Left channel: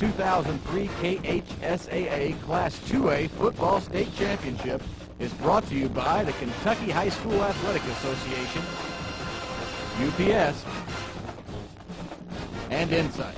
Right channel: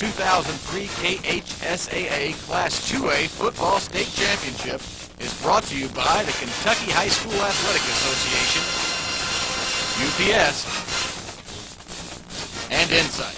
2003 KHSAA Class 2A Football State Championship is brought to you by the Kentucky High School Athletic Association, UPS, and Insight.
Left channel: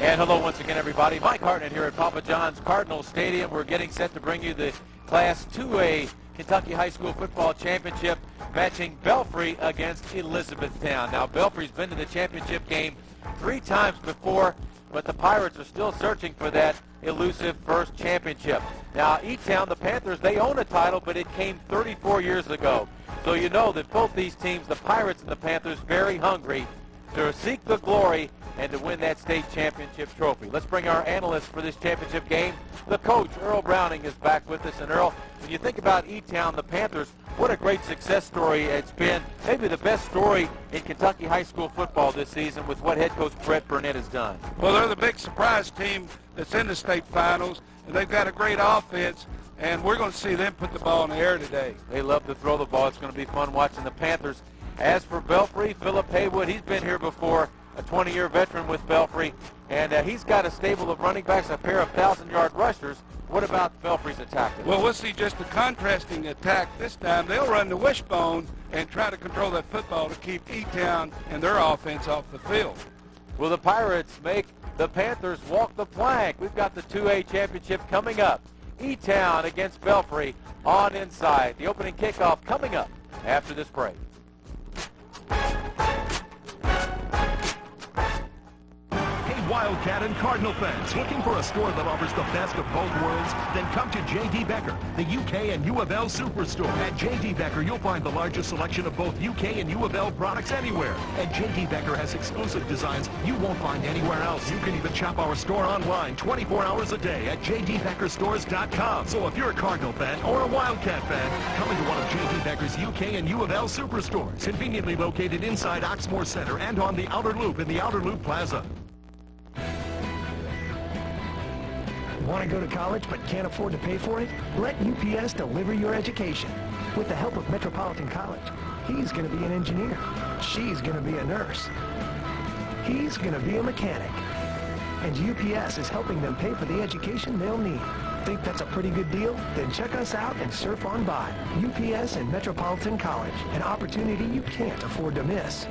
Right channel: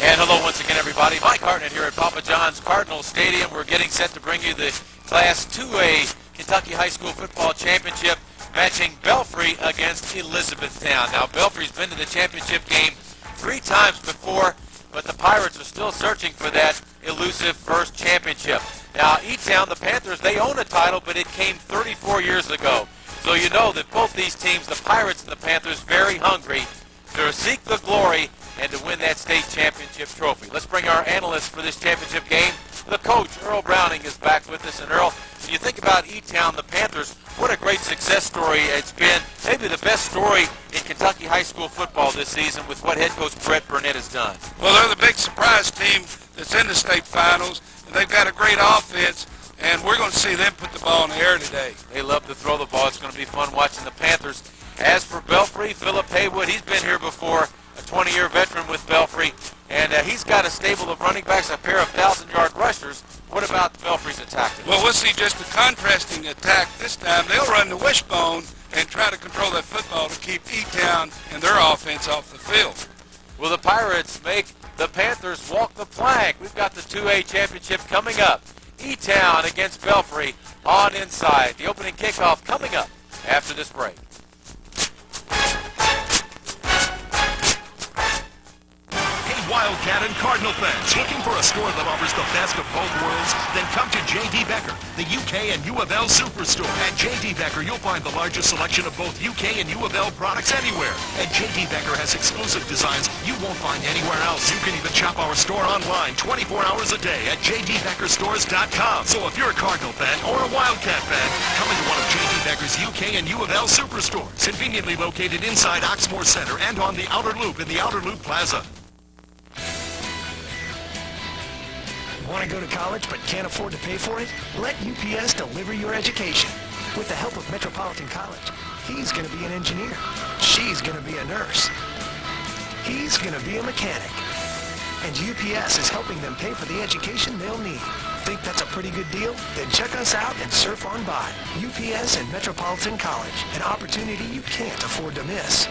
And hello once again, everybody. Mike Hartnett here at Papa John's Cardinal Stadium. We're getting set to bring you the Class 2A Kentucky High School Football Championship, matching Belfry against Elizabethtown. Now, Belfry's been to the championship game 3 times before, but the Pirates are still searching for that elusive first championship. Now, E-Town, the Panthers, they own a title, but it came 34 years ago. So you know that both these teams, the Pirates and the Panthers, very hungry to seek the glory and to win that state championship trophy. Let's bring our analyst for this championship game. The coach, Earl Browning, is back with us. And Earl, when you think about E-Town, the Panthers, what a great success story it's been. Maybe the best story in Kentucky high school football this season with what head coach Brett Burnett has done. Well, they're the big surprise team that's in the state finals, and they've got a great offense, and we're going to see them put the ball in the air today. They love to throw the ball. It's going to be fun watching the Panthers. As for Belfry, Philip Haywood, he's been here before, a 20-year veteran with Belfry, and he's got a stable of running backs, a pair of 1,000-yard rushers. What about Belfry's attack today? Well, we'll see just a contrasting attack this time. They'll run the wishbone and try to control that football to keep E-Town and their offense off the field. Will the Pirates make the Panthers walk the plank? We've got the 2A championship coming up. E-Town against Belfry on Inside. The opening kickoff coming up after this break. Wildcat and Cardinal fans, looking for a store that offers the best of both worlds? Then come to J.D. Becker, the UK and U of L Superstore. At J.D. Becker, you'll find the largest selection of both UK and U of L products anywhere. And J.D. Becker has exclusive designs you won't find anywhere else. You can even shop our store online 24 hours a day at jdbeckerstores.com. So if you're a Cardinal fan or a Wildcat fan, come into one of J.D. Becker's UK and U of L Superstores, conveniently located inside Oxmoor Center and on the Outer Loop in the Outer Loop Plaza. Want to go to college but can't afford to pay for it? Let UPS deliver your education. With the help of Metropolitan College, he's going to be an engineer. She's going to be a nurse. He's going to be a mechanic. And UPS is helping them pay for the education they'll need. Think that's a pretty good deal? Then check us out and surf on by. UPS and Metropolitan College, an opportunity you can't afford to miss.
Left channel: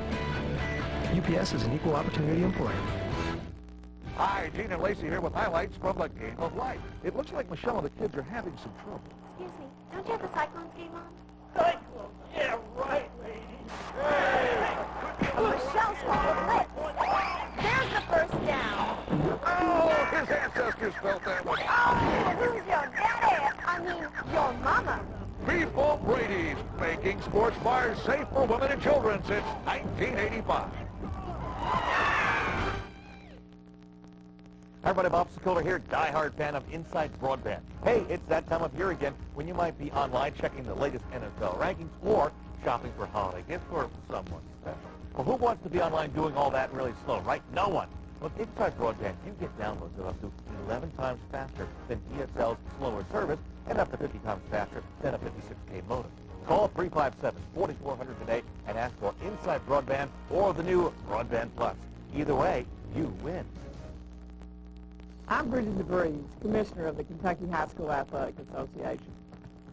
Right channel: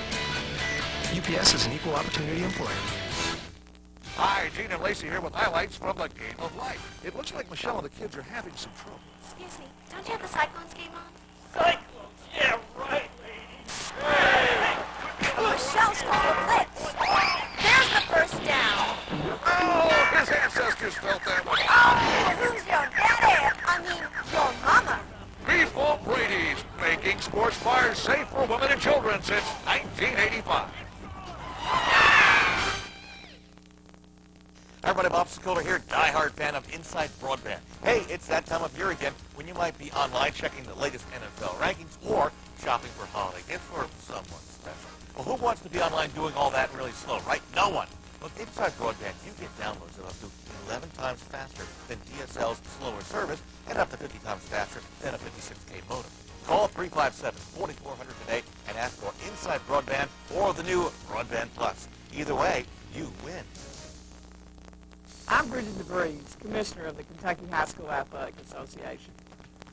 UPS is an equal opportunity employer. Hi, Gene and Lacey here with highlights from the game of life. It looks like Michelle and the kids are having some trouble. Excuse me, don't you have the Cyclones game on? Cyclones? Yeah, right, lady. Hey! Michelle's called a blitz. There's the first down. Oh, his ancestors felt that one. Oh, who's your daddy? I mean, your mama. Before Brady's, making sports bars safe for women and children since 1985. Hi everybody, Bob Sokola here, diehard fan of Inside Broadband. Hey, it's that time of year again when you might be online checking the latest NFL rankings or shopping for holiday gifts for someone special. Well, who wants to be online doing all that really slow, right? No one. With Inside Broadband, you get downloads of up to 11 times faster than DSL's slower service and up to 50 times faster than a 56K modem. Call 357-4400 today and ask for Inside Broadband or the new Broadband Plus. Either way, you win. I'm Bridget DeVries, Commissioner of the Kentucky High School Athletic Association.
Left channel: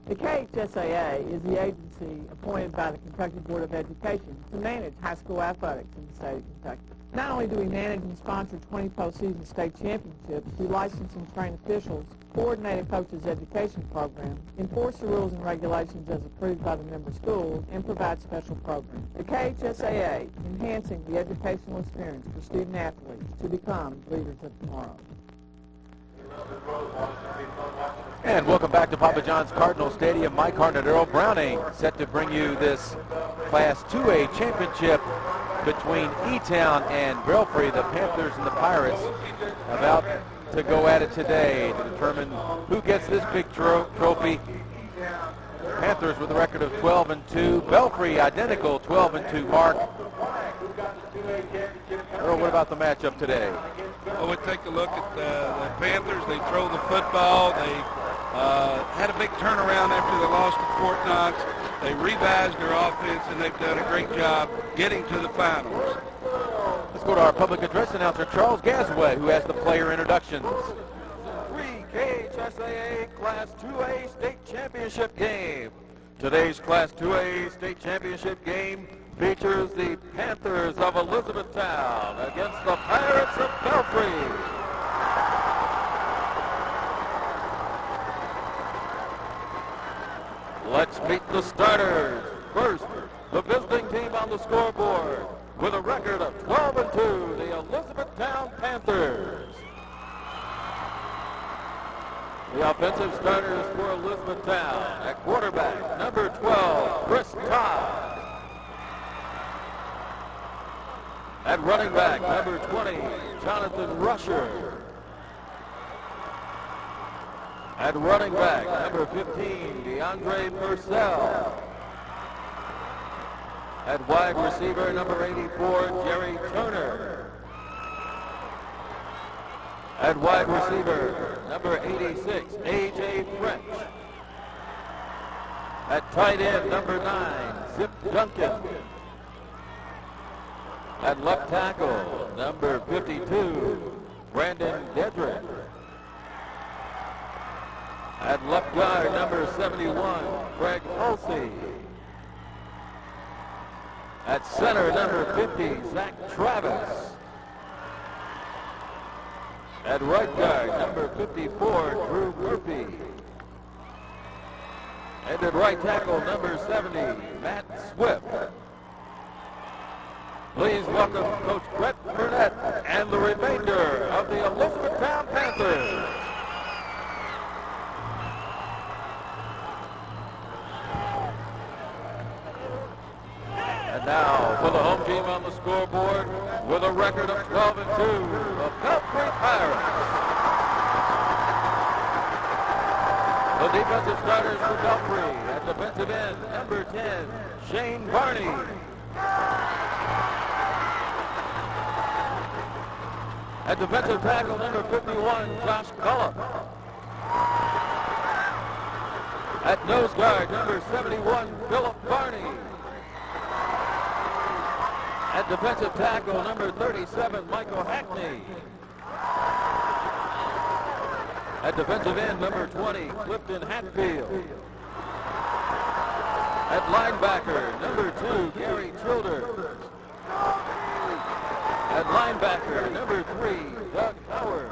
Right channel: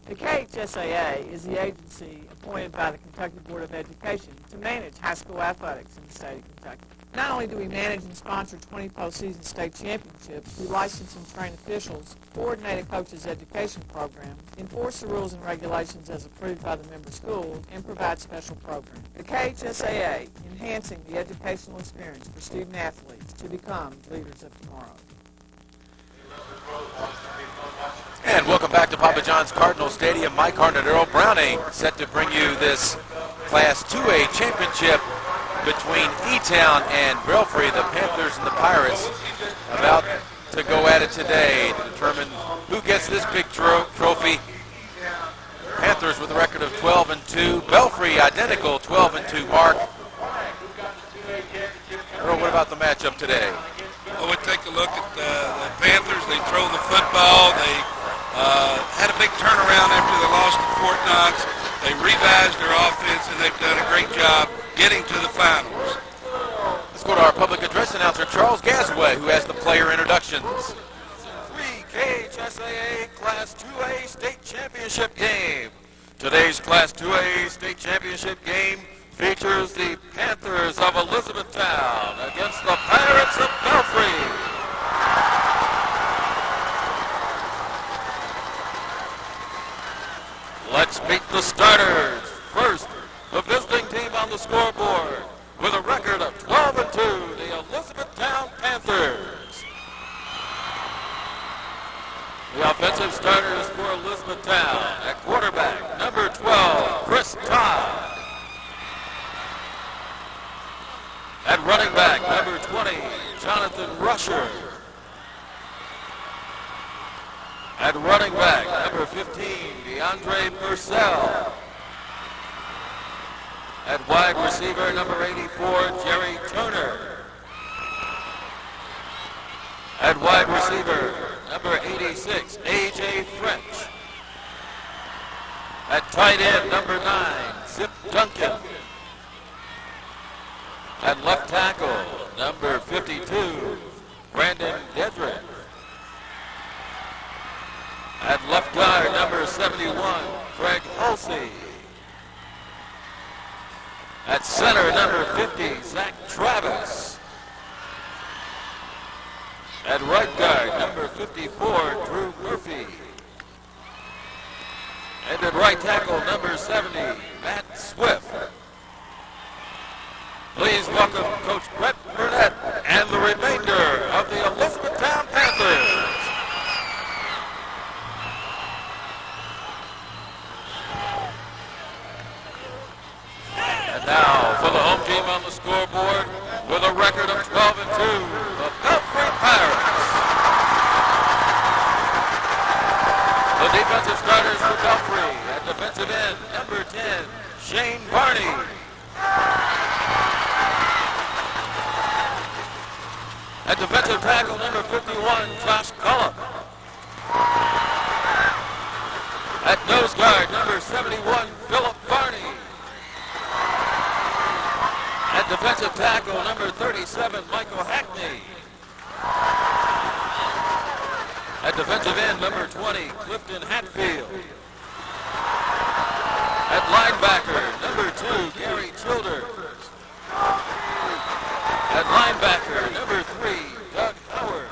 The KHSAA is the agency appointed by the Kentucky Board of Education to manage high school athletics in the state of Kentucky. Not only do we manage and sponsor 20 postseason state championships, we license and train officials, coordinate a coach's education program, enforce the rules and regulations as approved by the member schools, and provide special programs. The KHSAA, enhancing the educational experience for student athletes to become leaders of tomorrow. And welcome back to Papa John's Cardinal Stadium. Mike Hartnett, Earl Browning, set to bring you this Class 2A championship between E-Town and Belfry. The Panthers and the Pirates about to go at it today to determine who gets this big trophy. Panthers with a record of 12-2. Belfry identical 12-2 mark. Earl, what about the matchup today? Well, we take a look at the Panthers. They throw the football. They had a big turnaround after they lost to Fort Knox. They revised their offense, and they've done a great job getting to the finals. Let's go to our public address announcer, Charles Gasaway, who has the player introductions. 3KHSAA Class 2A State Championship game. Today's Class 2A State Championship game features the Panthers of Elizabethtown against the Pirates of Belfry. Let's meet the starters. First, the visiting team on the scoreboard with a record of 12-2, the Elizabethtown Panthers. The offensive starters for Elizabethtown at quarterback, number 12, Chris Todd. At running back, number 20, Jonathan Rusher. At running back, number 15, DeAndre Purcell. At wide receiver, number 84, Jerry Turner. At wide receiver, number 86, A.J. French. At tight end, number 9, Zip Duncan. At left tackle, number 52, Brandon Dedrick. At left guard, number 71, Craig Hulsey. At center, number 50, Zach Travis. At right guard, number 54, Drew Murphy. And at right tackle, number 70, Matt Swift. Please welcome Coach Brett Burnett and the remainder of the Elizabethtown Panthers. And now for the home team on the scoreboard with a record of 12-2, the Belfry Pirates. The defensive starters for Belfry at defensive end, number 10, Shane Varney. At defensive tackle, number 51, Josh Cullum. At nose guard, number 71, Philip Varney. At defensive tackle, number 37, Michael Hackney. At defensive end, number 20, Clifton Hatfield. At linebacker, number 2, Gary Childers. At linebacker, number 3, Doug Howard.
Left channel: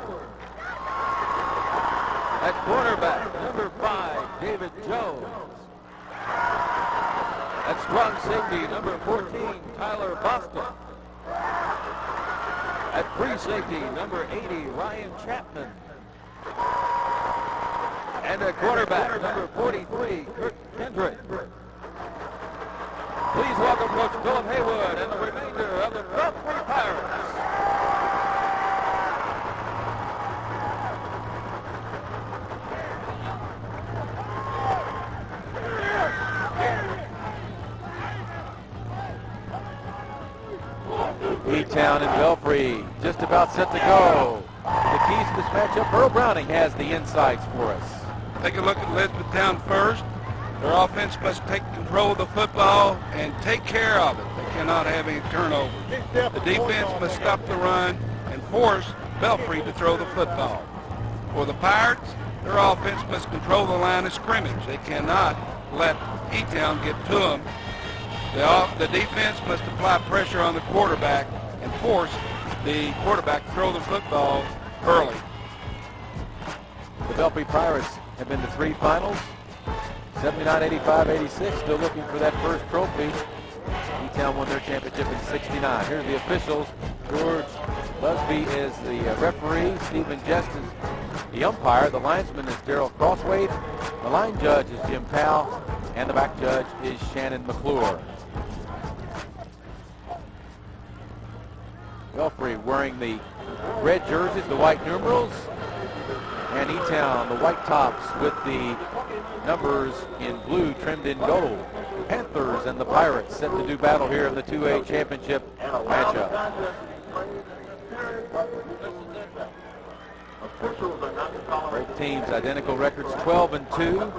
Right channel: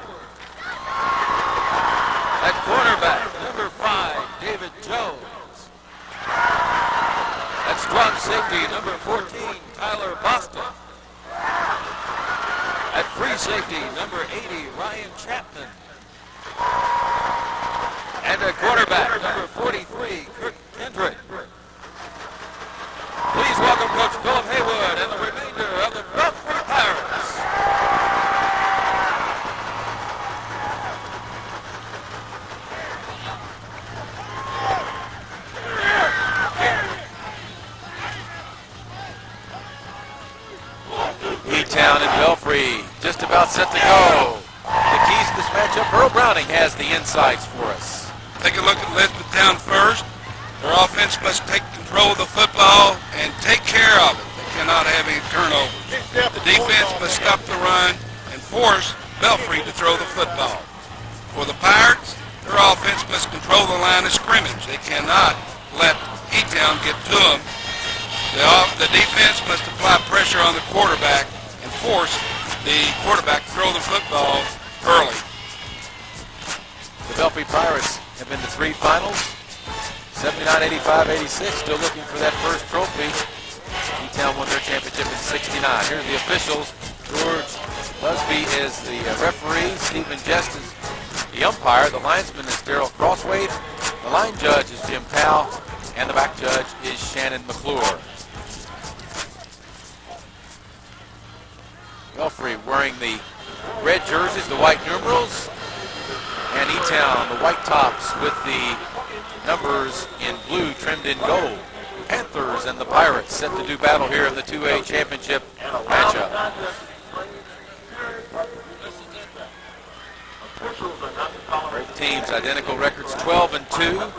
At cornerback, number 5, David Jones. At strong safety, number 14, Tyler Boston. At free safety, number 80, Ryan Chapman. And at quarterback, number 43, Kirk Kendrick. Please welcome Coach Philip Haywood and the remainder of the Belfry Pirates. E-Town and Belfry just about set to go. The keys to this matchup, Earl Browning has the insights for us. Take a look at Elizabethtown first. Their offense must take control of the football and take care of it. They cannot have any turnovers. The defense must stop the run and force Belfry to throw the football. For the Pirates, their offense must control the line of scrimmage. They cannot let E-Town get to them. The defense must apply pressure on the quarterback and force the quarterback to throw the football early. The Belfry Pirates have been to 3 finals, 79, 85, 86, still looking for that first trophy. E-Town won their championship in 69. Here are the officials. George Busby is the referee. Stephen Jest is the umpire. The linesman is Darrell Crosswade. The line judge is Jim Powell. And the back judge is Shannon McClure. Belfry wearing the red jerseys, the white numerals, and E-Town, the white tops with the numbers in blue trimmed in gold. Panthers and the Pirates set to do battle here in the 2A championship matchup. Both teams identical records, 12-2.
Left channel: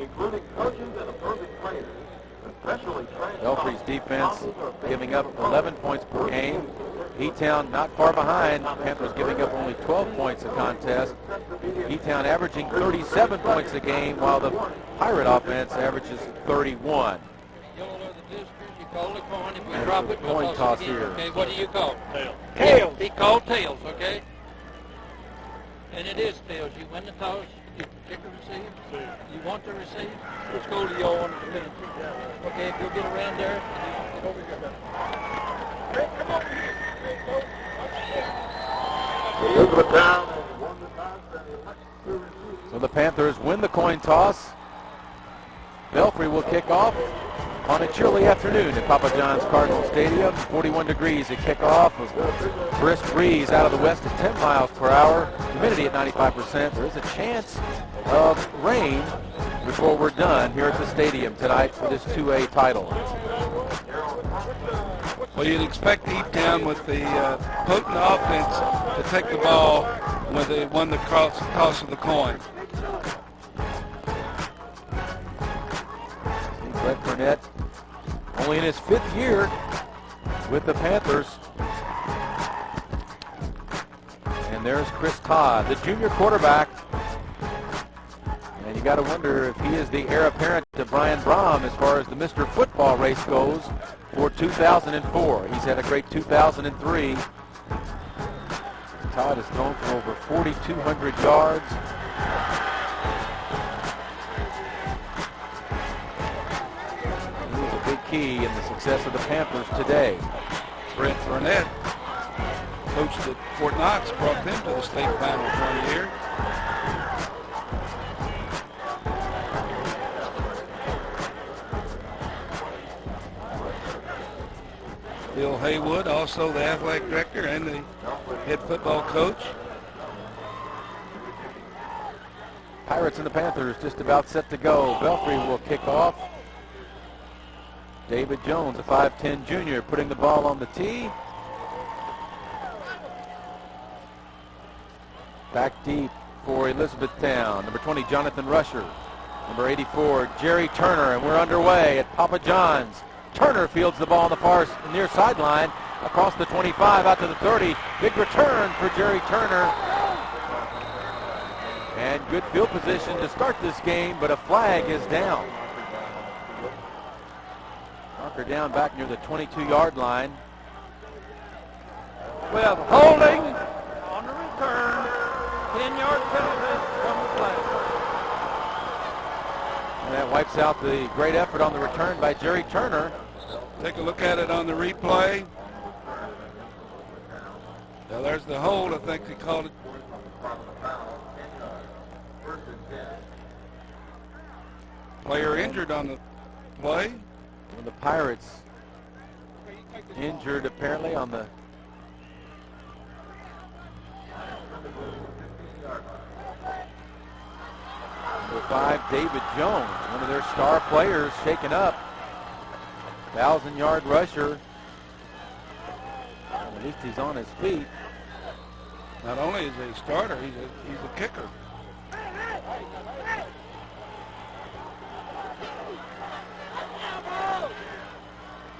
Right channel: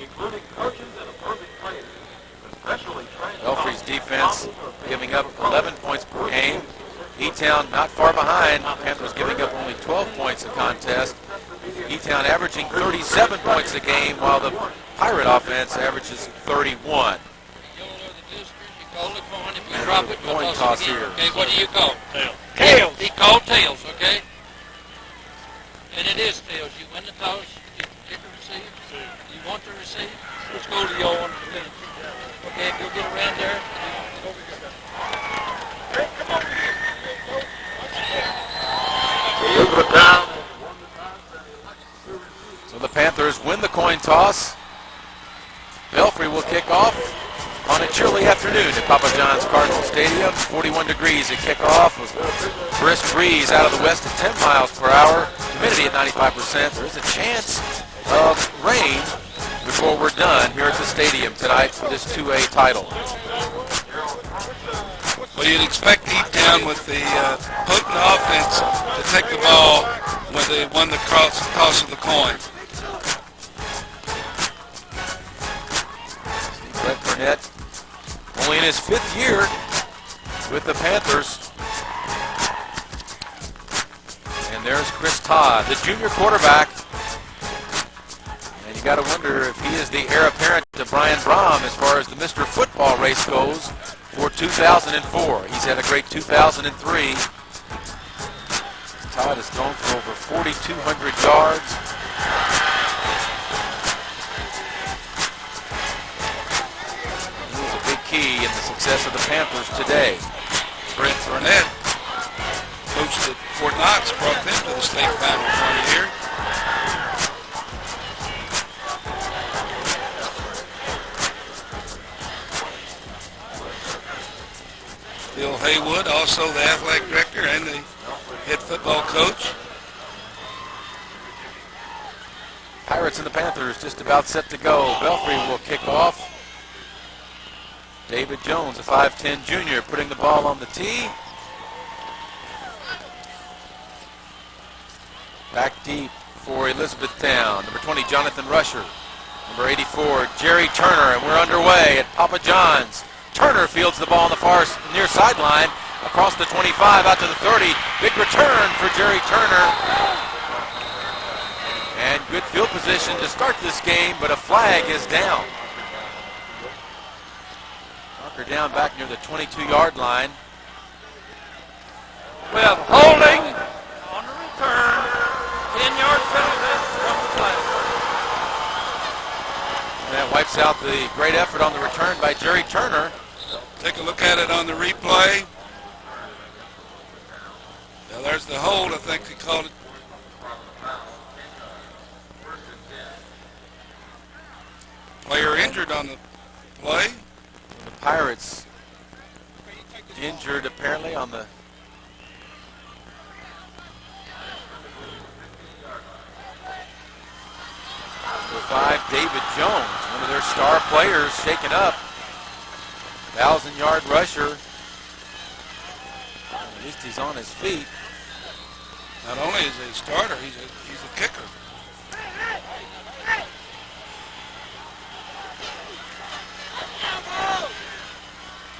including coaches and opposing players, especially trained. Belfry's defense giving up 11 points per game. E-Town not far behind. Panthers giving up only 12 points a contest. E-Town averaging 37 points a game, while the Pirate offense averages 31. Coin toss here. Okay, what do you call? Tails. He called tails, okay? And it is tails. You win the toss, you get the receive. You want to receive? Let's go to your one. Okay, if you'll get around there, get over here. Hey, come over here. Elizabethtown has won the toss and elects to receive. So the Panthers win the coin toss. Belfry will kick off on a chilly afternoon at Papa John's Cardinal Stadium. 41 degrees at kickoff. A brisk breeze out of the west at 10 miles per hour. Humidity at 95%. There is a chance of rain before we're done here at the stadium tonight for this 2A title. Well, you'd expect E-Town with the potent offense to take the ball when they won the toss of the coin. Brett Burnett, only in his 5th year with the Panthers. And there's Chris Todd, the junior quarterback. And you got to wonder if he is the heir apparent to Brian Brom as far as the Mr. Football race goes for 2004. He's had a great 2003. Todd has thrown for over 4,200 yards. Key in the success of the Panthers today. Brent Burnett, coached at Fort Knox, brought them to the state finals one year. Bill Haywood, also the athletic director and the head football coach. Pirates and the Panthers just about set to go. Belfry will kick off. David Jones, a 5'10 junior, putting the ball on the tee. Back deep for Elizabethtown. Number 20, Jonathan Rusher. Number 84, Jerry Turner. And we're underway at Papa John's. Turner fields the ball on the far near sideline across the 25 out to the 30. Big return for Jerry Turner. And good field position to start this game, but a flag is down. Marker down back near the 22-yard line. We have holding on the return, 10-yard penalty from the flag. And that wipes out the great effort on the return by Jerry Turner. Take a look at it on the replay. Now there's the hold, I think they called it. Player injured on the play. The Pirates injured apparently on the number 5, David Jones, one of their star players, shaken up. 1,000-yard rusher. At least he's on his feet. Not only is he a starter, he's a kicker.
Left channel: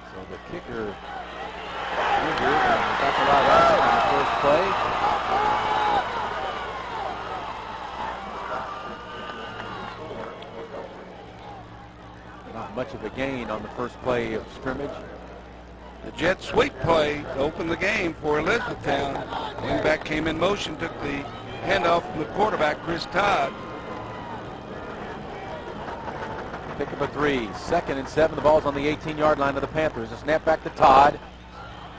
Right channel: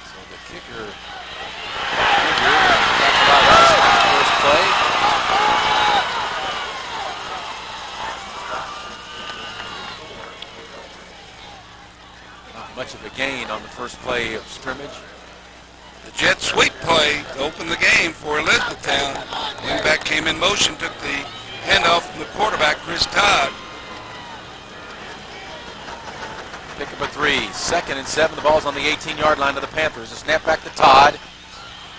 So the kicker injured, and that's a lot of action on the first play. Not much of a gain on the first play of scrimmage. The jet sweep play to open the game for Elizabethtown. Wingback came in motion, took the handoff from the quarterback, Chris Todd. Pick up a 3. 2nd and 7. The ball's on the 18-yard line of the Panthers. A snap back to Todd.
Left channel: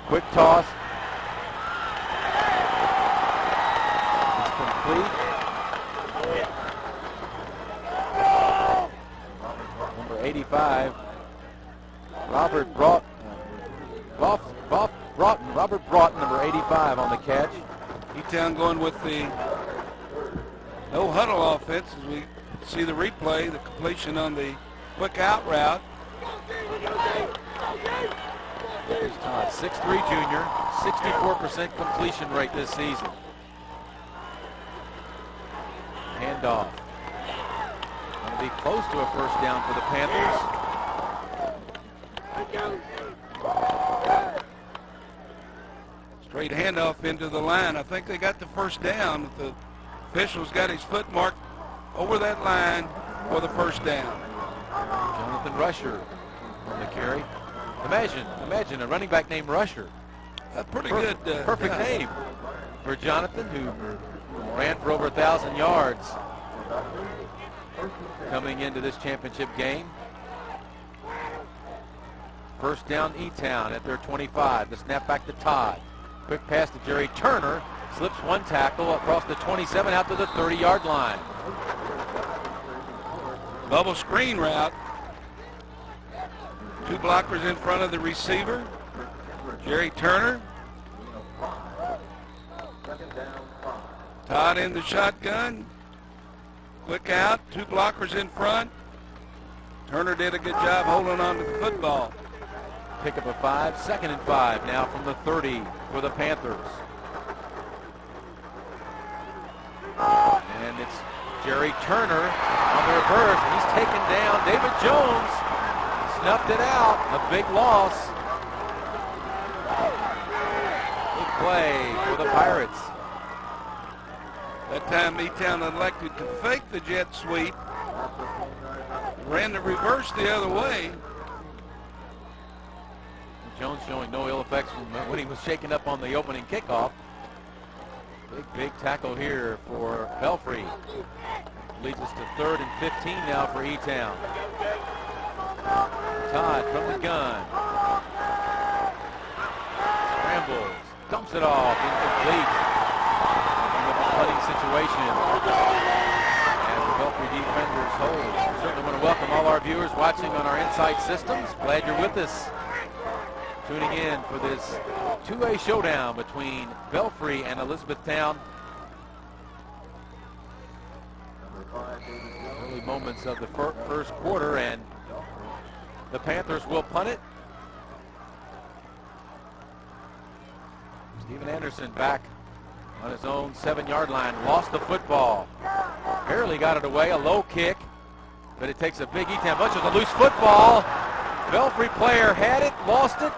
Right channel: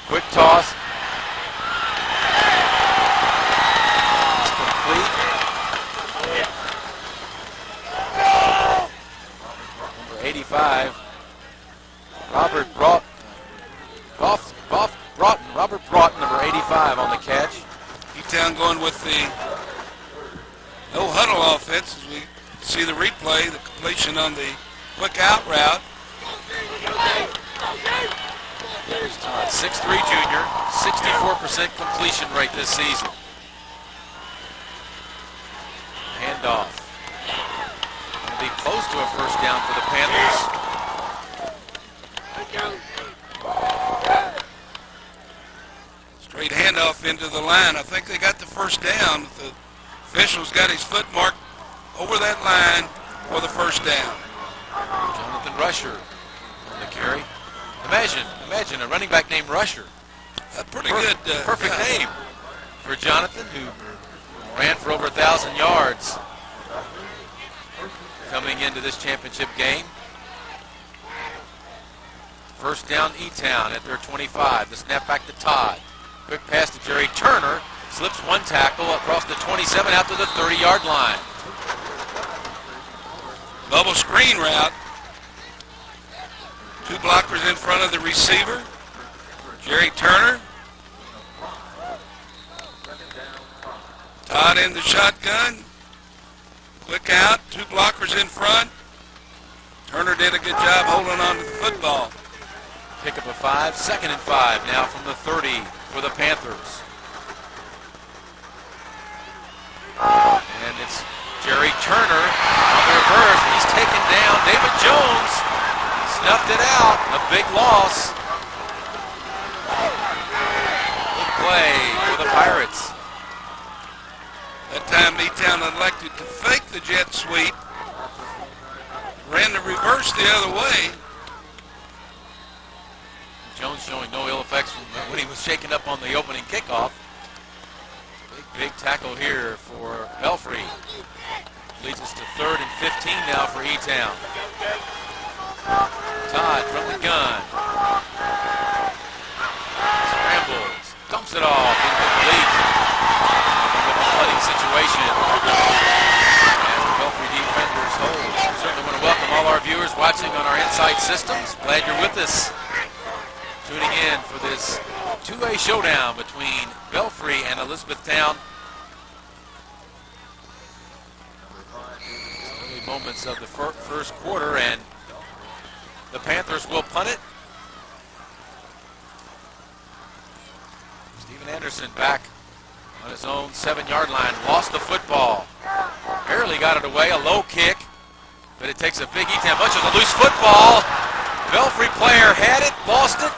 Quick toss. It's complete. Number 85. Robert Broughton, number 85 on the catch. E-Town going with the no huddle offense as we see the replay, the completion on the quick out route. There's Todd, 6'3 junior, 64% completion rate this season. Handoff. be close to a first down for the Panthers. Straight handoff into the line. I think they got the first down. The official's got his foot marked over that line for the first down. Jonathan Rusher on the carry. Imagine a running back named Rusher. Pretty good. Perfect name for Jonathan, who ran for over 1,000 yards coming into this championship game. First down, E-Town at their 25. The snap back to Todd. Quick pass to Jerry Turner. Slips one tackle across the 27 out to the 30-yard line. Bubble screen route. Two blockers in front of the receiver. Jerry Turner. Todd in the shotgun. Quick out. Two blockers in front. Turner did a good job holding on to the football. Pick up a 5. 2nd and 5 now from the 30 for the Panthers. And it's Jerry Turner on the reverse. He's taken down. David Jones snuffed it out. A big loss. Good play for the Pirates. That time E-Town elected to fake the jet sweep. Ran the reverse the other way. Jones showing no ill effects from when he was shaken up on the opening kickoff. Big tackle here for Belfry. Leads us to 3rd and 15 now for E-Town. Todd from the gun. Scrambles. Dumps it off. Incomplete. In a flooding situation. As the Belfry defenders hold. We certainly want to welcome all our viewers watching on our Insight systems. Glad you're with us. Tuning in for this two-way showdown between Belfry and Elizabethtown. Early moments of the first quarter, and the Panthers will punt it. Steven Anderson back on his own 7-yard line. Lost the football. Barely got it away. A low kick, but it takes a big E-Town bunch of a loose football. Belfry player had it, lost it.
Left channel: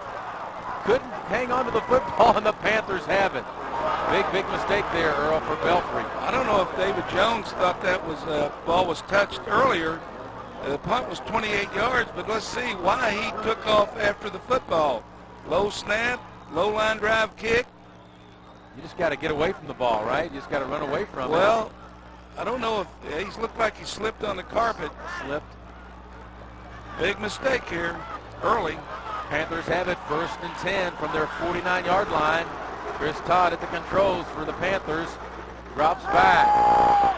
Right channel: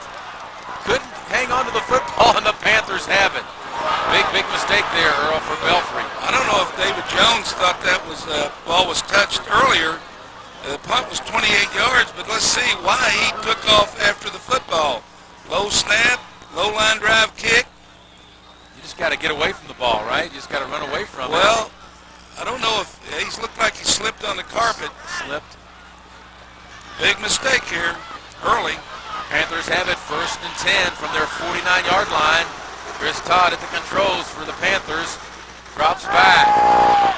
Couldn't hang on to the football, and the Panthers have it. Big mistake there, Earl, for Belfry. I don't know if David Jones thought that was ball was touched earlier. The punt was 28 yards, but let's see why he took off after the football. Low snap, low line drive kick. You just got to get away from the ball, right? You just got to run away from it. Well, I don't know if he looked like he slipped on the carpet. Slipped. Big mistake here, early. Panthers have it 1st and 10 from their 49-yard line. Chris Todd at the controls for the Panthers. Drops back.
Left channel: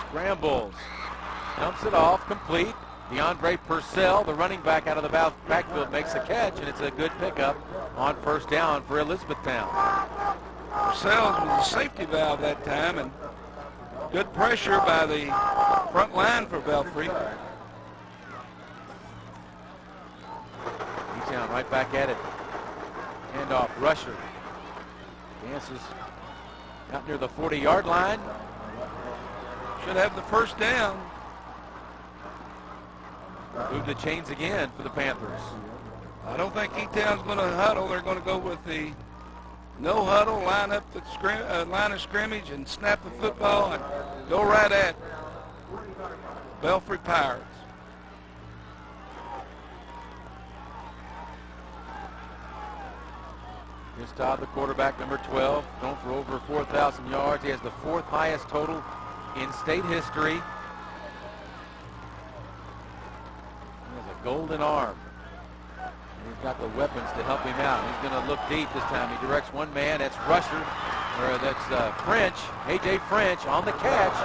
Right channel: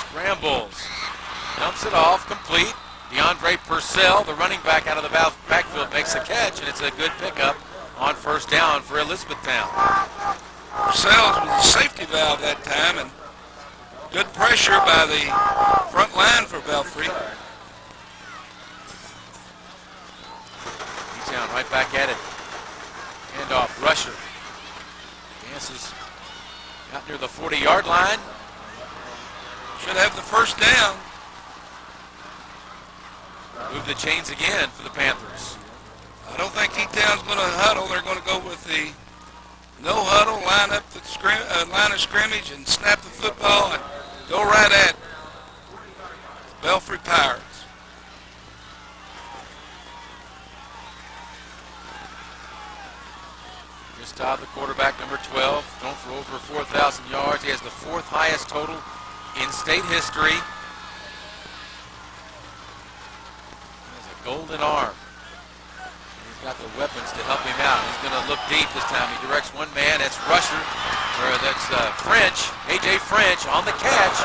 Scrambles. Dumps it off, complete. DeAndre Purcell, the running back out of the backfield, makes a catch, and it's a good pickup on 1st down for Elizabethtown. Purcell was a safety valve that time, and good pressure by the front line for Belfry. E-Town right back at it. Handoff, Rusher. Dances out near the 40-yard line. Should have the first down. Move the chains again for the Panthers. I don't think E-Town's going to huddle. They're going to go with the no huddle, line up the line of scrimmage and snap the football and go right at Belfry Pirates. Chris Todd, the quarterback, number 12, thrown for over 4,000 yards. He has the 4th highest total in state history. He has a golden arm. And he's got the weapons to help him out. He's going to look deep this time. He directs one man. That's Rusher. Or that's French. A.J. French on the catch.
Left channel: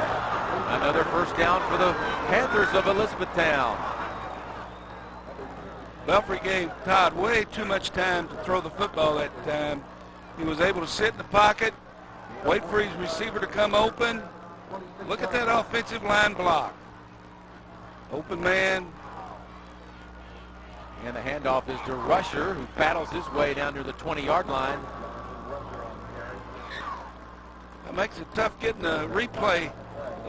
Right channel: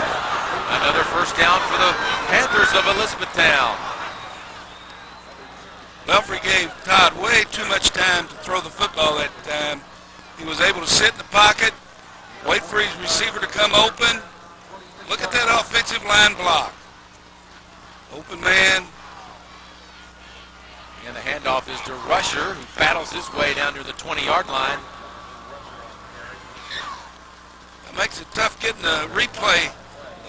Another first down for the Panthers of Elizabethtown. Belfry gave Todd way too much time to throw the football that time. He was able to sit in the pocket, wait for his receiver to come open. Look at that offensive line block. Open man. And the handoff is to Rusher, who battles his way down to the 20-yard line. That makes it tough getting a replay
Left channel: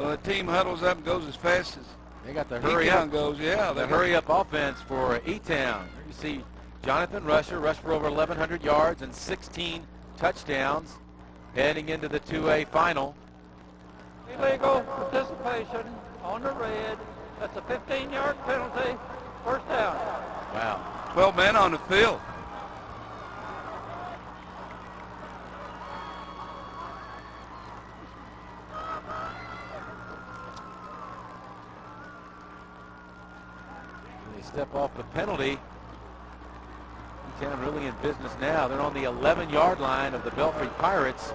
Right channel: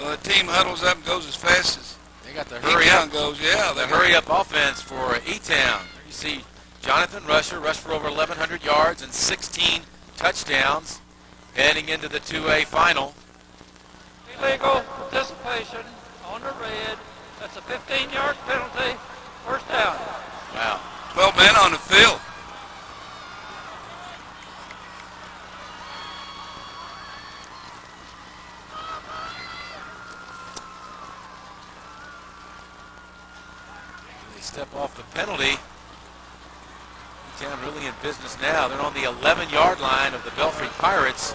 The team huddles up and goes as fast as They got the hurry E-Town up. goes. Yeah, The hurry up offense for E-Town. You see Jonathan Rusher rushed for over 1,100 yards and 16 touchdowns heading into the 2A final. Illegal participation on the red. That's a 15-yard penalty. First down. Wow. 12 men on the field. They step off the penalty. E-Town really in business now. They're on the 11-yard line of the Belfry Pirates.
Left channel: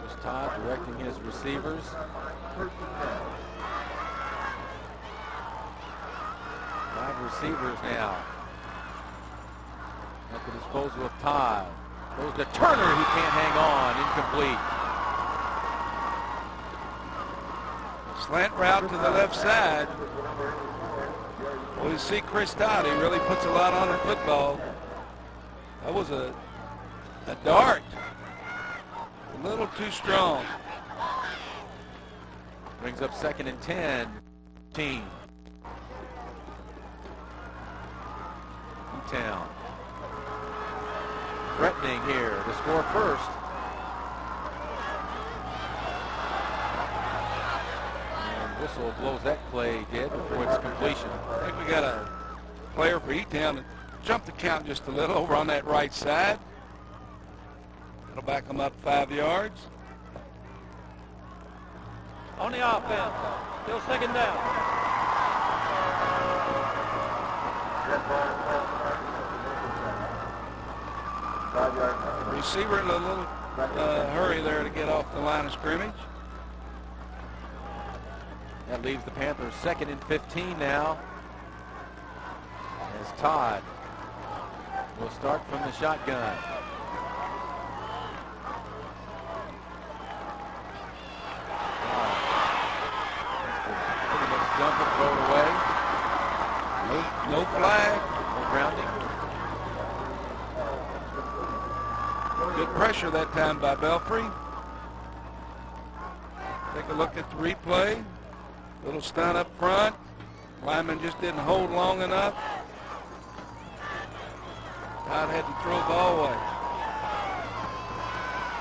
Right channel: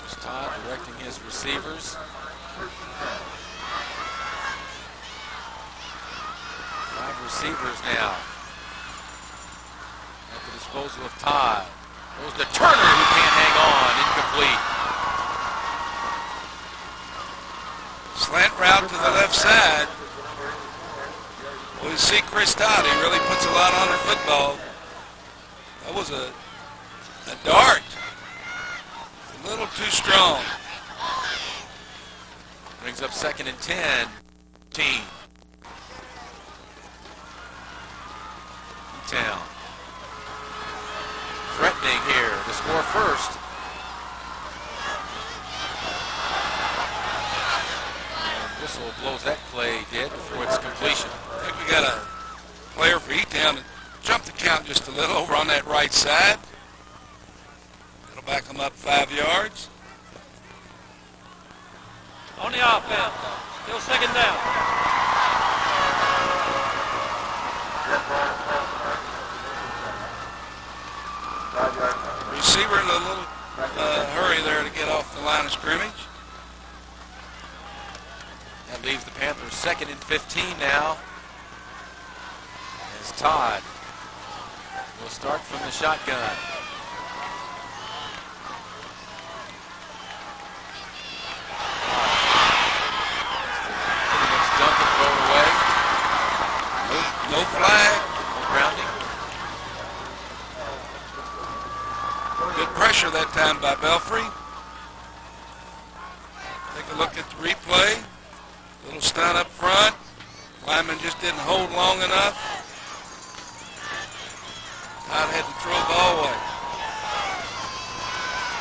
There's Todd directing his receivers. 5 receivers now at the disposal of Todd. Goes to Turner, who can't hang on. Incomplete. Slant route to the left side. Well, you see Chris Todd, he really puts a lot on the football. That was a dart. A little too strong. Brings up 2nd and 10. Team. E-Town. Threatening here to score first. And whistle blows that play dead before its completion. I think we got a player for E-Town to jump the count just a little over on that right side. That'll back them up 5 yards. On the offense. Still 2nd down. Receiver in a little hurry there to get off the line of scrimmage. That leaves the Panthers 2nd and 15 now. As Todd will start from the shotgun. Pretty much dump and throw it away. No flag. No grounding. Good pressure that time by Belfry. Take a look at the replay. Little stunt up front. Lineman just didn't hold long enough. Todd had to throw the ball away.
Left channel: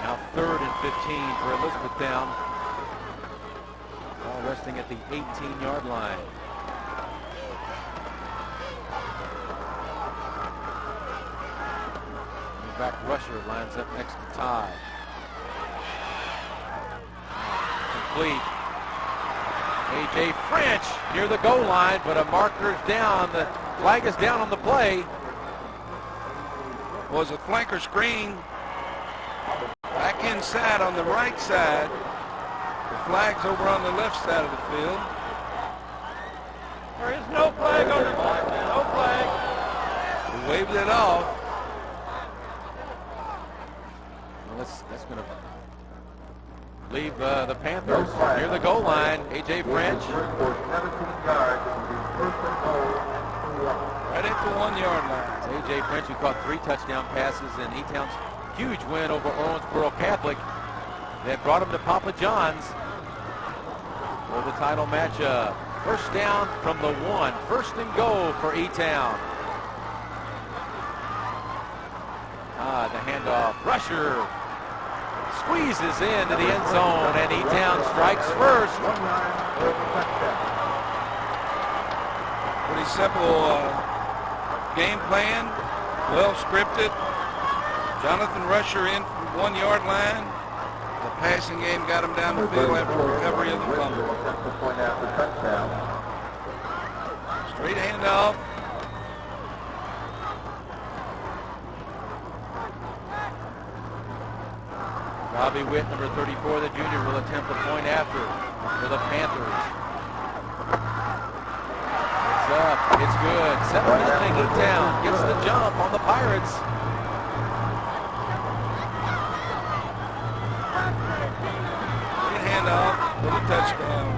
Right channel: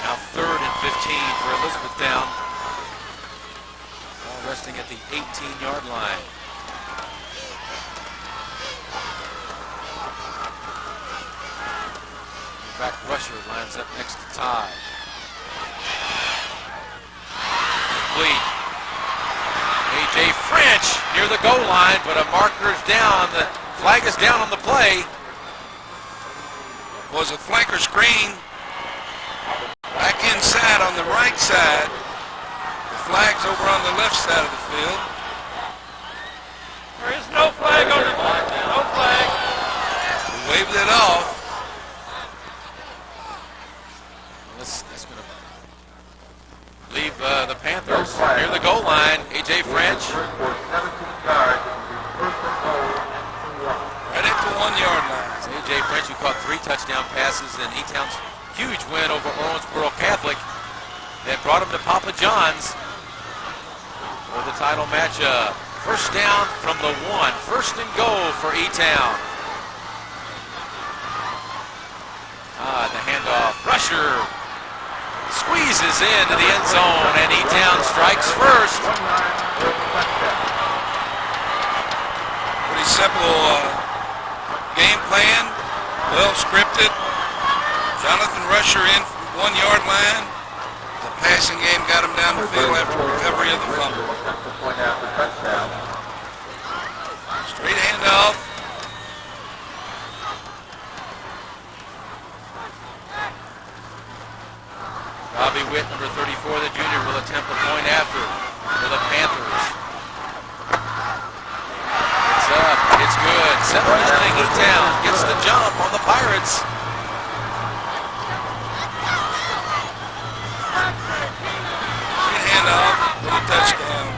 Now 3rd and 15 for Elizabethtown. Ball resting at the 18-yard line. Back rusher lines up next to Todd. Complete. A.J. French near the goal line, but a marker's down. The flag is down on the play. Was a flanker screen back inside on the right side. The flag's over on the left side of the field. There is no flag on the field. No flag. We waved it off. That's going to leave the Panthers near the goal line. A.J. French. Right at the 1-yard line. It's A.J. French, who caught 3 touchdown passes in E-Town's huge win over Owensboro Catholic that brought him to Papa John's for the title matchup. First down from the 1. 1st and goal for E-Town. The handoff. Rusher squeezes into the end zone, and E-Town strikes first. Pretty simple game plan, well scripted. Jonathan Rusher in from the 1-yard line. The passing game got him down the field after recovery of the fumble. Straight handoff. Robbie Witt, number 34, the junior, will attempt a point after for the Panthers. It's up. It's good. 7-0 E-Town gets the jump on the Pirates. Good handoff. Little touchdown.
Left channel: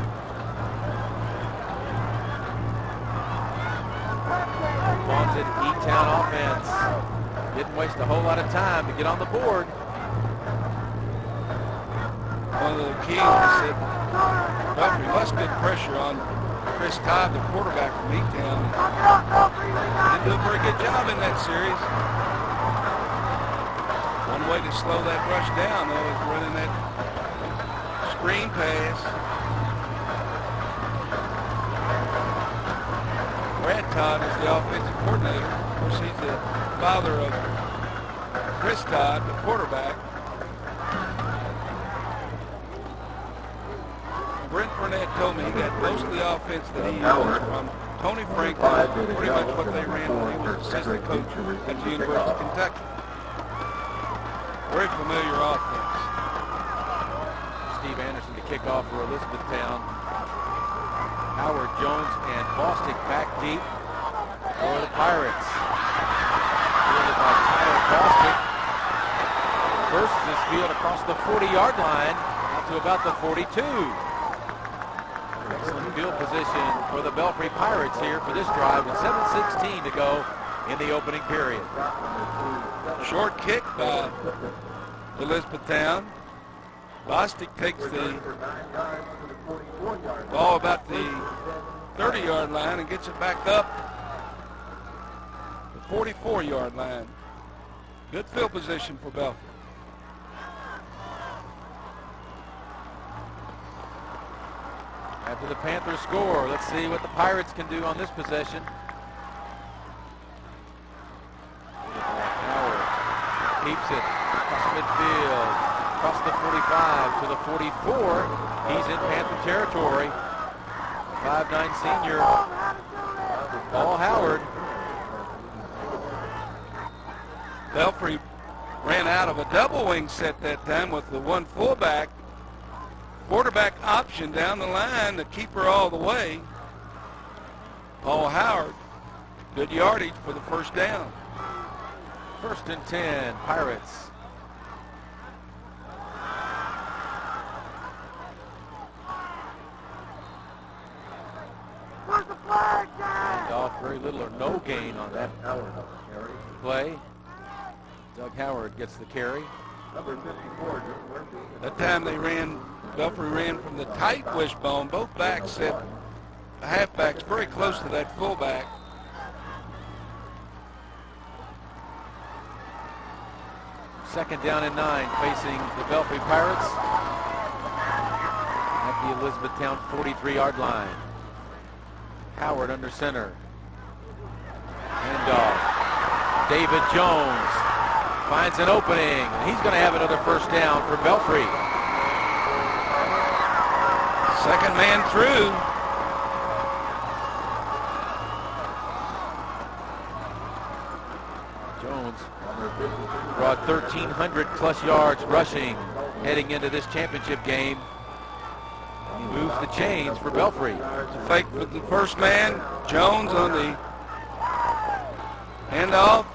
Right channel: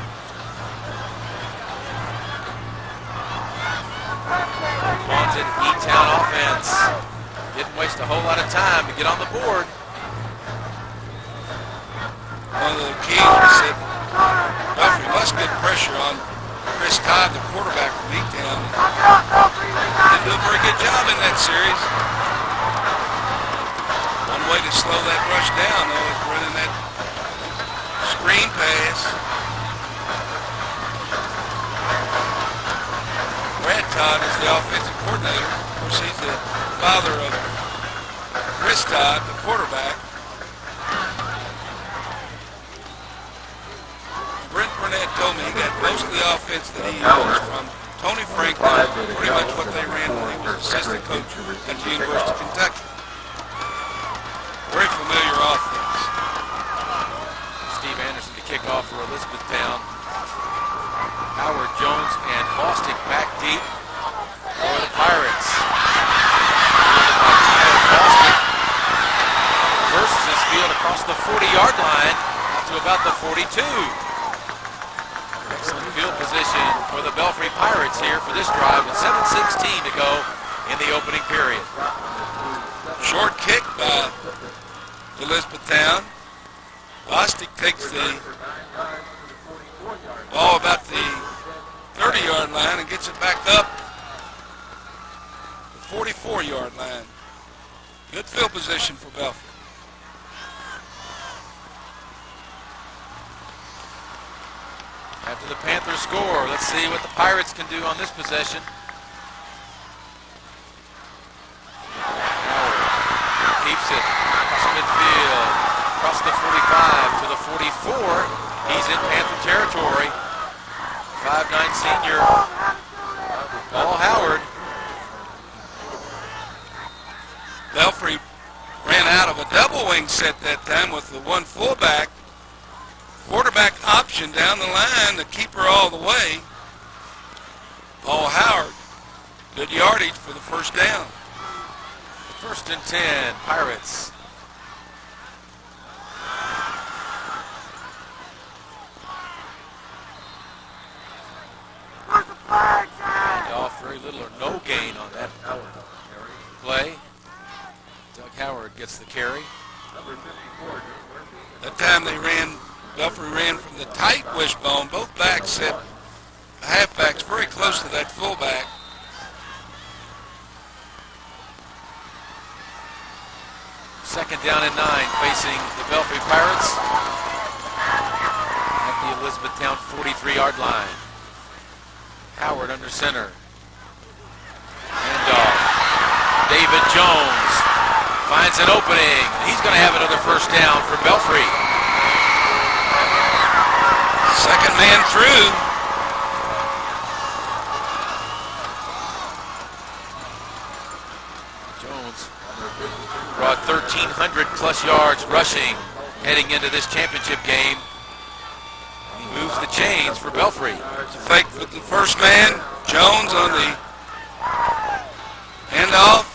Wanted E-Town offense. waste a whole lot of time to get on the board. One of the keys was that Belfry must get pressure on Chris Todd, the quarterback from E-Town. Didn't do a very good job in that series. One way to slow that rush down, though, is running that screen pass. Brad Todd is the offensive coordinator. Of course, he's the father of Chris Todd, the quarterback. Brent Burnett told me he got most of the offense that he used from Tony Franklin, pretty much what they ran when he was assistant coach at the University of Kentucky. Very familiar offense. Steve Anderson to kick off for Elizabethtown. Howard, Jones, and Bostic back deep for the Pirates. Fielded by Tyler Bostic. Bursts his field across the 40-yard line out to about the 42. Excellent field position for the Belfry Pirates here for this drive with 7:16 to go in the opening period. Short kick by Elizabethtown. Bostic takes the ball about the 30-yard line and gets it back up the 44-yard line. Good field position for Belfry. After the Panthers score, let's see what the Pirates can do on this possession. Howard keeps it across midfield, across the 45 to the 44. He's in Panther territory. 5'9" senior, Paul Howard. Belfry ran out of a double wing set that time with the one fullback. Quarterback option down the line, the keeper all the way. Paul Howard, good yardage for the first down. 1st and 10, Pirates. And off very little or no gain on that play. Doug Howard gets the carry. That time Belfry ran from the tight wishbone. Both backs set the halfbacks very close to that fullback. Second down and 9 facing the Belfry Pirates at the Elizabethtown 43-yard line. Howard under center. Handoff. David Jones finds an opening. He's going to have another first down for Belfry. Second man through. Jones brought 1,300 plus yards rushing heading into this championship game. He moves the chains for Belfry. It's a fake for the first man. Jones on the handoff.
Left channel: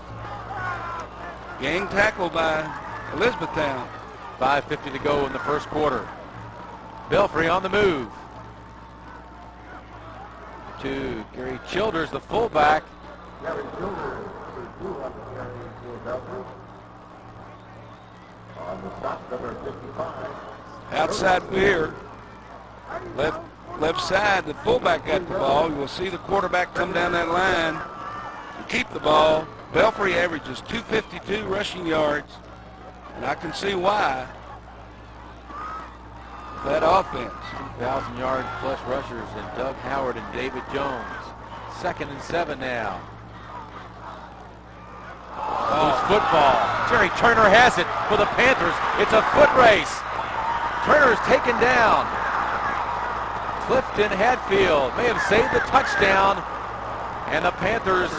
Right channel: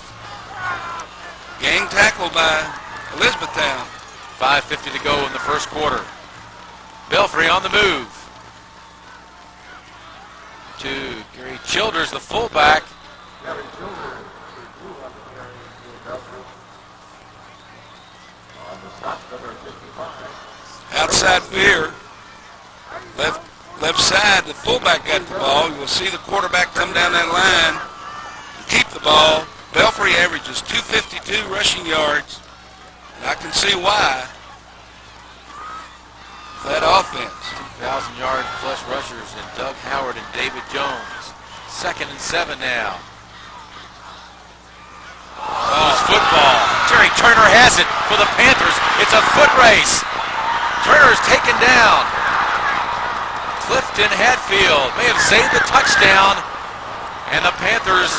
Gang tackle by Elizabethtown. 5:50 to go in the first quarter. Belfry on the move. To Gary Childers, the fullback. Outside veer. Left side, the fullback got the ball. You will see the quarterback come down that line and keep the ball. Belfry averages 252 rushing yards, and I can see why. That offense. 2,000-yard plus rushers in Doug Howard and David Jones. 2nd and 7 now. Loose football. Jerry Turner has it for the Panthers. It's a foot race. Turner's taken down. Clifton Hatfield may have saved the touchdown. And the Panthers,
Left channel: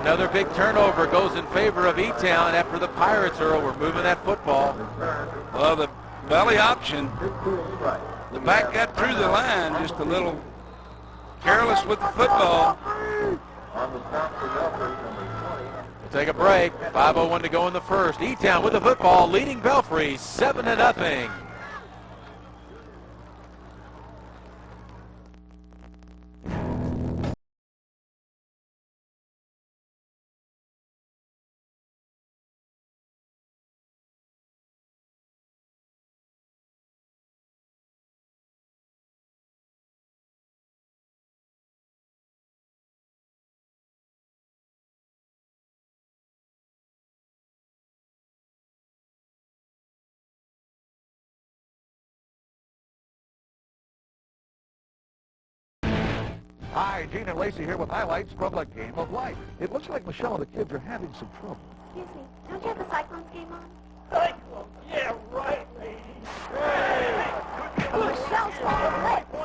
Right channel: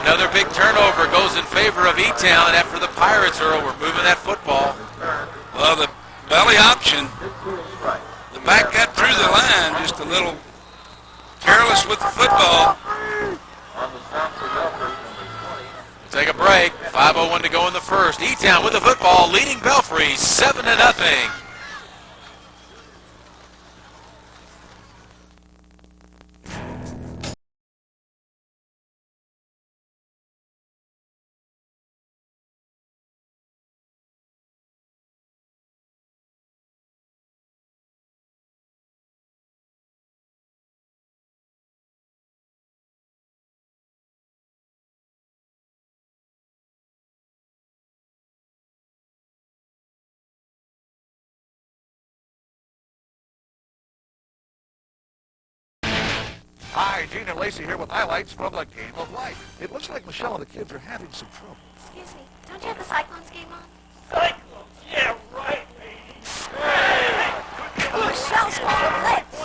another big turnover goes in favor of E-Town after the Pirates are moving that football. Well, the belly option, the back got through the line, just a little careless with the football. We'll take a break. 5:01 to go in the first. E-Town with the football, leading Belfry 7-0. Hi, Gene and Lacey here with highlights from the game of life. It looks like Michelle and the kids are having some trouble. Excuse me, don't you have the Cyclones game on? Cyclones? Yeah, right, lady. Michelle's calling a blitz.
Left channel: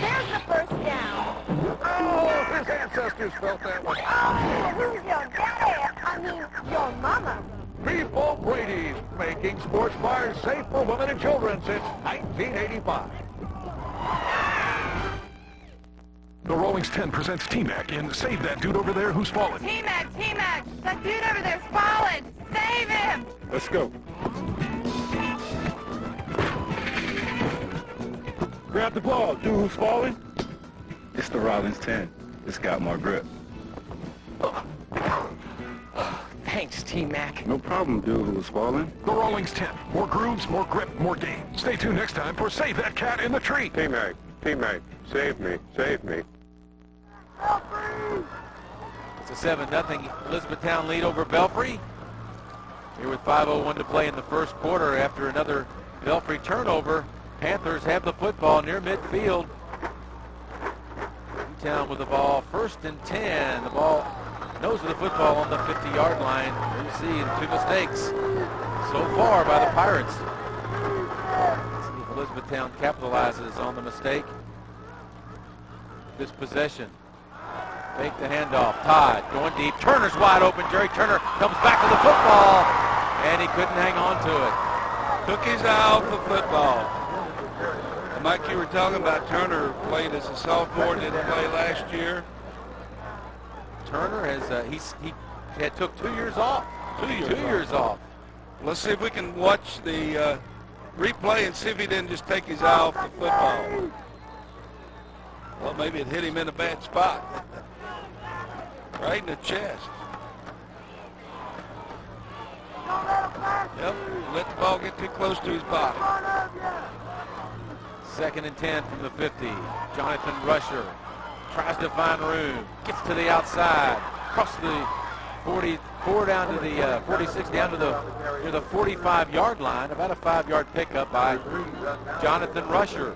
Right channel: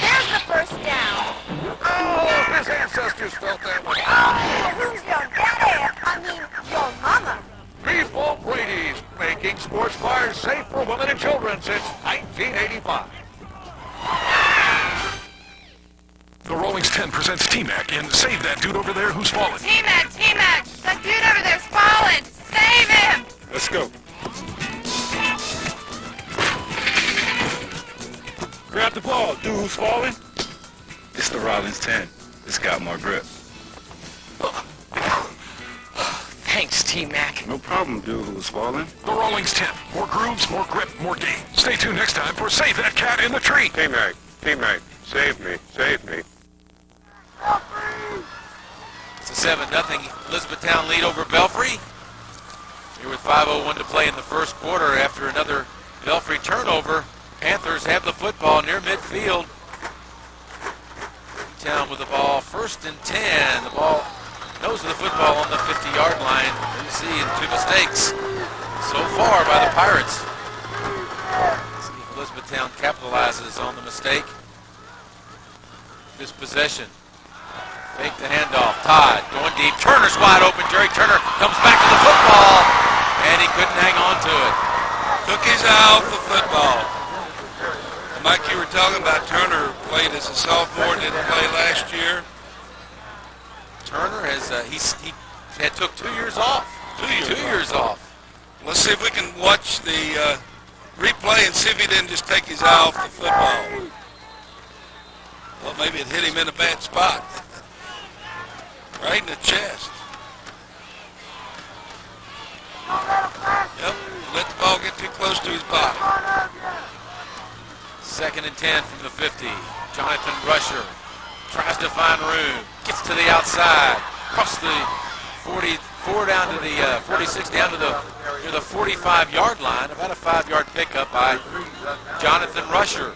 There's the first down. Oh, his ancestors felt that one. Oh, who's your daddy? I mean, your mama. Beef Brady's, making sports bars safe for women and children since 1985. The Rollings 10 presents T-Mac in Save That Dude Over There Who's Fallen. T-Mac, that dude over there's fallen. Save him. Let's go. Grab the ball, dude who's falling. It's the Rollins 10. It's got more grip. Thanks, T-Mac. No problem, dude who's falling. The Rollings 10. More grooves, more grip, more game. Stay tuned next time for Save That Cat in the Tree. T-Mac, save me, save me. It's a 7-0 Elizabethtown lead over Belfry. Here with 5:01 to play in the first quarter after another Belfry turnover. Panthers have the football near midfield. Town with the ball, 1st and 10. The ball, nose of the football on the 50-yard line. You see, and 2 mistakes so far by the Pirates. Let's see if Elizabethtown capitalizes on the mistake. This possession. Fake the handoff. Todd going deep. Turner's wide open. Jerry Turner comes back to the football, and he couldn't hang on to it. Took his eye off the football. And Mike, you were talking about Turner played as a sophomore, didn't play last year. Turner has he had took 2 years off. 2 2 years off. Let's see if we can watch the replay and see if he didn't just take his eye off the football. Well, maybe it hit him in a bad spot. Right in the chest. Yep, let the ball get too close to his body. 2nd and 10 from the 50. Jonathan Rusher tries to find room. Gets to the outside. Across the 44 down to the 46 down to the near the 45-yard line. About a 5-yard pickup by Jonathan Rusher.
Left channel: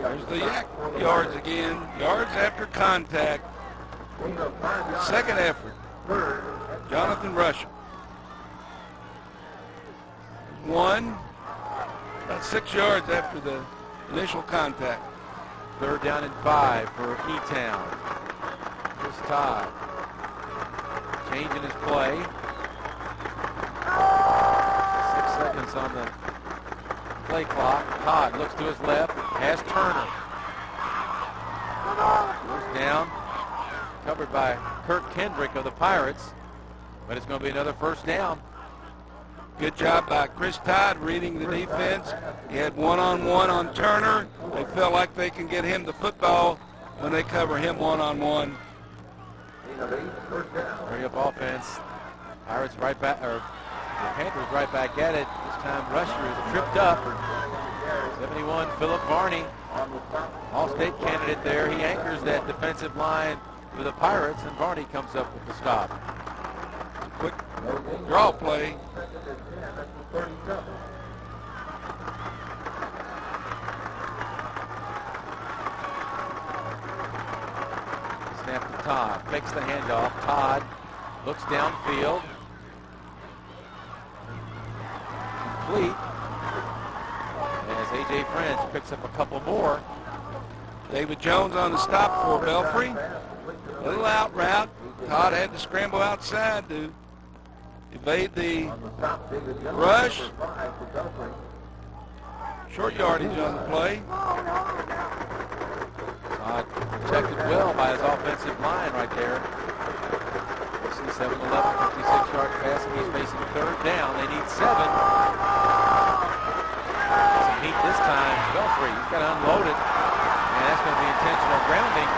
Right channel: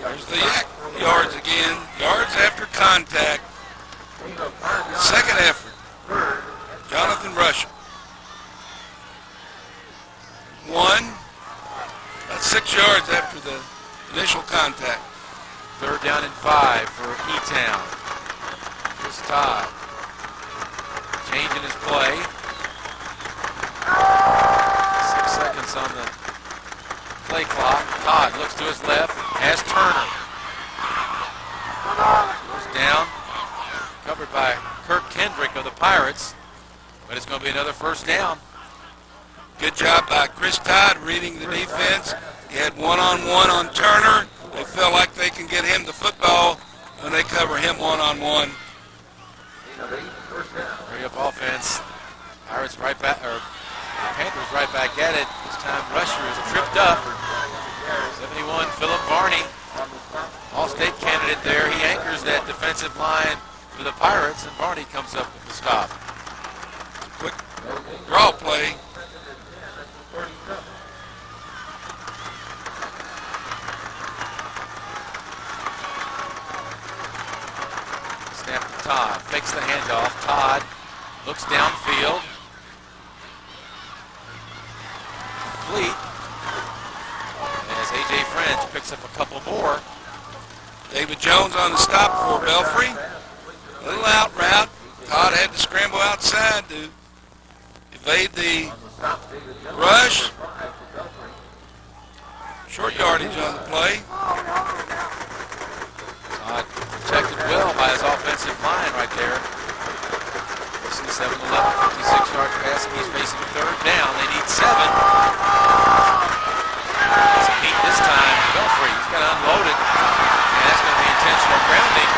There's the yak yards again. Yards after contact. 2nd effort. Jonathan Rusher. 1. About 6 yards after the initial contact. 3rd down and 5 for E-Town. Chris Todd changing his play. 6 seconds on the play clock. Todd looks to his left, has Turner. Goes down, covered by Kirk Kendrick of the Pirates, but it's going to be another 1st down. Good job by Chris Todd reading the defense. He had one-on-one on Turner. They feel like they can get him the football when they cover him one-on-one. Hurry up offense. Pirates right back, or the Panthers right back at it. This time Rusher is tripped up. 71, Philip Varney, All-State candidate there. He anchors that defensive line for the Pirates, and Varney comes up with the stop. Quick draw play. Snap to Todd, fakes the handoff. Todd looks downfield. Complete. As A.J. French picks up a couple more. David Jones on the stop for Belfry. A little out route. Todd had to scramble outside to evade the rush. Short yardage on the play. Todd protected well by his offensive line right there. This is 7-11, 56 yards passing. He's facing 3rd down. They need 7. Some heat this time. Belfry, he's got to unload it. And that's going to be intentional grounding.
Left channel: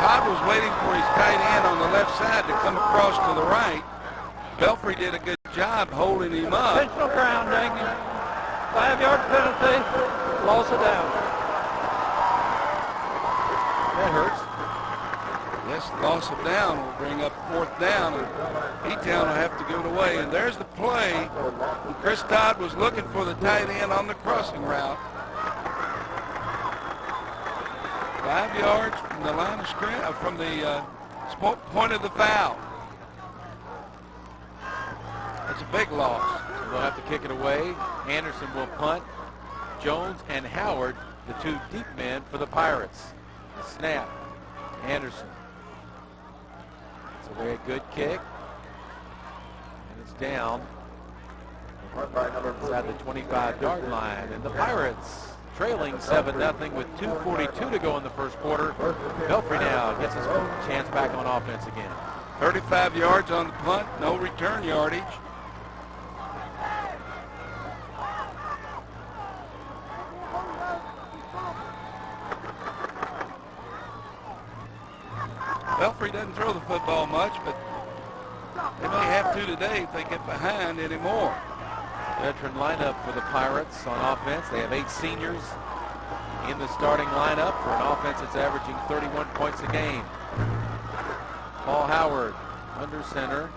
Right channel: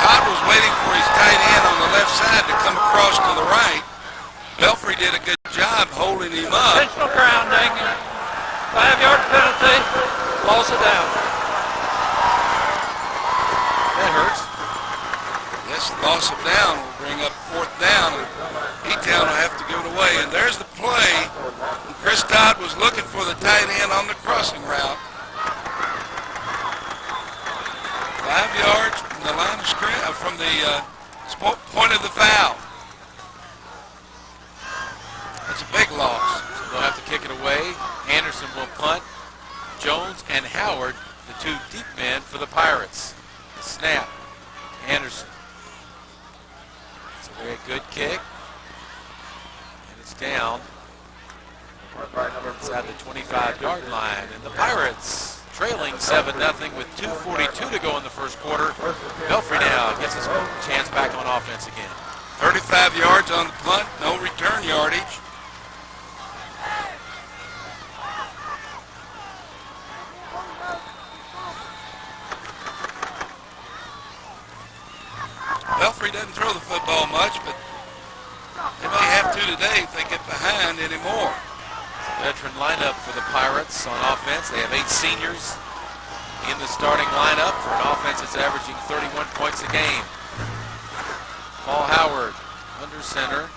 Todd was waiting for his tight end on the left side to come across to the right. Belfry did a good job holding him up. Intentional grounding. 5-yard penalty. Loss of down. That hurts. Yes, loss of down will bring up 4th down, and E-Town will have to give it away. And there's the play. And Chris Todd was looking for the tight end on the crossing route. 5 yards from the line of scrimmage, from the point of the foul. That's a big loss. So they'll have to kick it away. Anderson will punt. Jones and Howard, the two deep men for the Pirates. The snap. Anderson. It's a very good kick. And it's down inside the 25-yard line. And the Pirates trailing 7-0 with 2:42 to go in the first quarter. Belfry now gets his chance back on offense again. 35 yards on the punt, no return yardage. Belfry doesn't throw the football much, but they may have to today if they get behind anymore. Veteran lineup for the Pirates on offense. They have 8 seniors in the starting lineup for an offense that's averaging 31 points a game. Paul Howard under center.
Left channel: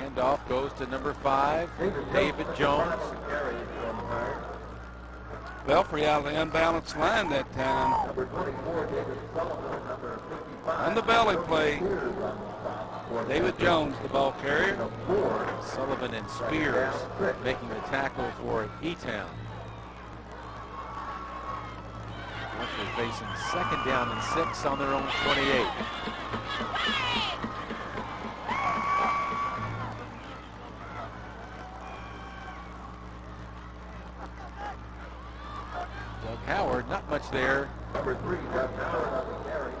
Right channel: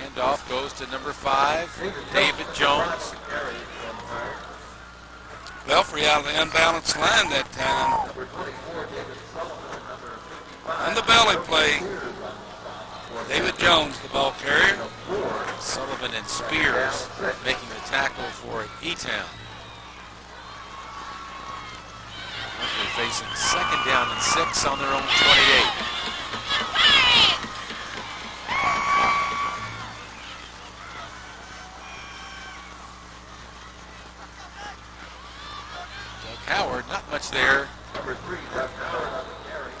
Handoff goes to number 5, David Jones. Belfry out of the unbalanced line that time. On the belly play, David Jones, the ball carrier. Sullivan and Spears making the tackle for E-Town. They're facing 2nd down and 6 on their own 28. Doug Howard, not much there.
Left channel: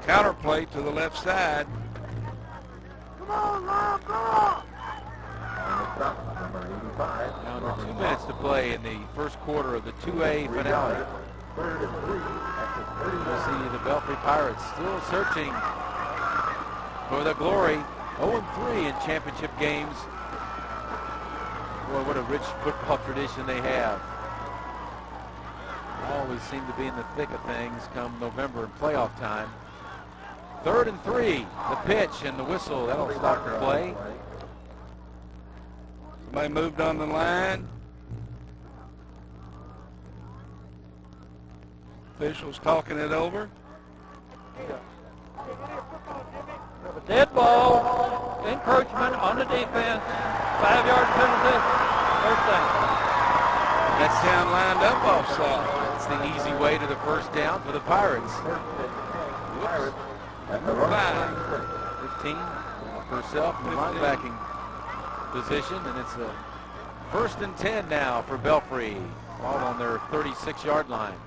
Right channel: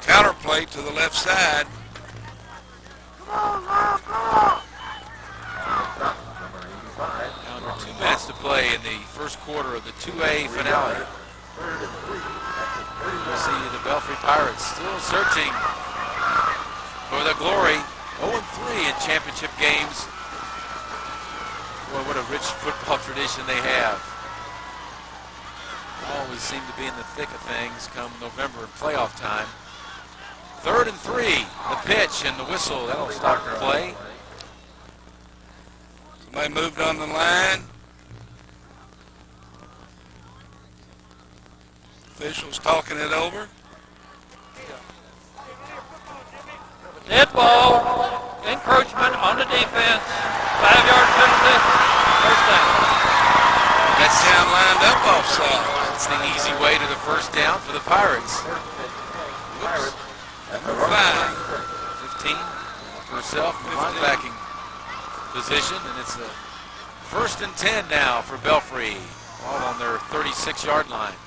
Counter play to the left side. Now 2 minutes to play in the first quarter of the 2A finale. We'll see the Belfry Pirates still searching for the glory. 0-3 in championship games. Boy, what a rich football tradition they have. Always seem to be in the thick of things come November and playoff time. 3rd and 3. The pitch and the whistle. That'll stop the play. Somebody moved on the line. Officials talking it over. Dead ball, encroachment on the defense, 5-yard penalty, first down. That's down lined up offside. That's the easy way to the first down for the Pirates. Whoops. Number 5. 15 herself in the linebacking position, and it's a 1st and 10 now for Belfry, all on their 36-yard line.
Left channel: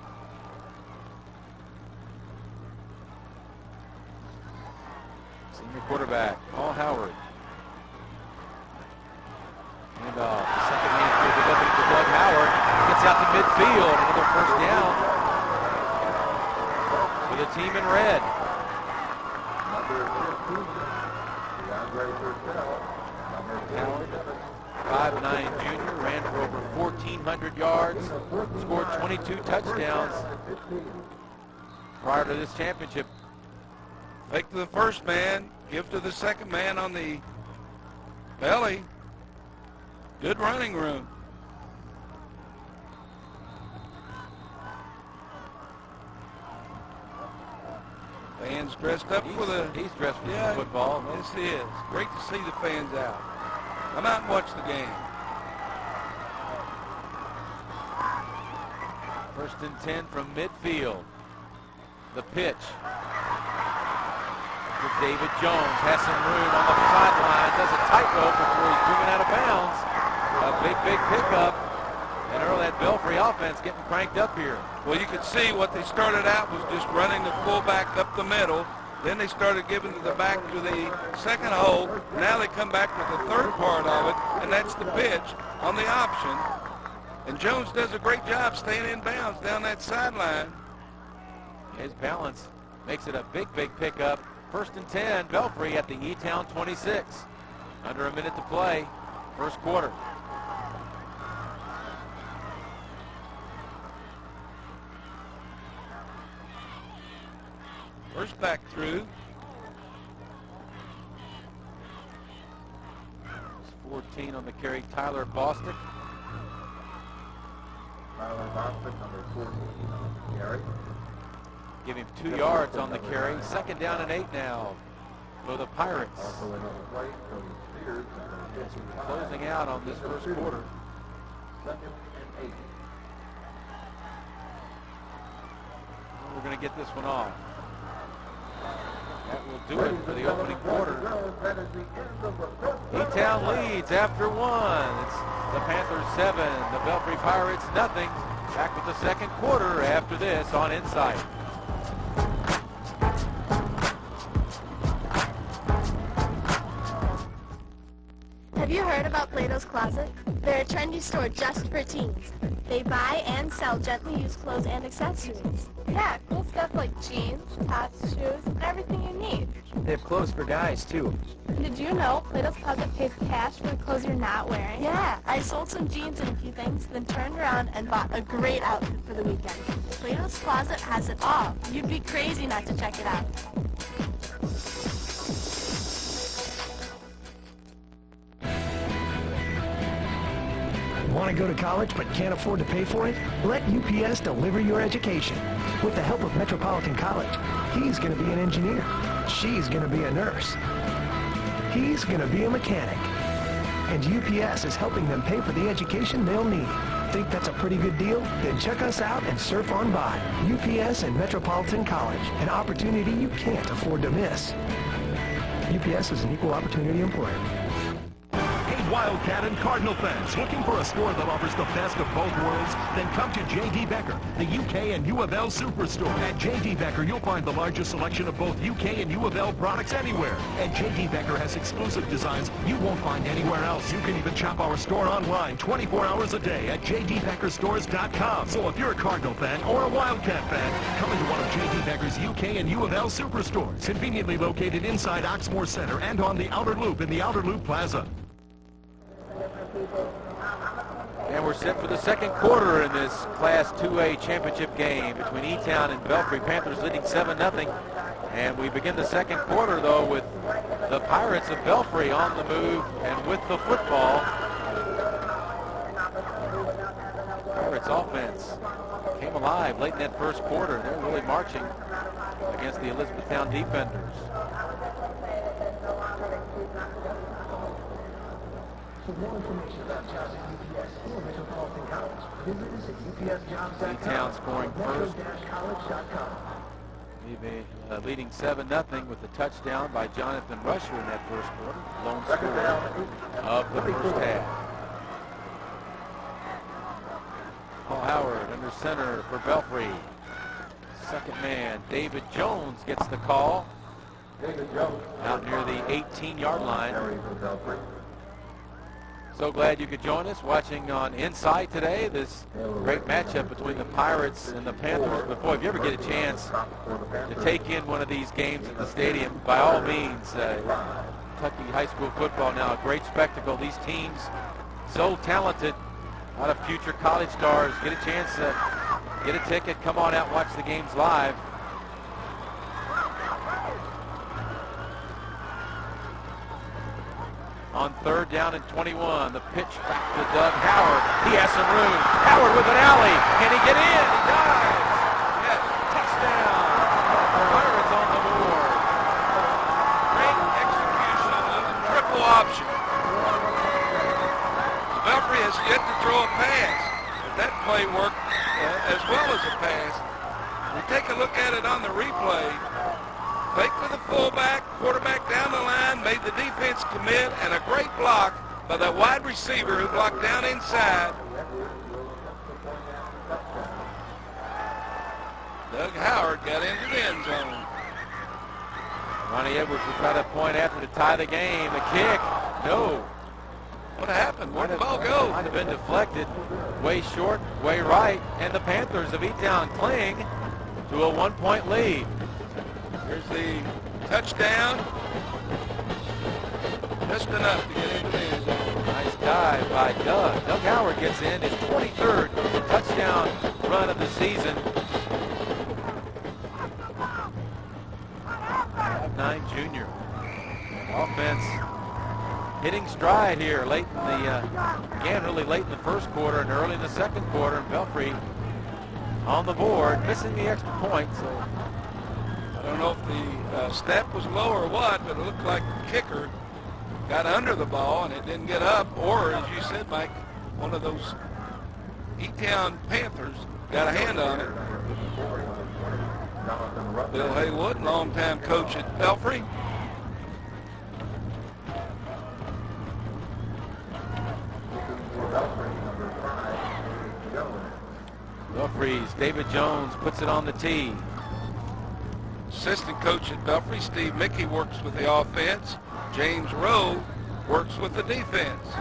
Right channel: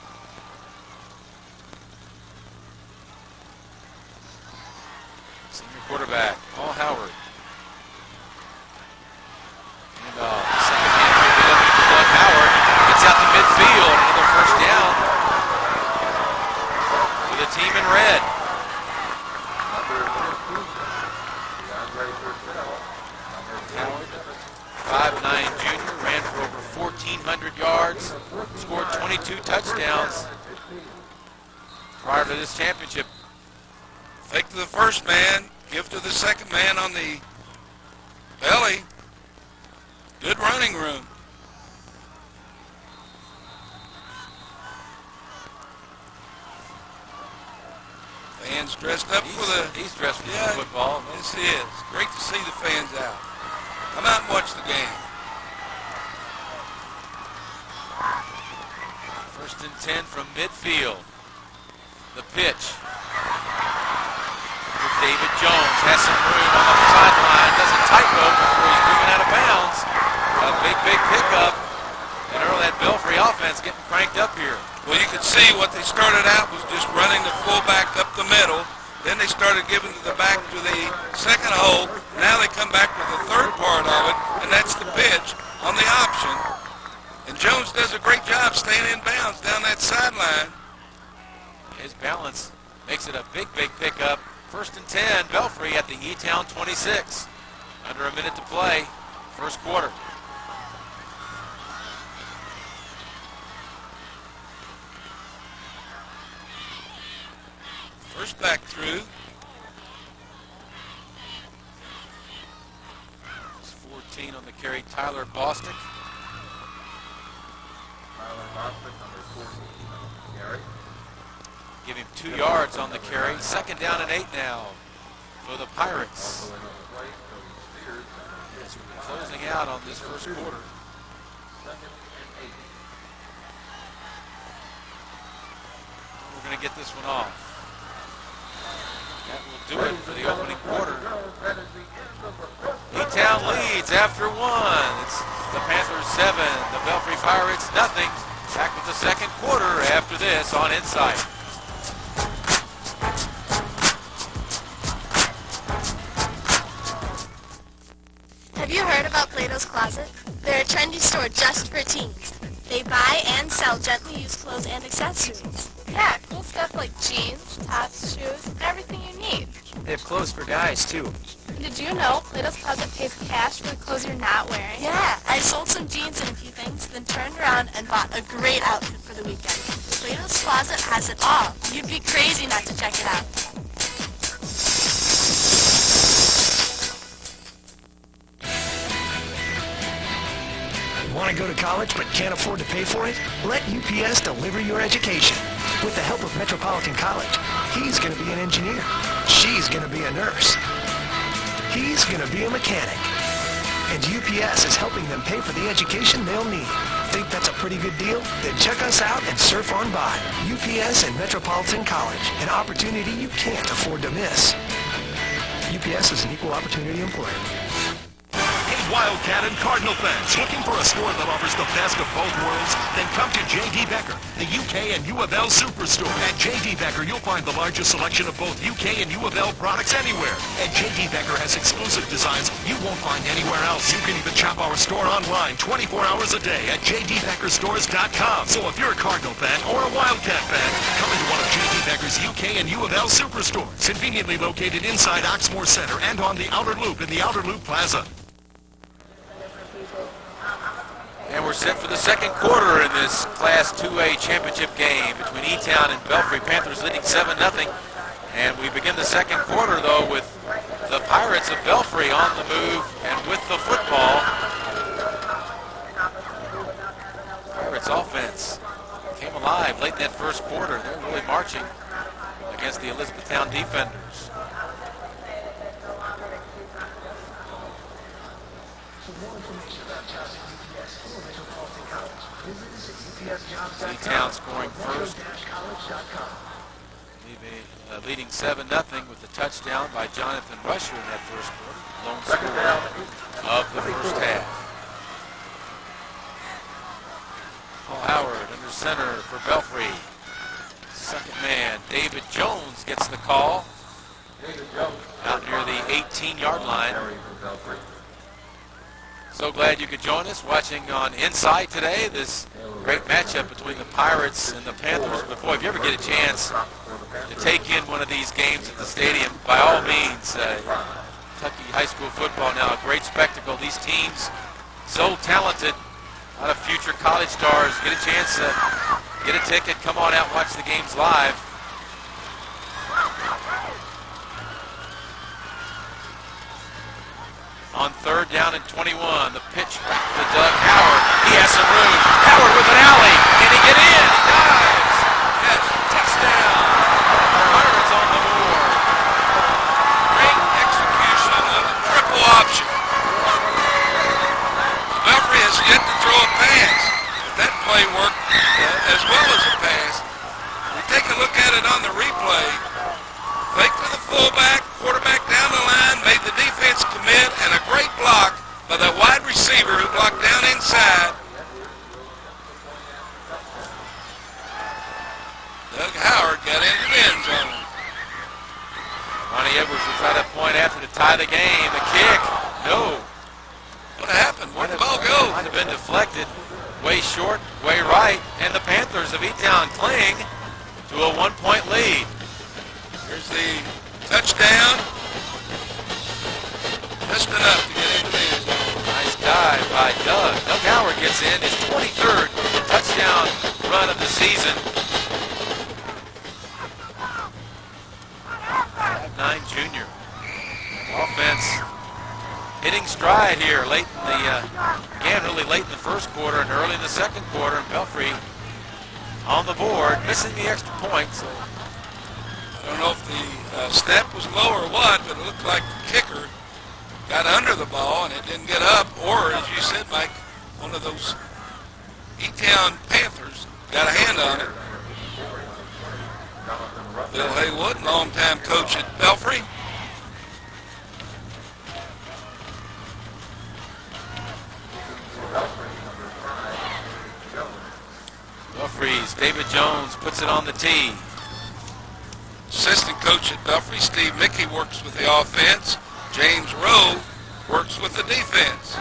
Senior quarterback, Paul Howard. And second hand here delivered to Doug Howard. Gets out to midfield. Another first down for the team in red. Howard, 5'9" junior, ran for over 1,400 yards, scored 22 touchdowns prior to this championship. Fake to the first man, give to the second man on the belly. Good running room. Fans dressed up for the... He's dressed for football. Yes, he is. Great to see the fans out. Come out and watch the game. 1st and 10 from midfield. The pitch. David Jones has some room on the sideline, does a tightrope before he's driven out of bounds. A big pickup. And early that Belfry offense getting cranked up here. Well, you could see what they started out was just running the fullback up the middle. Then they started giving to the back to the second hole. Now they come back with the third part of it, and that's the pitch on the option. And Jones does a great job staying in bounds down that sideline. His balance makes it a big pickup. 1st and 10, Belfry at the E-Town 26. Under a minute to play, first quarter. First back through. It's 14 on the carry, Tyler Bostic. Tyler Bostic, number 14 on the carry. Give him 2 yards on the carry. 2nd down and 8 now for the Pirates. As we're closing out on this first quarter. We're going to get this one off. That will do it for the opening quarter. E-Town leads after 1. It's the Panthers 7, the Belfry Pirates nothing. Back with the second quarter after this on Inside. Have you heard about Plato's Closet? They're a trendy store just for teens. They buy and sell gently used clothes and accessories. Yeah, cool stuff like jeans, tops, shoes, and everything you need. They have clothes for guys, too. Did you know Plato's Closet pays cash for the clothes you're not wearing? Yeah, I sold some jeans and a few things, then turned around and bought a great outfit for the weekend. Plato's Closet has it all. You'd be crazy not to check it out. Want to go to college but can't afford to pay for it? Let UPS deliver your education. With the help of Metropolitan College, he's going to be an engineer. She's going to be a nurse. He's going to be a mechanic. And UPS is helping them pay for the education they'll need. Think that's a pretty good deal? Then check us out and surf on by. UPS and Metropolitan College, an opportunity you can't afford to miss. UPS is an equal opportunity employer. Wildcat and Cardinal fans looking for a store that offers the best of both worlds? Then come to J.D. Becker, the UK and U of L Superstore. At J.D. Becker, you'll find the largest selection of both UK and U of L products anywhere. And J.D. Becker has exclusive designs you won't find anywhere else. You can even shop our store online 24 hours a day at jdbeckerstores.com. So if you're a Cardinal fan or a Wildcat fan, come into one of J.D. Becker's UK and U of L Superstores, conveniently located inside Oxmoor Center and on the Outer Loop in the Outer Loop Plaza. And we're set for the second quarter in this Class 2A championship game between E-Town and Belfry. Panthers leading 7-0. And we begin the second quarter, though, with the Pirates of Belfry on the move and with the football. Pirates offense came alive late in that first quarter. They're really marching against the Elizabethtown defenders. E-Town scoring first. Leading 7-0 with the touchdown by Jonathan Rusher in that first quarter. Lone scorer of the first half. Paul Howard under center for Belfry. Second man, David Jones, gets the call out near the 18-yard line. So glad you could join us watching on Inside today, this great matchup between the Pirates and the Panthers. But boy, if you ever get a chance to take in one of these games at the stadium, by all means, Kentucky high school football now, a great spectacle. These teams so talented, a lot of future college stars. Get a chance to get a ticket, come on out, watch the games live. On 3rd down and 21, the pitch back to Doug Howard. He has some room. Howard with an alley. Can he get in? He dives. Yes, touchdown. Pirates on the board. Great execution of the triple option. Belfry has yet to throw a pass. But that play worked as well as a pass. We take a look at it on the replay. Fake to the fullback, quarterback down the line, made the defense commit, and a great block by that wide receiver who blocked down inside. Doug Howard got into the end zone. Ronnie Edwards will try to point after to tie the game. The kick, no. What happened? Where'd the ball go? Might have been deflected. Way short, way right, and the Panthers of E-Town cling to a 1-point lead. Here's the touchdown. Just enough to get into the end zone. Nice dive by Doug. Doug Howard gets in his 23rd touchdown run of the season. 5'9" junior. Offense hitting stride here late in the, again, really late in the first quarter and early in the second quarter. And Belfry on the board, missing the extra point. So don't know if the snap was low or what, but it looked like the kicker got under the ball and it didn't get up, or, as you said, Mike, one of those E-Town Panthers got a hand on it. Bill Haywood, longtime coach at Belfry. Belfry's David Jones puts it on the tee. Assistant coach at Belfry, Steve Mickey, works with the offense. James Rowe works with the defense.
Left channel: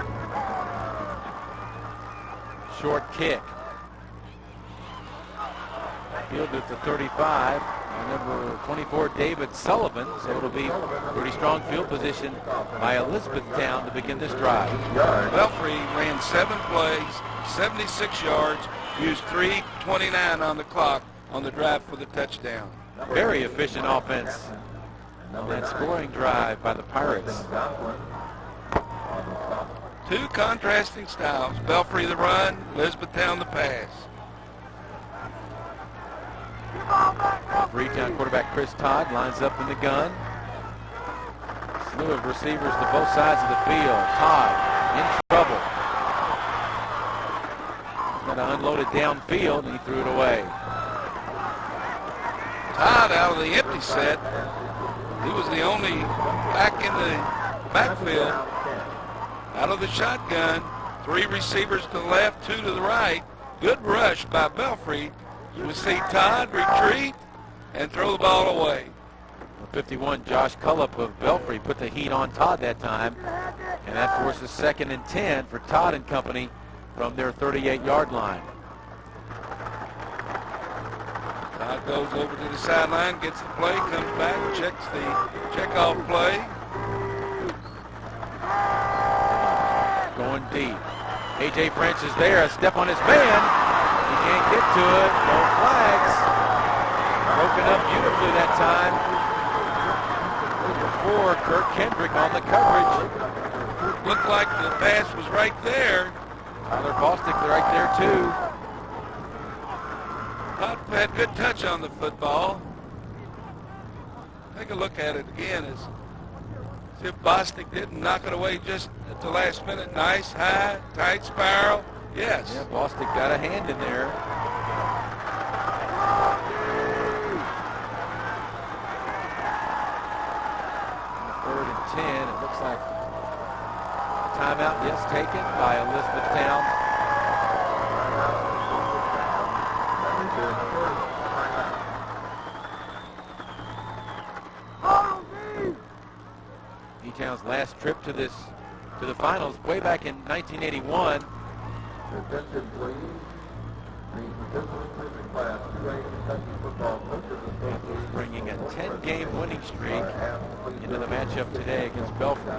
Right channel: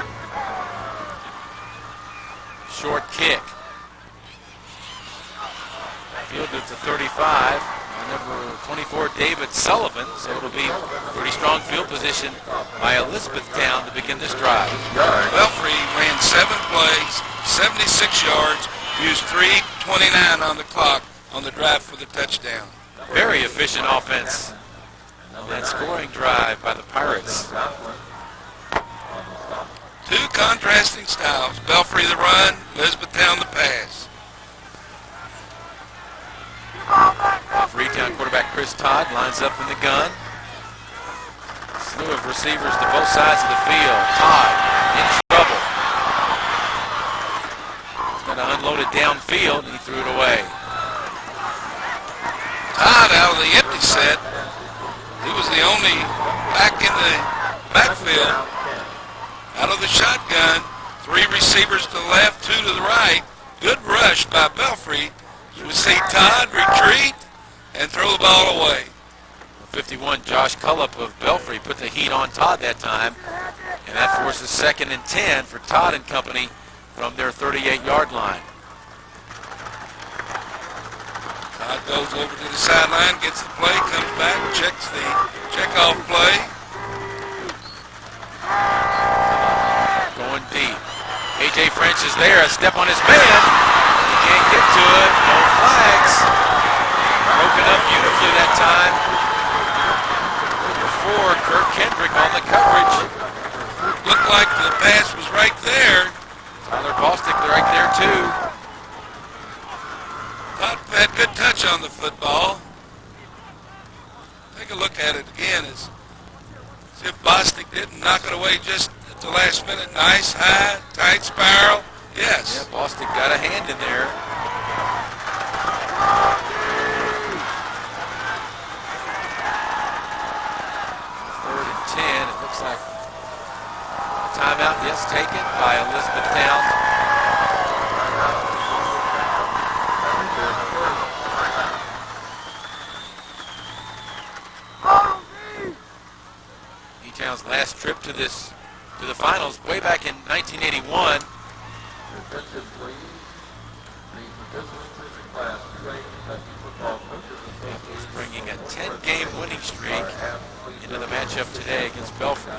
Short kick. Fielded to 35. Number 24, David Sullivan. So it'll be pretty strong field position by Elizabethtown to begin this drive. Belfry ran 7 plays, 76 yards, used 3:29 on the clock on the drive for the touchdown. Very efficient offense on that scoring drive by the Pirates. 2 contrasting styles. Belfry the run, Elizabethtown the pass. Freetown quarterback Chris Todd lines up in the gun. Slew of receivers to both sides of the field. Todd in trouble. He's got to unload it downfield, and he threw it away. Todd out of the empty set. He was the only back in the backfield. Out of the shotgun. 3 receivers to the left, 2 to the right. Good rush by Belfry. We see Todd retreat and throw the ball away. 51, Josh Cullup of Belfry put the heat on Todd that time, and that forces 2nd and 10 for Todd and company from their 38-yard line. Todd goes over to the sideline, gets the play, comes back, checks the checkoff play. Going deep. A.J. French is there, a step on his man. He can't get to it, no flags. Broken up beautifully that time. Number 4, Kirk Kendrick on the coverage. Looked like the pass was right there. Tyler Bostic right there too. Todd had good touch on the football. Take a look at it again as if Bostic didn't knock it away just at the last minute. Nice, high, tight spiral. Yes. Yeah, Bostic got a hand in there. Third and 10. It looks like a timeout, yes, taken by Elizabethtown. E-Town's last trip to the finals way back in 1981. Panthers bringing a 10-game winning streak into the matchup today against Belfry.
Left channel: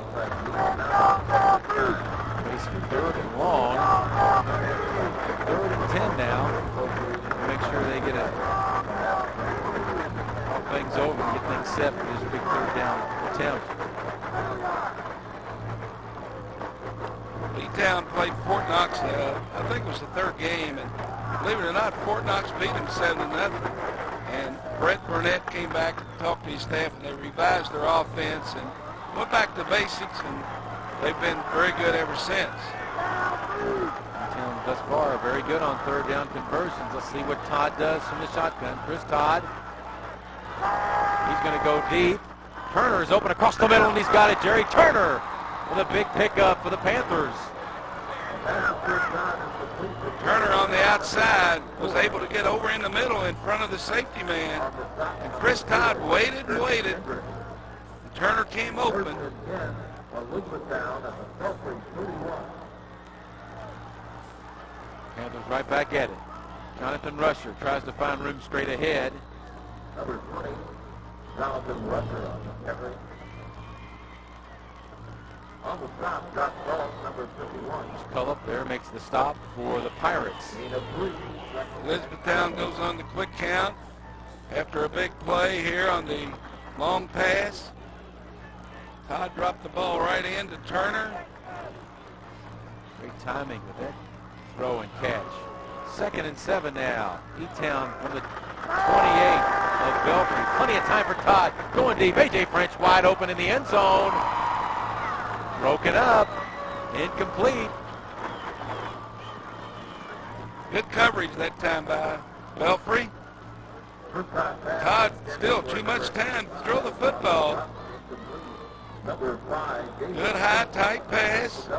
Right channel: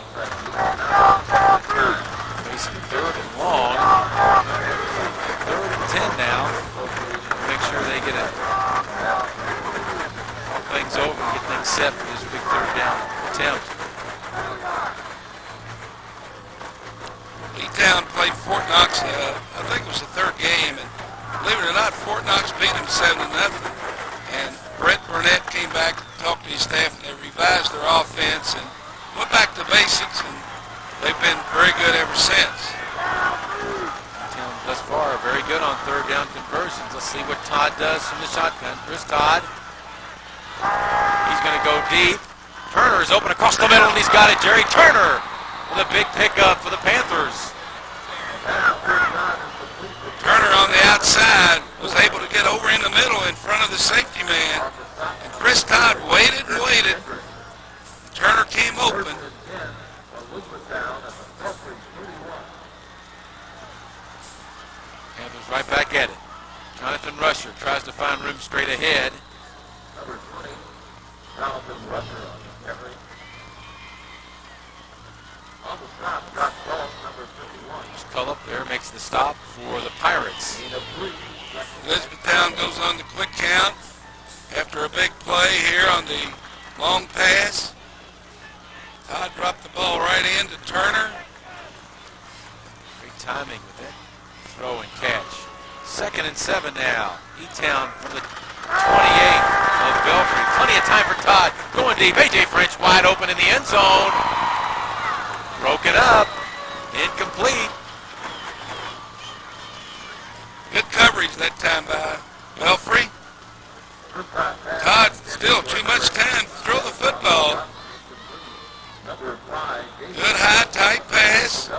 Facing 3rd and long. 3rd and 10 now. Make sure they get things over and get things set for this big 3rd down attempt. E-Town played Fort Knox, I think it was the 3rd game, and believe it or not, Fort Knox beat them 7-0. And Brett Burnett came back and talked to his staff, and they revised their offense and went back to basics, and they've been very good ever since. E-Town thus far very good on 3rd down conversions. Let's see what Todd does from the shotgun. Chris Todd. He's going to go deep. Turner is open across the middle, and he's got it. Jerry Turner with a big pickup for the Panthers. Turner on the outside was able to get over in the middle in front of the safety man. And Chris Todd waited and waited. Turner came open. Panthers right back at it. Jonathan Rusher tries to find room straight ahead. Number 20, Jonathan Rusher on the carry. On the stop, Scott Ball, number 51. Cullup there makes the stop for the Pirates. Elizabethtown goes on the quick count after a big play here on the long pass. Todd dropped the ball right into Turner. Great timing with that throw and catch. 2nd and 7 now. E-Town from the 28. of Belfry. Plenty of time for Todd. Going deep. A.J. French wide open in the end zone. Broken up. Incomplete. Good coverage that time by Belfry. Todd still too much time to throw the football. Good high, tight pass.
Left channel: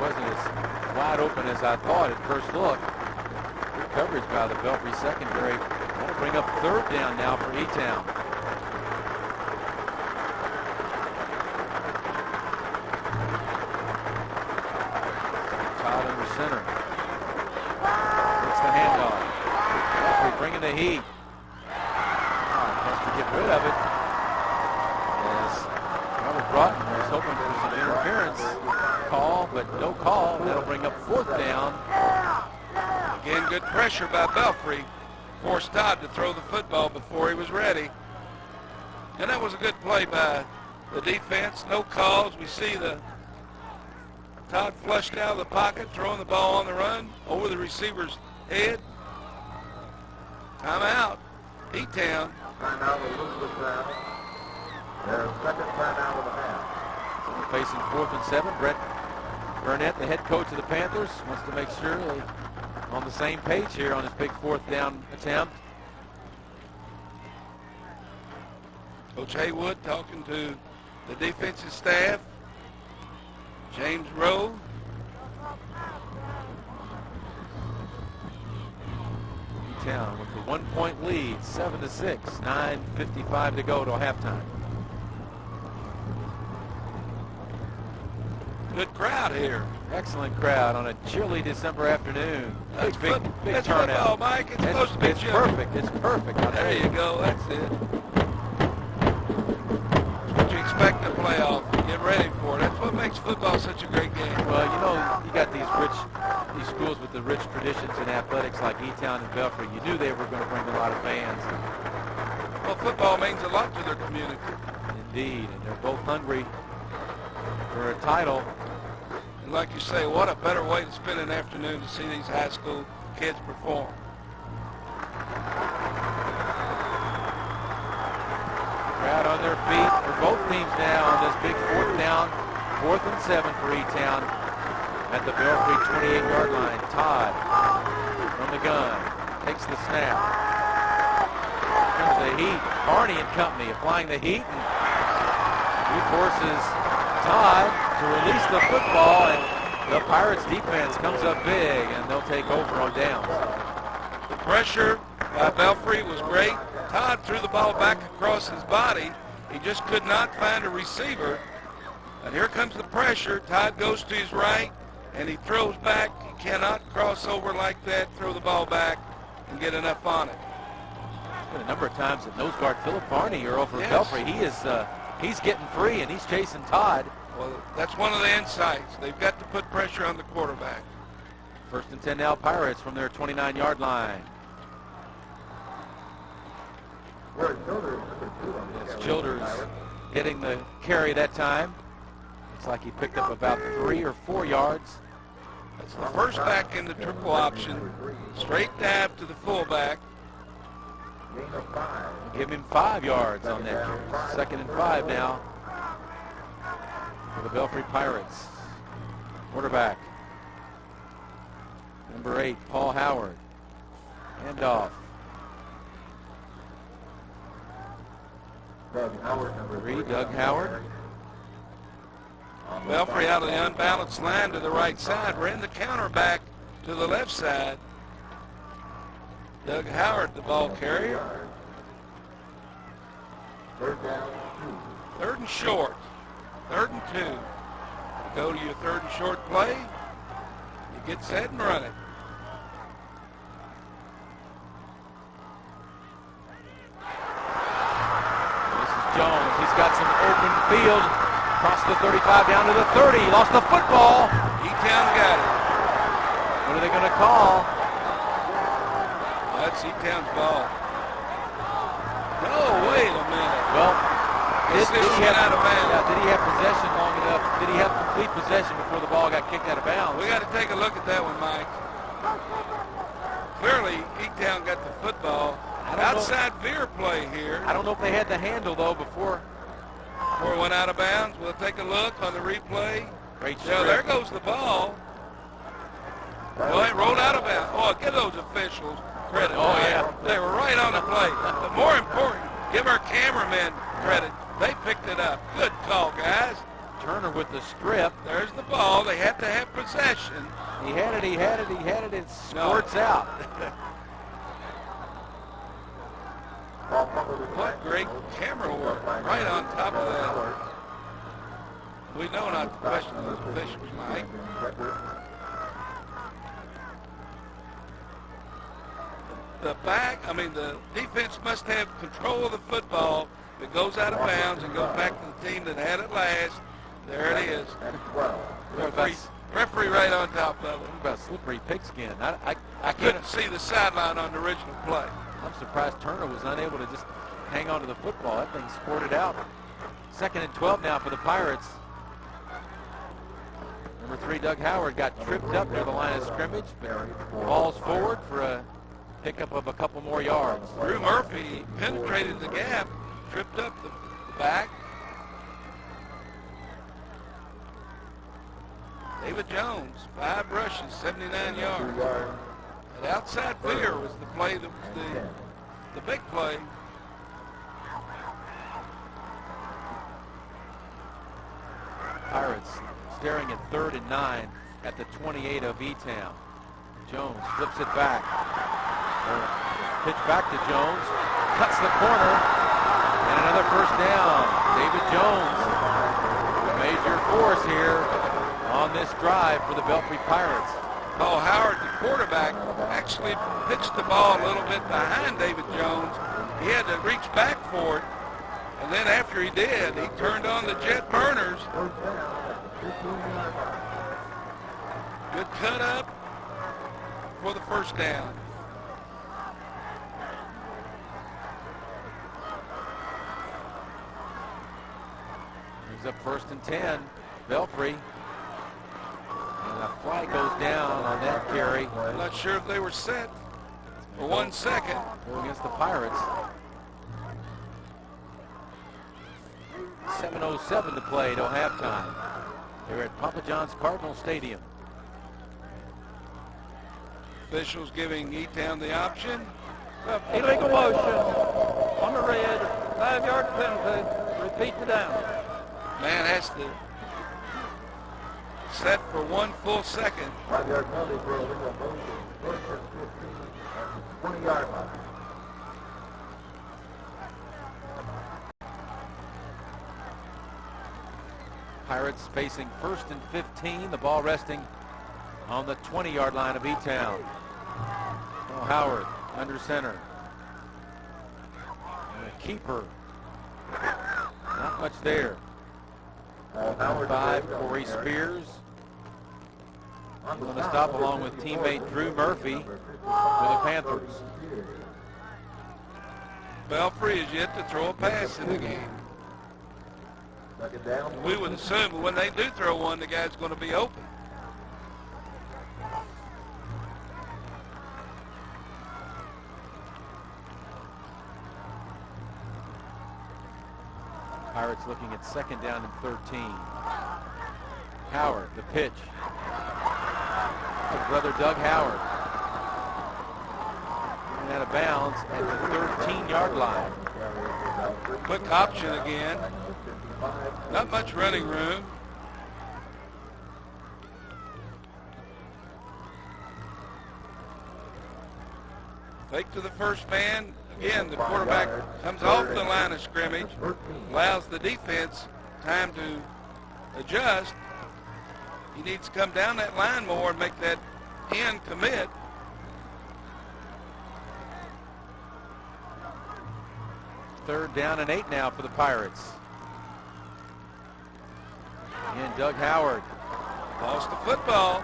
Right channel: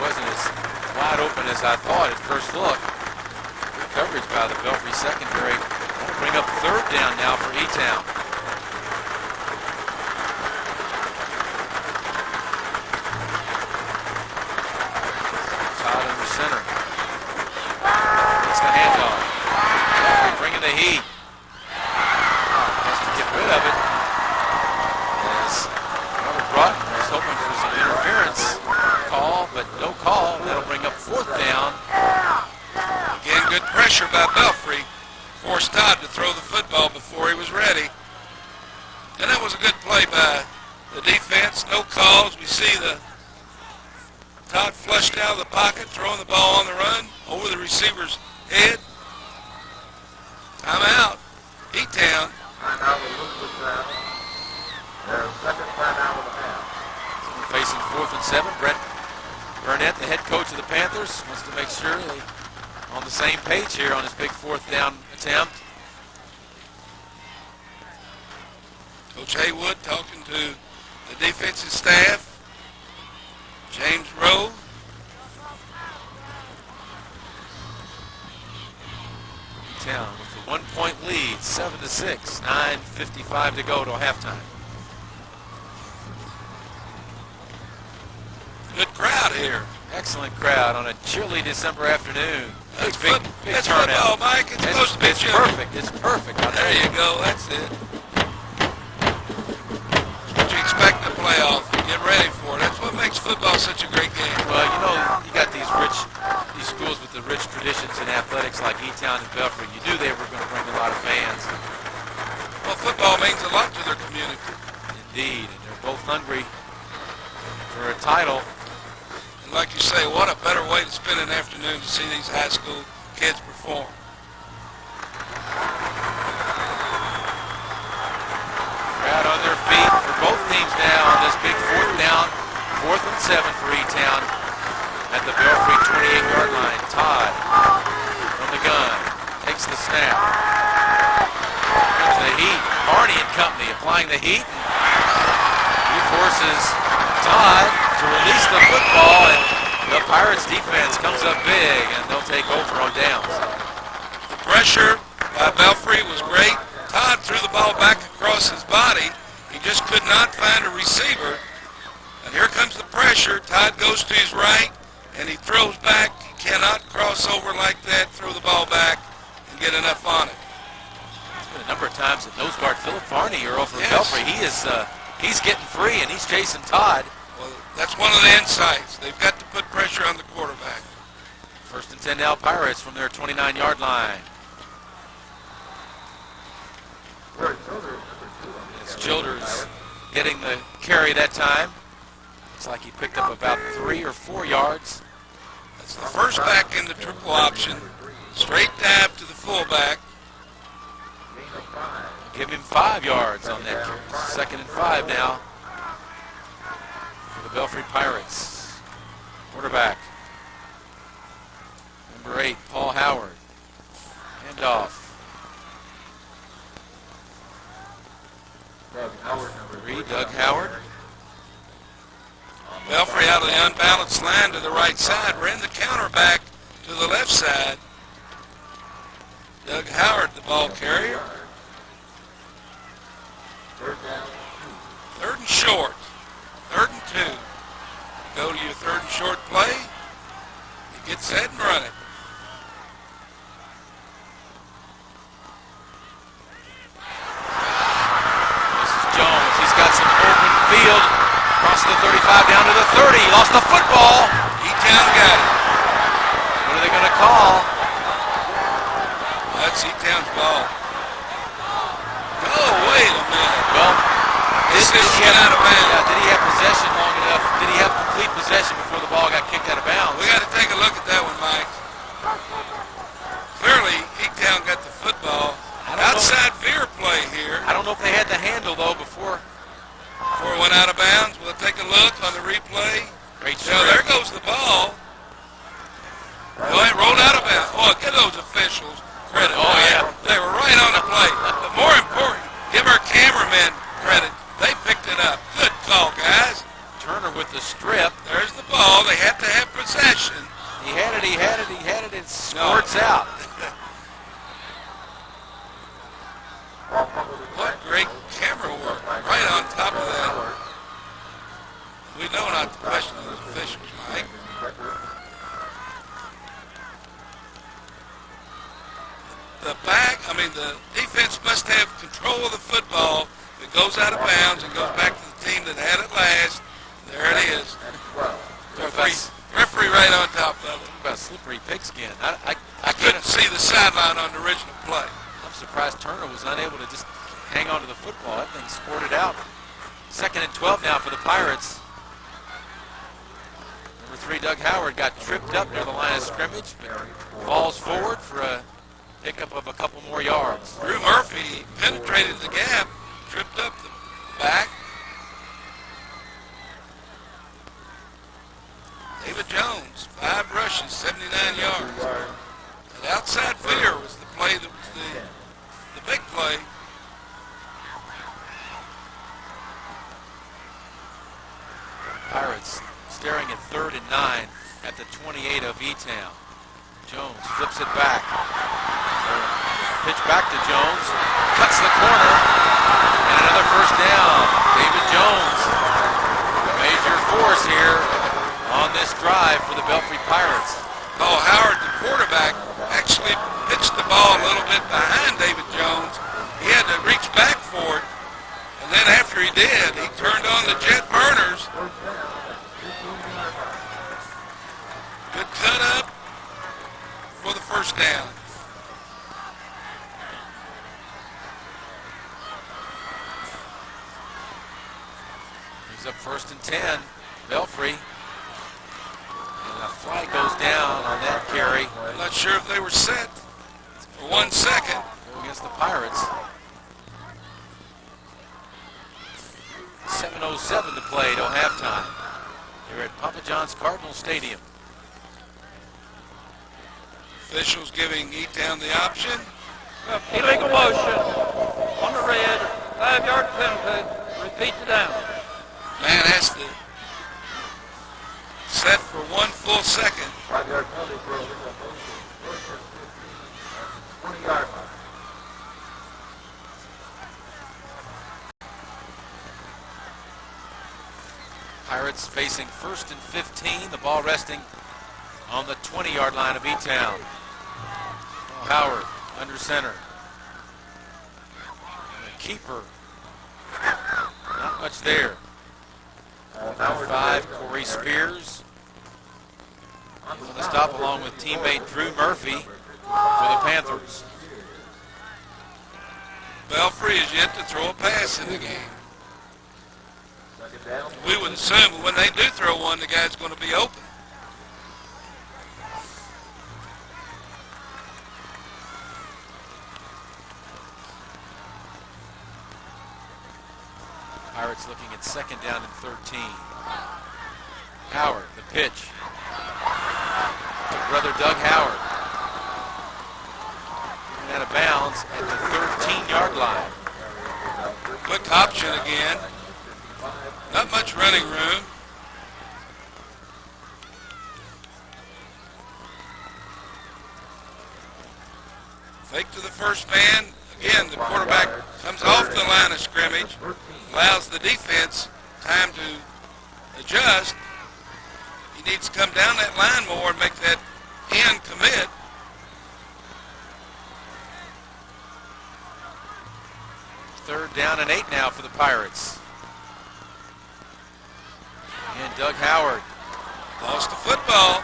Wasn't as wide open as I thought at first look. Good coverage by the Belfry secondary. That'll bring up third down now for E-Town. Todd under center. It's the handoff. Belfry bringing the heat. Has to get rid of it. As Robert Broughton was hoping for some interference call, but no call. That'll bring up fourth down. Again, good pressure by Belfry. Forced Todd to throw the football before he was ready. And that was a good play by the defense. No calls. We see the Todd flushed out of the pocket, throwing the ball on the run over the receiver's head. Timeout. E-Town. Timeout with Elizabethtown. Their second timeout of the half. So we're facing 4th and 7. Brett Burnett, the head coach of the Panthers, wants to make sure they're on the same page here on his big fourth down attempt. Coach Haywood talking to the defensive staff. James Rowe. E-Town with the 1-point lead, 7-6, 9:55 to go till halftime. Good crowd here. Excellent crowd on a chilly December afternoon. That's Big that's turnout. football, Mike. It's supposed to be It's chilly. perfect. It's perfect. I'll tell There you go. That's it. What you expect in the playoff. Get ready for it. That's what makes football such a great game. Well, you know, you got these schools with the rich traditions in athletics like E-Town and Belfry. You knew they were going to bring a lot of fans. Well, football means a lot to their community. Indeed, and they're both hungry for a title. And like you say, what a better way to spend an afternoon to see these high school kids perform. Crowd on their feet for both teams now on this big fourth down. 4th and 7 for E-Town at the Belfry 28-yard line. Todd from the gun takes the snap. Here comes the heat. Barney and company applying the heat. And he forces Todd to release the football, and the Pirates defense comes up big, and they'll take over on downs. The pressure by Belfry was great. Todd threw the ball back across his body. He just could not find a receiver. And here comes the pressure. Todd goes to his right, and he throws back. He cannot cross over like that, throw the ball back, and get enough on it. It's been a number of times that nose guard Philip Varney are over Yes. Belfry. He's getting free, and he's chasing Todd. Well, that's one of the insights. They've got to put pressure on the quarterback. 1st and 10 now, Pirates from their 29-yard line. It's Childers getting the carry that time. Looks like he picked up about 3 or 4 yards. That's the first back in the triple option. Straight dab to the fullback. Give him 5 yards on that carry. 2nd and 5 now for the Belfry Pirates. Quarterback, number 8, Paul Howard. Handoff. Number 3, Doug Howard. Belfry out of the unbalanced line to the right side. Ran the counter back to the left side. Doug Howard, the ball carrier. 3rd and short. 3rd and 2. You go to your 3rd and short play. You get set and run it. This is Jones. He's got some open field. Across the 35 down to the 30. He lost the football. E-Town got it. What are they going to call? That's E-Town's ball. Oh, wait a minute. Well, he have possession long enough? Did he have complete possession before the ball got kicked out of bounds? We got to take a look at that one, Mike. Clearly, Eatown got the football. Outside veer play here. I don't know if they had the handle, though, before it went out of bounds. We'll take a look on the replay. Great So there goes the ball. Go ahead, rolled out of bounds. Oh, give those officials credit. Oh, yeah. They were right on the play. But more important, give our cameramen credit. They picked it up. Good call, guys. Turner with the strip. There's the ball. They have to have possession. He had it. It squirts out. What great camera work. Right on top of that. We know not to question those officials, Mike. The defense must have control of the football. If it goes out of bounds and goes back to the team that had it last, there it is. Referee right on top of it. About slippery pigskin. I couldn't see the sideline on the original play. I'm surprised Turner was unable to just hang on to the football. That thing squirted out. 2nd and 12 now for the Pirates. Number 3, Doug Howard, got tripped up near the line of scrimmage, but falls forward for a pickup of a couple more yards. Drew Murphy penetrated the gap, tripped up the back. David Jones, 5 rushes, 79 yards. The outside veer was the play that was the big play. Pirates staring at 3rd and 9 at the 28 of Eatown. Jones flips it back. Pitch back to Jones. Cuts the corner. And another first down. David Jones, a major force here on this drive for the Belfry Pirates. Oh, Howard, the quarterback, actually pitched the ball a little bit behind David Jones. He had to reach back for it. And then after he did, he turned on the jet burners. Good cut up for the first down. He's up 1st and 10. Belfry. And a flag goes down on that carry. I'm not sure if they were set for 1 second. Go against the Pirates. 7:07 to play till halftime here at Papa John's Cardinal Stadium. Officials giving Eatown the option. Illegal motion on the red, 5-yard penalty, repeat the down. Man has to set for 1 full second. 5-yard penalty for illegal motion. 20-yard line. Pirates facing 1st and 15. The ball resting on the 20-yard line of Eatown. Oh, Howard under center. And the keeper. Not much there. Number 5, Corey Spears. He's on the stop along with teammate Drew Murphy for the Panthers. Belfry is yet to throw a pass in the game. We would assume when they do throw one, the guy's going to be open. Pirates looking at 2nd down and 13. Howard, the pitch. To brother Doug Howard. And out of bounds at the 13-yard line. Quick option again. Not much running room. Fake to the first man. Again, the quarterback comes off the line of scrimmage, allows the defense time to adjust. He needs to come down that line more and make that end commit. Third down and 8 now for the Pirates. And Doug Howard. Lost the football.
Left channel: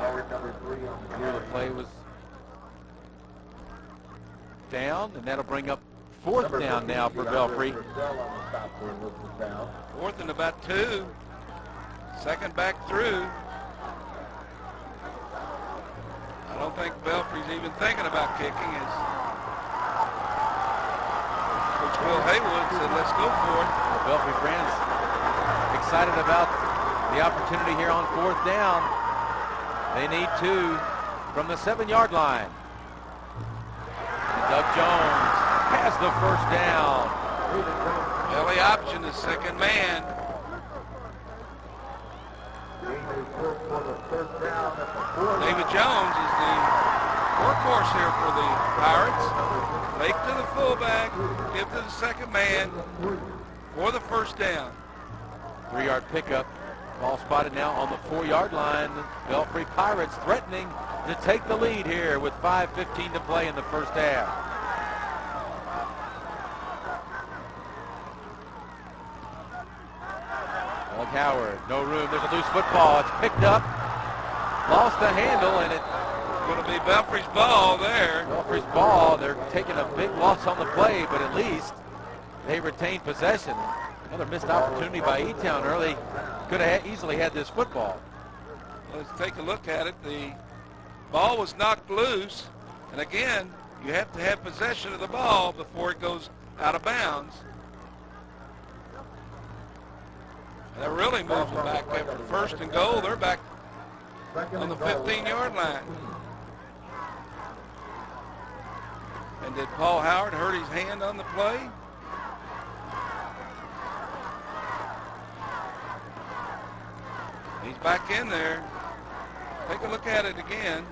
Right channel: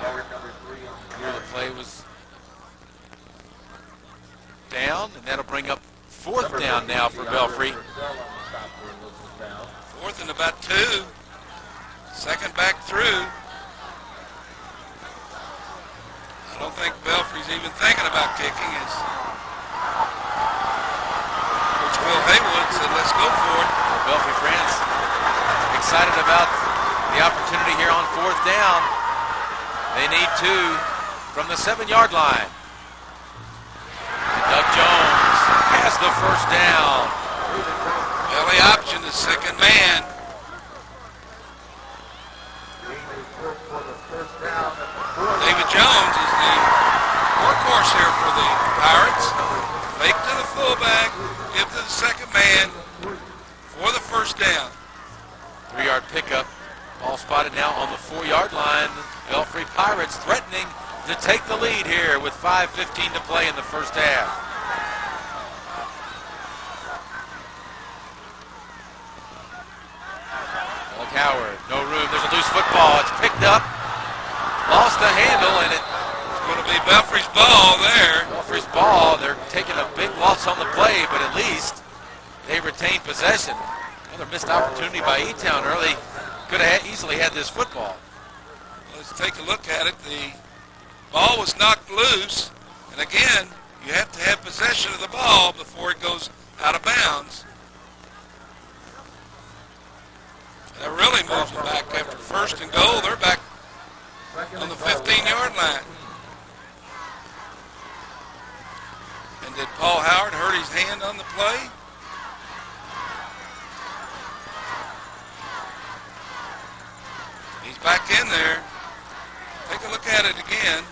Here the play was down, and that'll bring up fourth down now for Belfry. Fourth and about 2. Second back through. I don't think Belfry's even thinking about kicking. As Coach Phil Haywood said, let's go for it. Well, Belfry friends excited about the opportunity here on fourth down. They need 2 from the 7-yard line. And Doug Jones has the first down. Belly option, the second man. David Jones is the workhorse here for the Pirates. Fake to the fullback, give to the second man for the first down. 3-yard pickup. Ball spotted now on the 4-yard line. Belfry Pirates threatening to take the lead here with 5:15 to play in the first half. Doug Howard, no room. There's a loose football. It's picked up. Lost the handle, and it's going to be Belfry's ball there. Belfry's ball. They're taking a big loss on the play, but at least they retain possession. Another missed opportunity by E-Town early. Could have easily had this football. Let's take a look at it. The ball was knocked loose, and again, you have to have possession of the ball before it goes out of bounds. And that really moves them back after first and goal. They're back on the 15-yard line. And did Paul Howard hurt his hand on the play? He's back in there. Take a look at it again.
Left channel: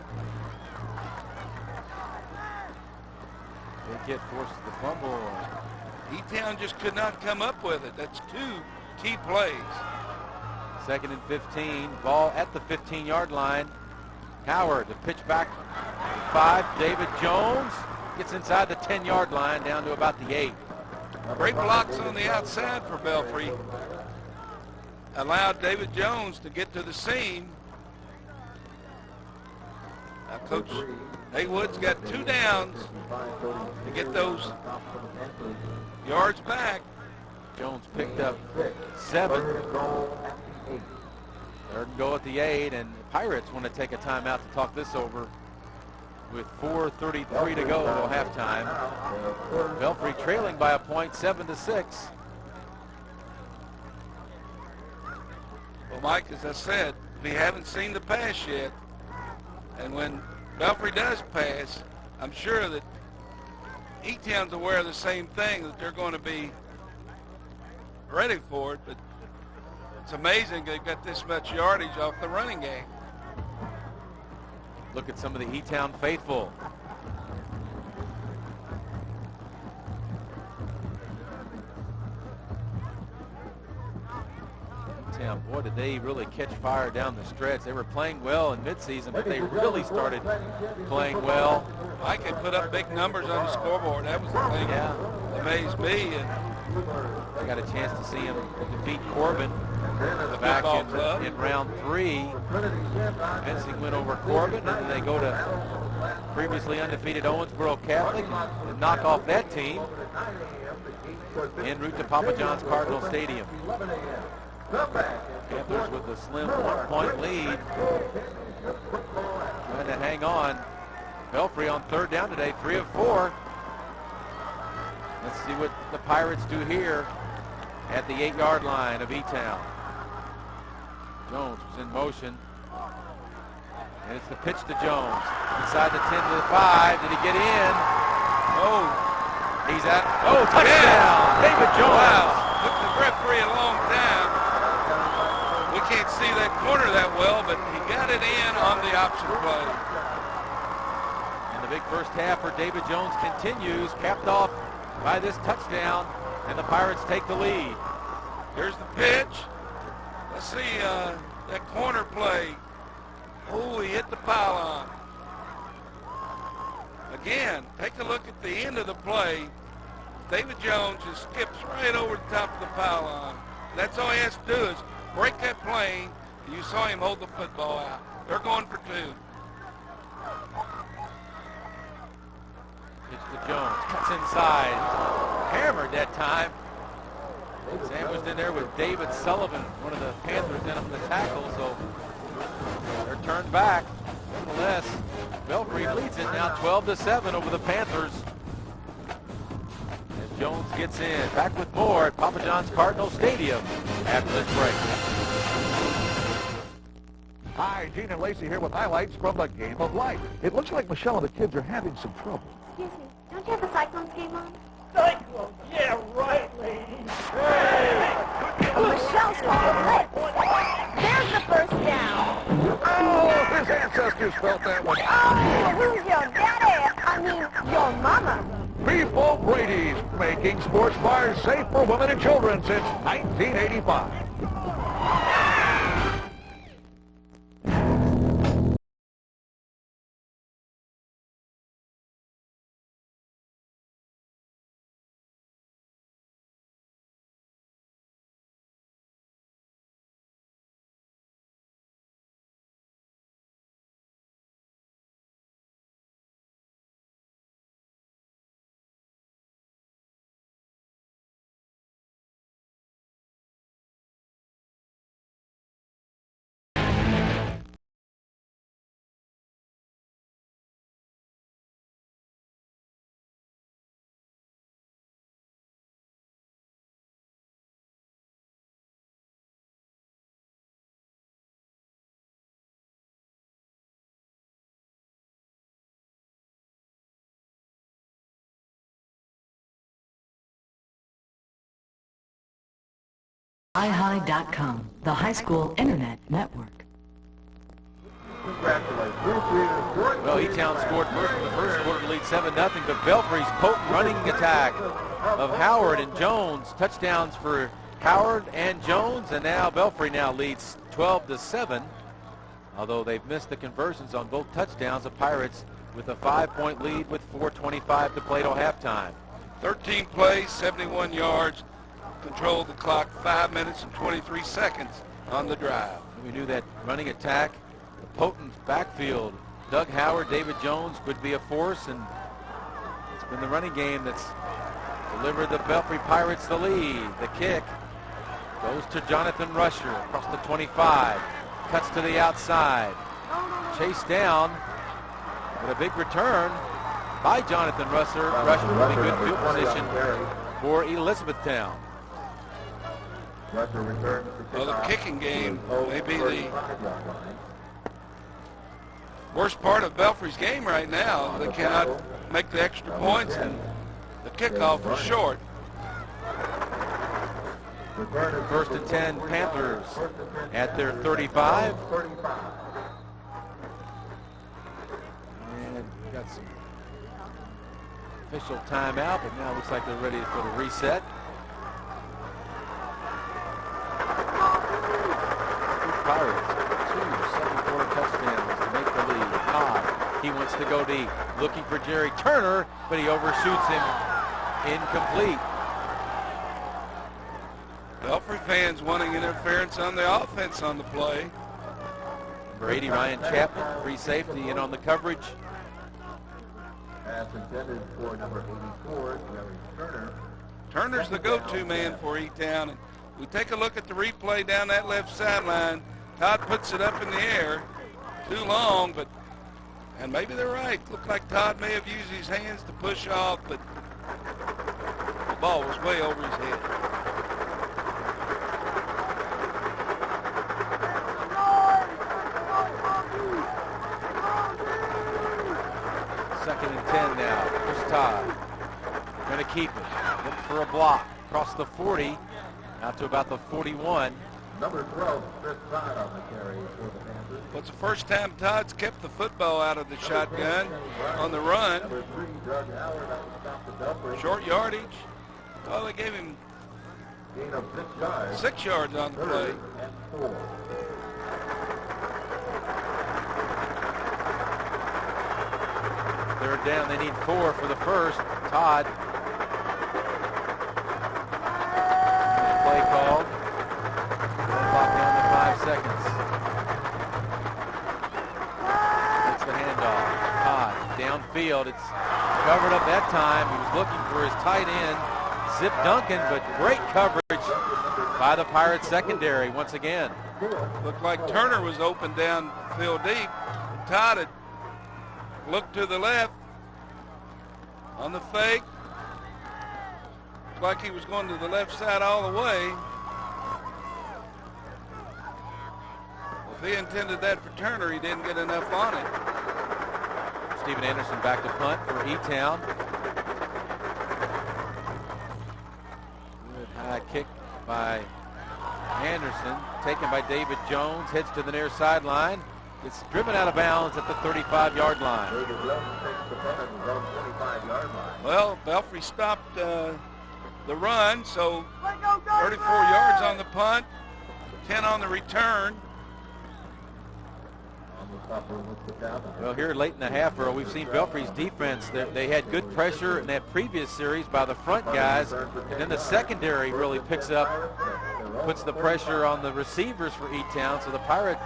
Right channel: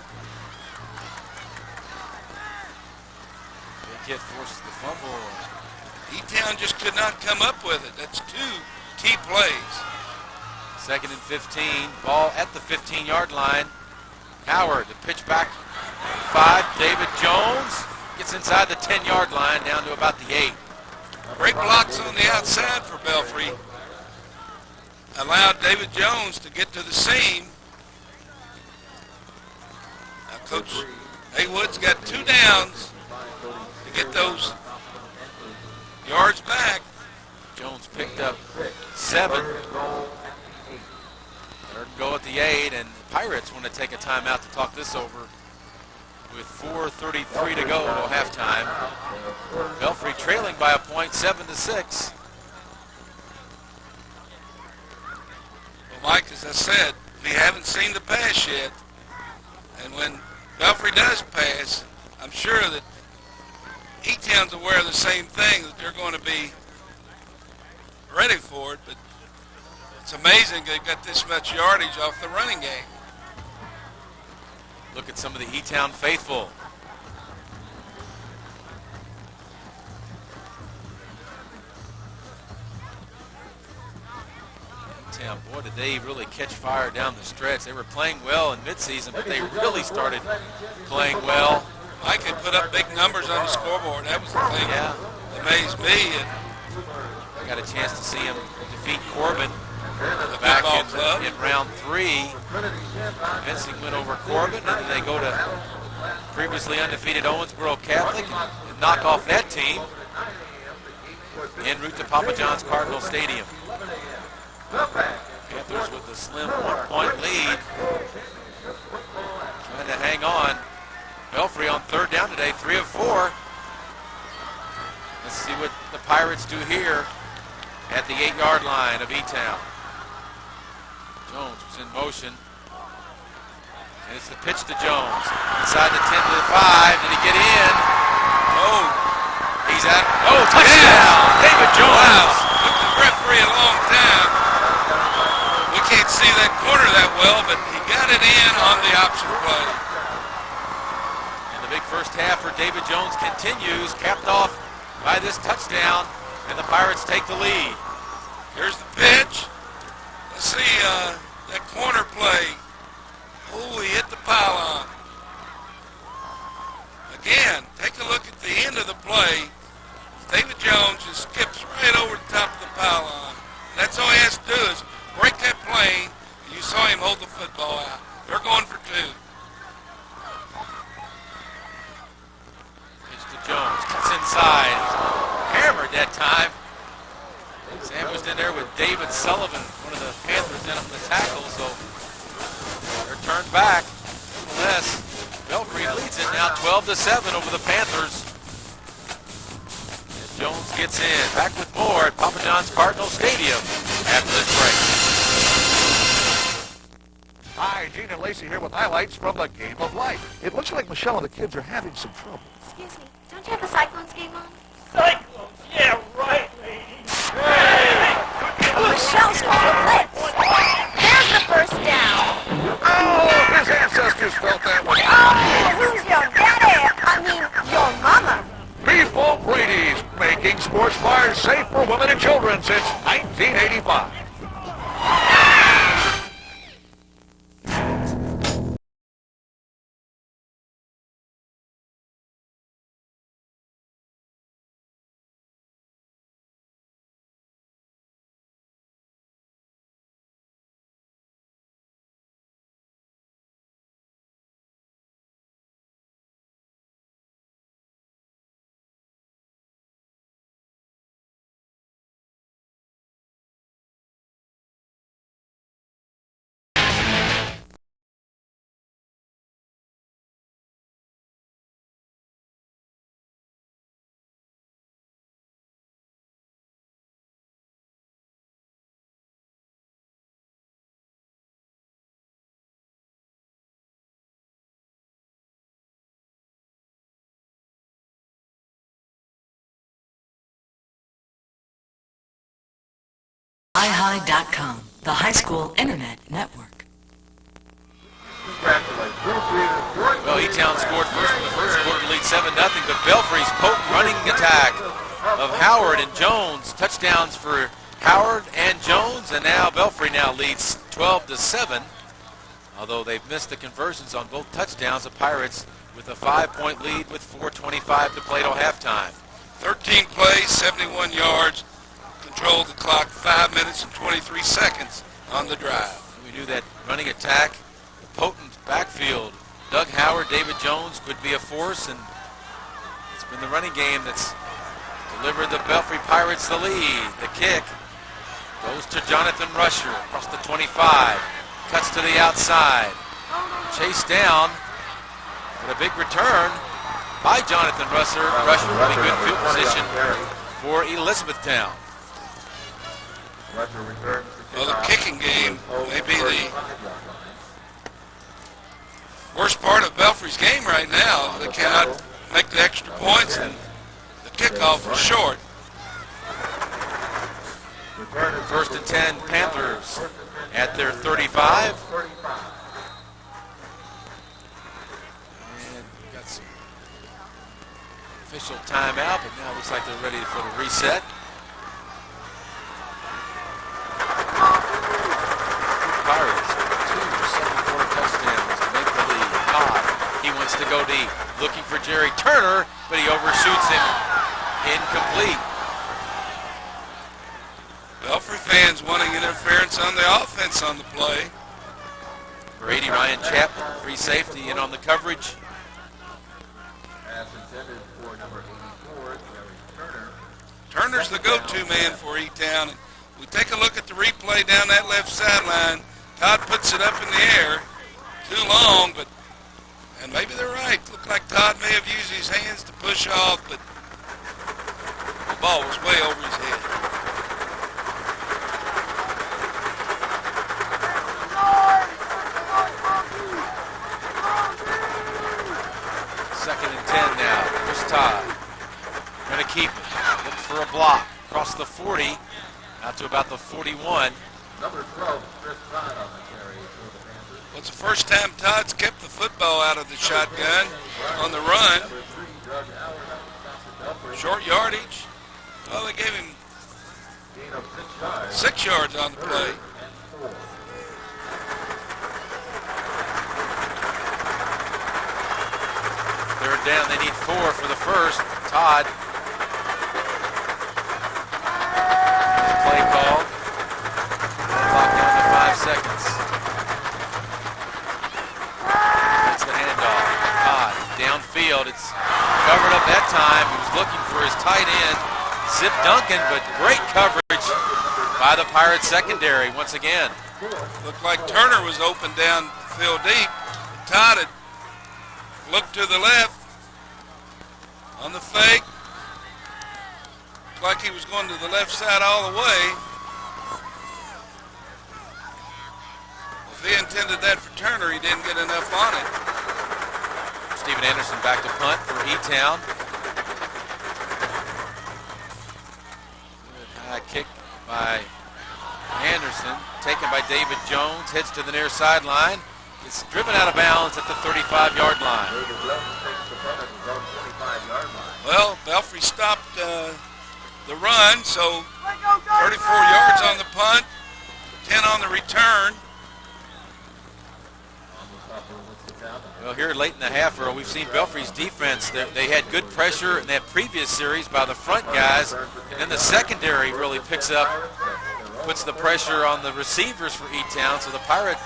Big hit forces the fumble. E-Town just could not come up with it. That's 2 key plays. 2nd and 15. Ball at the 15-yard line. Howard, the pitch back. 5. David Jones gets inside the 10-yard line down to about the 8. Great blocks on the outside for Belfry. Allowed David Jones to get to the seam. Now Coach Haywood's got 2 downs to get those yards back. Jones picked up 7. 3rd and goal at the 8, and the Pirates want to take a timeout to talk this over with 4:33 to go until halftime. Belfry trailing by a point, 7-6. Well, Mike, as I said, we haven't seen the pass yet. And when Belfry does pass, I'm sure that E-Town's aware of the same thing, that they're going to be ready for it. But it's amazing they've got this much yardage off the running game. Look at some of the E-Town faithful. E-Town, boy, did they really catch fire down the stretch. They were playing well in midseason, but they really started playing well. Mike had put up big numbers on the scoreboard. That was the thing that amazed me. And I got a chance to see him defeat Corbin back in round 3. Convincing win over Corbin, and then they go to previously undefeated Owensboro Catholic and knock off that team en route to Papa John's Cardinal Stadium. Panthers with a slim 1-point lead, trying to hang on. Belfry on 3rd down today, 3 of 4. Let's see what the Pirates do here at the 8-yard line of E-Town. Jones was in motion. And it's the pitch to Jones. Inside the 10 to the 5. Did he get in? Oh. He's at. Oh, touchdown. David Jones. Wow. Took the referee a long time. We can't see that corner that well, but he got it in on the option play. And the big first half for David Jones continues, capped off by this touchdown, and the Pirates take the lead. Here's the pitch. Let's see that corner play. Oh, he hit the pylon. Again, take a look at the end of the play. David Jones just skips right over the top of the pylon. That's all he has to do is break that plane, and you saw him hold the football out. They're going for 2. Pitch to Jones, cuts inside. hammered that time. Sandwiched in there with David Sullivan, one of the Panthers, in on the tackle, so they're turned back. Nevertheless, Belfry leads it now 12-7 over the Panthers. As Jones gets in. Back with more at Papa John's Cardinal Stadium after this break. Hi, Gene and Lacey here with highlights from the game of life. It looks like Michelle and the kids are having some trouble. Excuse me, don't you have the Cyclones game on? Cyclones, yeah, right, lady. Hey! Michelle's called a blitz. There's the first down. Oh, his ancestors felt that one. Oh, who's your daddy? I mean, your mama. Beef Brady's, making sports bars safe for women and children since 1985. iHigh.com, the high school internet network. Well, E-Town scored first in the first quarter to lead 7-0, but Belfry's potent running attack of Howard and Jones. Touchdowns for Howard and Jones, and now Belfry now leads 12-7. Although they've missed the conversions on both touchdowns, the Pirates with a 5-point lead with 4:25 to play till halftime. 13 plays, 71 yards, controlled the clock 5 minutes and 23 seconds on the drive. We knew that running attack, the potent backfield, Doug Howard, David Jones could be a force, and it's been the running game that's delivered the Belfry Pirates the lead. The kick goes to Jonathan Rusher across the 25, cuts to the outside, chased down, but a big return by Jonathan Rusher. Rusher with a good field position for Elizabethtown. Well, the kicking game may be the worst part of Belfry's game right now. They cannot make the extra points, and the kickoff was short. First and 10, Panthers at their 35. And got some official timeout, but now it looks like they're ready for the reset. Pirates, 2 second-quarter touchdowns to make the lead. Todd, he wants to go deep, looking for Jerry Turner, but he overshoots him. Incomplete. Belfry fans wanting interference on the offense on the play. Number 80, Ryan Chapman, free safety, in on the coverage. Pass intended for number 84, Jerry Turner. Turner's the go-to man for E-Town. And we take a look at the replay down that left sideline. Todd puts it up in the air. Too long, but, and maybe they're right. Looked like Todd may have used his hands to push off, but the ball was way over his head. Second and 10 now. Here's Todd. Going to keep it. Look for a block. Across the 40. Out to about the 41. Number 12, Chris Todd on the carry for the Panthers. Well, it's the first time Todd's kept the football out of the shotgun on the run. Number 3, Doug Howard up to stop the Belfry. Short yardage. Well, they gave him Gain of 6 yards. 6 yards on the play. And 4. Third down. They need 4 for the first. Todd. Play called. Clock down to 5 seconds. That's the handoff. Todd downfield. It's covered up that time. He was looking for his tight end. Zip Duncan, but great coverage by the Pirates secondary once again. Looked like Turner was open down field deep. Todd had looked to the left on the fake. Looked like he was going to the left side all the way. If he intended that for Turner, he didn't get enough on it. Steven Anderson back to punt for E-Town. Good high kick by Anderson, taken by David Jones, heads to the near sideline. Gets driven out of bounds at the 35-yard line. Well, Belfry stopped the run, so 34 yards on the punt, 10 on the return. Well, here late in the half, Earl, we've seen Belfry's defense. They had good pressure in that previous series by the front guys, and then the secondary really picks up, puts the pressure on the receivers for E-Town. So the Pirate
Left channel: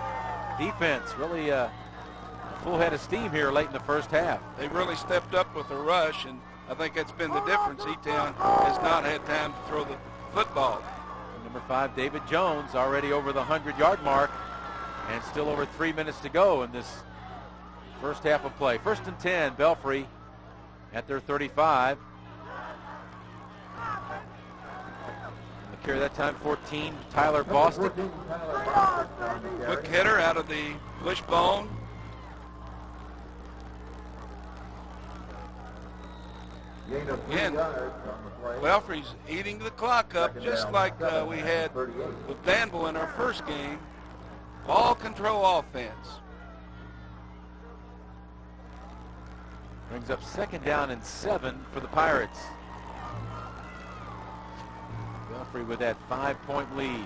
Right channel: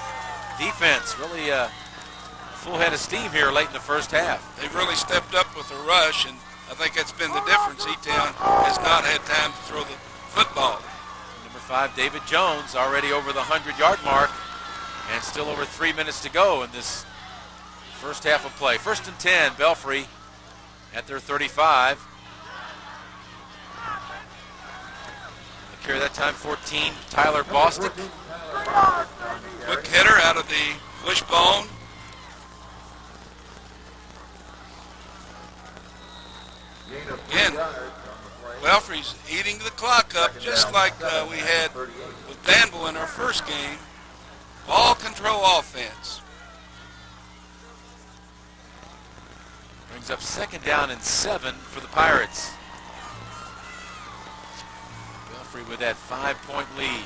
defense really full head of steam here late in the first half. They've really stepped up with the rush, and I think that's been the difference. E-Town has not had time to throw the football. Number 5, David Jones, already over the 100-yard mark, and still over 3 minutes to go in this first half of play. 1st and 10, Belfry at their 35. The carry that time, 14, Tyler Bostic. Quick hitter out of the wishbone. Again, Belfry's eating the clock up just like we had with Danville in our first game. Ball control offense. Brings up 2nd down and 7 for the Pirates. Belfry with that 5-point lead.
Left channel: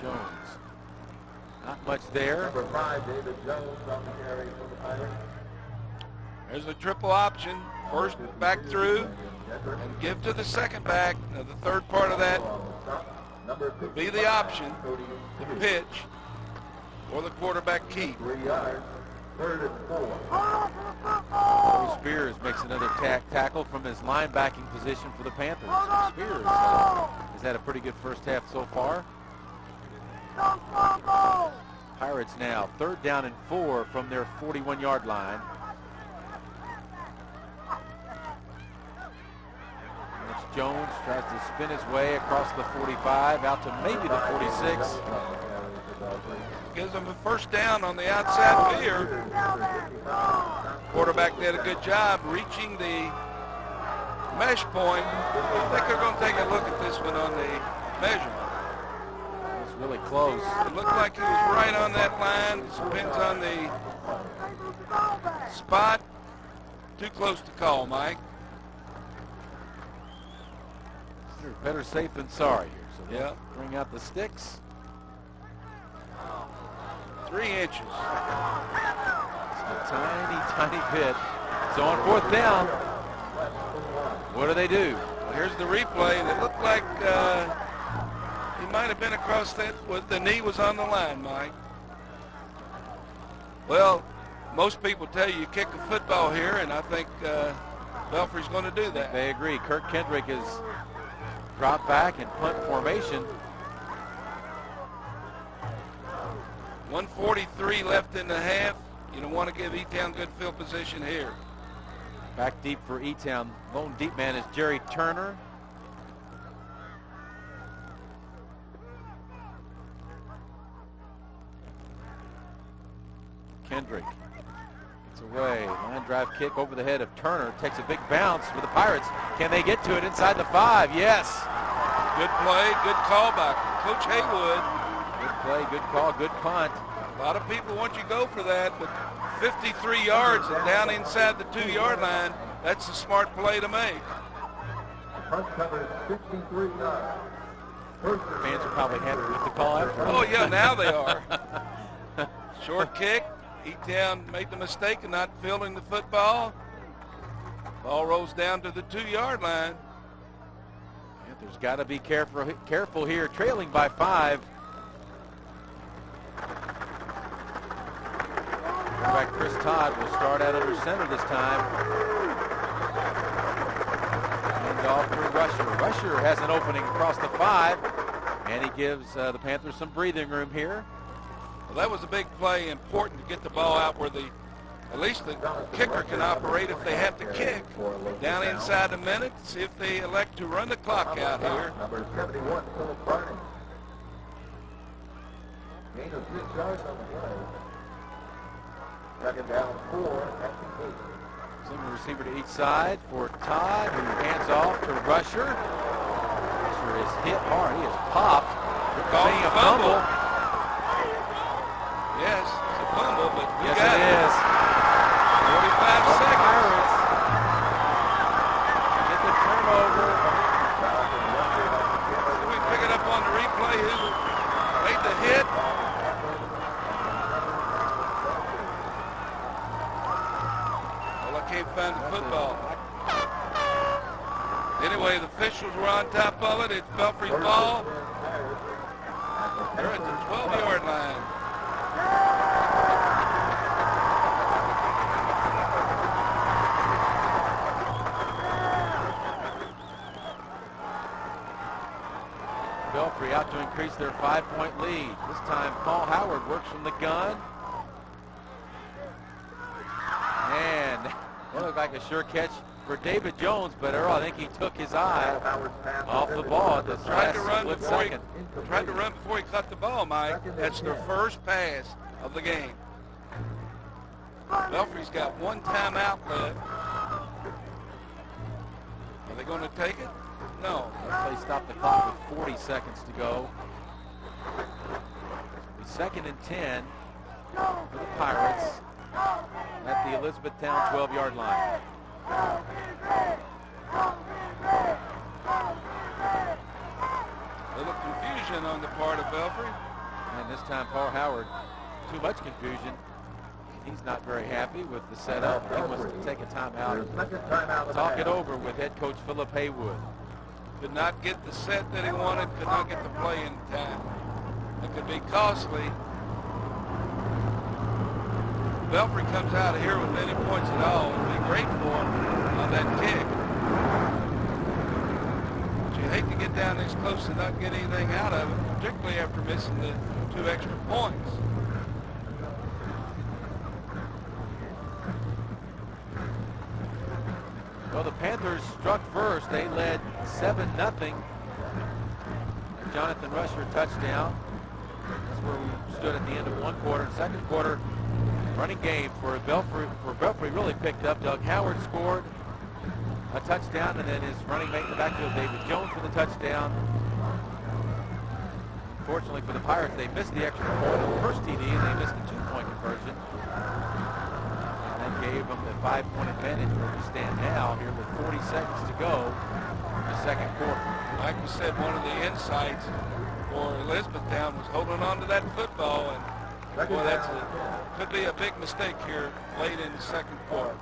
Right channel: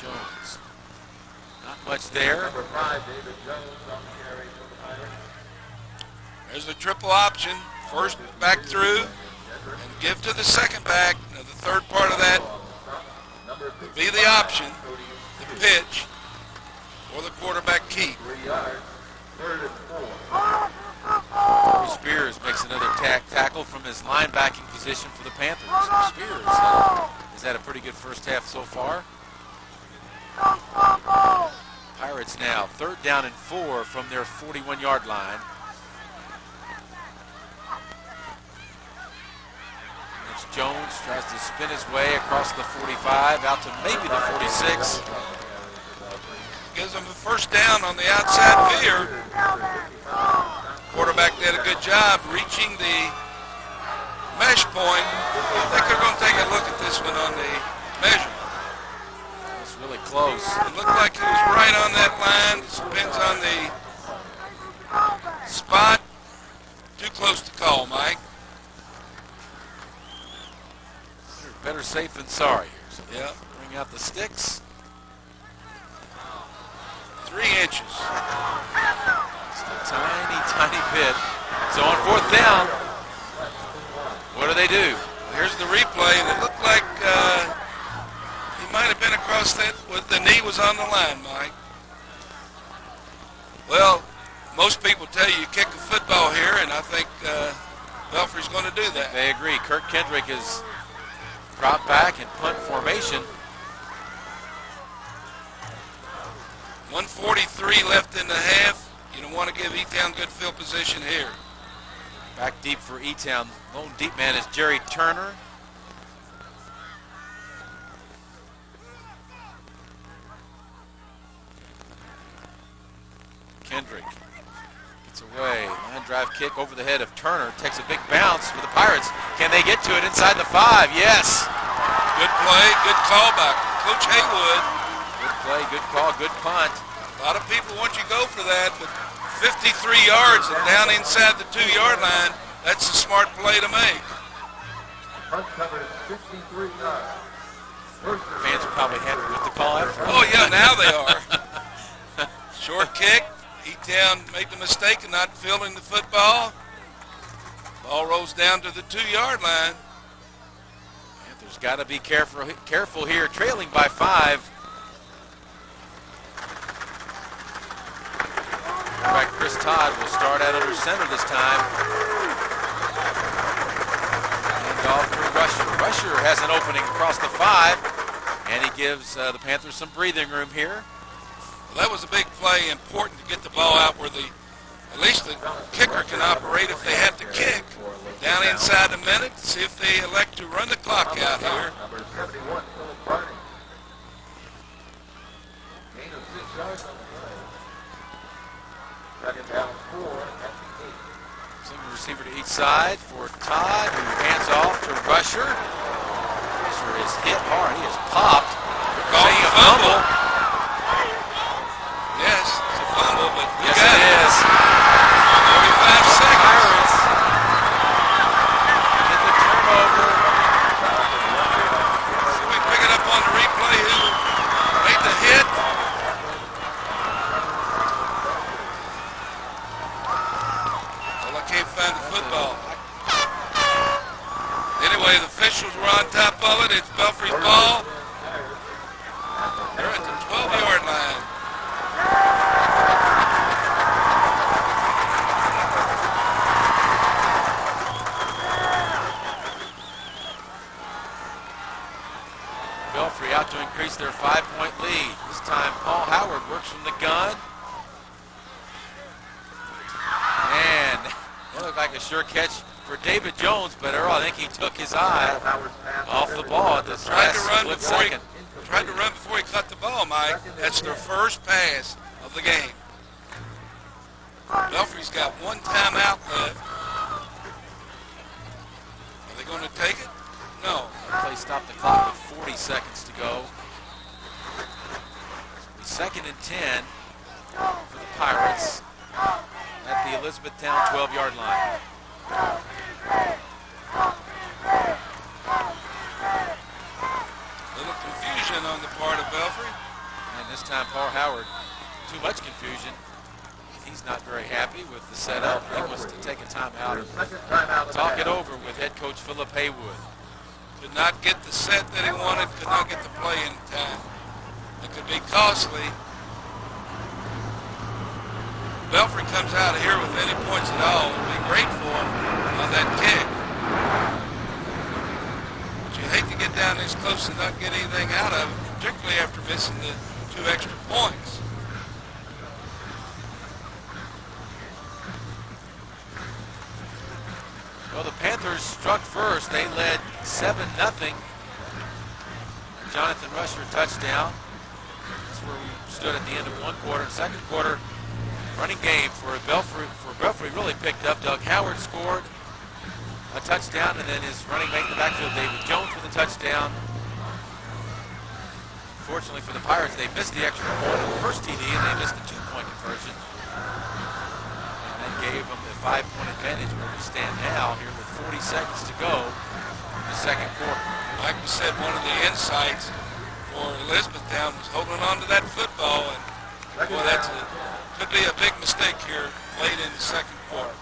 Jones. Not much there. Number 5, David Jones on the carry for the Pirates. There's a triple option. First back through and give to the second back. Now the third part of that would be the option, the pitch, or the quarterback keep. 3 yards. 3rd and 4. Spears makes another tackle from his linebacking position for the Panthers. So Spears has had a pretty good first half so far. Pirates now 3rd down and 4 from their 41-yard line. That's Jones, tries to spin his way across the 45 out to maybe the 46. Gives them a first down on the outside veer. Quarterback did a good job reaching the mesh point. I think they're going to take a look at this one on the measurement. It's really close. It looked like he was right on that line. It depends on the spot. Too close to call, Mike. Better safe than sorry here. So yeah, bring out the sticks. 3 inches. Just a tiny, tiny bit. So on 4th down, what do they do? Well, here's the replay, and it looked like he might have been across that with the knee was on the line, Mike. Well, most people tell you kick a football here, and I think Belfry's going to do that. They agree. Kirk Kendrick is dropped back in punt formation. 1:43 left in the half. You don't want to give E-Town good field position here. Back deep for E-Town. Lone deep man is Jerry Turner. Kendrick gets away. Line drive kick over the head of Turner. Takes a big bounce for the Pirates. Can they get to it inside the 5? Yes. Good play, good call by Coach Haywood. Good play, good call, good punt. A lot of people want you to go for that, but 53 yards and down inside the 2-yard line, that's a smart play to make. Punt covers 53 yards. Fans are probably happy with the call after. Oh, yeah, now they are. Short kick. E-Town made the mistake of not fielding the football. Ball rolls down to the 2-yard line. Panthers got to be careful here, trailing by 5. Quarterback Chris Todd will start out under center this time. off to Rusher. Rusher has an opening across the 5, and he gives the Panthers some breathing room here. Well, that was a big play, important to get the ball out where at least the kicker can operate if they have to kick. Down inside a minute, see if they elect to run the clock out here. Number 71, Philip Barney. Gain of 6 yards on the play. Second down 4 at the 8. Single receiver to each side for Todd, who hands off to Rusher. Rusher is hit hard. He is popped. Calling a fumble. Yes, it's a fumble, but yes, it is. 45 seconds. Pirates get the turnover. So we pick it up on the replay. Who made the hit? Well, I can't find the football. Anyway, the officials were on top of it. It's Belfry's ball. They're at the 12-yard line. Belfry out to increase their 5-point lead. This time Paul Howard works from the gun. And that looked like a sure catch for David Jones, but Earl, I think he took his eye off the ball at the last split second. Tried to run before he caught the ball, Mike. That's their first pass of the game. Belfry's got one timeout left. Are they going to take it? No. Play stopped the clock with 40 seconds to go. The 2nd and 10 for the Pirates at the Elizabethtown 12-yard line. Little confusion on the part of Belfry. And this time Paul Howard, too much confusion. He's not very happy with the setup. He wants to take a timeout and talk it over with head coach Philip Haywood. Could not get the set that he wanted, could not get the play in time. It could be costly. Belfry comes out of here with any points at all. It would be great for him on that kick. But you hate to get down this close and not get anything out of it, particularly after missing the 2 extra points. Well, the Panthers struck first. They led 7-0. Jonathan Rusher touchdown. That's where we stood at the end of one quarter. Second quarter, running game for Belfry really picked up. Doug Howard scored a touchdown, and then his running mate in the backfield, David Jones, with a touchdown. Unfortunately for the Pirates, they missed the extra point on the first TD, and they missed the 2-point conversion. Gave them the 5-point advantage where we stand now here with 40 seconds to go in the second quarter. Like we said, one of the insights for Elizabethtown was holding on to that football, and boy, could be a big mistake here late in the second quarter.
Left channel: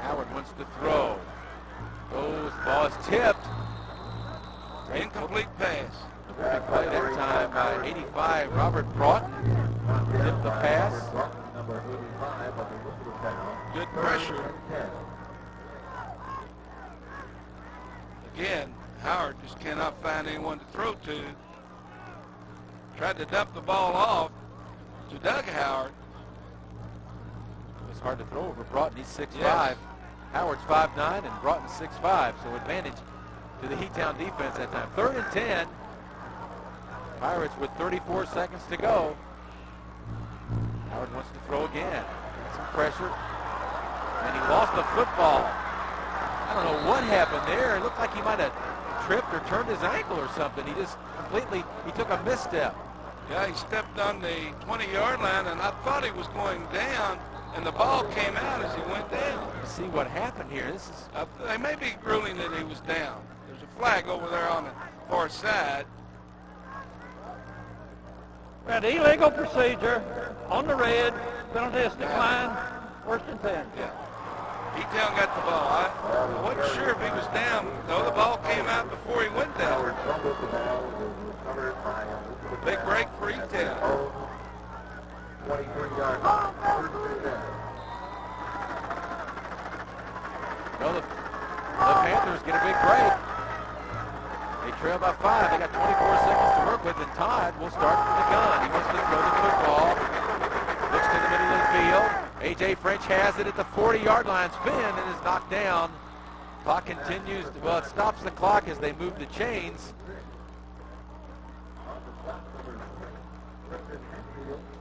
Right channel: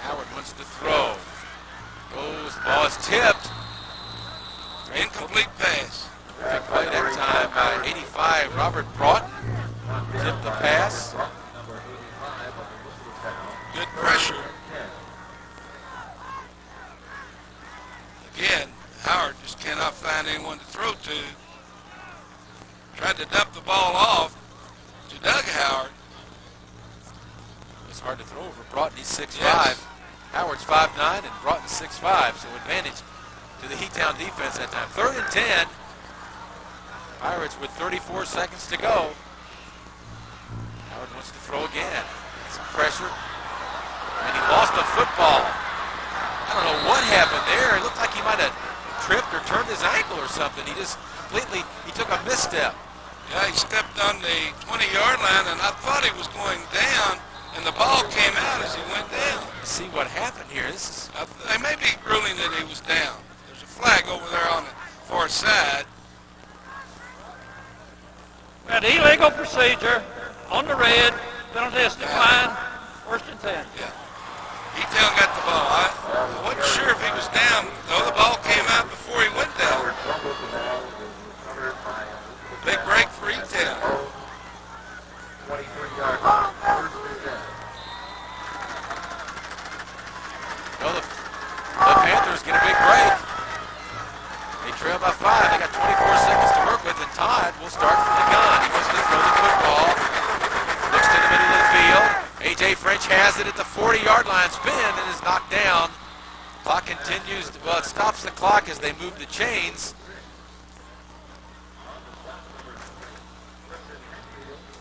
Howard wants to throw. Goes, ball is tipped. Incomplete pass. Big play that time by 85 Robert Broughton. Tipped the pass. Good pressure. Again, Howard just cannot find anyone to throw to. Tried to dump the ball off to Doug Howard. It's hard to throw over Broughton. He's 6'5". Yes. Howard's 5'9", and Broughton's 6'5", so advantage to the Heatown defense that time. 3rd and 10. Pirates with 34 seconds to go. Howard wants to throw again. Some pressure. And he lost the football. I don't know what happened there. It looked like he might have tripped or turned his ankle or something. He just he took a misstep. Yeah, he stepped on the 20-yard line, and I thought he was going down, and the ball came out as he went down. Let's see what happened here. They may be ruling that he was down. There's a flag over there on the far side. An illegal procedure on the red. Penalty is declined. 1st and 10. Yeah. Heatown got the ball. I wasn't sure if he was down, though. The ball came out before he went down. Big break for Heatown. 23 yards. away. French has it at the 40-yard line. Spin and is knocked down. Clock continues. Well, it stops the clock as they move the chains.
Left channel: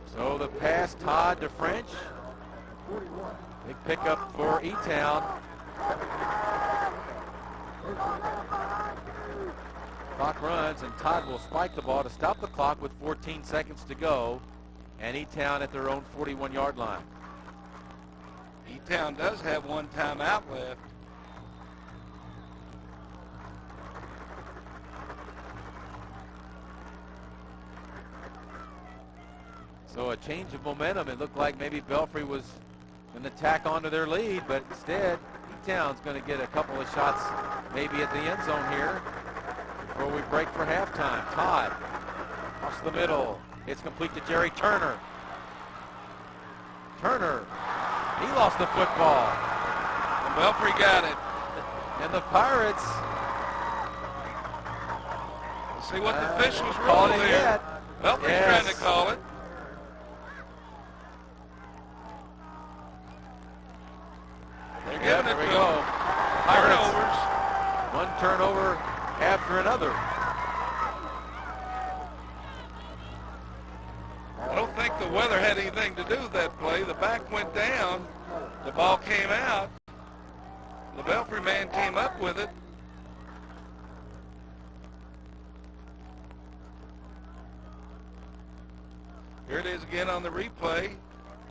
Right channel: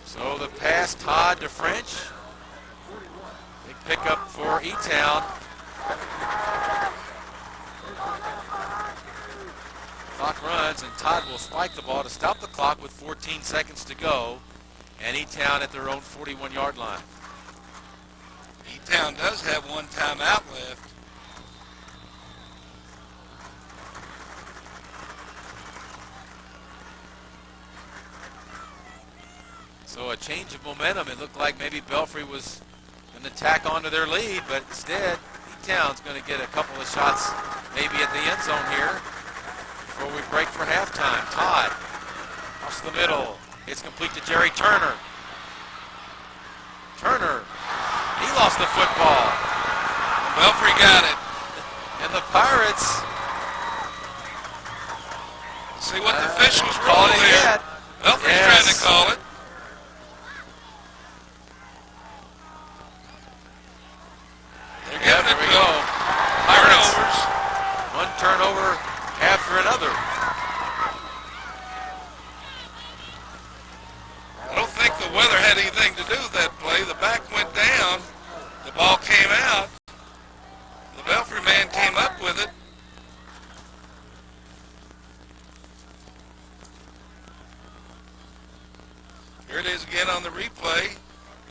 So the pass, Todd to French. Big pickup for E-Town. Clock runs, and Todd will spike the ball to stop the clock with 14 seconds to go. And E-Town at their own 41-yard line. E-Town does have one timeout left. So a change of momentum. It looked like maybe Belfry was going to tack onto their lead, but instead E-Town's going to get a couple of shots maybe at the end zone here before we break for halftime. Todd across the middle. It's complete to Jerry Turner. Turner, he lost the football. And Belfry got it. And the Pirates. Let's see what the officials call rule it here. yet. Belfry's Yes. trying to call it. They're giving Yeah, it there we to go. them. Pirates. Turnovers. One turnover after another. I don't think the weather had anything to do with that play. The back went down. The ball came out. The Belfry man came up with it. Here it is again on the replay.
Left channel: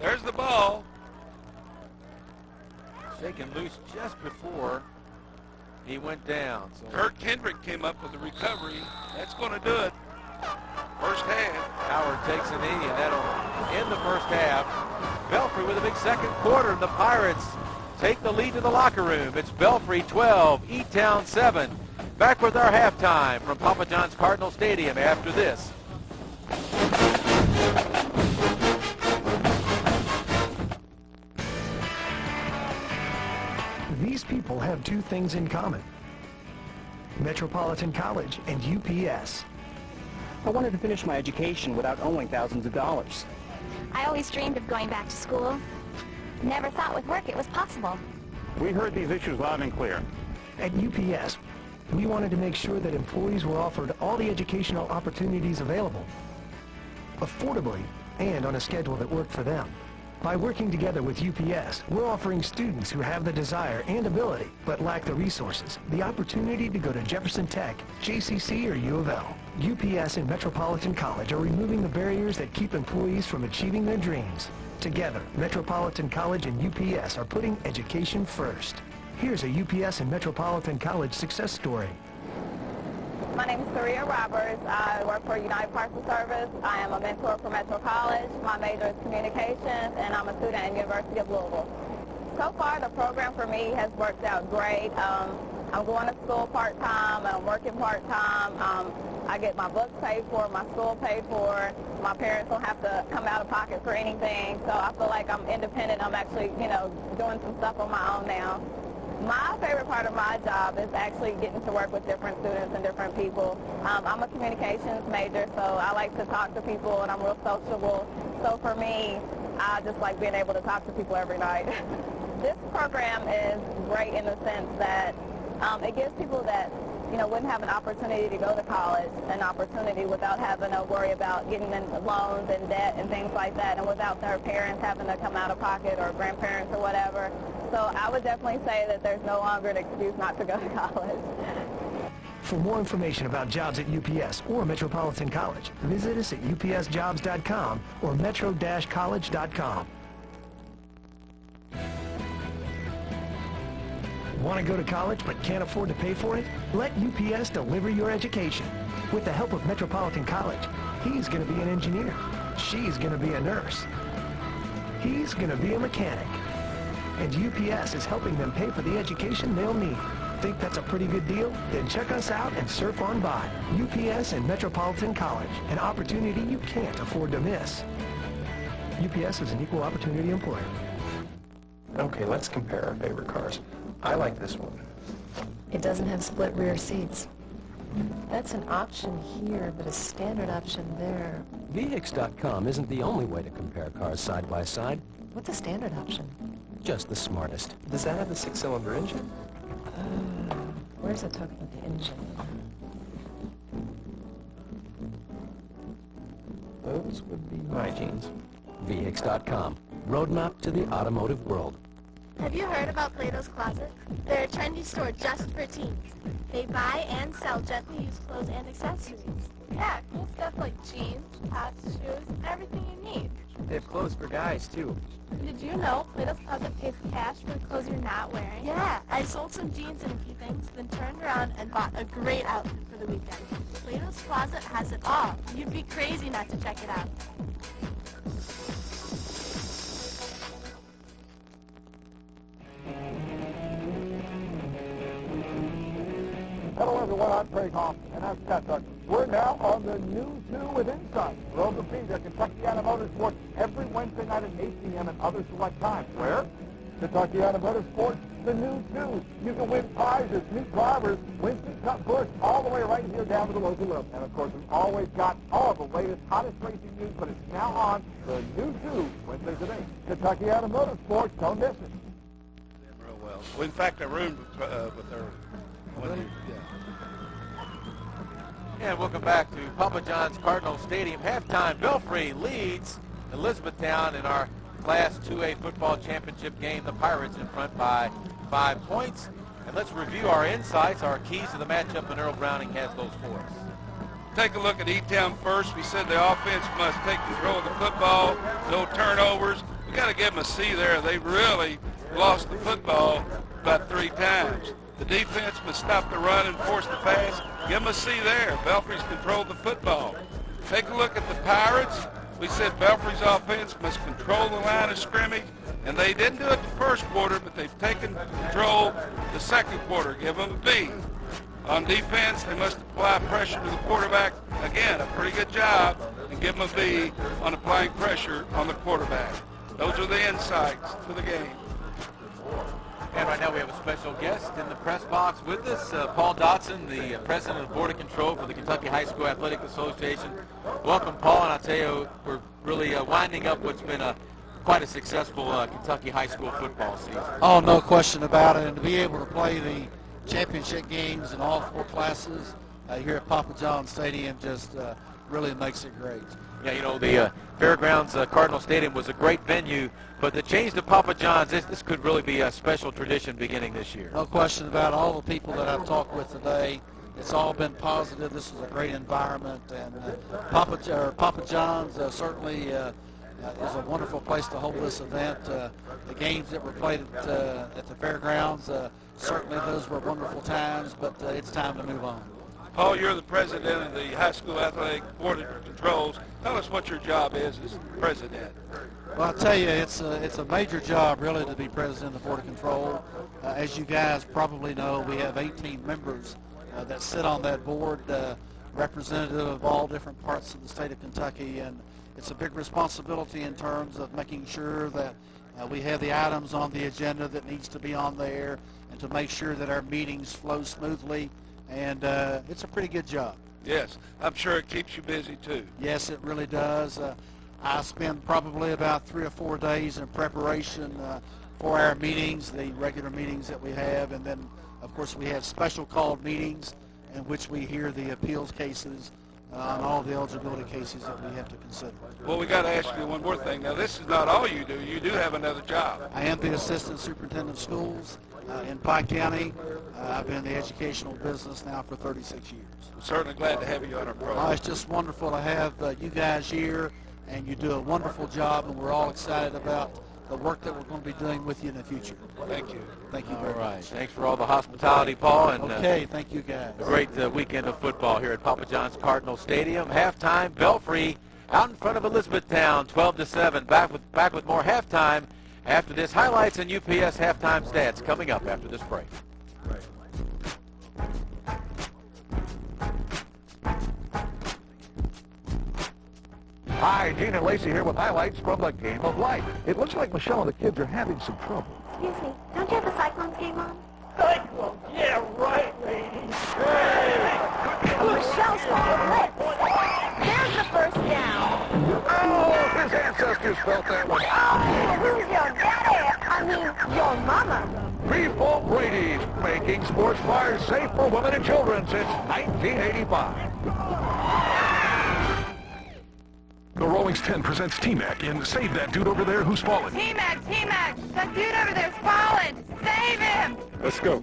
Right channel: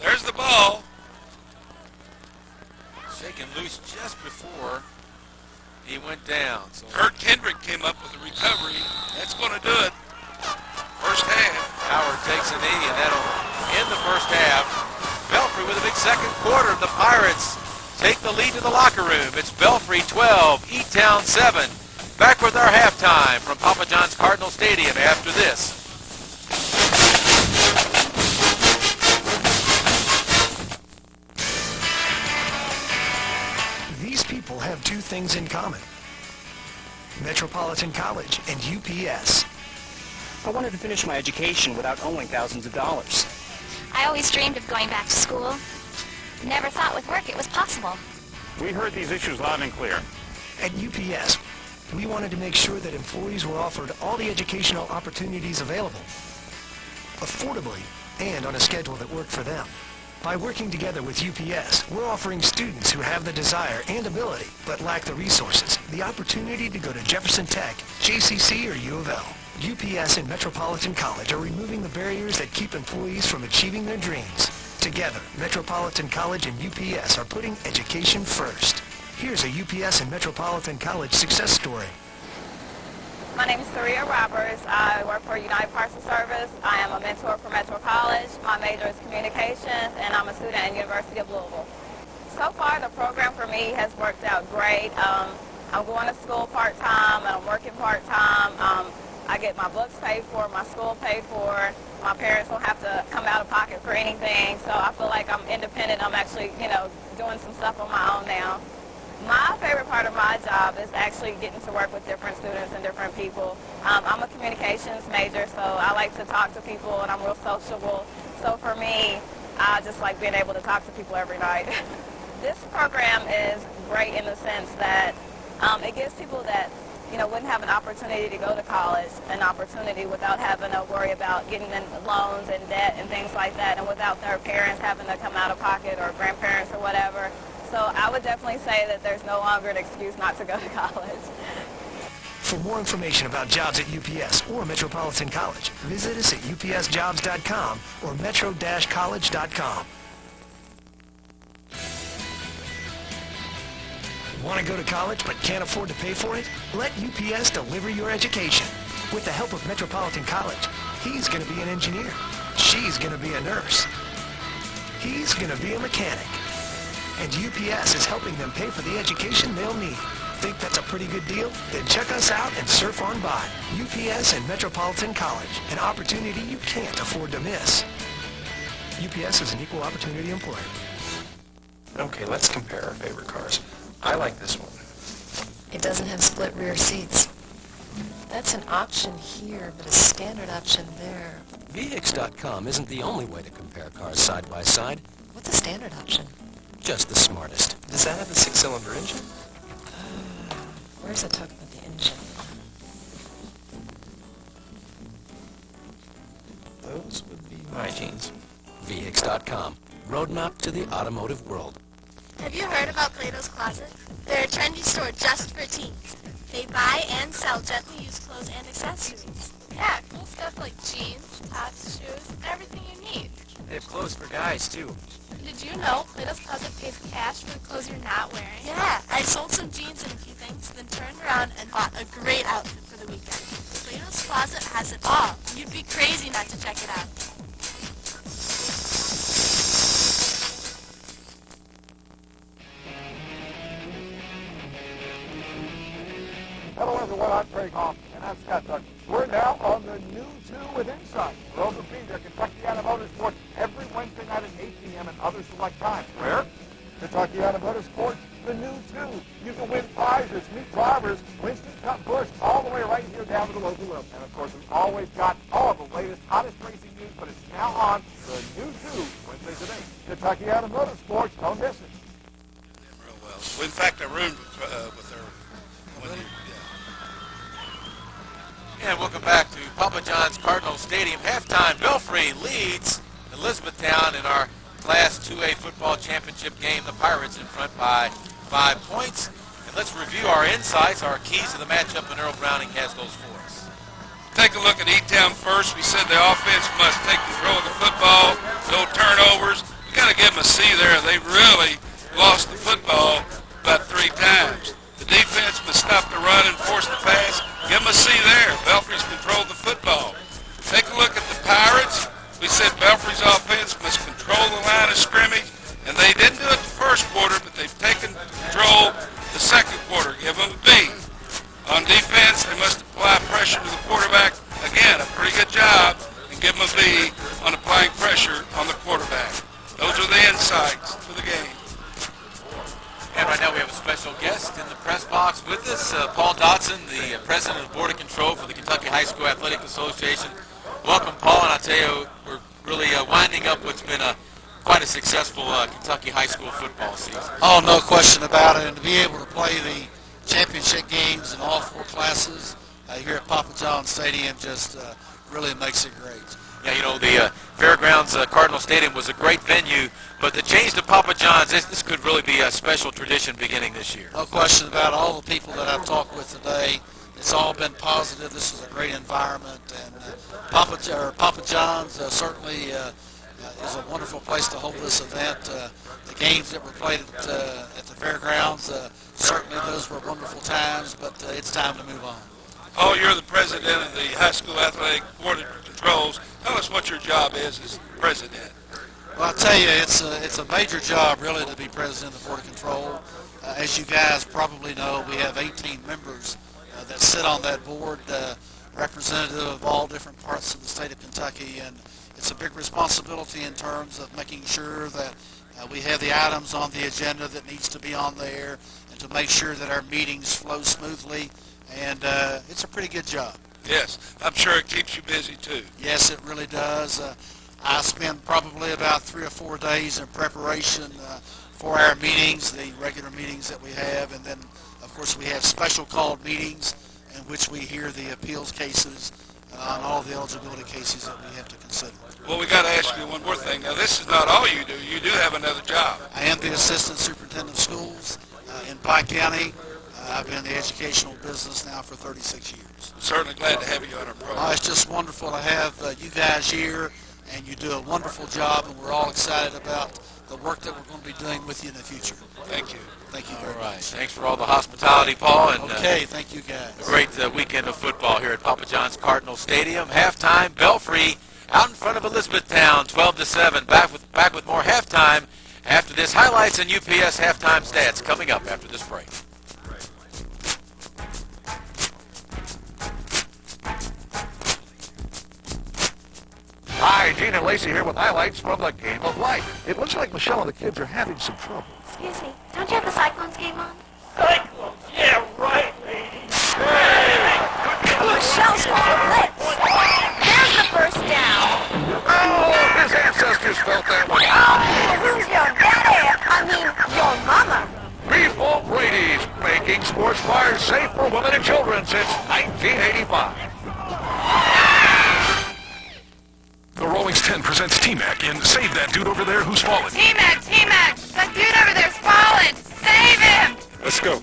There's the ball. Shaken loose just before he went down. So Kurt Kendrick came up with the recovery. That's going to do it. First half. Howard takes a knee, and that'll end the first half. Belfry with a big second quarter, and the Pirates take the lead to the locker room. It's Belfry 12, E-Town 7. Back with our halftime from Papa John's Cardinal Stadium after this. These people have two things in common: Metropolitan College and UPS. I wanted to finish my education without owing thousands of dollars. I always dreamed of going back to school. Never thought with work it was possible. We heard these issues loud and clear. At UPS, we wanted to make sure that employees were offered all the educational opportunities available, affordably, and on a schedule that worked for them. By working together with UPS, we're offering students who have the desire and ability, but lack the resources, the opportunity to go to Jefferson Tech, JCC, or U of L. UPS and Metropolitan College are removing the barriers that keep employees from achieving their dreams. Together, Metropolitan College and UPS are putting education first. Here's a UPS and Metropolitan College success story. My name is Saria Roberts. I work for United Parcel Service. I am a mentor for Metro College. My major is communications, and I'm a student at University of Louisville. So far, the program for me has worked out great. I'm going to school part-time, and I'm working part-time. I get my books paid for, my school paid for. My parents don't have to come out of pocket for anything, so I feel like I'm independent. I'm actually, doing some stuff on my own now. My favorite part of my job is actually getting to work with different students and different people. I'm a communications major, so I like to talk to people, and I'm real sociable. So for me, I just like being able to talk to people every night. This program is great in the sense that it gives people that wouldn't have an opportunity to go to college, an opportunity without having to worry about getting in loans and debt and things like that, and without their parents having to come out of pocket or grandparents or whatever. So I would definitely say that there's no longer an excuse not to go to college. For more information about jobs at UPS or Metropolitan College, visit us at upsjobs.com or metro-college.com. Want to go to college but can't afford to pay for it? Let UPS deliver your education. With the help of Metropolitan College, he's going to be an engineer. She's going to be a nurse. He's going to be a mechanic. And UPS is helping them pay for the education they'll need. Think that's a pretty good deal? Then check us out and surf on by. UPS and Metropolitan College, an opportunity you can't afford to miss. UPS is an equal opportunity employer. Okay, let's compare our favorite cars. I like this one. It doesn't have split rear seats. That's an option here, but a standard option there. VHIX.com isn't the only way to compare cars side by side. What's a standard option? Just the smartest. Does that have a 6-cylinder engine? Where's the talk about the engine? Those would be my jeans. VX.com. Roadmap to the automotive world. Have you heard about Plato's Closet? They're a trendy store just for teens. They buy and sell gently used clothes and accessories. Yeah, cool stuff like jeans, tops, shoes, everything you need. They have clothes for guys, too. Did you know Plato's Closet pays cash for the clothes you're not wearing? Yeah, I sold some jeans and a few things, then turned around and bought a great outfit for the weekend. Plato's Closet has it all. You'd be crazy not to check it out. Hello, everyone. I'm Craig Hoffman, and I'm Scott Tucker. We're now on the new 2 with Insight. We're open feeder Kentuckiana Motorsports every Wednesday night at 8 p.m. and other select times. Where? Kentuckiana Motorsports, the new 2. You can win prizes, meet drivers, Winston Cup Busch, all the way right here down to the local level. And, of course, we've always got all the latest, hottest racing news, but it's now on the new 2, Wednesdays at 8. Kentuckiana Motorsports, don't miss it. Real well. Well, in fact, I roomed with her. And welcome back to Papa John's Cardinal Stadium. Halftime, Belfry leads Elizabethtown in our Class 2A football championship game. The Pirates in front by 5 points. And let's review our insights, our keys to the matchup, and Earl Browning has those for us. Take a look at E-Town first. We said the offense must take control of the football, no turnovers. We got to give them a C there. They really lost the football about 3 times. The defense must stop the run and force the pass. Give them a C there. Belfry's controlled the football. Take a look at the Pirates. We said Belfry's offense must control the line of scrimmage, and they didn't do it the first quarter, but they've taken control the second quarter. Give them a B. On defense, they must apply pressure to the quarterback. Again, a pretty good job, and give them a B on applying pressure on the quarterback. Those are the insights to the game. And right now we have a special guest in the press box with us, Paul Dotson, the president of the Board of Control for the Kentucky High School Athletic Association. Welcome, Paul, and I'll tell you, we're really winding up what's been quite a successful Kentucky high school football season. Oh, no question about it, and to be able to play the championship games in all 4 classes here at Papa John's Stadium just really makes it great. Yeah, you know, the Fairgrounds Cardinal Stadium was a great venue, but the change to Papa John's, this could really be a special tradition beginning this year. No question about it. All the people that I've talked with today, it's all been positive. This is a great environment, and Papa John's certainly is a wonderful place to hold this event. The games that were played at the Fairgrounds, certainly those were wonderful times, but it's time to move on. Paul, you're the president of the High School Athletic Board of Controls. Tell us what your job is as president. Well, I'll tell you, it's a major job, really, to be president of the Board of Control. As you guys probably know, we have 18 members that sit on that board, representative of all different parts of the state of Kentucky, and it's a big responsibility in terms of making sure that we have the items on the agenda that needs to be on there, and to make sure that our meetings flow smoothly, and it's a pretty good job. Yes, I'm sure it keeps you busy, too. Yes, it really does. I spend probably about 3 or 4 days in preparation for our meetings, the regular meetings that we have, and then, of course, we have special called meetings in which we hear the appeals cases on all the eligibility cases that we have to consider. Well, we got to ask you one more thing. Now, this is not all you do. You do have another job. I am the assistant superintendent of schools in Pike County. I've been in the educational business now for 36 years. I'm certainly glad to have you on our program. It's just wonderful to have you guys here, and you do a wonderful job, and we're all excited about the work that we're going to be doing with you in the future. Thank you. Thank you very much. Thanks for all the hospitality, Paul. And, okay, thank you guys. A great weekend of football here at Papa John's Cardinal Stadium. Halftime, Belfry out in front of Elizabethtown, 12-7. Back with more halftime after this. Highlights and UPS halftime stats coming up after this break. Hi, Gene and Lacey here with highlights from the Game of Life. It looks like Michelle and the kids are having some trouble. Excuse me, don't you have the Cyclones game on? Cyclones? Yeah, right, lady. Hey! Michelle's called a blitz. There's the first down. Oh, his ancestors felt that one. Oh, who's mean, your mama. Beef Brady's, making sports bars safe for women and children since 1985. The Rollings 10 presents T-Mac in Save That Dude Over There Who's Fallen. T-Mac, T-Mac, that dude over there's fallen. Save him. Let's go.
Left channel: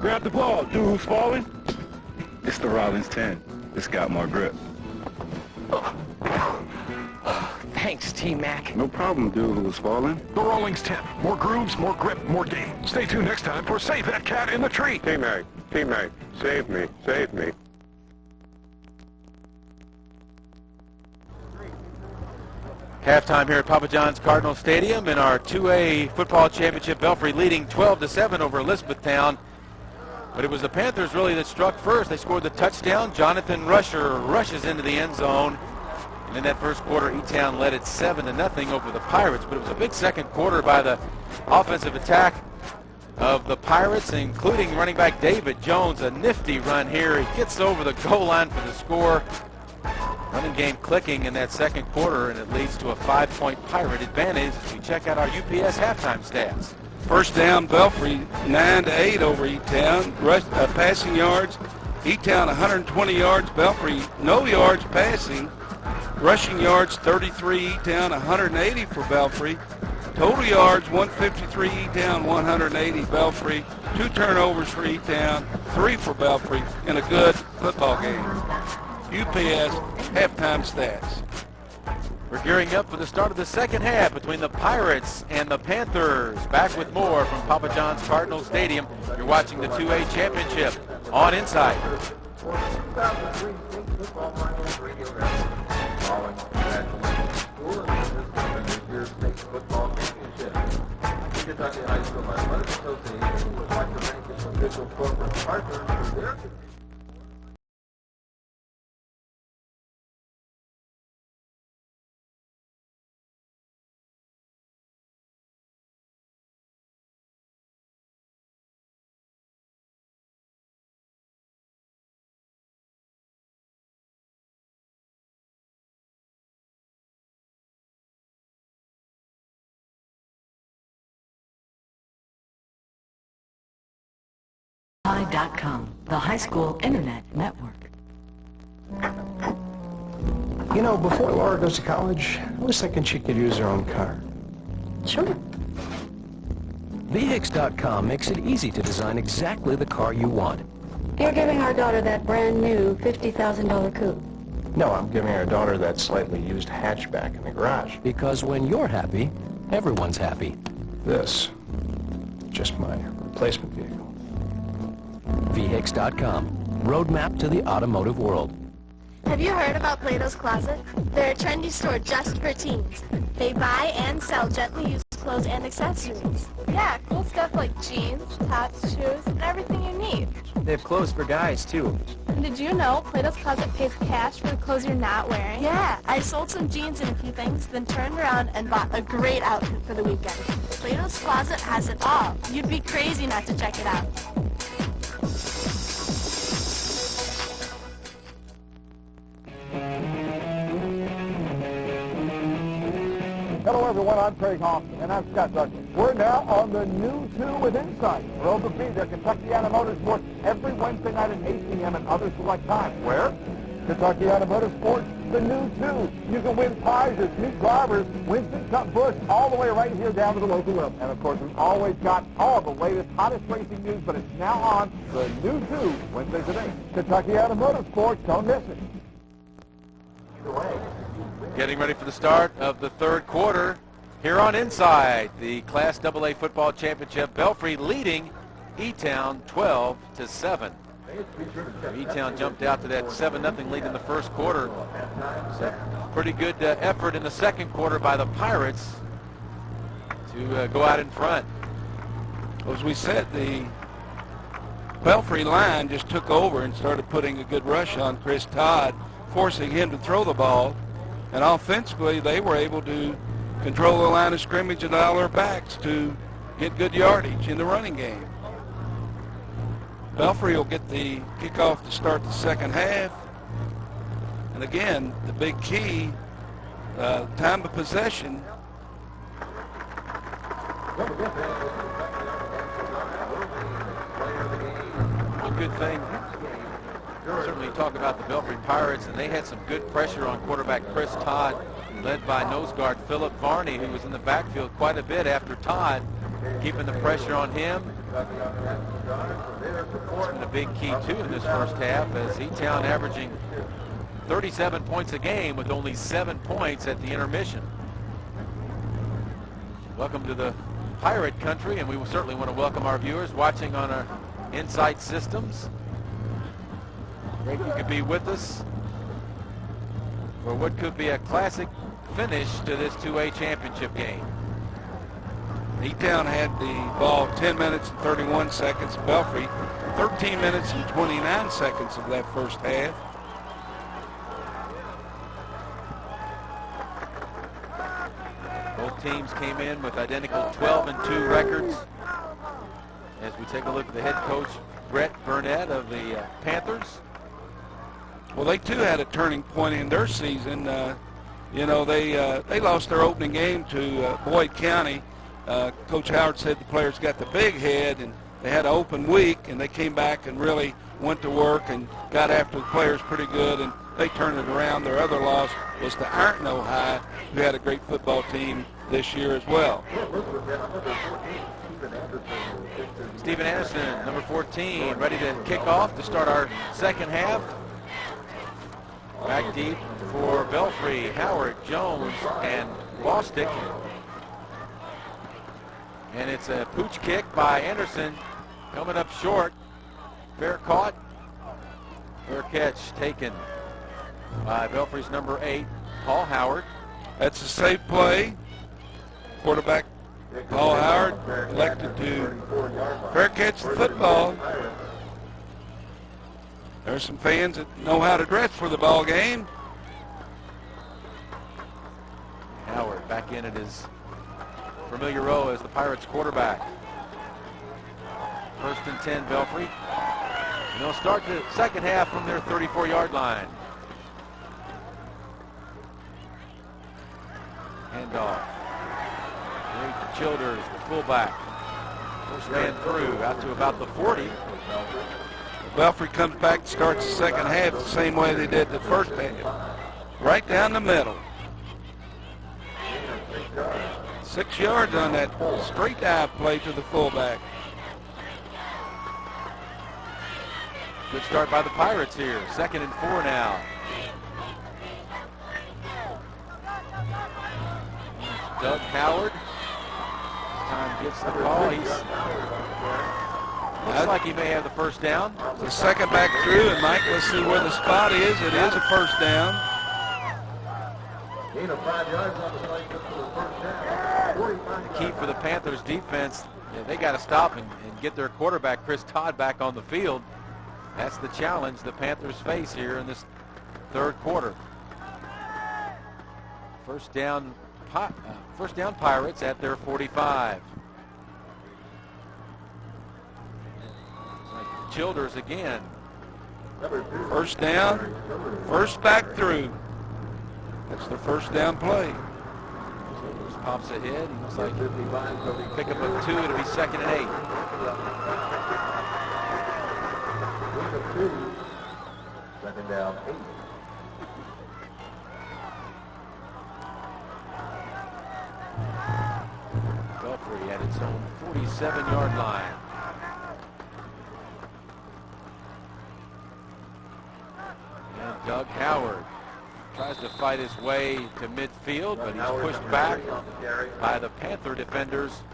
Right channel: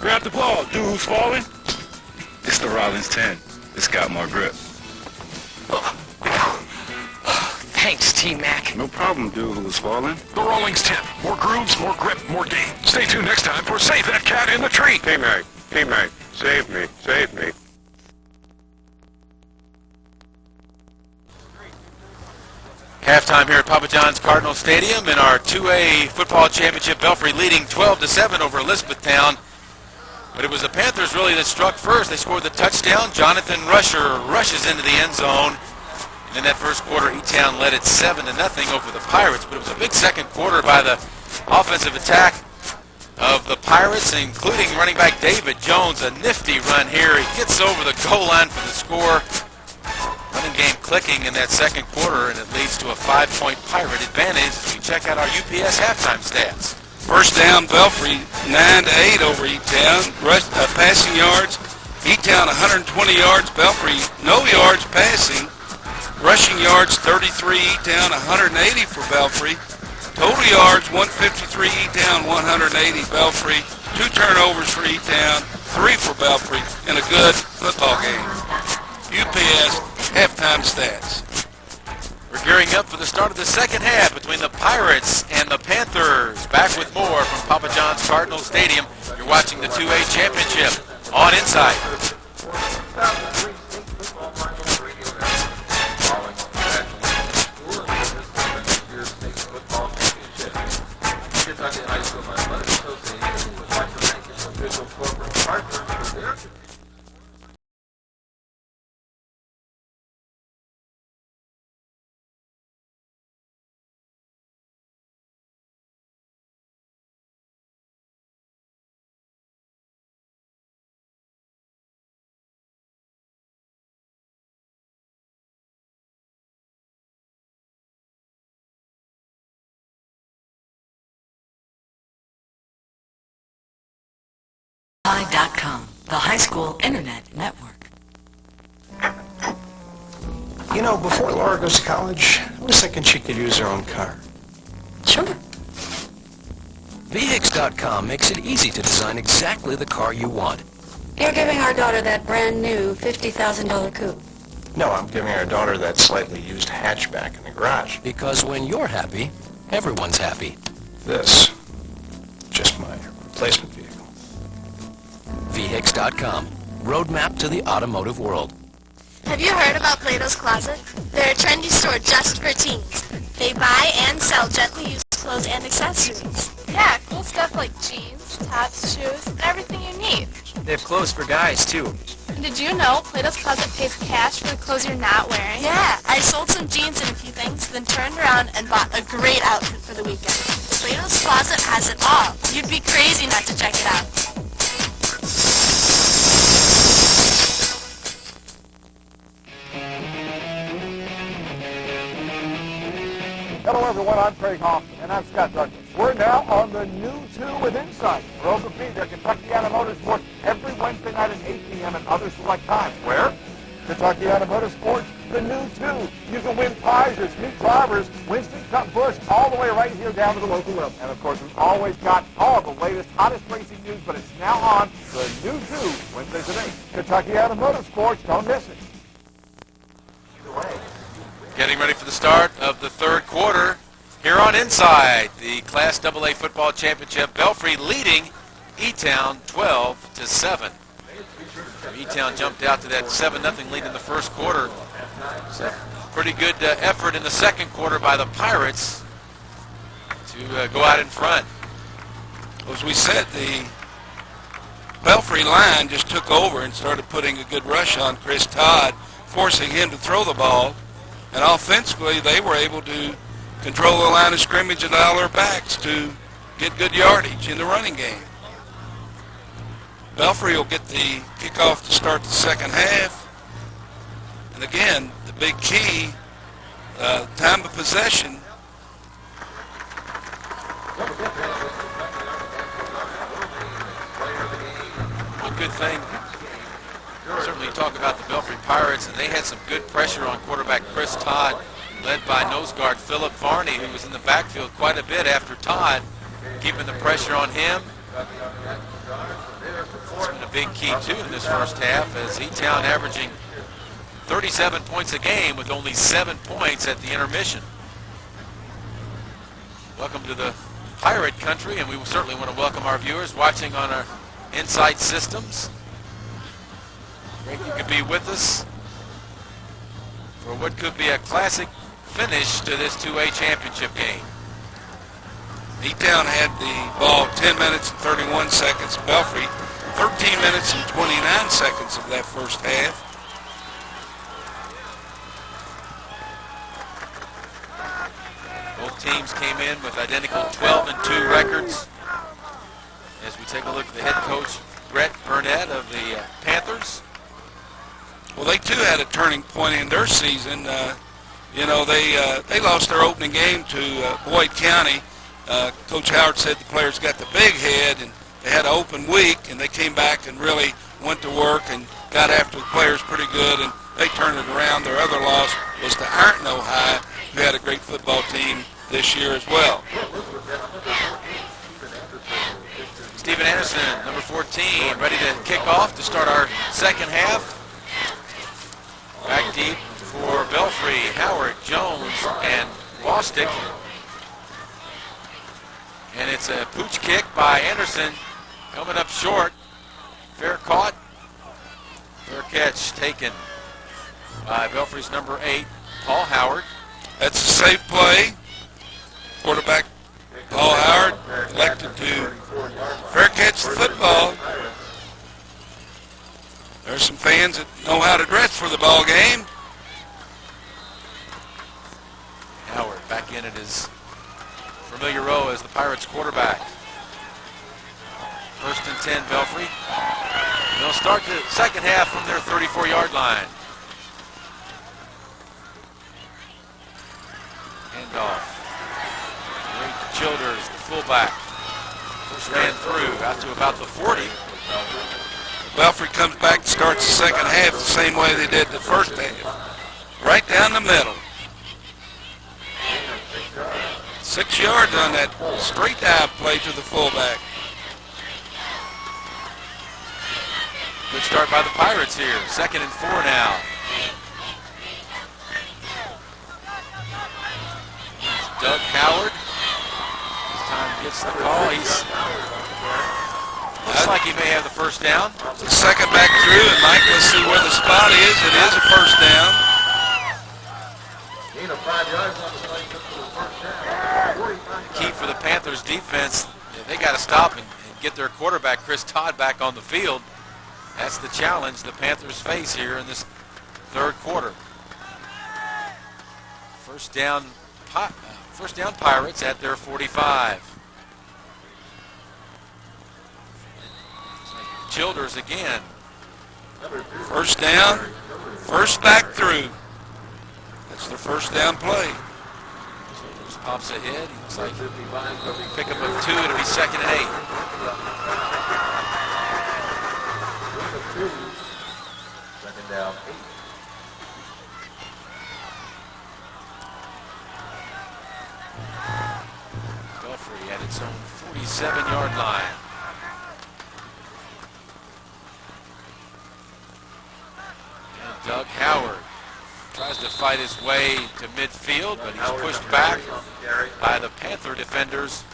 Grab the ball, dude who's falling. It's the Rollins 10. It's got more grip. Thanks, T-Mac. No problem, dude who's falling. The Rollings 10. More grooves, more grip, more game. Stay tuned next time for Save That Cat in the Tree. T-Mac, T-Mac, save me, save me. Halftime here at Papa John's Cardinal Stadium in our 2A football championship. Belfry leading 12-7 over Elizabethtown. But it was the Panthers really that struck first. They scored the touchdown. Jonathan Rusher rushes into the end zone. And in that first quarter, E-Town led it 7-0 over the Pirates. But it was a big second quarter by the offensive attack of the Pirates, including running back David Jones. A nifty run here. He gets over the goal line for the score. Running game clicking in that second quarter, and it leads to a 5-point Pirate advantage as we check out our UPS halftime stats. First down, Belfry 9-8 over E-Town. Passing yards, E-Town 120 yards, Belfry no yards passing. Rushing yards 33, E-Town 180 for Belfry. Total yards 153, E-Town 180 Belfry. 2 turnovers for E-Town, 3 for Belfry in a good football game. UPS halftime stats. We're gearing up for the start of the second half between the Pirates and the Panthers. Back with more from Papa John's Cardinal Stadium. You're watching the 2A championship on Inside. Kentucky High School Athletic Association would like to thank its official corporate partners for their Belfry.com, the high school internet network. You know, before Laura goes to college, I was thinking she could use her own car. Sure. VHIX.com makes it easy to design exactly the car you want. You're giving our daughter that brand new $50,000 coupe. No, I'm giving our daughter that slightly used hatchback in the garage. Because when you're happy, everyone's happy. This, just my replacement vehicle. VHIX.com, roadmap to the automotive world. Have you heard about Plato's Closet? They're a trendy store just for teens. They buy and sell gently used clothes and accessories. Yeah, cool stuff like jeans, tops, shoes, and everything you need. They have clothes for guys, too. And did you know Plato's Closet pays cash for the clothes you're not wearing? Yeah, I sold some jeans and a few things, then turned around and bought a great outfit for the weekend. Plato's Closet has it all. You'd be crazy not to check it out. Hello, everyone. I'm Craig Hoffman, and I'm Scott Douglas. We're now on the new 2 with Insight. For Open Feed, their Kentucky Motorsports every Wednesday night at 8 p.m. and other select times. Where? Kentucky Motorsports, the new 2. You can win prizes, meet drivers, Winston Cup Busch, all the way right here down to the local level. And, of course, we've always got all the latest, hottest racing news, but it's now on the new 2, Wednesdays at 8. Kentucky Motorsports, don't miss it. Getting ready for the start of the third quarter here on Inside, the Class AA Football Championship. Belfry leading E-Town 12-7. E-Town jumped out to that 7-0 lead in the first quarter. It's a pretty good effort in the second quarter by the Pirates to go out in front. As we said, the Belfry line just took over and started putting a good rush on Chris Todd, forcing him to throw the ball. And offensively, they were able to control the line of scrimmage and allow their backs to get good yardage in the running game. Belfry will get the kickoff to start the second half. And again, the big key Time of possession. One good thing, certainly talk about the Belfry Pirates, and they had some good pressure on quarterback Chris Todd, led by nose guard Philip Varney, who was in the backfield quite a bit after Todd, keeping the pressure on him. It's been a big key, too, in this first half, as E-Town averaging 37 points a game with only 7 points at the intermission. Welcome to the Pirate Country, and we certainly want to welcome our viewers watching on our Insight Systems. Great you could be with us for what could be a classic finish to this 2A championship game. E-Town had the ball 10 minutes and 31 seconds. Belfry 13 minutes and 29 seconds of that first half. Both teams came in with identical 12-2 records. As we take a look at the head coach, Brett Burnett of the Panthers. Well, they too had a turning point in their season. You know, they lost their opening game to Boyd County. Coach Howard said the players got the big head, and they had an open week, and they came back and really went to work and got after the players pretty good, and they turned it around. Their other loss was to Ironton High, who had a great football team this year as well. Stephen Anderson, number 14, ready to kick off to start our second half. Back deep for Belfry, Howard, Jones, and Bostick. And it's a pooch kick by Anderson, coming up short. Fair caught. Fair catch taken by Belfry's number 8, Paul Howard. That's a safe play. Quarterback Paul Howard elected to fair catch the football. There's some fans that know how to dress for the ball game. Howard back in at his familiar row as the Pirates quarterback. 1st and 10, Belfry. And they'll start the second half from their 34-yard line. Handoff. Great Childers, the fullback. First man through out to about the 40. Belfry comes back and starts the second half the same way they did the first half. Right down the middle. 6 yards on that straight dive play to the fullback. Good start by the Pirates here. 2nd and 4 now. Doug Howard. This time gets the call. Looks like he may have the first down. The second back through, and Mike, let's see where the spot is. It is a first down. Gain of 5 yards on the play for the first down. The key for the Panthers defense, they got to stop and get their quarterback, Chris Todd, back on the field. That's the challenge the Panthers face here in this third quarter. First down Pirates at their 45. Childers again. First down, first back through. That's their first down play. Childers pops ahead. He looks like pickup of 2. It'll be 2nd and 8. Second down, 8. Belfry at its own 47-yard line. And Doug Howard tries to fight his way to midfield, but he's pushed back by the Panther defenders,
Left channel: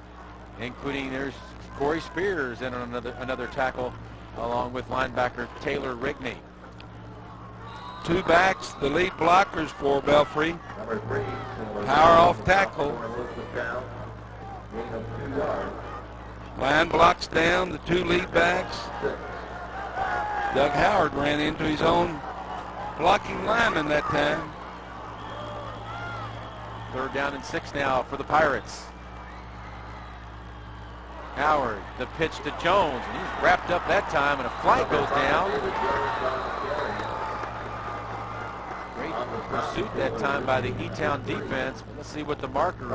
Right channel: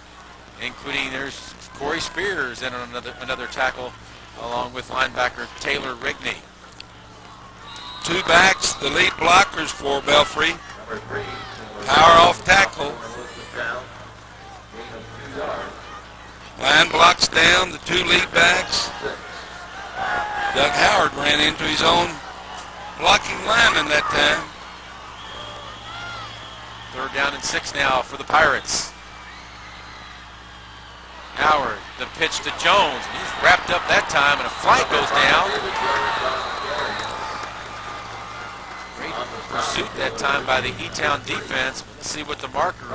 including there's Corey Spears and another tackle, along with linebacker Taylor Rigney. 2 backs, the lead blockers for Belfry. Power off tackle. Line blocks down, the 2 lead backs. Doug Howard ran into his own blocking lineman that time. 3rd down and 6 now for the Pirates. Howard, the pitch to Jones, and he's wrapped up that time, and a flag goes down. pursuit that time by the E-Town defense. Let's see what the marker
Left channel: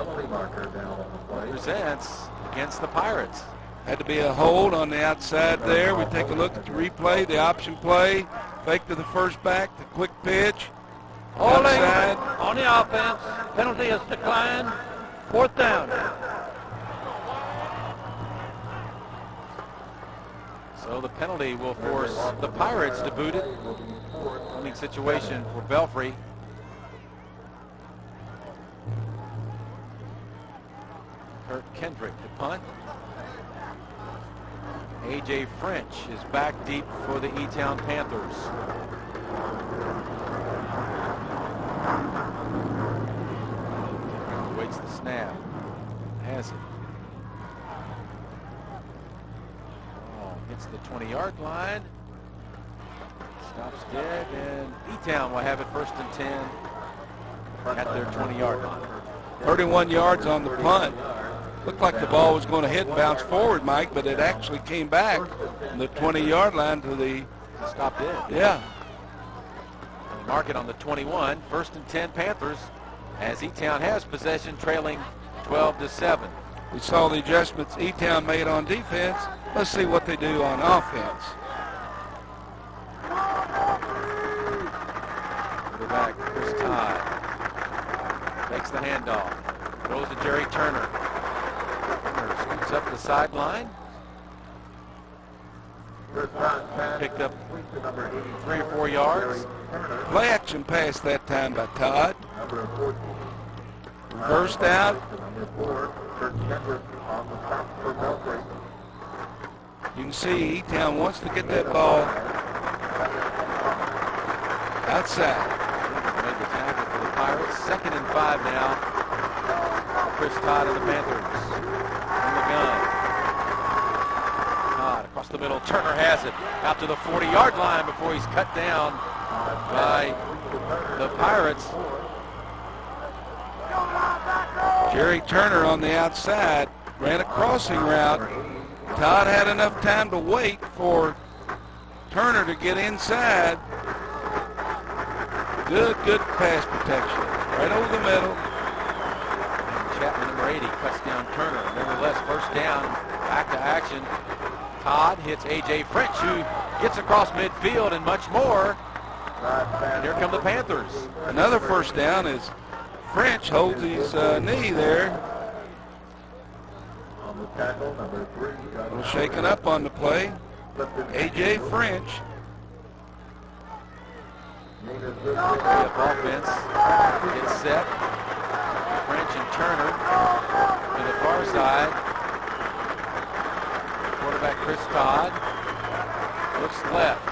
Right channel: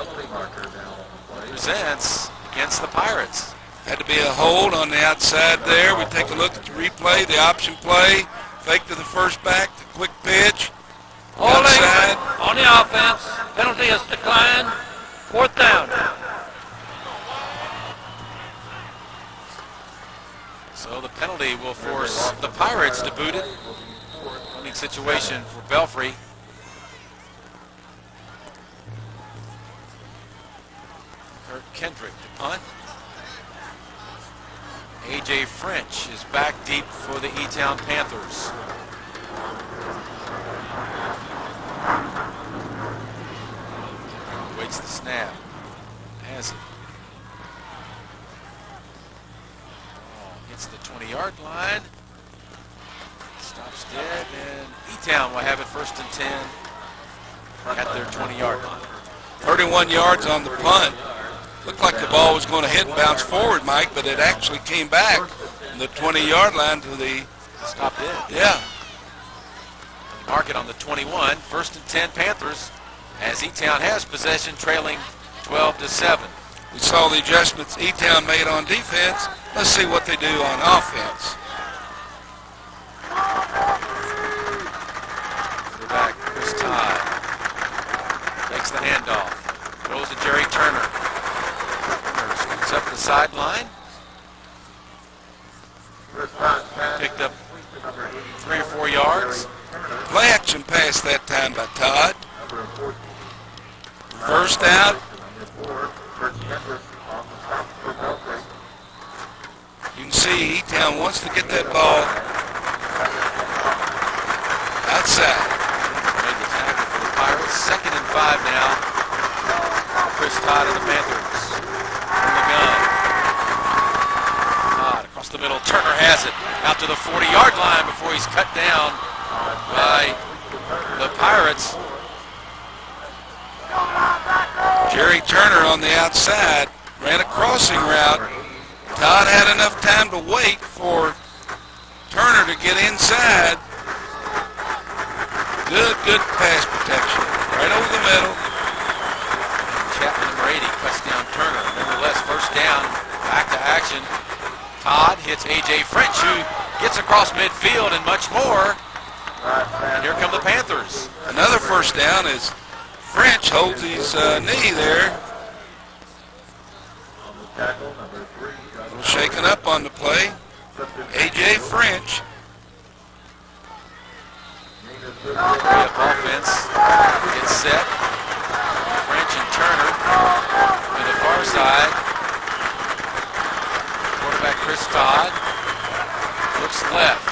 presents against the Pirates. Had to be a hold on the outside there. We take a look at the replay, the option play, fake to the first back, the quick pitch. Outside. On the offense. Penalty is declined. 4th down. So the penalty will force the Pirates to boot it. Punting situation for Belfry. Kurt Kendrick to punt. A.J. French is back deep for the E-Town Panthers. Waits the snap. Has it. Hits the 20-yard line. Stops dead, and E-Town will have it 1st and 10 at their 20-yard line. 31 yards on the punt. Looked like the ball was going to hit and bounce forward, Mike, but it actually came back from the 20-yard line to the... Stop dead. Yeah. Mark it on the 21. 1st and 10 Panthers as E-Town has possession, trailing 12-7. We saw the adjustments E-Town made on defense. Let's see what they do on offense. Quarterback Chris Todd takes the handoff. Throws to Jerry Turner. Turner scoots up the sideline. Picked up 3 or 4 yards. Play action pass that time by Todd. First out. You can see E-Town wants to get that ball outside. Made the tackle for the Pirates. 2nd and 5 now. Chris Todd and the Panthers in the gun. Todd across the middle. Turner has it out to the 40-yard line before he's cut down by the Pirates. Jerry Turner on the outside ran a crossing route. Todd had enough time to wait for Turner to get inside. Good pass protection. Right over the middle. And Chapman, number 80, cuts down Turner. Nevertheless, 1st down, back to action. Todd hits A.J. French, who gets across midfield and much more. And here come the Panthers. Another 1st down is French holds his knee there. A little shaken up on the play. A.J. French. Up offense. Gets set. French and Turner to the far side. Quarterback Chris Todd looks left.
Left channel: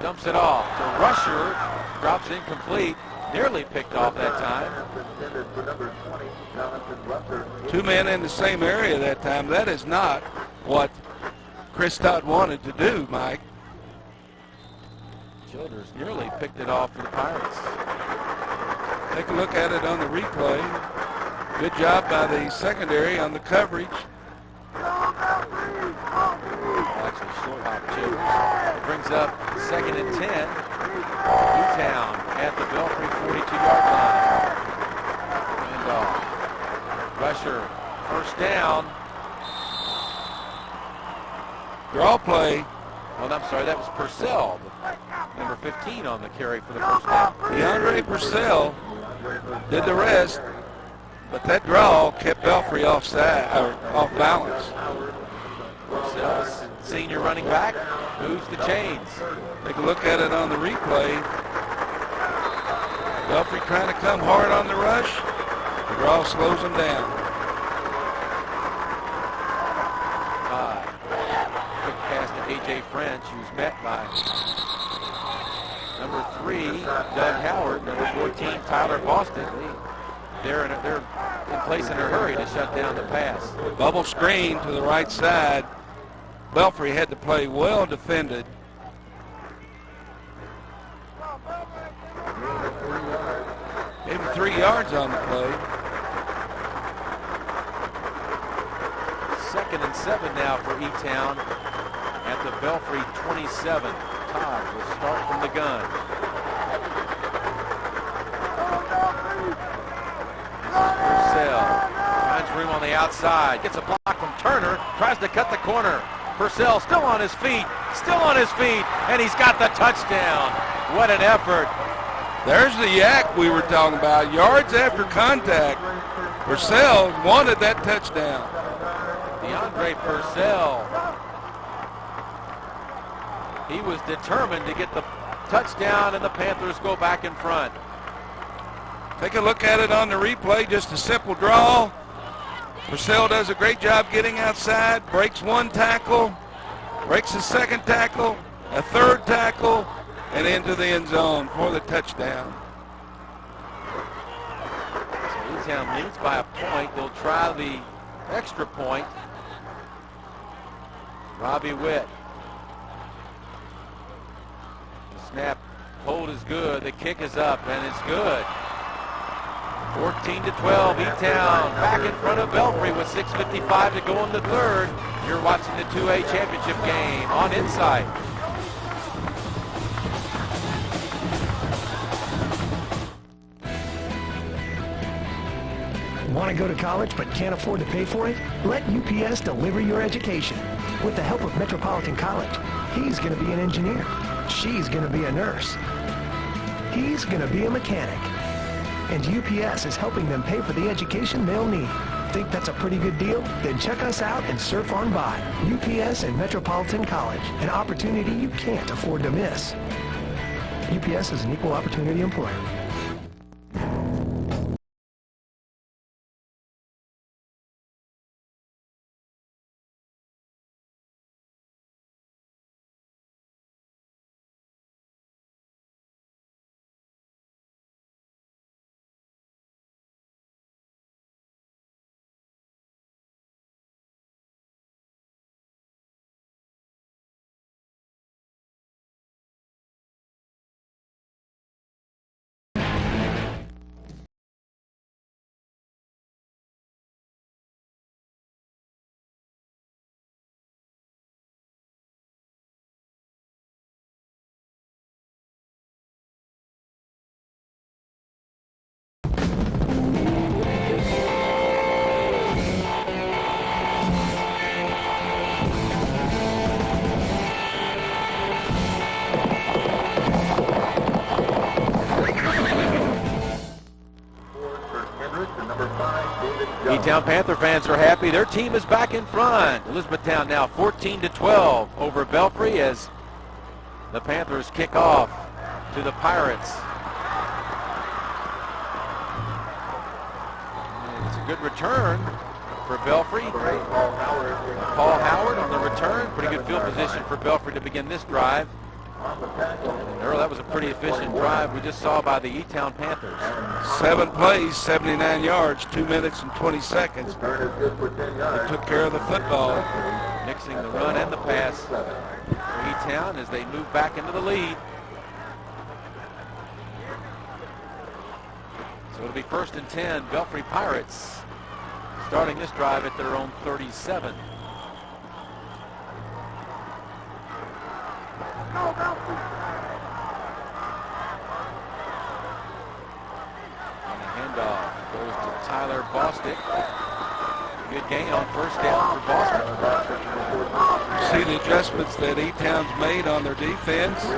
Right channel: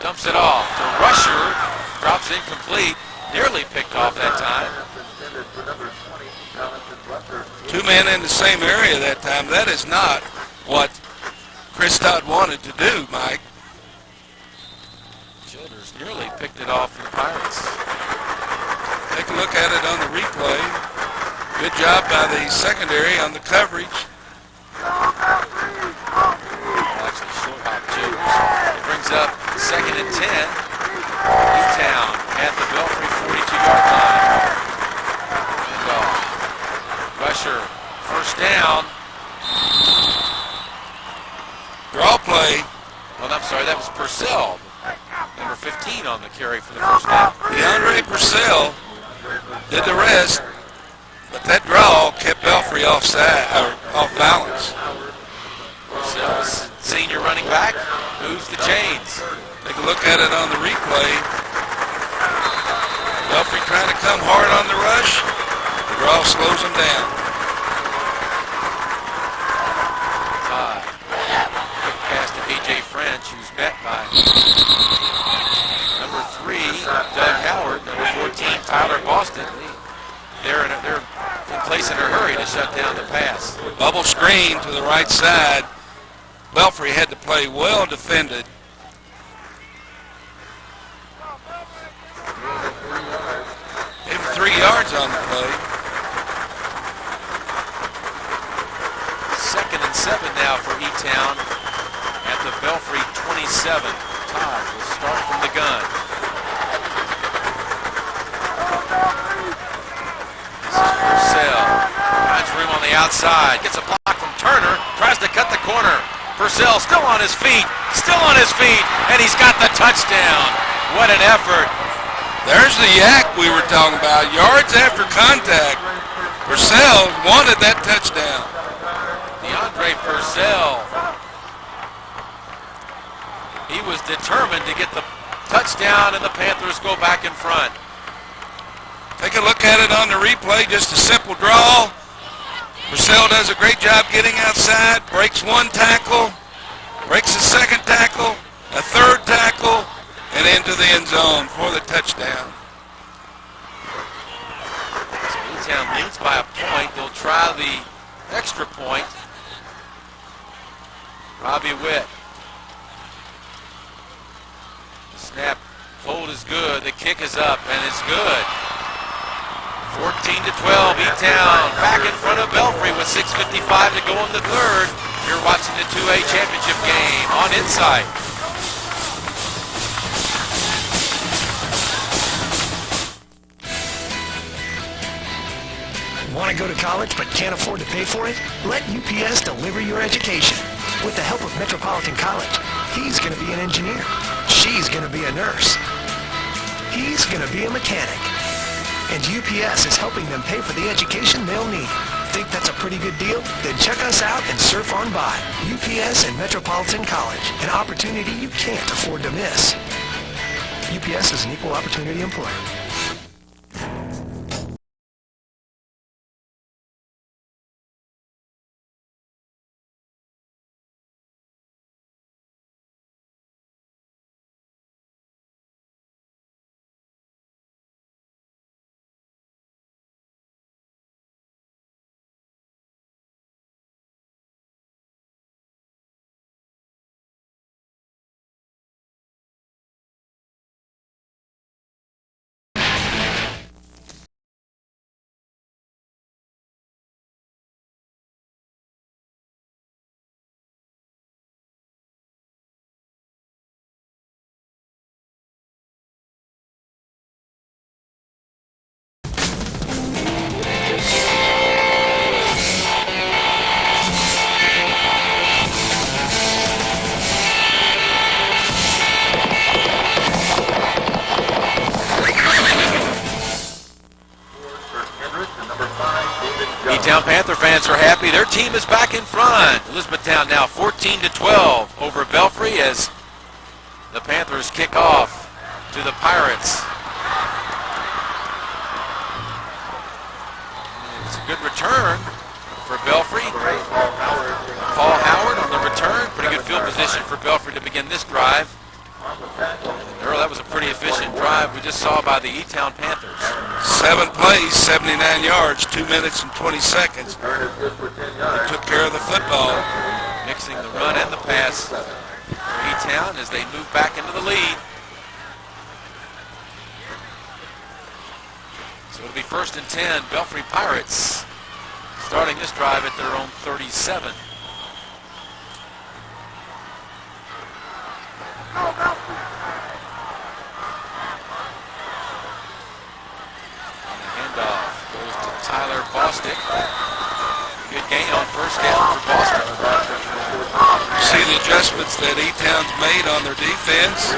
Dumps it off. The rusher drops incomplete. Nearly picked off that time. 2 men in the same area that time. That is not what Chris Todd wanted to do, Mike. Childers nearly picked it off for the Pirates. Take a look at it on the replay. Good job by the secondary on the coverage. Actually, short hop Childers. It brings up 2nd and 10. E-Town at the Belfry 42-yard line. And rusher, 1st down. Draw play. Well, I'm sorry, that was Purcell. Number 15 on the carry for the 1st down. DeAndre Purcell did the rest, but that draw kept Belfry off balance. Purcell, senior running back, moves the chains. Take a look at it on the replay. Belfry trying to come hard on the rush. The draw slows him down. Quick pass to A.J. French, who's met by number 3, Doug Howard, number 14, Tyler Boston. They're in place in a hurry to shut down the pass. Bubble screen to the right side. Belfry had to play well defended. Gave him 3 yards on the play. 2nd and 7 now for E-Town at the Belfry 27. Todd will start from the gun. outside. Gets a block from Turner. Tries to cut the corner. Purcell still on his feet. Still on his feet. And he's got the touchdown. What an effort. There's the yak we were talking about. Yards after contact. Purcell wanted that touchdown. DeAndre Purcell. He was determined to get the touchdown, and the Panthers go back in front. Take a look at it on the replay. Just a simple draw. Purcell does a great job getting outside. Breaks one tackle. Breaks a second tackle. A third tackle. And into the end zone for the touchdown. So E-Town leads by a point. They'll try the extra point. Robbie Witt. The snap hold is good. The kick is up, and it's good. 14-12, E-Town back in front of Belfry with 6:55 to go in the third. You're watching the 2A championship game on Insight. Want to go to college but can't afford to pay for it? Let UPS deliver your education. With the help of Metropolitan College, he's going to be an engineer. She's going to be a nurse. He's going to be a mechanic. And UPS is helping them pay for the education they'll need. Think that's a pretty good deal? Then check us out and surf on by. UPS and Metropolitan College, an opportunity you can't afford to miss. UPS is an equal opportunity employer. E-Town Panther fans are happy. Their team is back in front. Elizabethtown now 14-12 over Belfry as the Panthers kick off to the Pirates. And it's a good return for Belfry. Paul Howard on the return. Pretty good field position for Belfry to begin this drive. And Earl, that was a pretty efficient drive we just saw by the E-Town Panthers. 7 plays, 79 yards, 2 minutes and 20 seconds. They took care of the football. Mixing the run and the pass for E-Town as they move back into the lead. So it'll be 1st and 10, Belfry Pirates starting this drive at their own 37. And the handoff goes to Tyler Bostic. Good gain on 1st down for Bostic. See the adjustments that E-Town's made on their defense.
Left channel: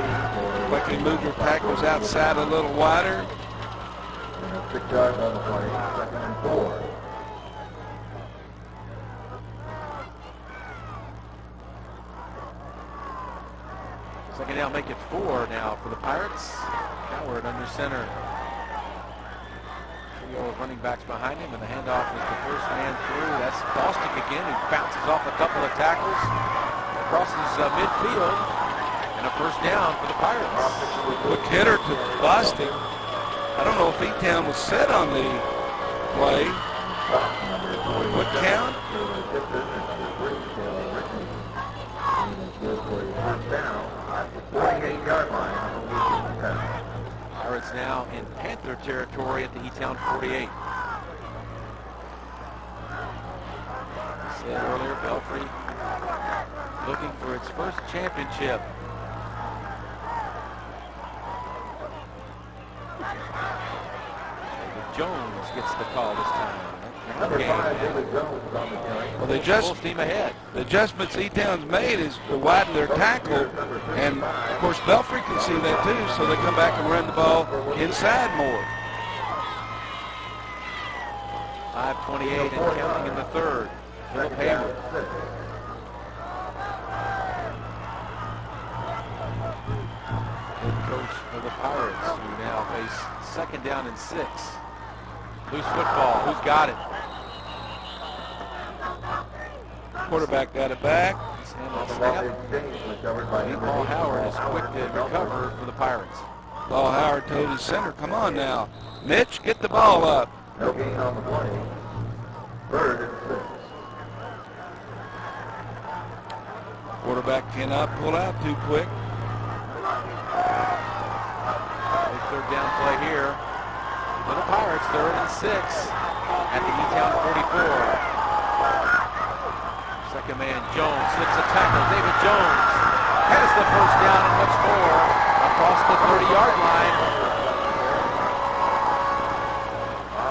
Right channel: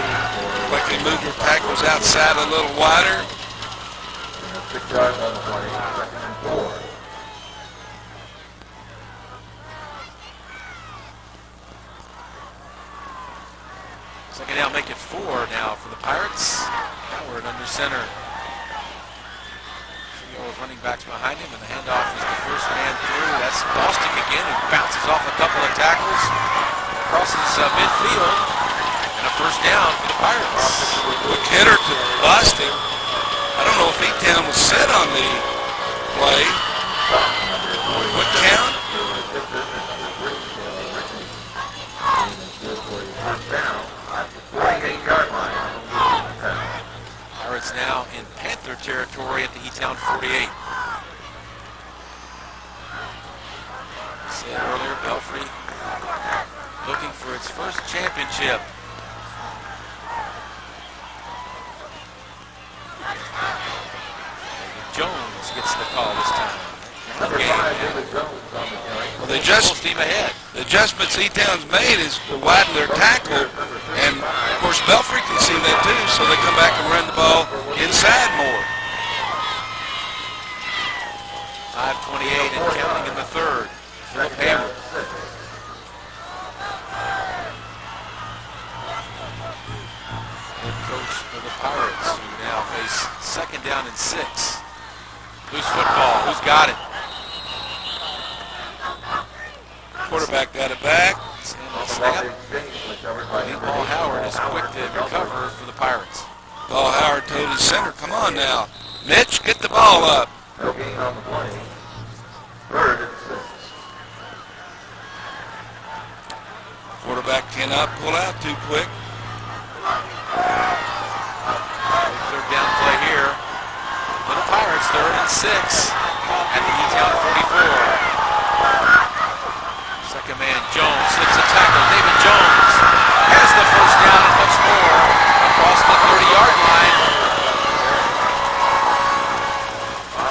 Like they moved their tackles outside a little wider. 6 yards on the play, 2nd and 4. Second down, make it 4 now for the Pirates. Howard under center. Trio of running backs behind him, and the handoff is the first man through. That's Bostic again, who bounces off a couple of tackles, crosses midfield, and a 1st down for the Pirates. Quick hitter to Bostic. I don't know if E-Town was set on the play. Quick count. Pirates now in Panther territory at the E-Town 48. I said earlier, Belfry looking for its first championship. David Jones gets the call this time. run game. Well, they full steam ahead. The adjustments E-Town's made is to widen their tackle, and of course Belfry can see that too, so they come back and run the ball inside more. 5:28 and counting in the third. Philip Hayward. Head coach of the Pirates, who now face 2nd down and 6. Loose football. Who's got it? Quarterback got it back. Snap. Paul Howard is quick to recover for the Pirates. Paul Howard told his center, come on now. Mitch, get the ball up. No gain on the play. 3rd and 6. Quarterback cannot pull out too quick. Big 3rd down play here for the Pirates. 3rd and 6 at the E-Town 44. Second man, Jones, slips a tackle. David Jones has the 1st down and much more across the 30-yard line.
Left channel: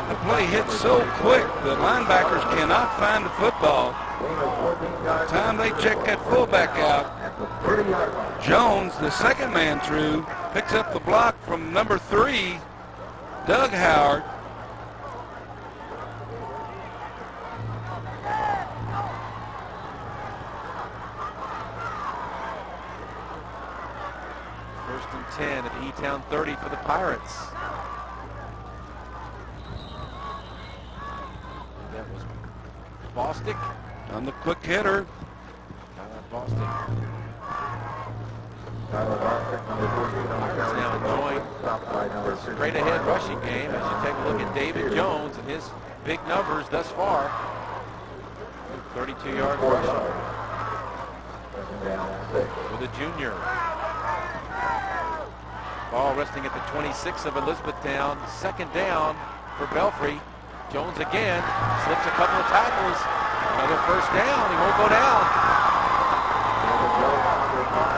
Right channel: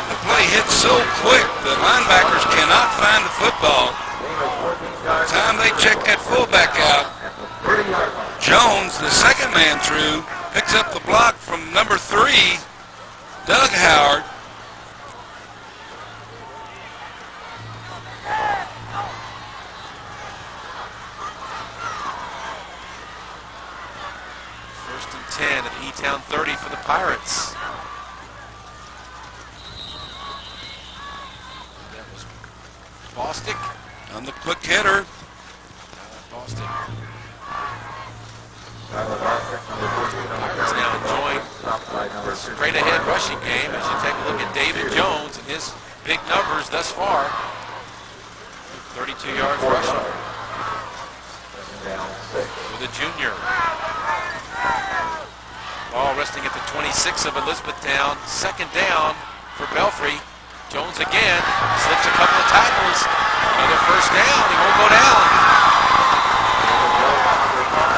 The play hits so quick, the linebackers cannot find the football. By the time they check that fullback out, Jones, the second man through, picks up the block from number 3, Doug Howard. First and 10 at the E-Town 30 for the Pirates. That was Bostic on the quick hitter. Bostic. Pirates now enjoying a straight ahead rushing game as you take a look at David Jones and his big numbers thus far. 32 yards rushing for the junior. Ball resting at the 26 of Elizabethtown. 2nd down for Belfry. Jones again slips a couple of tackles. Another 1st down. He won't go down.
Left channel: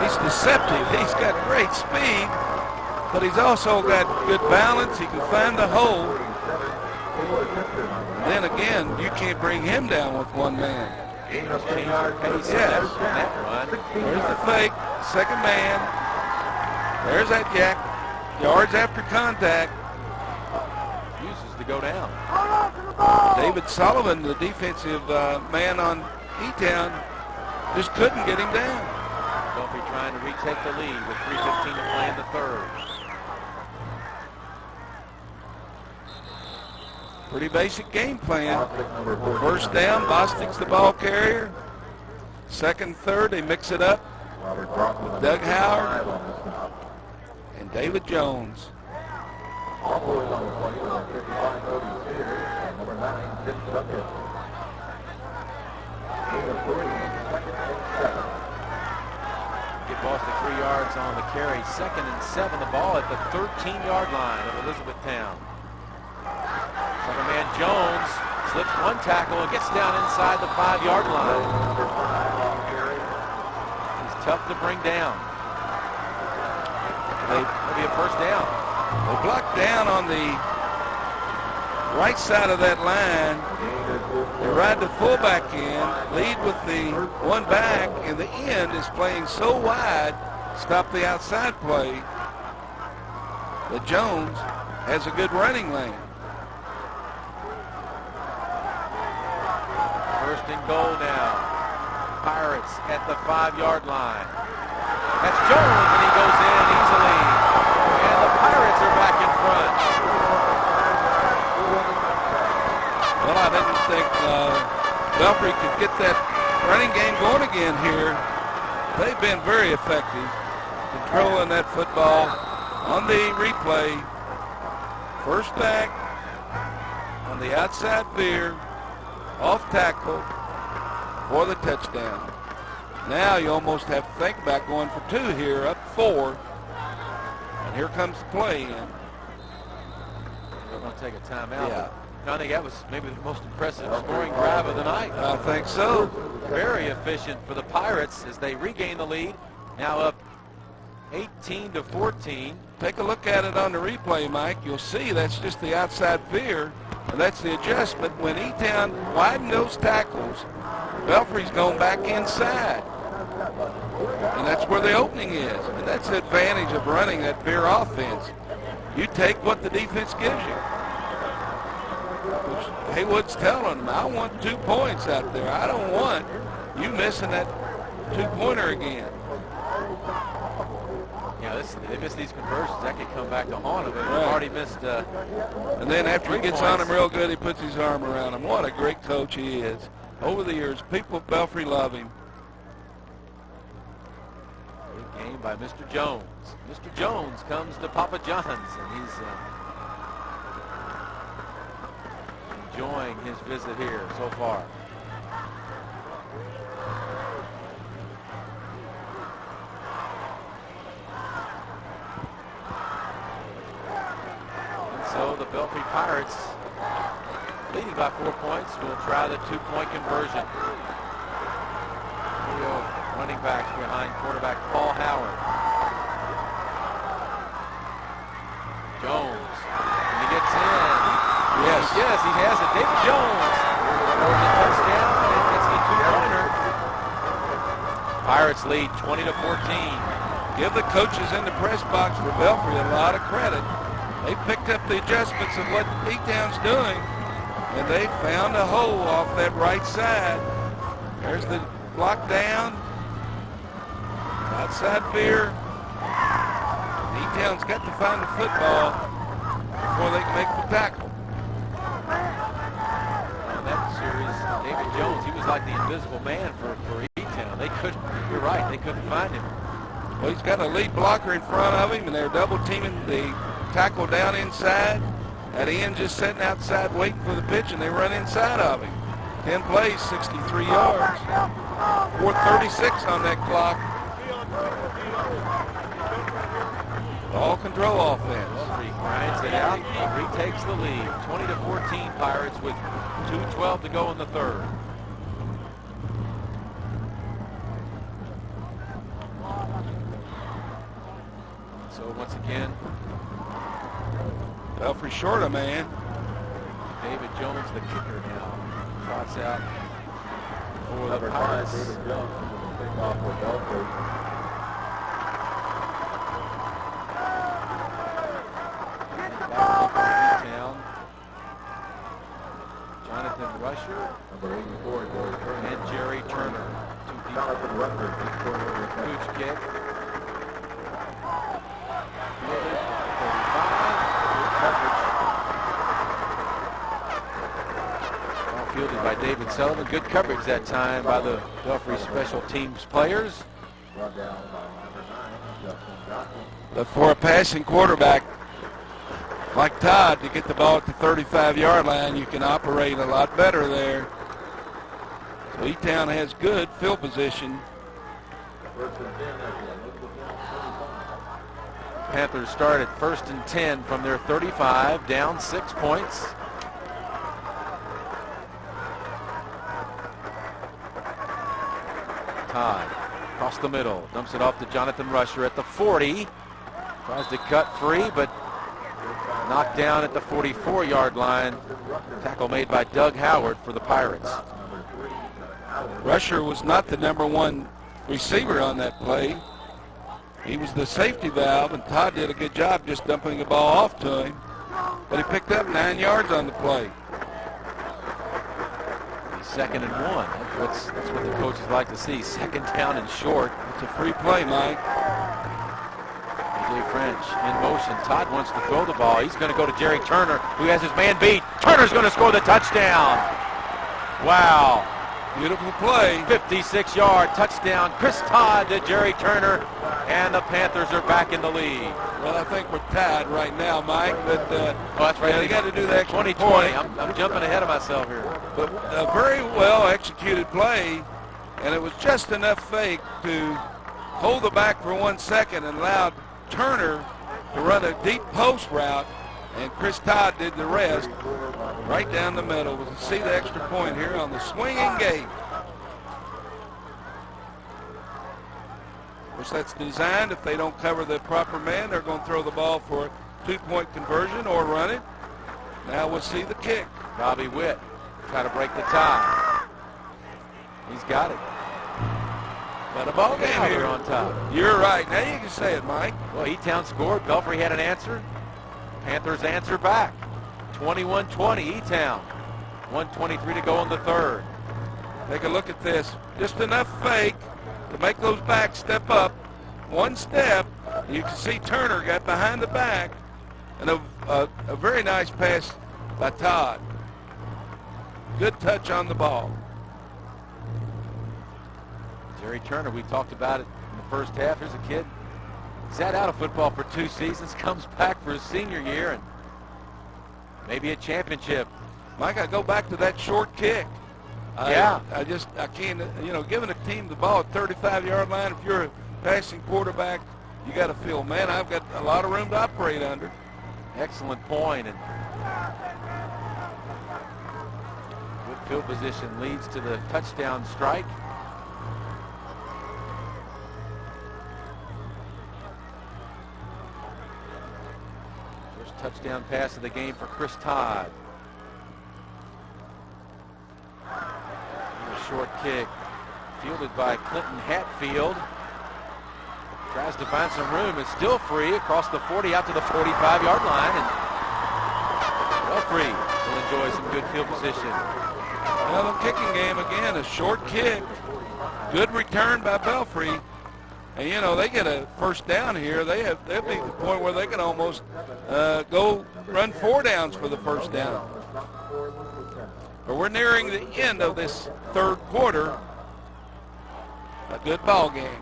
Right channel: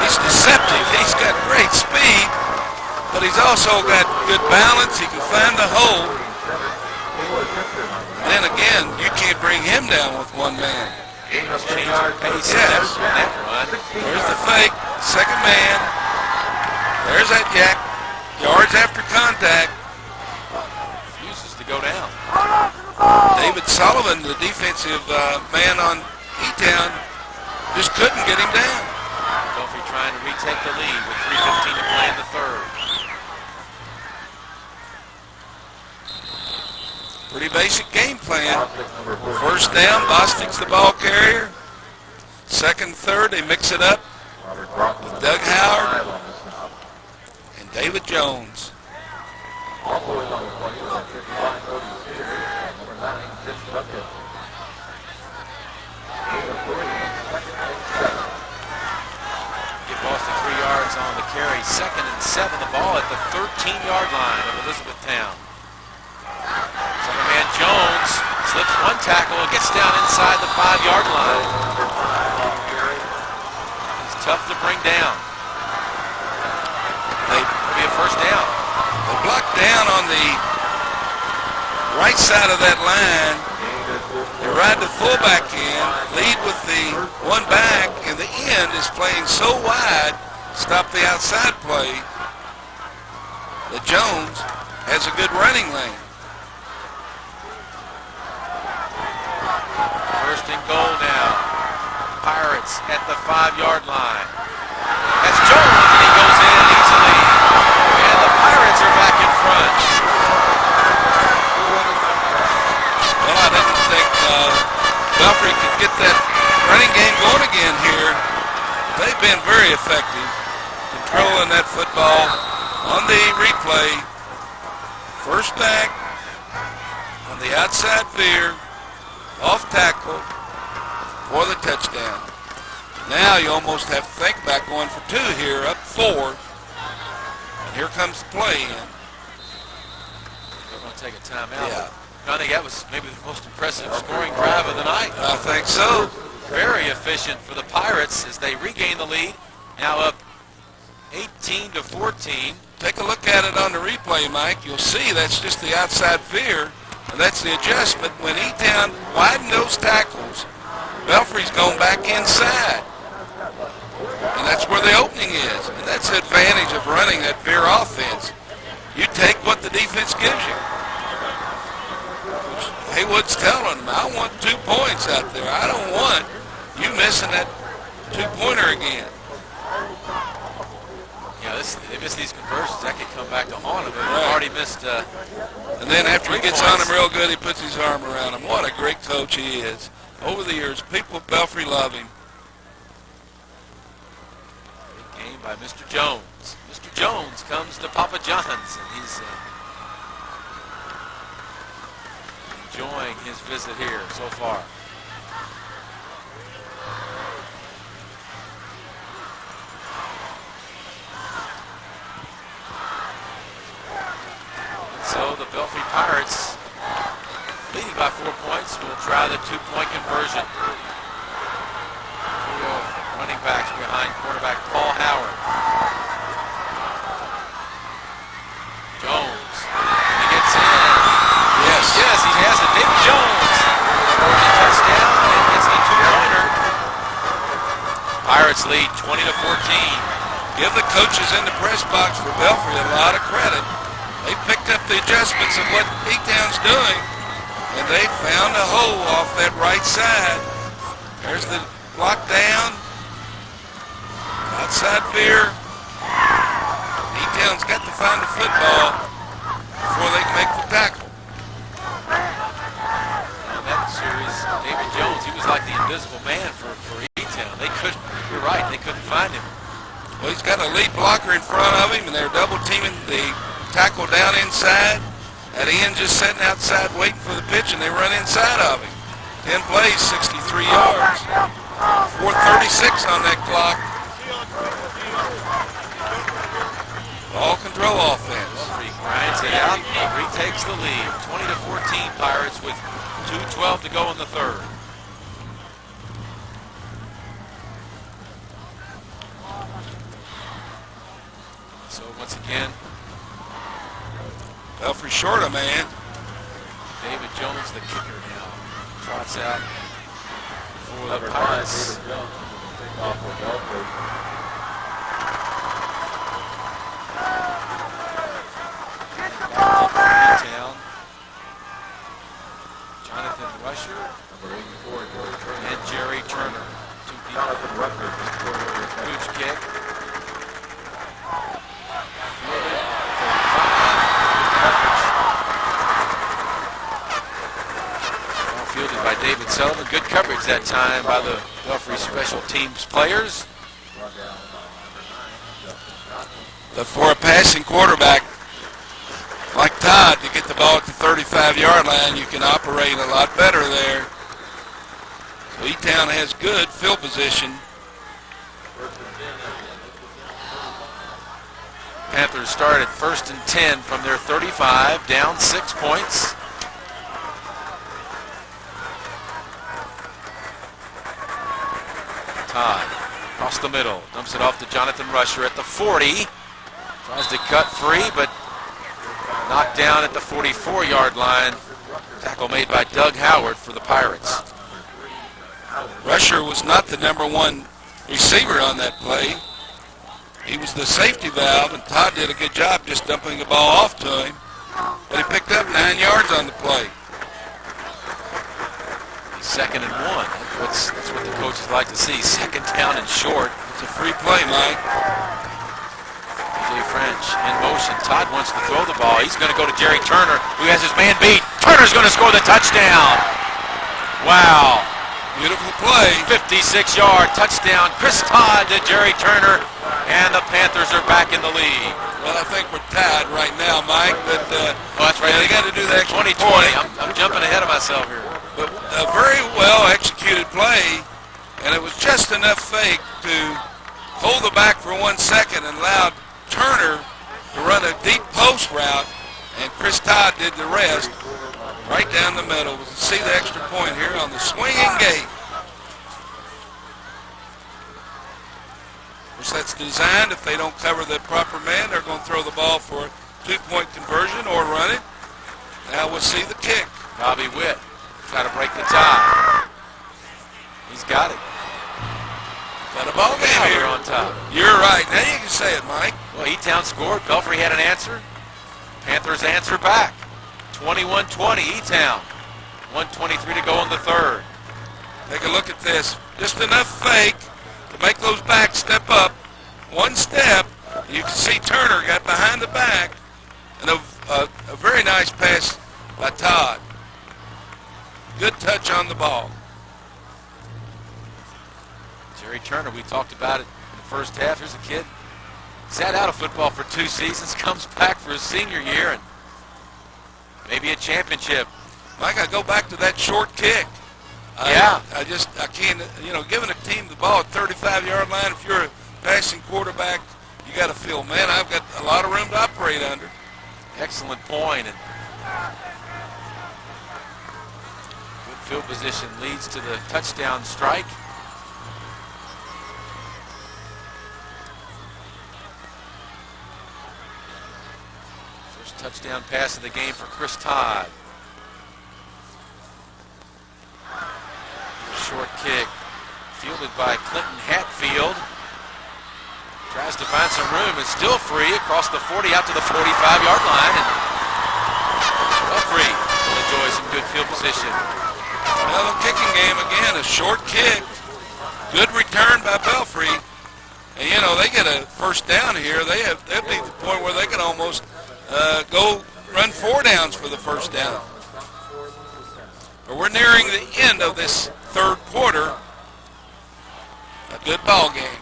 He's deceptive. He's got great speed, but he's also got good balance. He can find the hole. And then again, you can't bring him down with one man. He's changed the pace in that run. There's the fake. Second man. There's that jack. Yards after contact. Refuses to go down. David Sullivan, the defensive man on E-Town, just couldn't get him down. Belfry trying to retake the lead with 3:15 to play in the 3rd. Pretty basic game plan. 1st down, Bostic's the ball carrier. 2nd, 3rd, they mix it up with Doug Howard and David Jones. Give Boston 3 yards on the carry. 2nd and 7. The ball at the 13-yard line of Elizabethtown. Second man Jones slips one tackle and gets down inside the 5-yard line. He's tough to bring down. It'll be a 1st down. They block down on the right side of that line. They ride the fullback in, lead with the one back, and the end is playing so wide, stop the outside play, that Jones has a good running lane. 1st and goal now. Pirates at the 5-yard line. That's Jones, and he goes in easily. And the Pirates are back in front. Well, I didn't think Belfry could get that running game going again here. They've been very effective controlling that football. On the replay, 1st back on the outside veer, off tackle for the touchdown. Now you almost have to think about going for 2 here, up 4. And here comes the play in. They're going to take a timeout. Yeah. I think that was maybe the most impressive scoring drive of the night. I think so. Very efficient for the Pirates as they regain the lead. Now up 18-14. Take a look at it on the replay, Mike. You'll see that's just the outside veer. And that's the adjustment. When E-Town widened those tackles, Belfry's going back inside. And that's where the opening is. And that's the advantage of running that veer offense. You take what the defense gives you. Coach Haywood's telling them, I want 2 points out there. I don't want you missing that 2-pointer again. Yeah, they miss these conversions. That could come back to haunt them. They've already missed. And then after he gets on him real good, he puts his arm around him. What a great coach he is. Over the years, people at Belfry love him. Big game by Mr. Jones. Mr. Jones comes to Papa John's, and he's enjoying his visit here so far. So the Belfry Pirates, leading by 4 points, will try the 2-point conversion. Trio of running backs behind quarterback Paul Howard. Jones, and he gets in. Yes. Yes, he has it. David Jones. Touchdown, and gets the 2-pointer. Pirates lead 20-14. Give the coaches in the press box for Belfry a lot of credit. They picked up the adjustments of what E-Town's doing, and they found a hole off that right side. There's the block down. Outside veer. E-Town's got to find the football before they can make the tackle. In that series, David Jones, he was like the invisible man for E-Town. They couldn't, you're right, they couldn't find him. Well, he's got a lead blocker in front of him, and they're double teaming the tackle down inside. At the end, just sitting outside waiting for the pitch, and they run inside of him. 10 plays, 63 yards. 4:36 on that clock. Ball control offense. Belfry grinds it out, retakes the lead. 20-14 Pirates with 2:12 to go in the third. So once again, Belfry short a man. David Jones, the kicker now, trots out for the Pirates. David Jones pick off for Belfry. Town. Jonathan Rusher and Jerry Turner. Two people. Huge kick. Fielded. 35. Well fielded by David Sullivan. Good coverage that time by the Belfry special teams players. But for a passing quarterback like Todd, to get the ball at the 35-yard line, you can operate a lot better there. So E-Town has good field position. Panthers start at 1st and 10 from their 35, down 6 points. Todd across the middle, dumps it off to Jonathan Rusher at the 40. Tries to cut free, but knocked down at the 44-yard line. Tackle made by Doug Howard for the Pirates. Rusher was not the #1 receiver on that play. He was the safety valve, and Todd did a good job just dumping the ball off to him. But he picked up 9 yards on the play. He's 2nd and 1. That's what the coaches like to see. 2nd down and short. It's a free play, Mike. Jay French in motion. Todd wants to throw the ball. He's going to go to Jerry Turner, who has his man beat. Turner's going to score the touchdown. Wow. Beautiful play. 56-yard touchdown. Chris Todd to Jerry Turner, and the Panthers are back in the lead. Well, I think we're tied right now, Mike. But that's right. Yeah, they got to do that 20-20. I'm jumping ahead of myself here. But a very well executed play, and it was just enough fake to hold the back for 1 second and allowed Turner to run a deep post route, and Chris Todd did the rest right down the middle. We'll see the extra point here on the swinging gate. Of course, that's designed. If they don't cover the proper man, they're going to throw the ball for a 2-point conversion or run it. Now we'll see the kick. Bobby Witt try to break the tie. He's got it. Got a ball game here. On top. You're right. Now you can say it, Mike. Well, E-Town scored. Belfry had an answer. Panthers answer back. 21-20 E-Town. 1:23 to go in the third. Take a look at this. Just enough fake to make those backs step up. One step. You can see Turner got behind the back. And a very nice pass by Todd. Good touch on the ball. Jerry Turner, we talked about it in the first half. Here's a kid, sat out of football for 2 seasons, comes back for his senior year, and maybe a championship. Mike, I go back to that short kick. Yeah. I can't, giving a team the ball at 35-yard line, if you're a passing quarterback, you got to feel, man, I've got a lot of room to operate under. Excellent point, and good field position leads to the touchdown strike. Touchdown pass of the game for Chris Todd. Short kick fielded by Clinton Hatfield. Tries to find some room. It's still free across the 40 out to the 45-yard line. And Belfry will enjoy some good field position. Another kicking game again. A short kick. Good return by Belfry. And, they get a first down here. They'll be at the point where they can almost go run 4 downs for the first down. But we're nearing the end of this third quarter. A good ball game.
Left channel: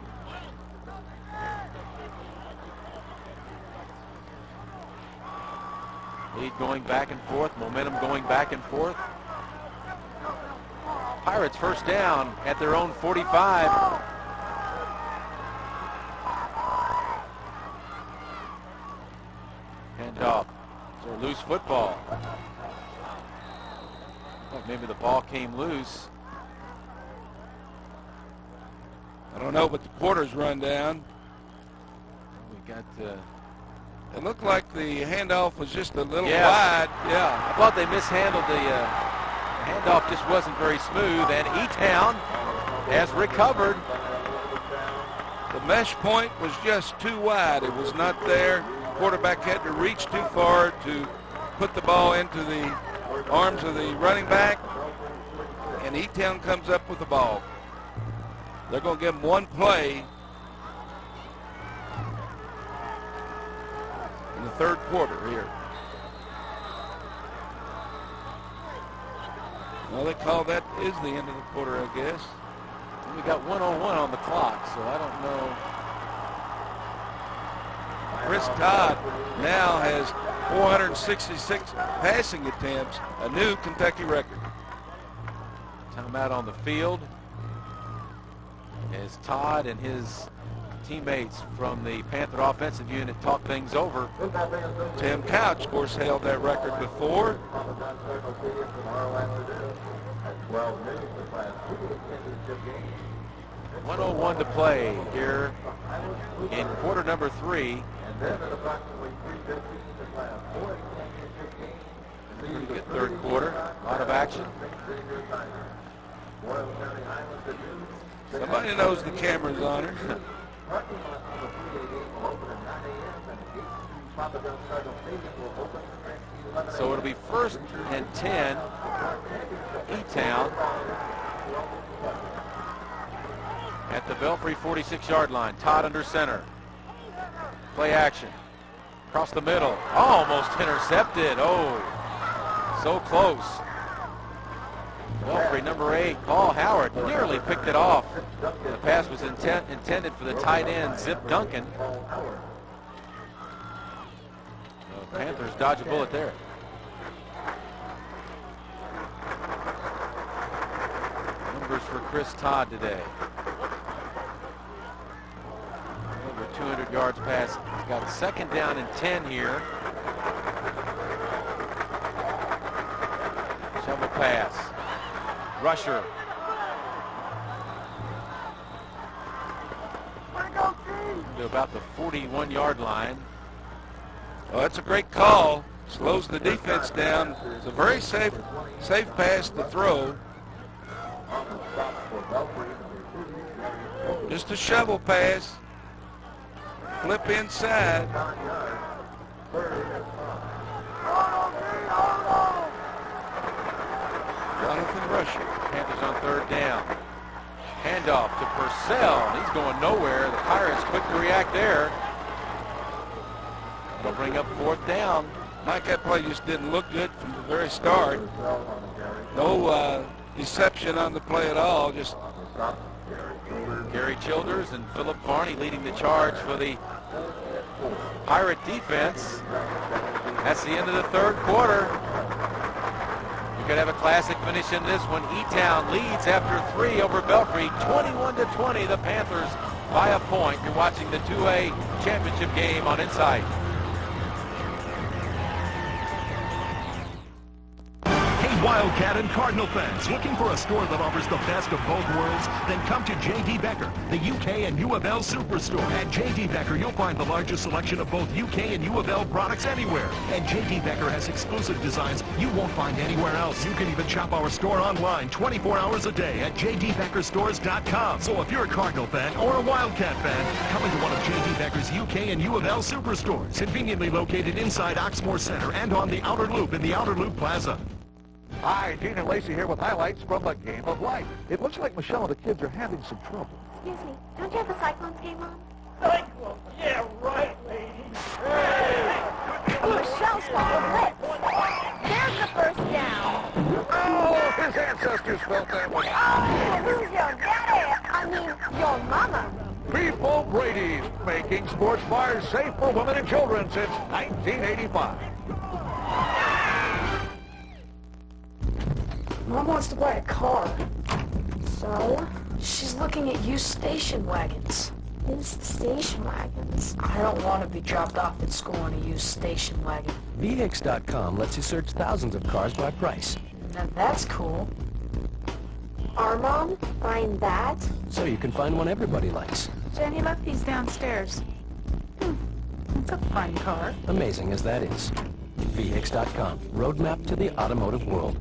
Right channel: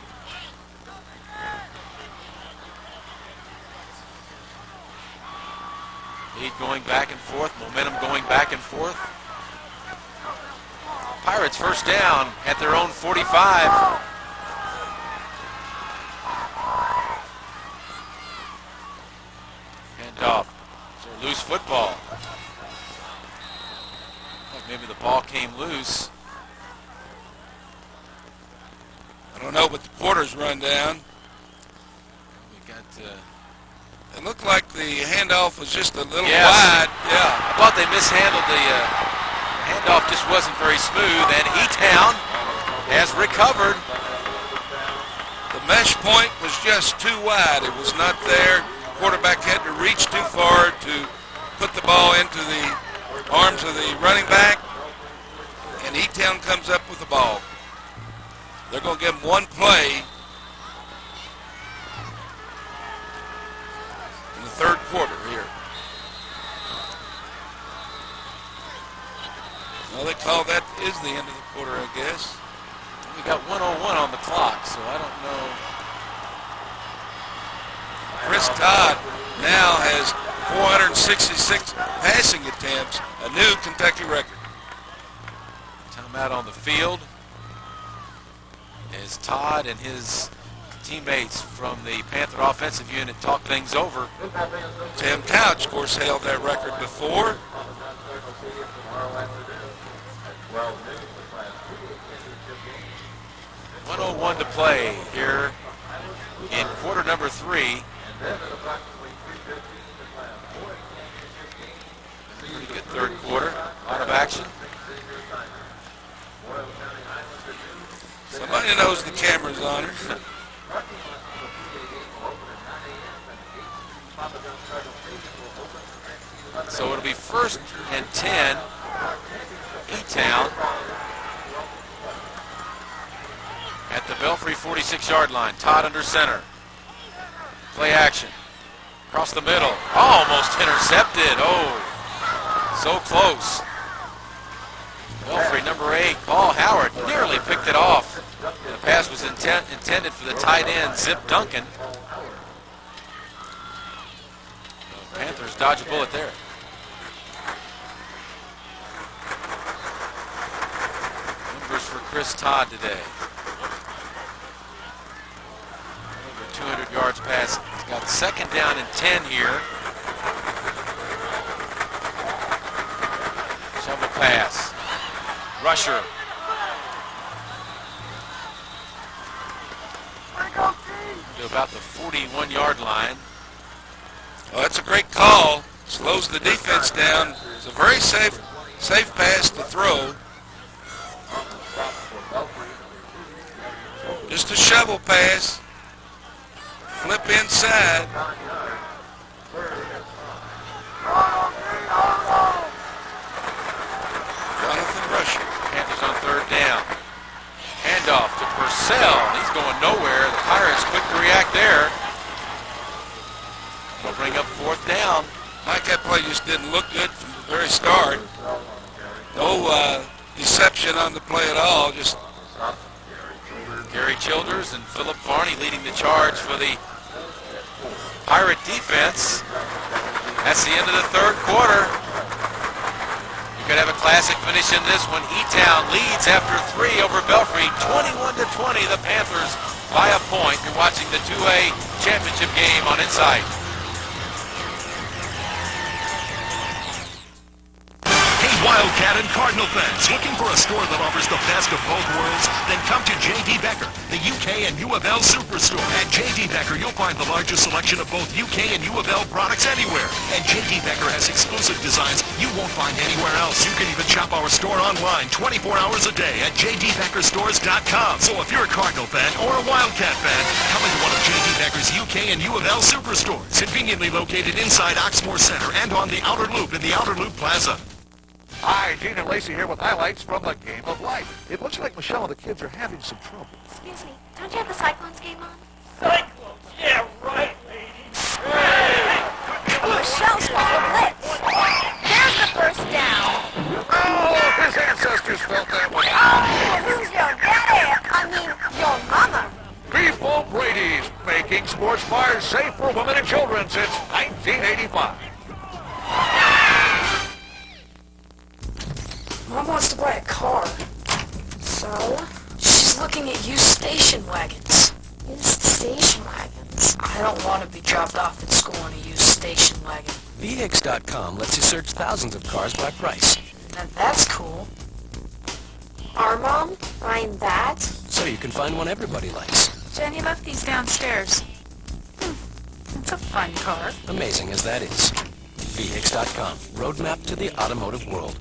Lead going back and forth, momentum going back and forth. Pirates first down at their own 45. Handoff. So loose football. Maybe the ball came loose. I don't know, but the quarters run down. We got. It looked like the handoff was just a little wide. Yeah. I thought they mishandled the handoff. Just wasn't very smooth. And E-Town has recovered. The mesh point was just too wide. It was not there. Quarterback had to reach too far to put the ball into the arms of the running back, and E-Town comes up with the ball. They're going to give him one play in the third quarter here. Well, they call that is the end of the quarter, I guess. We got 1:01 on the clock, so I don't know. Chris Todd now has 466 passing attempts, a new Kentucky record. Timeout on the field as Todd and his teammates from the Panther offensive unit talk things over. Tim Couch, of course, held that record before. 1:01 to play here in quarter number 3. Pretty good third quarter. A lot of action. Somebody knows the camera's on her. So it'll be 1st and 10. E-Town at the Belfry 46-yard line. Todd under center. Play action. Across the middle. Almost intercepted. Oh, so close. Belfry, number 8, Paul Howard, nearly picked it off. The pass was intended for the tight end, Zip Duncan. The Panthers dodge a bullet there. Numbers for Chris Todd today. Over 200 yards passing. He's got 2nd down and 10 here. Shovel pass. Rusher. To about the 41-yard line. Well, that's a great call. Slows the defense down. It's a very safe Safe pass to throw. Just a shovel pass. Flip inside. Jonathan Rusher. Panthers on third down. Handoff to Purcell. He's going nowhere. The Pirates quick to react there. They'll bring up fourth down. Mike, that play just didn't look good from the very start. No deception on the play at all. Just Gary Childers and Philip Varney leading the charge for the Pirate defense. That's the end of the third quarter. You could have a classic finish in this one. E-Town leads after 3 over Belfry, 21-20. The Panthers by a point. You're watching the 2A championship game on Insight. Wildcat and Cardinal fans, looking for a store that offers the best of both worlds? Then come to J.D. Becker, the UK and U of L Superstore. At J.D. Becker, you'll find the largest selection of both UK and U of L products anywhere. And J.D. Becker has exclusive designs you won't find anywhere else. You can even shop our store online 24 hours a day at jdbeckerstores.com. So if you're a Cardinal fan or a Wildcat fan, come into one of J.D. Becker's UK and U of L Superstores, conveniently located inside Oxmoor Center and on the Outer Loop in the Outer Loop Plaza. Hi, Gene and Lacey here with highlights from the game of life. It looks like Michelle and the kids are having some trouble. Excuse me, don't you have the Cyclones game on? Cyclones? Yeah, right, lady. Hey! Michelle's called a blitz. There's the first down. Oh, his ancestors felt that way. Oh, who's your daddy? I mean, your mama. Beefball Brady's, making sports bars safe for women and children since 1985. Mom wants to buy a car. So? She's looking at used station wagons. Used station wagons? I don't want to be dropped off at school in a used station wagon. VX.com lets you search thousands of cars by price. Now that's cool. Our mom buying that? So you can find one everybody likes. Jenny left these downstairs. It's a fun car. Amazing as that is. VX.com, roadmap to the automotive world.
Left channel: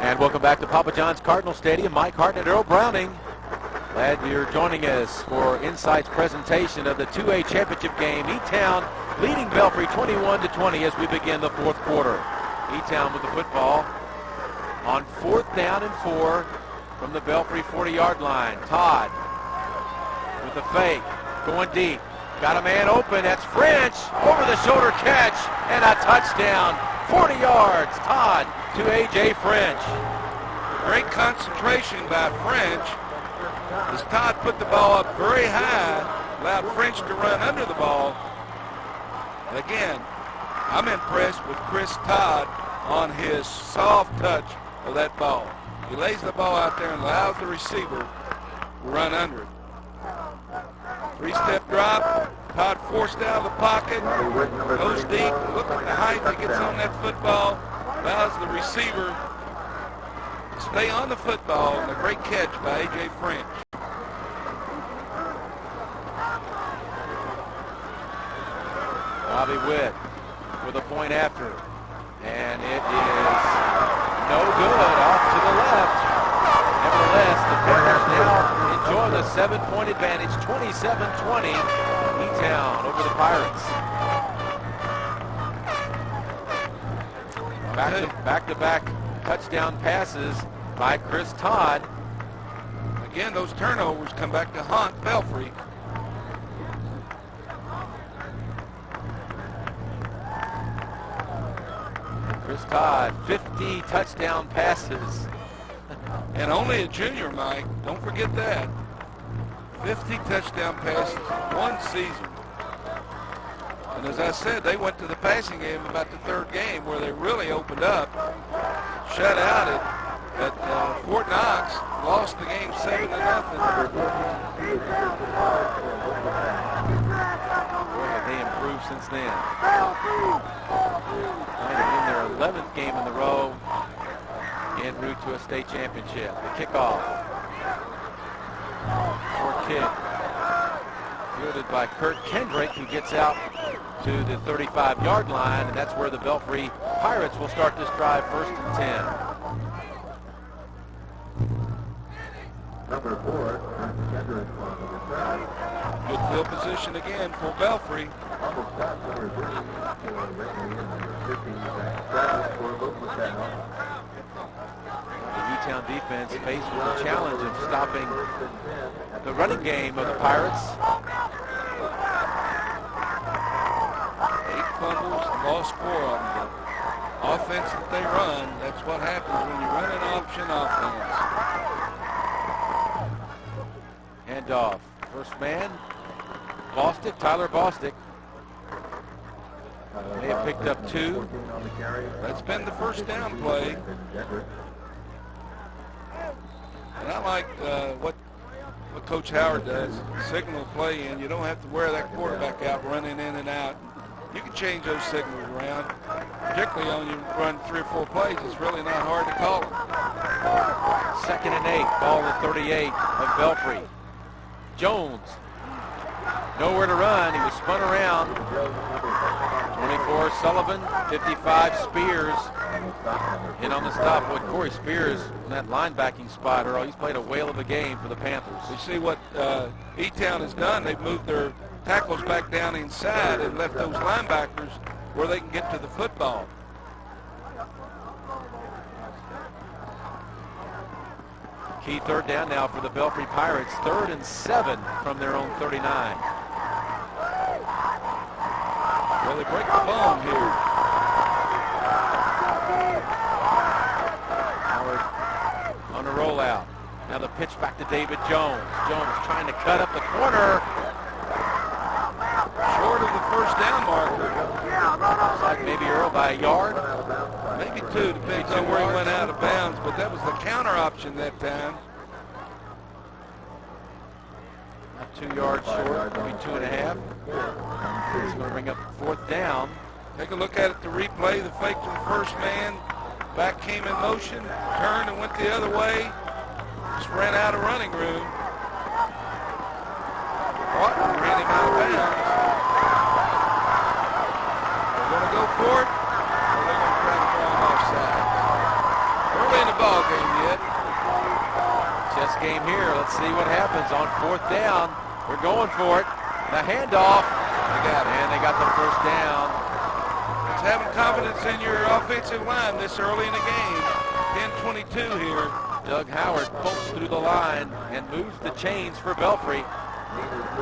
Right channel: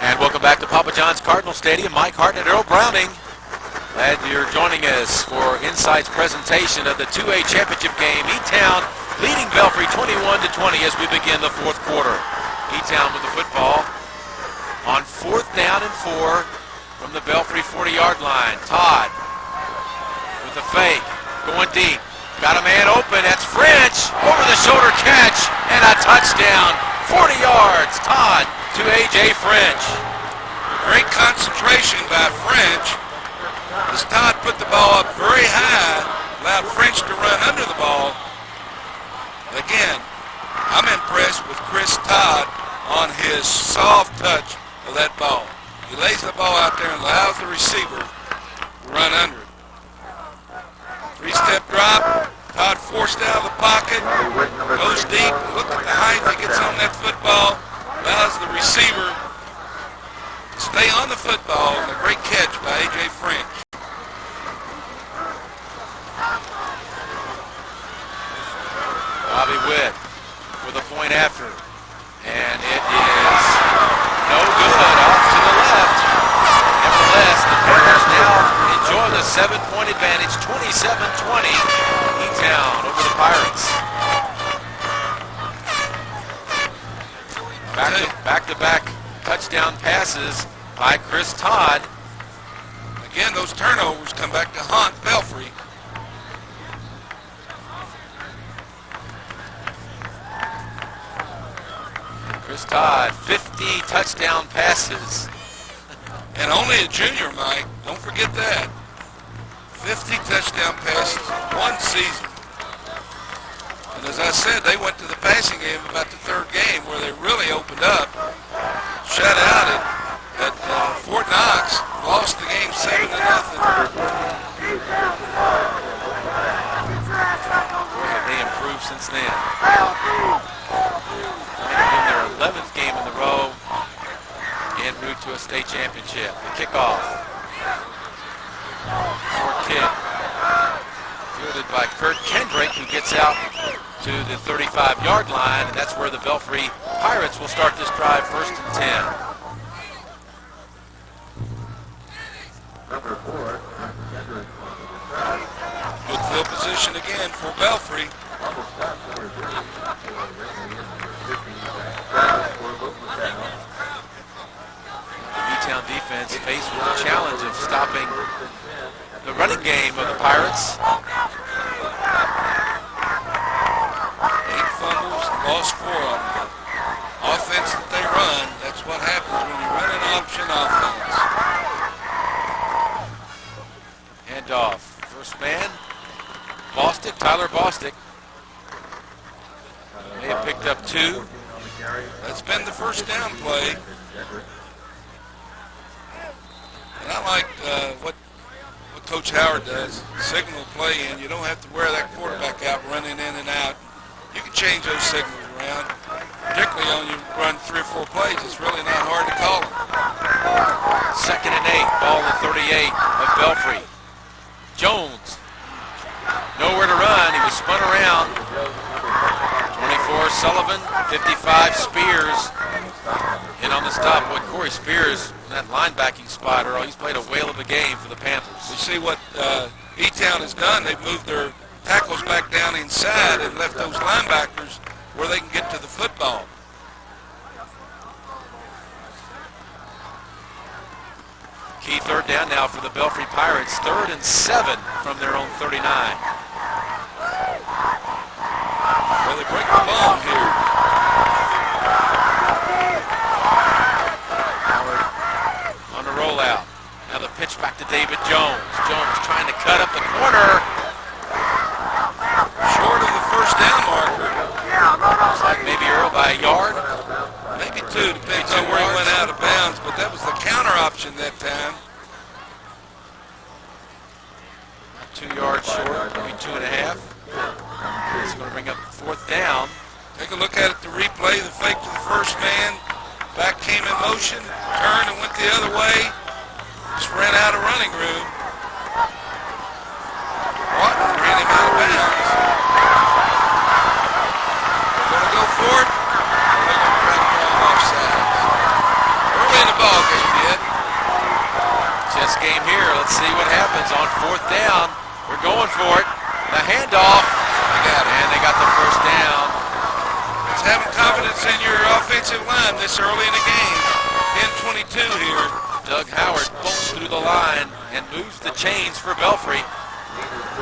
And welcome back to Papa John's Cardinal Stadium. Mike Hartnett, Earl Browning. Glad you're joining us for Insight's presentation of the 2A championship game. E-Town leading Belfry 21-20 as we begin the fourth quarter. E-Town with the football on fourth down and 4 from the Belfry 40-yard line. Todd with a fake, going deep. Got a man open. That's French. Over-the-shoulder catch and a touchdown. 40 yards. Todd to A.J. French. great concentration by French as Todd put the ball up very high, allowed French to run under the ball. Again, I'm impressed with Chris Todd on his soft touch of that ball. He lays the ball out there and allows the receiver to run under it. Three-step drop. Todd forced out of the pocket, goes deep. Look at the height he gets on that football. Allows the receiver to stay on the football. And a great catch by A.J. French. Bobby Witt with a point after. And it is no good, off to the left. Nevertheless, the Panthers now enjoy the 7-point advantage, 27-20. E-Town over the Pirates. Back-to-back touchdown passes by Chris Todd. Again, those turnovers come back to haunt Belfry. Chris Todd, 50 touchdown passes. And only a junior, Mike. Don't forget that. 50 touchdown passes, one season. And as I said, they went to the passing game about the third game where they really opened up. Shut out at Fort Knox. Lost the game 7-0. Boy, have they improved since then. Playing in their 11th game in the row, en route to a state championship. The kickoff. Short kick. Fielded by Kurt Kendrick, who gets out to the 35-yard line, and that's where the Belfry Pirates will start this drive, 1st and 10. Number 4, Good field position again for Belfry. on the stop, number 3, number 15, Travis for Elizabethtown. The U-Town defense faced with the challenge of stopping the running game of the Pirates. 8 fumbles, lost 4 of them. The offense that they run, that's what happens when you run an option offense. Handoff. First man, Bostic, Tyler Bostic. May have picked up 2. That's been the first down play. And I like what Coach Howard does, signal play in. You don't have to wear that quarterback out running in and out. You can change those signals around, particularly on you run 3 or 4 plays. It's really not hard to call them. 2nd and 8, ball at 38 of Belfry. Jones, nowhere to run. He was spun around. 24 Sullivan, 55 Spears. In on the stop with Corey Spears in that linebacking spot, Earl. He's played a whale of a game for the Panthers. We see what E-Town has done. They've moved their tackles back down inside and left those linebackers where they can get to the football. Key 3rd down now for the Belfry Pirates. 3rd and 7 from their own 39. Well, they break the bomb here. Howard on the rollout. Now the pitch back to David Jones. Jones trying to cut up the corner. Short of the first down marker. Looks like maybe Earl by a yard. Maybe 2, depends on where he went out of bounds, but that was the counter option that time. Not 2 yards short, maybe 2.5. It's going to bring up 4th down. Take a look at it, the replay, the fake to the first man. Back came in motion, turned and went the other way. Just ran out of running room. Broughton ran him out of bounds. They're going to go for it, or they're going to try to throw him offside. Early in the ball game yet. Chess game here. Let's see what happens on 4th down. We're going for it. The handoff. They got it. And they got the 1st down. It's having confidence in your offensive line this early in the game. 10-22 here. Doug Howard pulls through the line and moves the chains for Belfry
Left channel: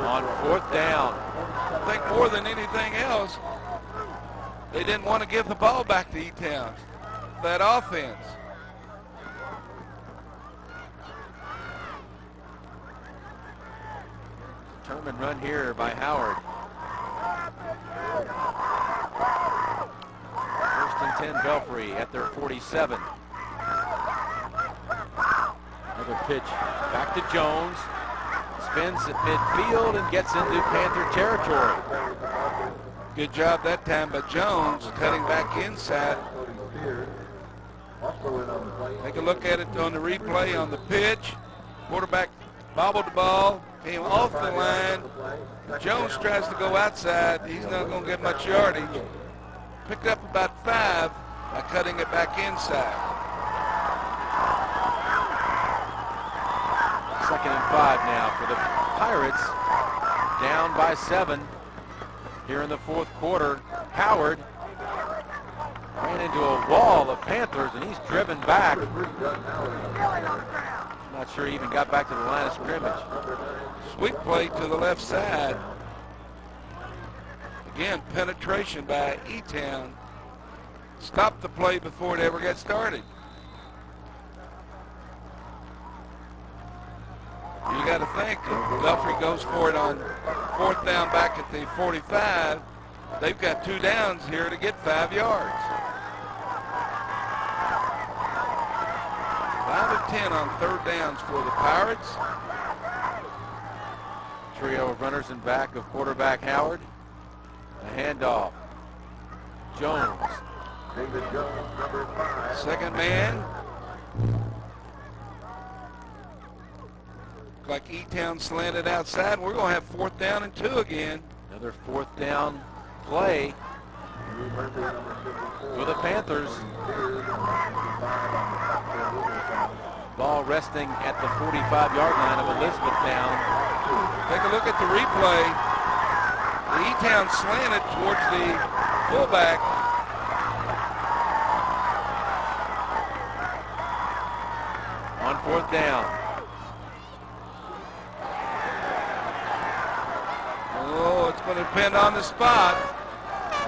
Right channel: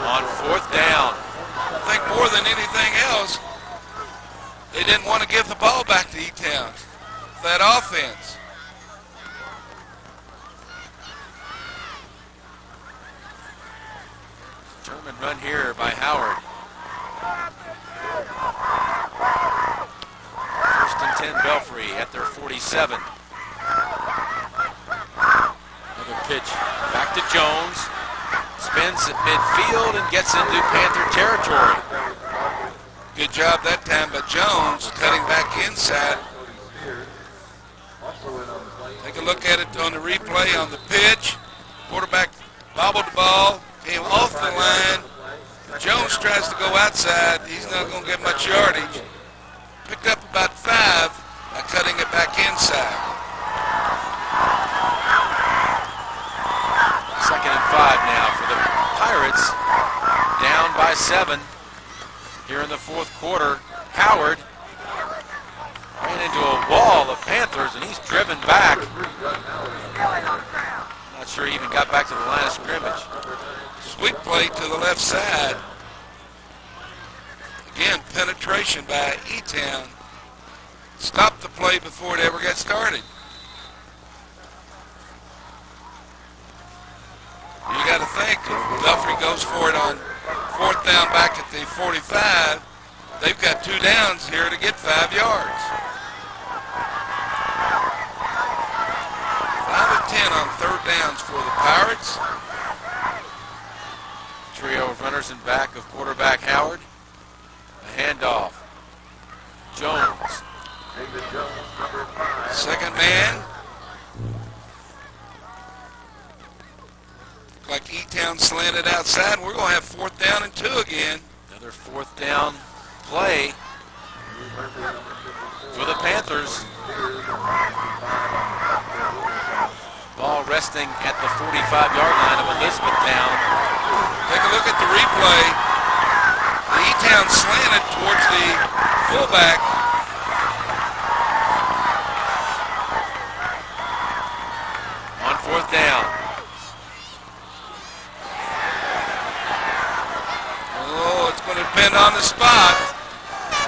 on 4th down. I think more than anything else, they didn't want to give the ball back to E-Town. That offense. Determined run here by Howard. 1st and 10 Belfry at their 47. Another pitch back to Jones. Spins at midfield and gets into Panther territory. Good job that time by Jones, cutting back inside. Take a look at it on the replay on the pitch. Quarterback bobbled the ball, came off the line. Jones tries to go outside. He's not going to get much yardage. Picked up about 5 by cutting it back inside. 2nd and 5 now for the Pirates. Down by 7 here in the 4th quarter. Howard ran into a wall of Panthers, and he's driven back. Not sure he even got back to the line of scrimmage. Sweep play to the left side. Again, penetration by E-Town. Stopped the play before it ever got started. You got to think if Belfry goes for it on 4th down back at the 45, they've got 2 downs here to get 5 yards. 5 of 10 on 3rd downs for the Pirates. Trio of runners in back of quarterback Howard. A handoff. Jones. David Jones, number 5. 2nd man. Like E-Town slanted outside. We're going to have 4th down and 2 again. Another 4th down play for the Panthers. Ball resting at the 45-yard line of Elizabethtown. Take a look at the replay. The E-Town slanted towards the fullback. On fourth down. Oh, it's going to depend on the spot.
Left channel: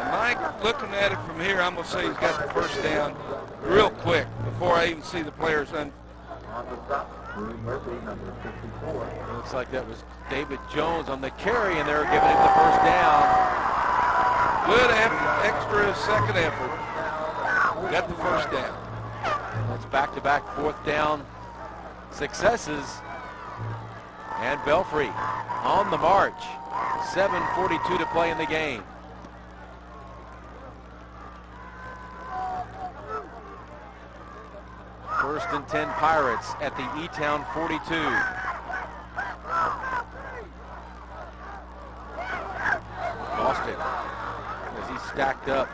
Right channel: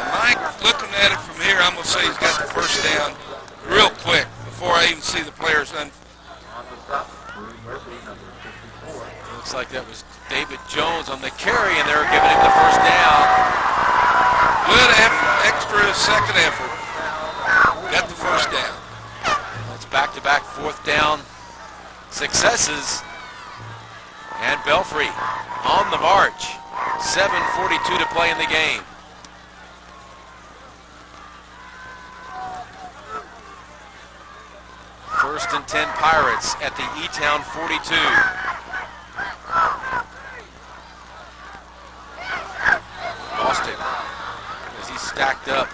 And Mike, looking at it from here, I'm going to say he's got the first down real quick before I even see the players. Looks like that was David Jones on the carry, and they're giving him the first down. Good extra second effort. Got the first down. That's back-to-back fourth down successes. And Belfry on the march. 7:42 to play in the game. First and 10 Pirates at the E-Town 42. Lost it as he's stacked up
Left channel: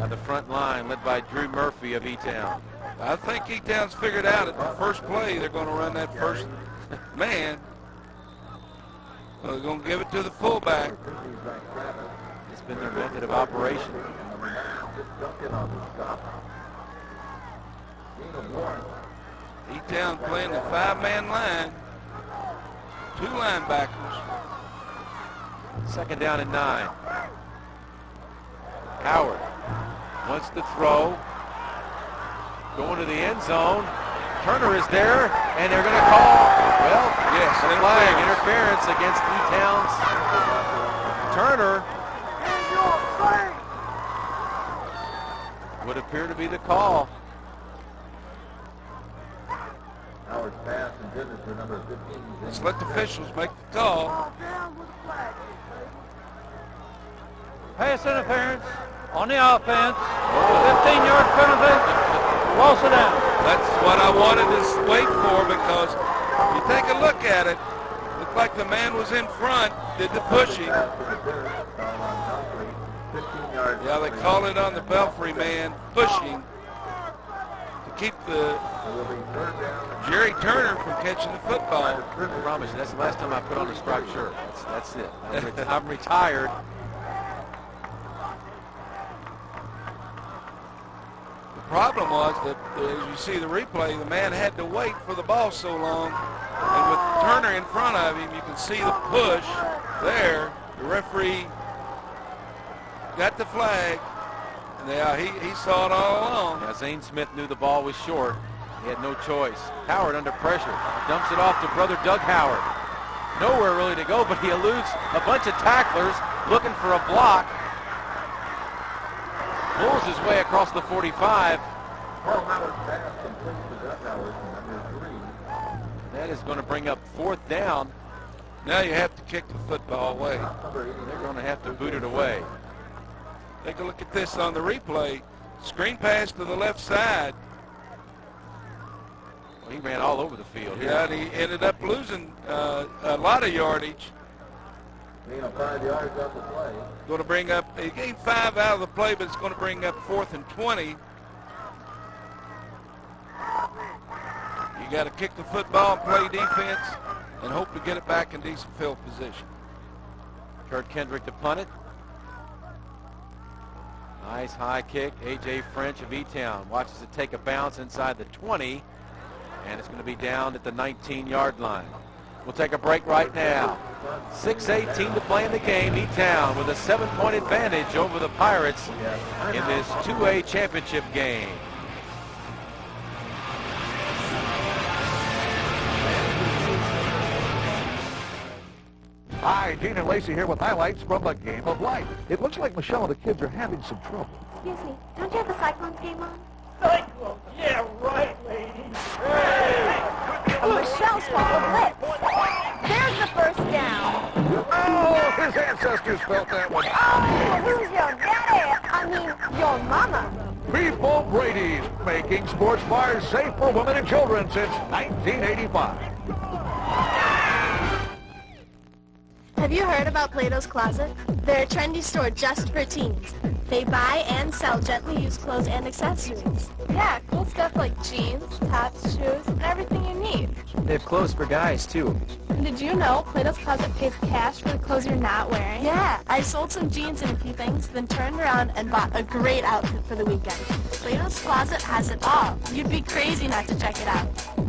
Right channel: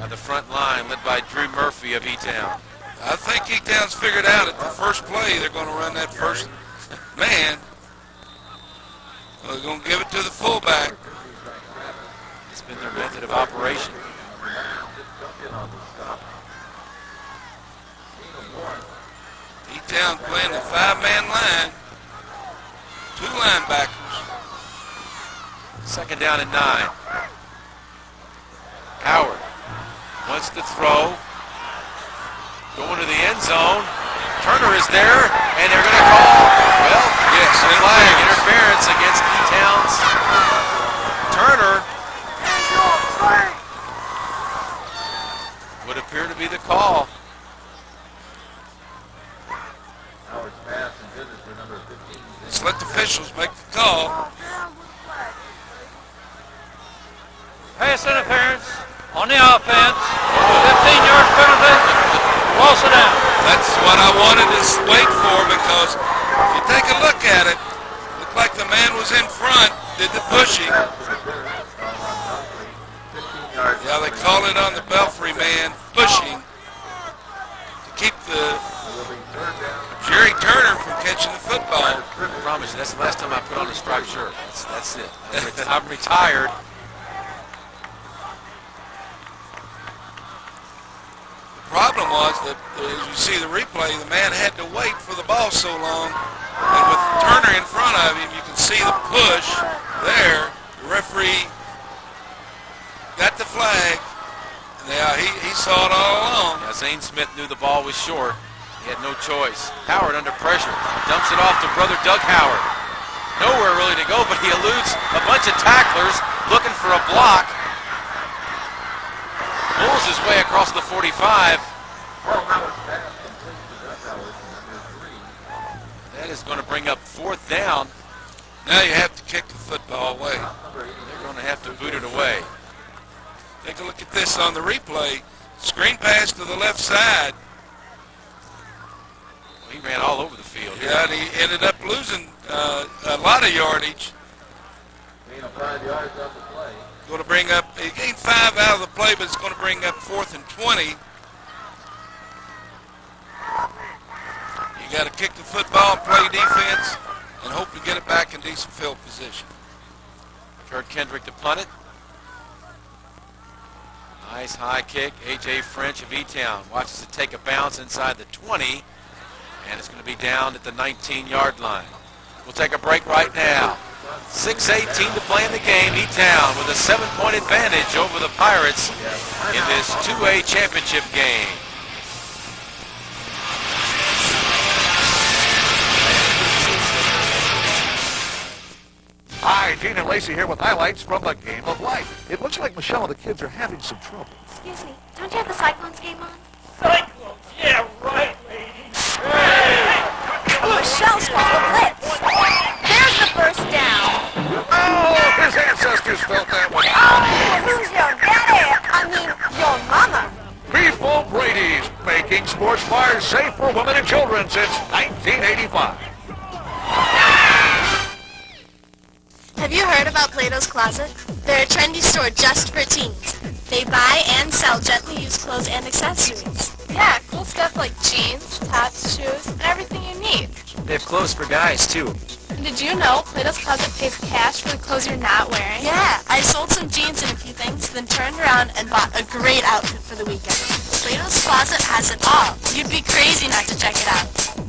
at the front line, led by Drew Murphy of E-Town. I think E-Town's figured out at the first play they're going to run that first man. Well, they're going to give it to the fullback. It's been their method of operation. E-Town playing the five-man line. Two linebackers. Second down and 9. Howard wants to throw. Going to the end zone. Turner is there, and they're going to call, well, yes, a flag, interference against E-Town's Turner. Would appear to be the call. Let's let the officials make the call. Pass interference on the offense. 15-yard penalty. Loss it out. That's what I wanted to wait for, because if you take a look at it, looked like the man was in front, did the pushing. Yeah, they call it on the Belfry man, pushing, to keep the Jerry Turner from catching the football. I promise you, that's the last time I put on a striped shirt. That's it. I'm retired. The problem was that, as you see the replay, the man had to wait for the ball so long, and with Turner in front of him, you can see the push there. The referee got the flag, and he saw it all along. Yeah, Zane Smith knew the ball was short. He had no choice. Howard under pressure. Dumps it off to brother Doug Howard. Nowhere really to go, but he eludes a bunch of tacklers looking for a block. Pulls his way across the 45. That is going to bring up fourth down. Now you have to kick the football away. They're going to have to boot it away. Take a look at this on the replay. Screen pass to the left side. Well, he ran all over the field. Yeah, and he ended up losing a lot of yardage. 5 yards off the play. Going to bring up, he gained 5 out of the play, but it's going to bring up 4th and 20. You got to kick the football and play defense and hope to get it back in decent field position. Kurt Kendrick to punt it. Nice high kick. A.J. French of E-Town watches it take a bounce inside the 20, and it's going to be down at the 19-yard line. We'll take a break right now. 6:18 to play in the game. E-Town with a 7-point advantage over the Pirates in this 2A championship game. Hi, Gene and Lacey here with highlights from the game of life. It looks like Michelle and the kids are having some trouble. Excuse me, don't you have the Cyclones game on? Cyclones? Yeah, right, lady. Michelle's called a blitz. There's the first down. Oh, his ancestors felt that one. Oh, who's your daddy? I mean, your mama. Beefball Brady's, making sports bars safe for women and children since 1985. Have you heard about Plato's Closet? They're a trendy store just for teens. They buy and sell gently used clothes and accessories. Yeah, cool stuff like jeans, tops, shoes, and everything you need. They have clothes for guys, too. And did you know Plato's Closet pays cash for the clothes you're not wearing? Yeah, I sold some jeans and a few things, then turned around and bought a great outfit for the weekend. Plato's Closet has it all. You'd be crazy not to check it out.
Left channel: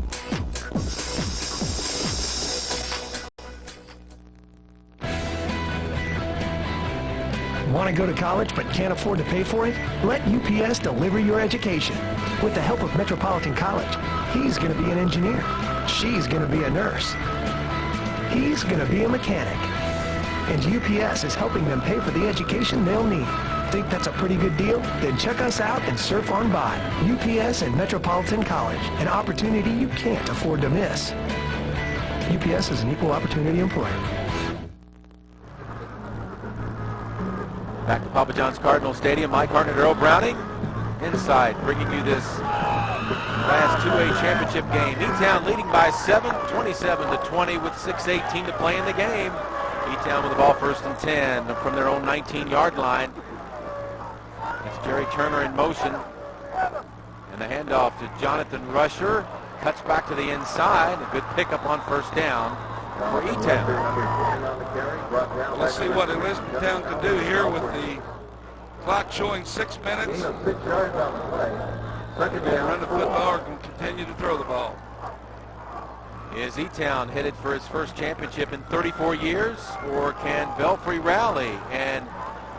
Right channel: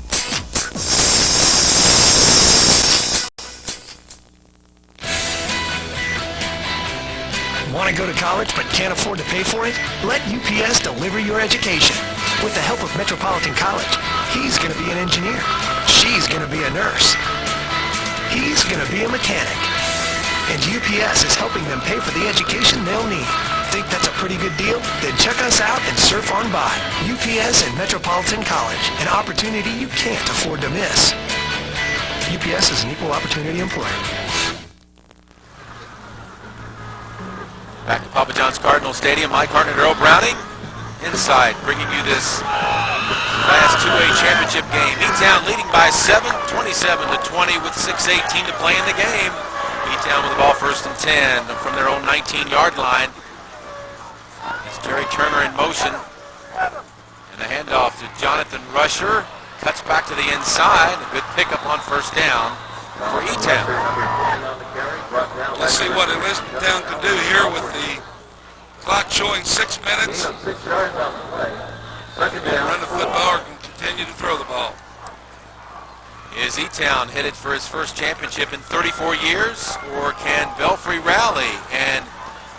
Want to go to college but can't afford to pay for it? Let UPS deliver your education. With the help of Metropolitan College, he's going to be an engineer. She's going to be a nurse. He's going to be a mechanic. And UPS is helping them pay for the education they'll need. Think that's a pretty good deal? Then check us out and surf on by. UPS and Metropolitan College, an opportunity you can't afford to miss. UPS is an equal opportunity employer. Back to Papa John's Cardinal Stadium. Mike Hartnett, Earl Browning inside, bringing you this Class 2A championship game. E-Town leading by 7, 27-20 with 6:18 to play in the game. E-Town with the ball first and 10 from their own 19-yard line. It's Jerry Turner in motion. And the handoff to Jonathan Rusher. Cuts back to the inside. A good pickup on first down for E-Town. Let's see what Elizabethtown can do here with the clock showing 6 minutes. They can run the football or can continue to throw the ball. Is E-Town headed for his first championship in 34 years, or can Belfry rally and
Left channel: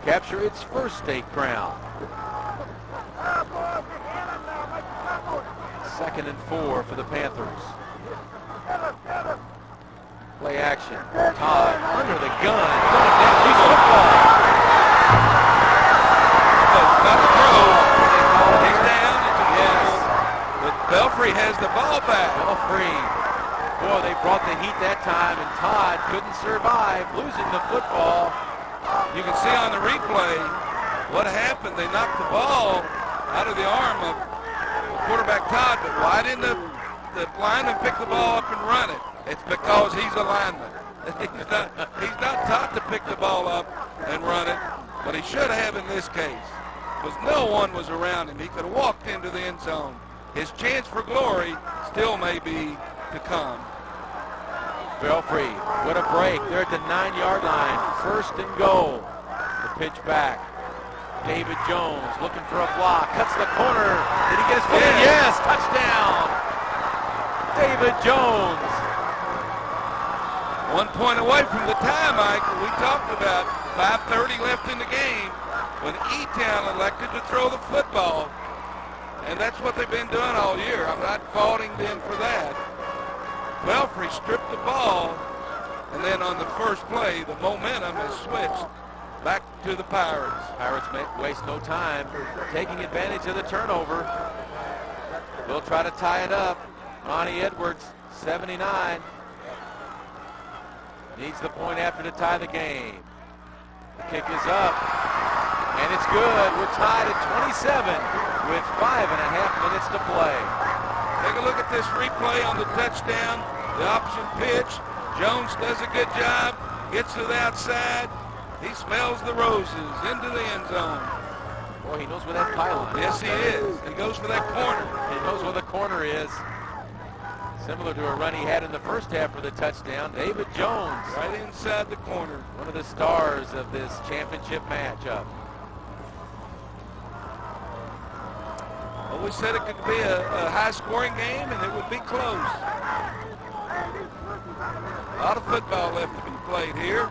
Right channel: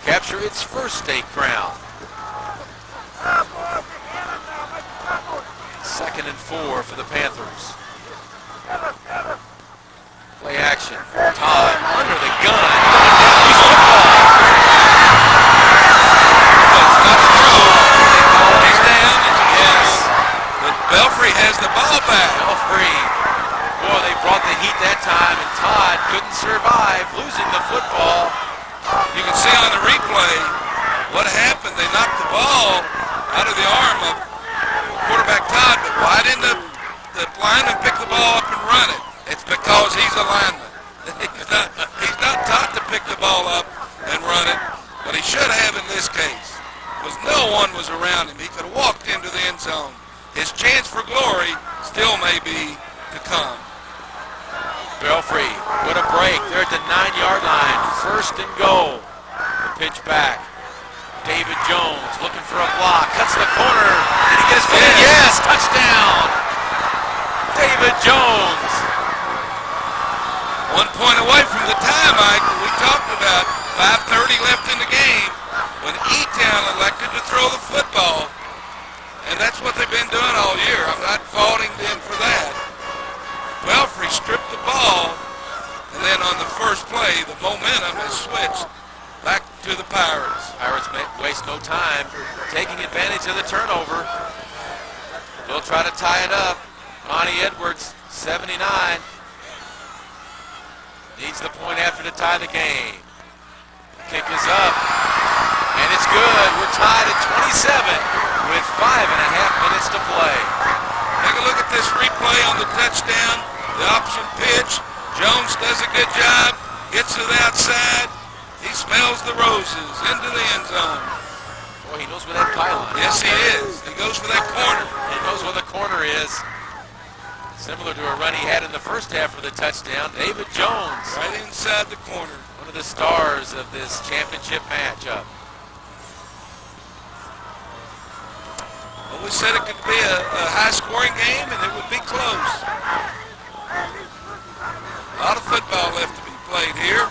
capture its first state crown? 2nd and 4 for the Panthers. Play action. Todd under the gun. Going down. He's football. It's not a throw. He's down. Yes. But Belfry has the ball back. Belfry. Boy, they brought the heat that time, and Todd couldn't survive, losing the football. You can see on the replay what happened. They knocked the ball out of the arm of quarterback Todd, but why didn't the lineman pick the ball up and run it? It's because he's a lineman. He's not taught to pick the ball up and run it, but he should have in this case, because no one was around him. He could have walked into the end zone. His chance for glory still may be to come. Belfry, what a break. They're at the 9-yard line. 1st and goal. The pitch back. David Jones looking for a block. Cuts the corner. Did he get his foot in? Yes, touchdown. David Jones. 1 point away from the tie, Mike, that we talked about. 5:30 left in the game when E-Town elected to throw the football. And that's what they've been doing all year. I'm not faulting them for that. Belfry stripped the ball, and then on the first play, the momentum has switched back to the Pirates. Pirates waste no time taking advantage of the turnover. They'll try to tie it up. Ronnie Edwards, 79. Needs the point after to tie the game. The kick is up, and it's good. We're tied at 27 with 5.5 minutes to play. Take a look at this replay on the touchdown, the option pitch. Jones does a good job, gets to the outside. He smells the roses into the end zone. Boy, he knows where that pylon is. Yes, he is. He goes for that corner. He knows where the corner is. Similar to a run he had in the first half for the touchdown. David Jones. Right inside the corner. One of the stars of this championship matchup. Well, we said it could be a high-scoring game, and it would be close. A lot of football left to be played here.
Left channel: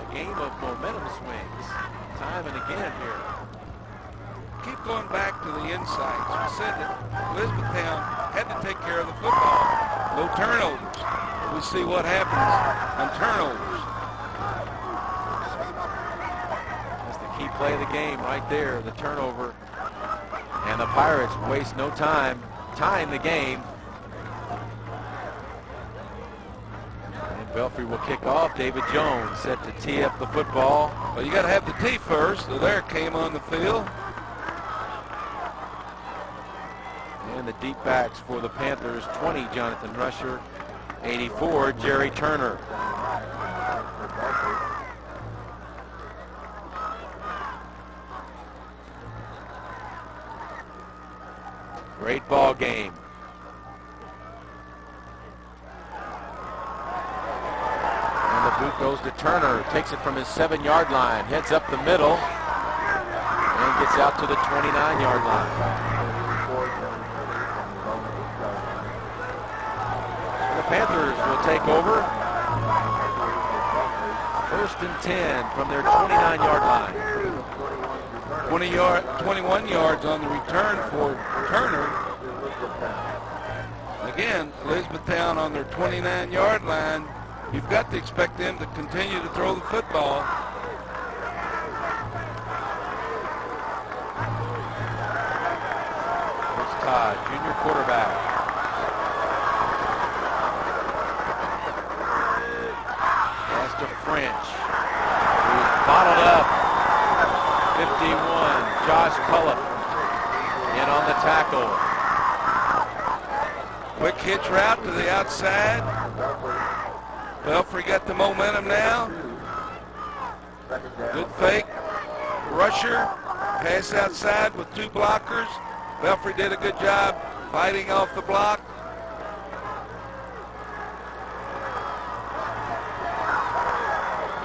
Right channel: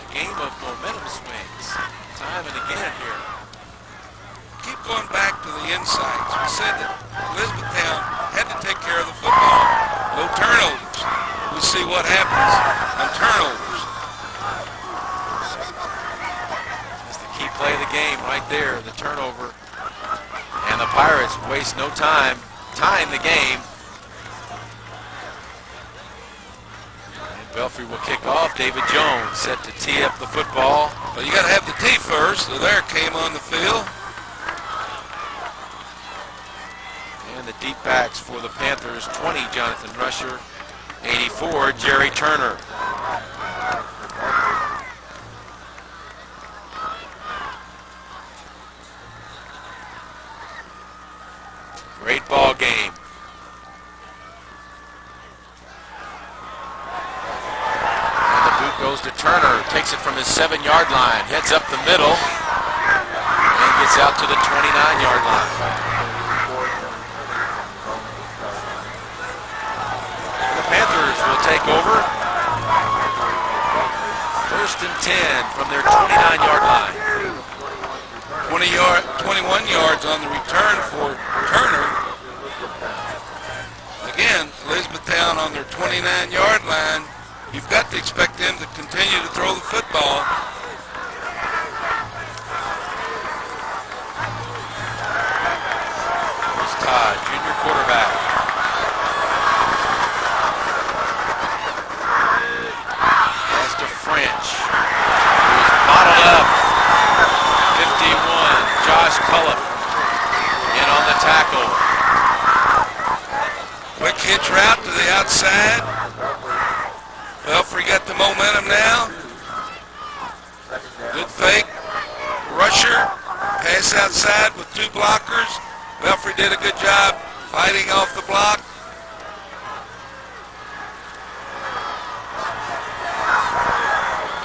A game of momentum swings. Time and again here. Keep going back to the insights. We said that Elizabethtown had to take care of the football. No turnovers. We'll see what happens on turnovers. That's the key play of the game right there, the turnover. And the Pirates waste no time tying the game. And Belfry will kick off. David Jones set to tee up the football. Well, you got to have the tee first, so there it came on the field. And And the deep backs for the Panthers, 20, Jonathan Rusher, 84, Jerry Turner. Great ball game. And the boot goes to Turner, takes it from his 7-yard line, heads up the middle, and gets out to the 29-yard line. Panthers will take over. 1st and 10 from their 29-yard line. 21 yards on the return for Turner. Again, Elizabethtown on their 29-yard line. You've got to expect them to continue to throw the football. Here's Todd, junior quarterback. French, who's bottled up. 51, Josh Cullip in on the tackle. Quick hitch route to the outside. Belfry got the momentum now. Good fake. Rusher, pass outside with 2 blockers. Belfry did a good job fighting off the block.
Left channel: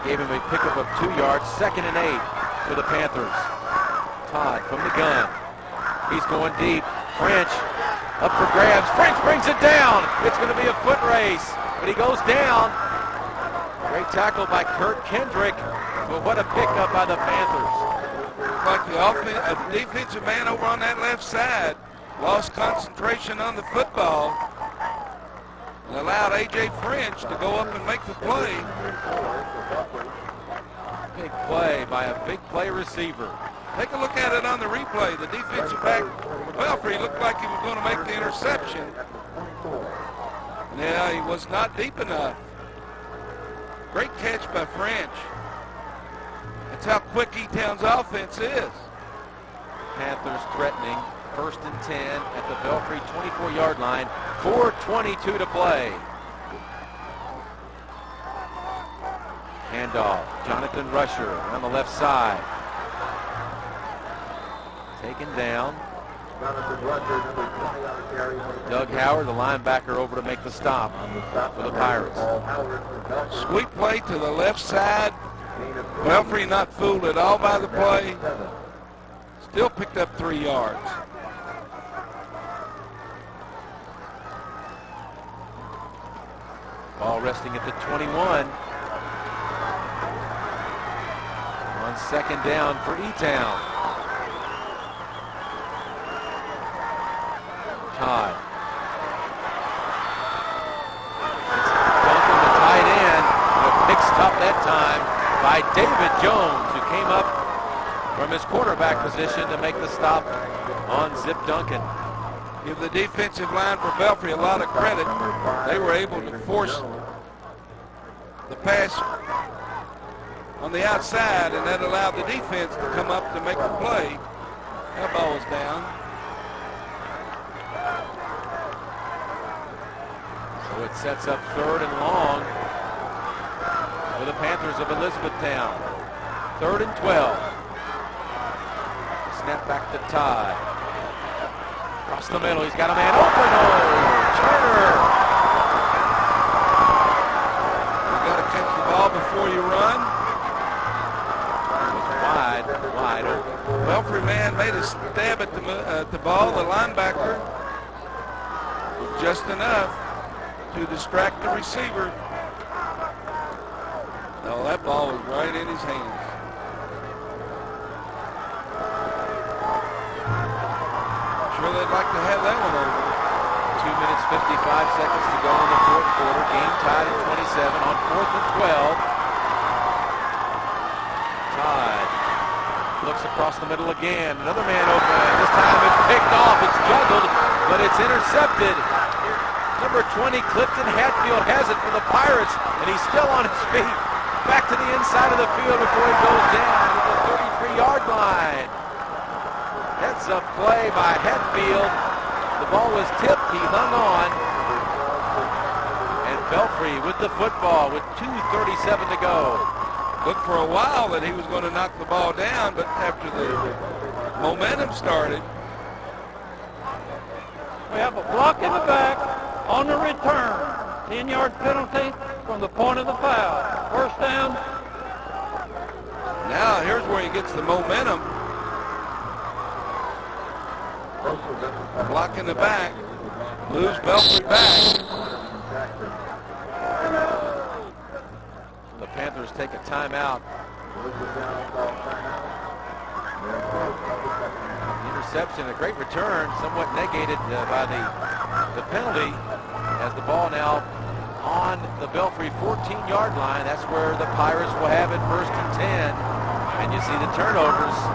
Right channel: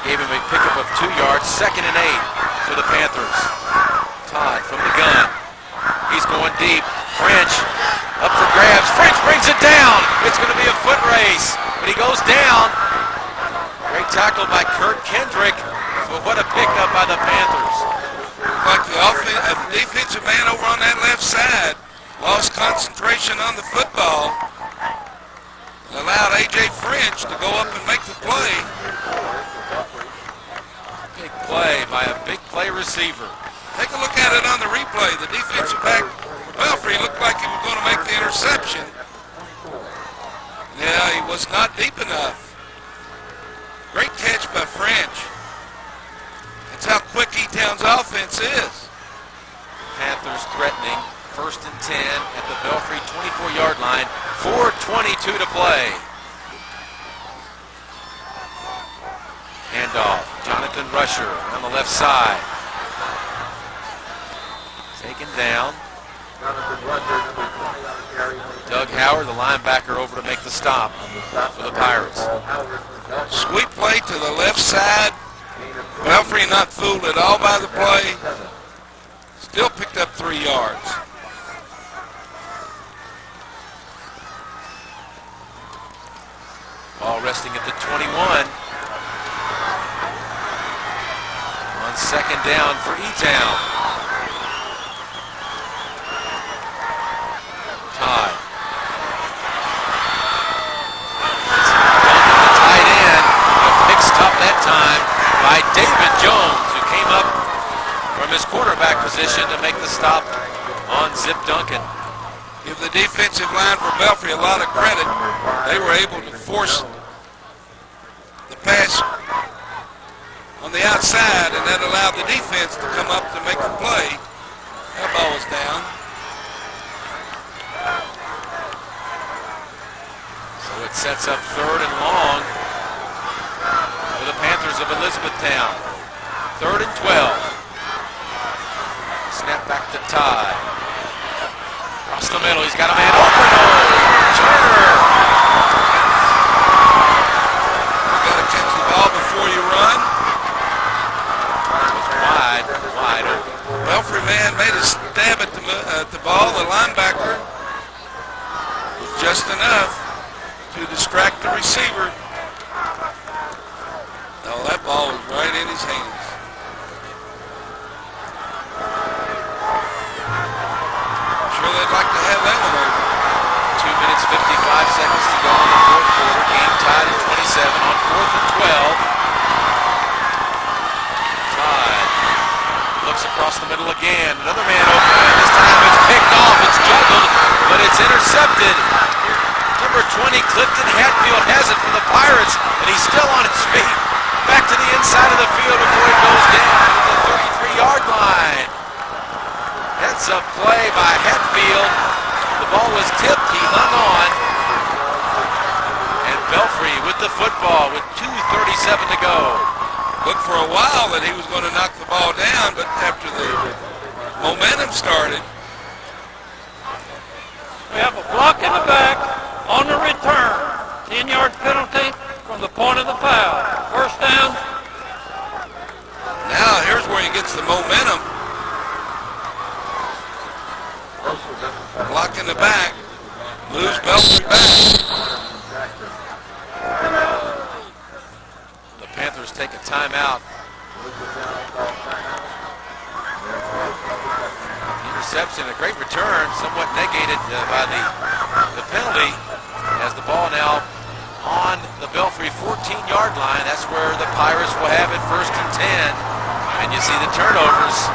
Gave him a pickup of 2 yards, 2nd and 8 for the Panthers. Todd from the gun. He's going deep. French up for grabs. French brings it down. It's going to be a foot race, but he goes down. Great tackle by Kurt Kendrick, but what a pickup by the Panthers. Like the defensive man over on that left side lost concentration on the football and allowed A.J. French to go up and make the play. Big play by a big play receiver. Take a look at it on the replay. The defensive back for Belfry looked like he was going to make the interception. Yeah, he was not deep enough. Great catch by French. That's how quick E-Town's offense is. Panthers threatening. 1st and 10 at the Belfry 24-yard line. 4:22 to play. Handoff. Jonathan Rusher on the left side. Taken down. Doug Howard, the linebacker, over to make the stop for the Pirates. Sweep play to the left side. Belfry not fooled at all by the play. Still picked up 3 yards. Ball resting at the 21. On 2nd down for E-Town. Todd. It's Duncan, the tight end. A pick stop that time by David Jones, who came up from his quarterback position to make the stop on Zip Duncan. Give the defensive line for Belfry a lot of credit. They were able to force the pass on the outside, and that allowed the defense to come up to make the play. That ball was down. So it sets up 3rd and long for the Panthers of Elizabethtown. 3rd and 12. Snap back to Todd. Across the middle, he's got a man open. Oh, Turner. You got to catch the ball before you run. It was wide open. Belfry man made a stab at the ball. The linebacker was just enough to distract the receiver. No, that ball was right in his hands. Sure they'd like to have that one over. 2 minutes, 55 seconds to go in the 4th quarter. Game tied at 27 on 4th and 12. Todd looks across the middle again. Another man open. This time it's picked off. It's juggled, but it's intercepted. Number 20, Clifton Hatfield, has it for the Pirates, and he's still on his feet. Back to the inside of the field before it goes down at the 33-yard line. Heads up play by Hatfield. The ball was tipped. He hung on. And Belfry with the football with 2:37 to go. Looked for a while that he was going to knock the ball down, but after the momentum started. We have a block in the back on the return. 10-yard penalty from the point of the foul. First down. Now here's where he gets the momentum. Block in the back. Moves Belfry back. The Panthers take a timeout. Interception, a great return, somewhat negated by the penalty, as the ball now on the Belfry 14-yard line. That's where the Pirates will have it, 1st and 10. And you see the turnovers.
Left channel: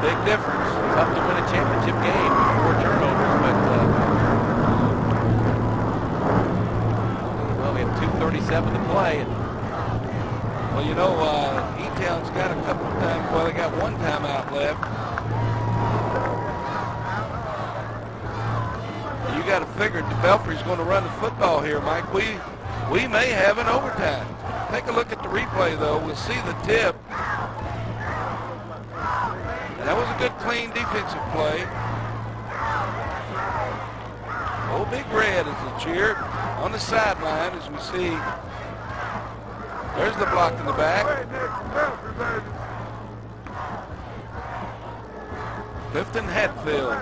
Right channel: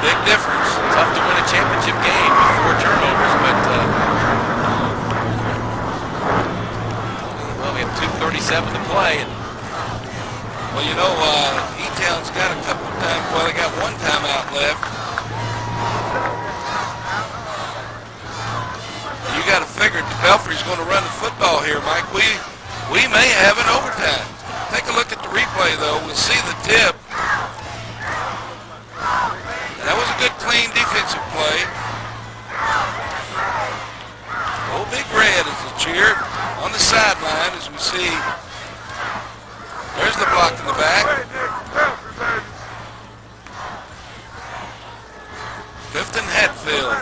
Big difference. Tough to win a championship game with 4 turnovers, but well, we have 2:37 to play. And well, you know, E-Town's got a couple of times. Well, they got one timeout left. You got to figure Belfry's going to run the football here, Mike. We may have an overtime. Take a look at the replay, though. We'll see the tip. And that was a good, clean defensive play. Old Big Red is a cheer on the sideline as we see. There's the block in the back. Clifton Hatfield.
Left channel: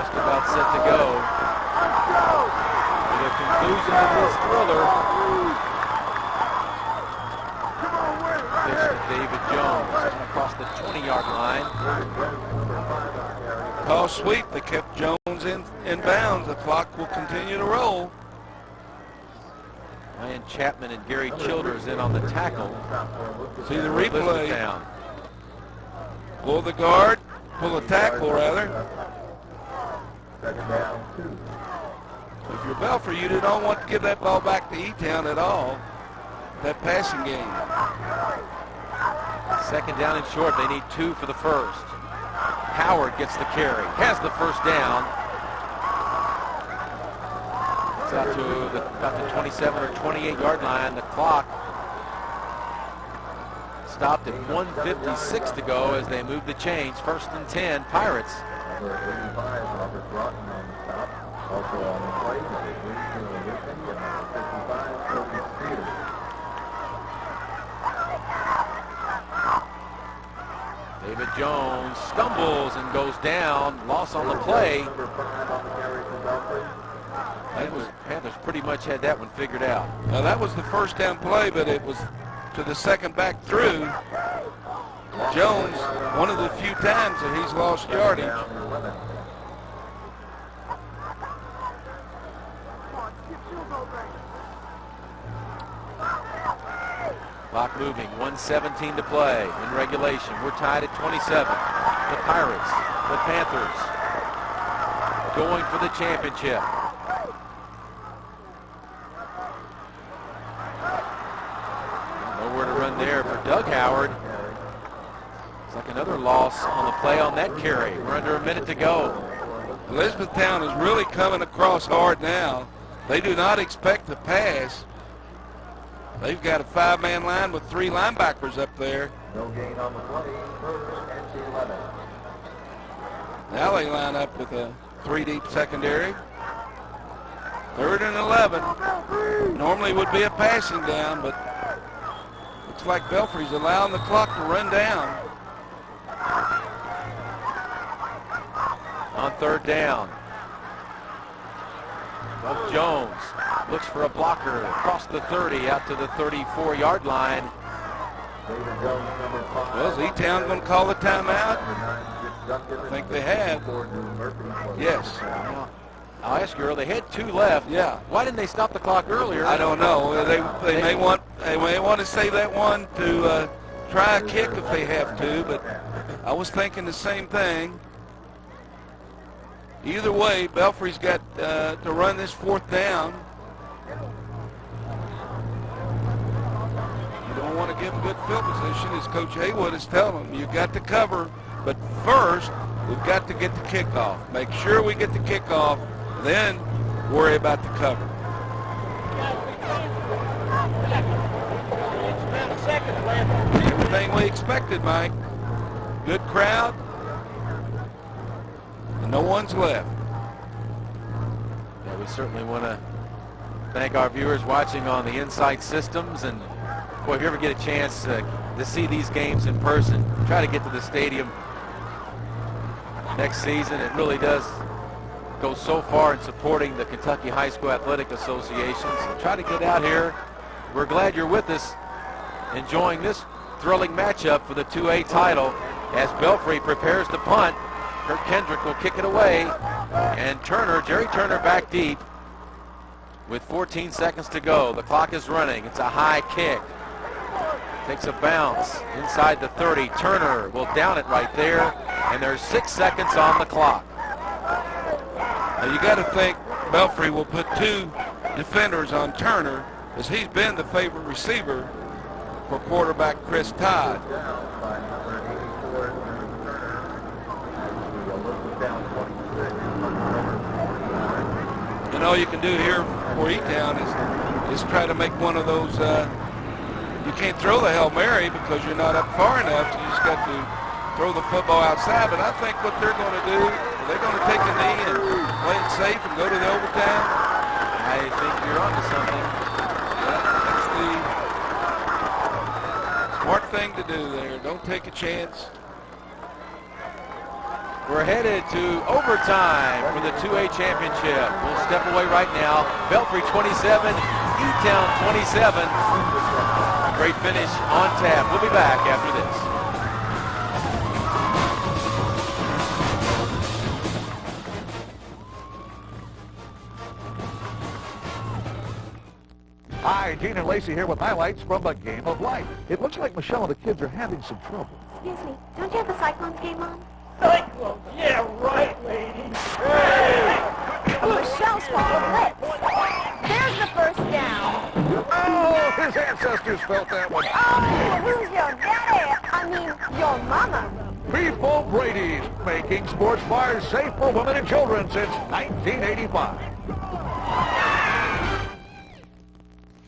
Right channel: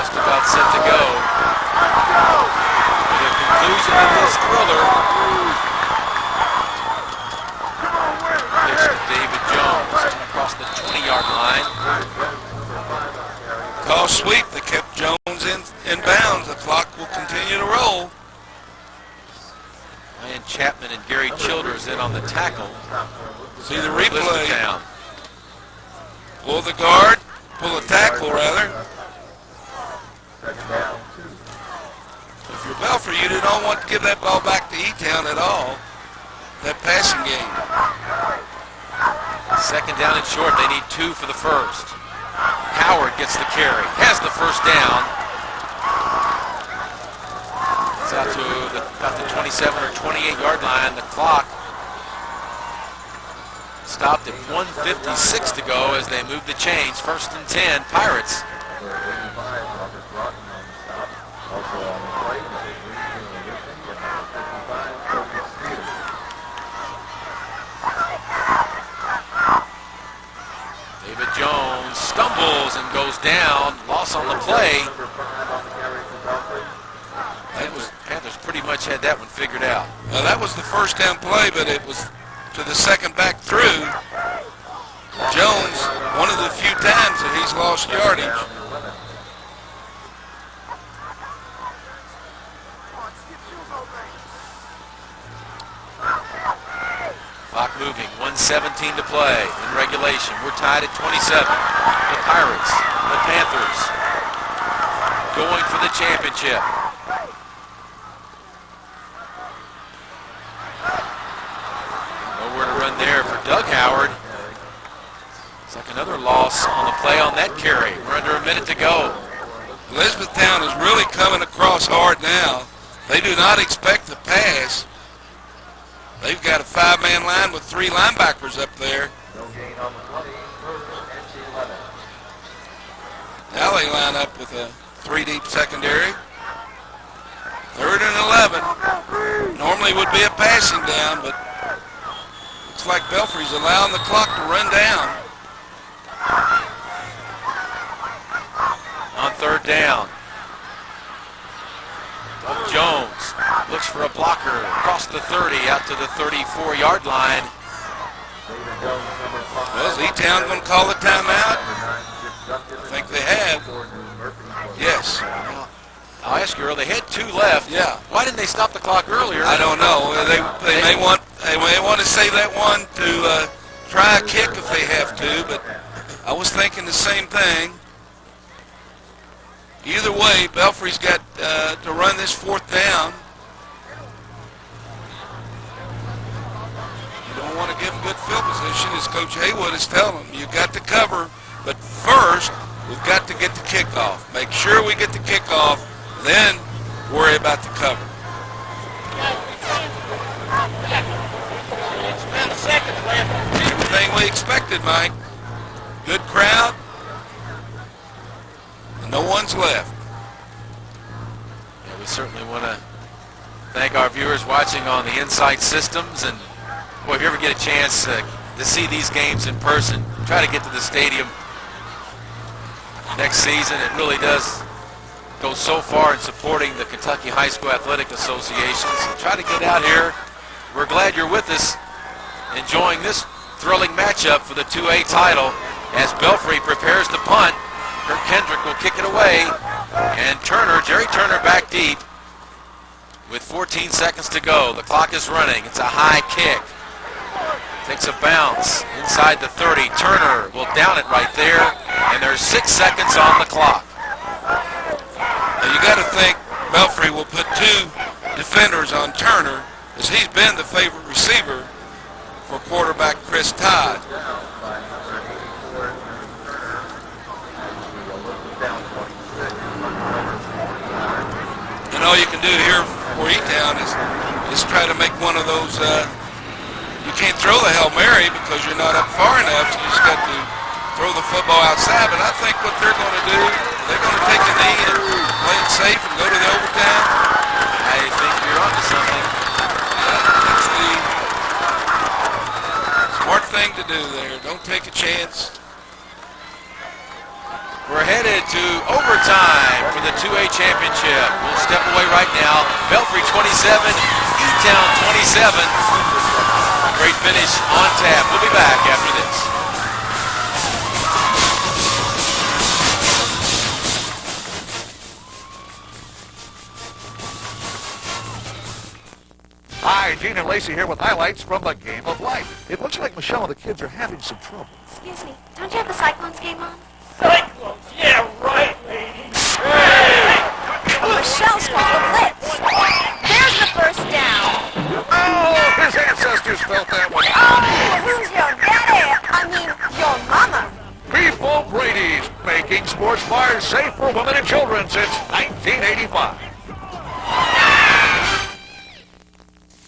just about set to go. To the conclusion of this thriller. Pitch to David Jones across the 20-yard line. Call sweep that kept Jones in bounds. The clock will continue to roll. Ryan Chapman and Gary Childers in on the tackle. See the replay. Elizabethtown. Pull the guard. Pull the tackle, rather. If you're Belfry, you do not want to give that ball back to E-Town at all. That passing game. Second down and short. They need 2 for the first. Howard gets the carry. Has the first down. It's out to about the 27 or 28-yard line. The clock stopped at 1:56 to go as they move the chains. 1st and 10, Pirates. David Jones stumbles and goes down. Loss on the play. Panthers pretty much had that one figured out. Well, that was the first down play, but it was to the second back through. Jones, one of the few times that he's lost yardage. Clock moving, 1:17 to play in regulation. We're tied at 27. The Pirates, the Panthers, going for the championship. Nowhere to run there for Doug Howard. It's like another loss on the play on that carry. We're under a minute to go. Elizabethtown is really coming across hard now. They do not expect the pass. They've got a 5-man line with 3 linebackers up there. No gain on the 20, 3rd and 11. Now they line up with a 3-deep secondary. 3rd and 11. Normally would be a passing down, but looks like Belfry's allowing the clock to run down. On 3rd down, Doug Jones looks for a blocker across the 30 out to the 34-yard line. Well, is E-Town going to call the timeout? I think they have. Yes. I'll ask you, they had 2 left. Yeah. Why didn't they stop the clock earlier? I don't know. They may want to save that one to try a kick if they have to, but I was thinking the same thing. Either way, Belfry's got to run this fourth down. You don't want to give them good field position, as Coach Haywood is telling them. You've got to cover, but first we've got to get the kickoff. Make sure we get the kickoff, then worry about the cover. Everything we expected, Mike. Good crowd. And no one's left. Yeah, we certainly want to thank our viewers watching on the Insight Systems. And, boy, if you ever get a chance to see these games in person, try to get to the stadium next season. It really does go so far in supporting the Kentucky High School Athletic Association. So try to get out here. We're glad you're with us, enjoying this thrilling matchup for the 2A title as Belfry prepares to punt. Kirk Kendrick will kick it away, and Jerry Turner back deep with 14 seconds to go. The clock is running. It's a high kick. Takes a bounce inside the 30. Turner will down it right there, and there's 6 seconds on the clock. Now you got to think Belfry will put 2 defenders on Turner, as he's been the favorite receiver for quarterback Chris Todd. And all you can do here for E-Town is try to make one of those, you can't throw the Hail Mary because you're not up far enough, so you just got to throw the football outside. But I think what they're going to do, they're going to take a knee and play it safe and go to the overtime. I think you're onto something. That's the smart thing to do there. Don't take a chance. We're headed to overtime for the 2A championship. We'll step away right now. Belfry 27, E-Town 27. Great finish on tap. We'll be back after this. Hi, Gene and Lacey here with highlights from the game of life. It looks like Michelle and the kids are having some trouble. Excuse me, don't you have the Cyclones game on? Cyclones? Yeah, right, lady. Hey! Michelle's called a blitz. There's the first down. Oh, his ancestors felt that one. Oh, who's your daddy? I mean, your mama. Beef O'Brady's, making sports bars safe for women and children since 1985.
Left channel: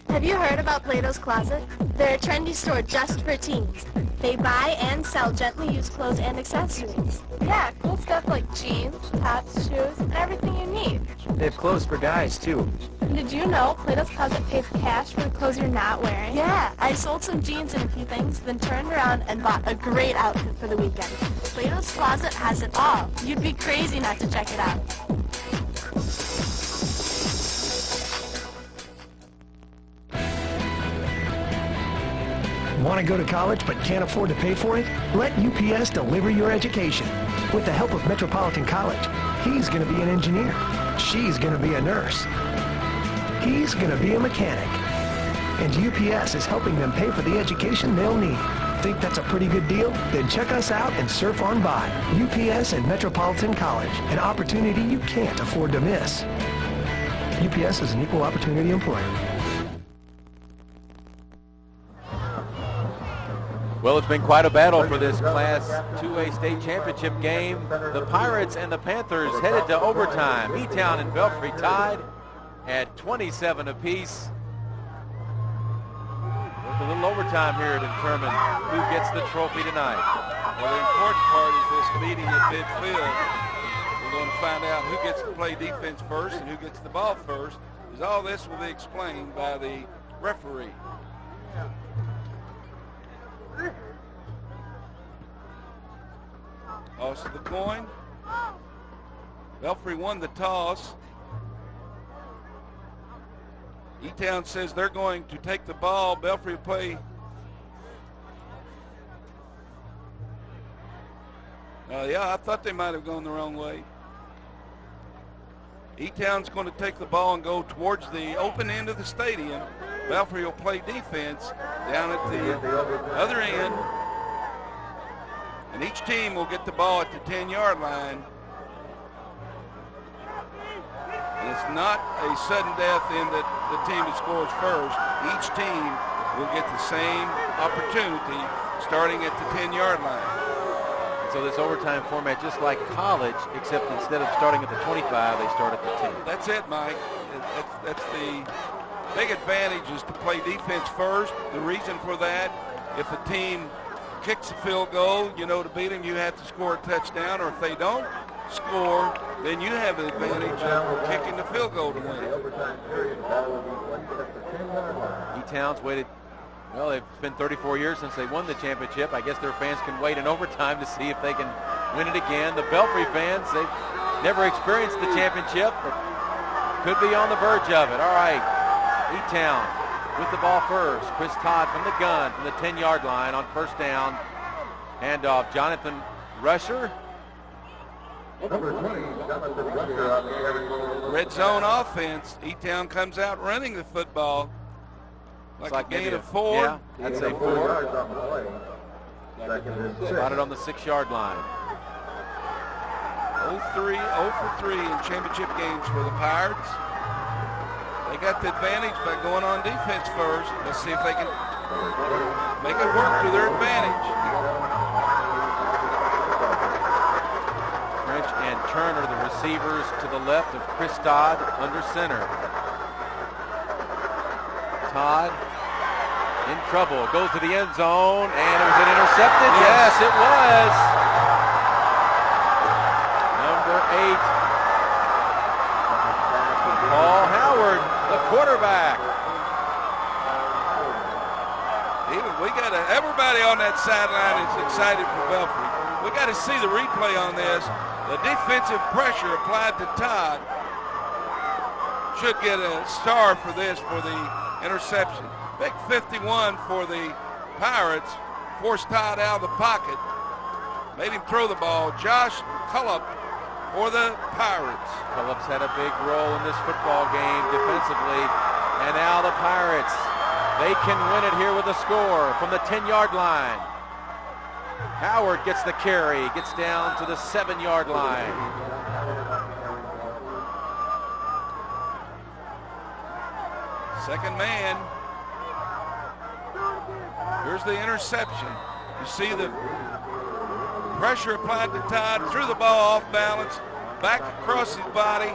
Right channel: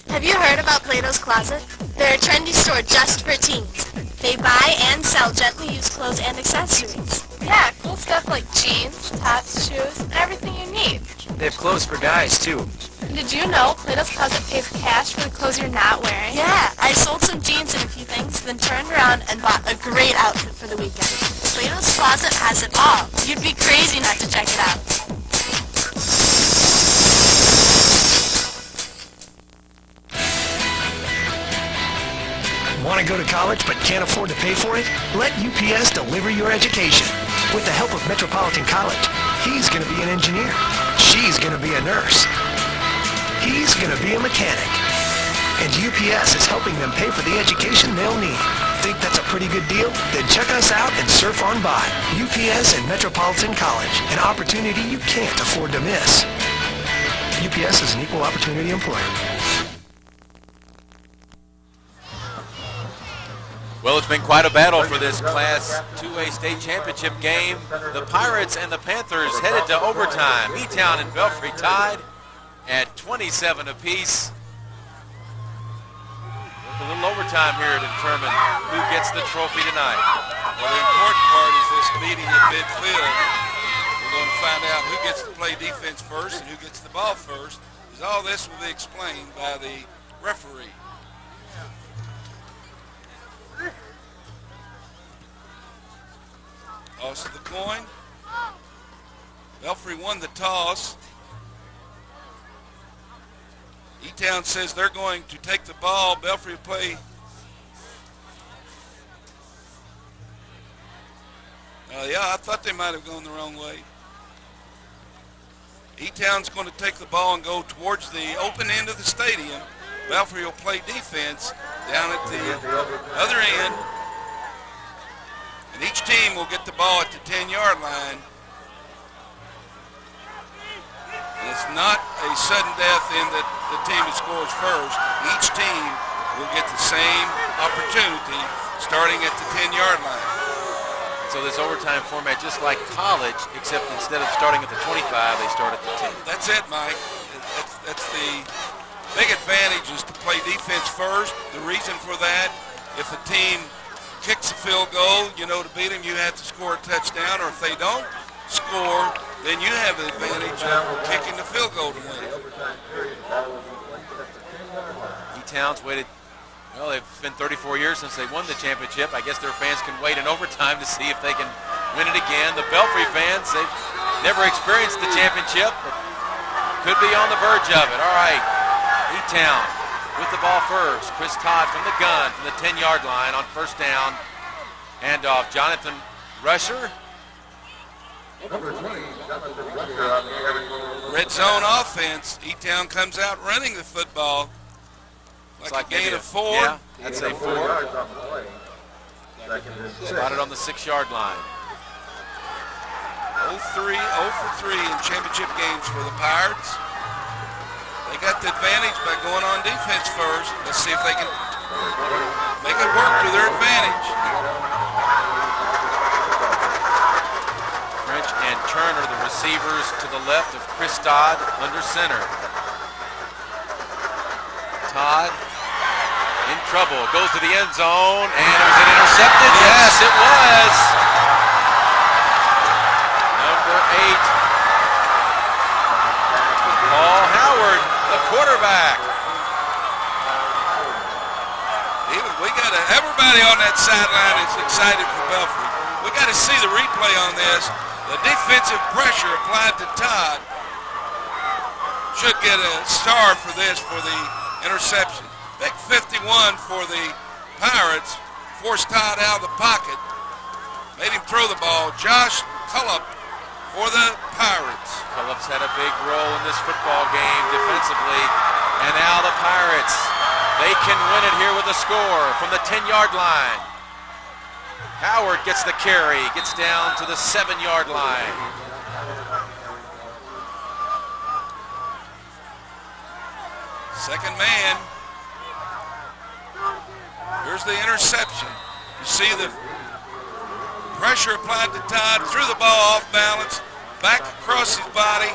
Have you heard about Plato's Closet? They're a trendy store just for teens. They buy and sell gently used clothes and accessories. Yeah, cool stuff like jeans, tops, shoes, and everything you need. They have clothes for guys, too. Did you know Plato's Closet pays cash for the clothes you're not wearing? Yeah, I sold some jeans and a few things, then turned around and bought a great outfit for the weekend. Plato's Closet has it all. You'd be crazy not to check it out. Want to go to college but can't afford to pay for it? Let UPS deliver your education. With the help of Metropolitan College, he's going to be an engineer. She's going to be a nurse. He's going to be a mechanic. And UPS is helping them pay for the education they'll need. Think that's a pretty good deal? Then check us out and surf on by. UPS and Metropolitan College, an opportunity you can't afford to miss. UPS is an equal opportunity employer. Well, it's been quite a battle for this Class 2A state championship game. The Pirates and the Panthers headed to overtime. E-Town and Belfry tied at 27 apiece. A little overtime here to determine who gets the trophy tonight. Well, the important part is this meeting at midfield. We're going to find out who gets to play defense first and who gets the ball first, because all this will be explained by the referee. Toss of the coin. Belfry won the toss. E-Town says they're going to take the ball. Belfry will play. Yeah, I thought they might have gone the wrong way. E-Town's going to take the ball and go towards the open end of the stadium. Belfry will play defense down at the other end. And each team will get the ball at the 10-yard line. And it's not a sudden death in that the team that scores first. Each team will get the same opportunity starting at the 10-yard line. So this overtime format, just like college, except instead of starting at the 25, they start at the 10. That's it, Mike. That's the big advantage, is to play defense first. The reason for that, if the team kicks a field goal, to beat them, you have to score a touchdown, or if they don't score, then you have the advantage of kicking the field goal to win. E-Town's waited, well, it's been 34 years since they won the championship. I guess their fans can wait in overtime to see if they can win it again. The Belfry fans, they've never experienced the championship, but could be on the verge of it. All right, E-Town with the ball first. Chris Todd from the gun from the 10-yard line on first down. Handoff, Jonathan Rusher. Red zone offense. E-Town comes out running the football. Like a gain of 4. Yeah, I'd say 4. Spotted on the 6-yard line. 0 for 3 in championship games for the Pirates. They got the advantage by going on defense first. Let's see if they can make it work to their advantage. French and Turner, the receivers to the left of Chris Todd under center. Todd in trouble, goes to the end zone, and was it intercepted? Yes, it was. Number 8, Paul Howard, the quarterback. Everybody on that sideline is excited for Belfry. We got to see the replay on this. The defensive pressure applied to Todd should get a star for this, for the interception. Big 51 for the Pirates. Forced Todd out of the pocket. Made him throw the ball. Josh Cullop for the Pirates. Cullop's had a big role in this football game defensively. And now the Pirates, they can win it here with a score from the 10-yard line. Howard gets the carry, gets down to the 7-yard line. Second man. Here's the interception. You see the pressure applied to Todd, threw the ball off balance, back across his body.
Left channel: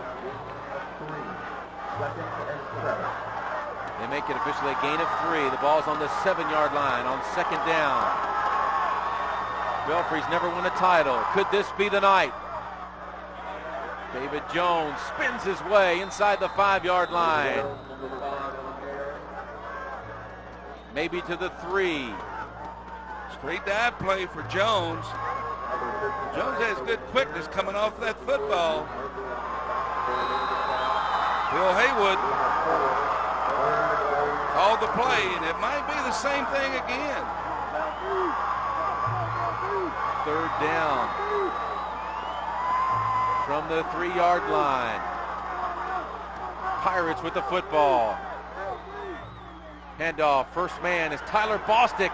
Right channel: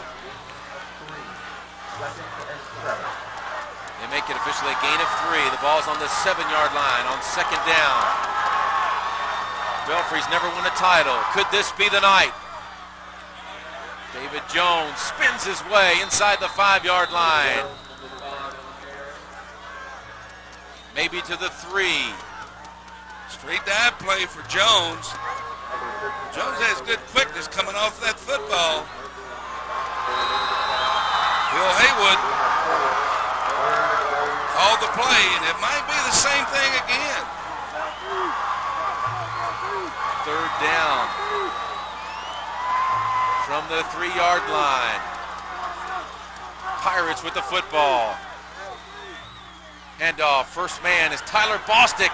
They make it officially a gain of 3. The ball's on the 7-yard line on second down. Belfry's never won a title. Could this be the night? David Jones spins his way inside the 5-yard line. Maybe to the 3. Straight dive play for Jones. Jones has good quickness coming off that football. Phil Haywood called the play, and it might be the same thing again. Third down from the 3-yard line. Pirates with the football. Handoff, first man is Tyler Bostic.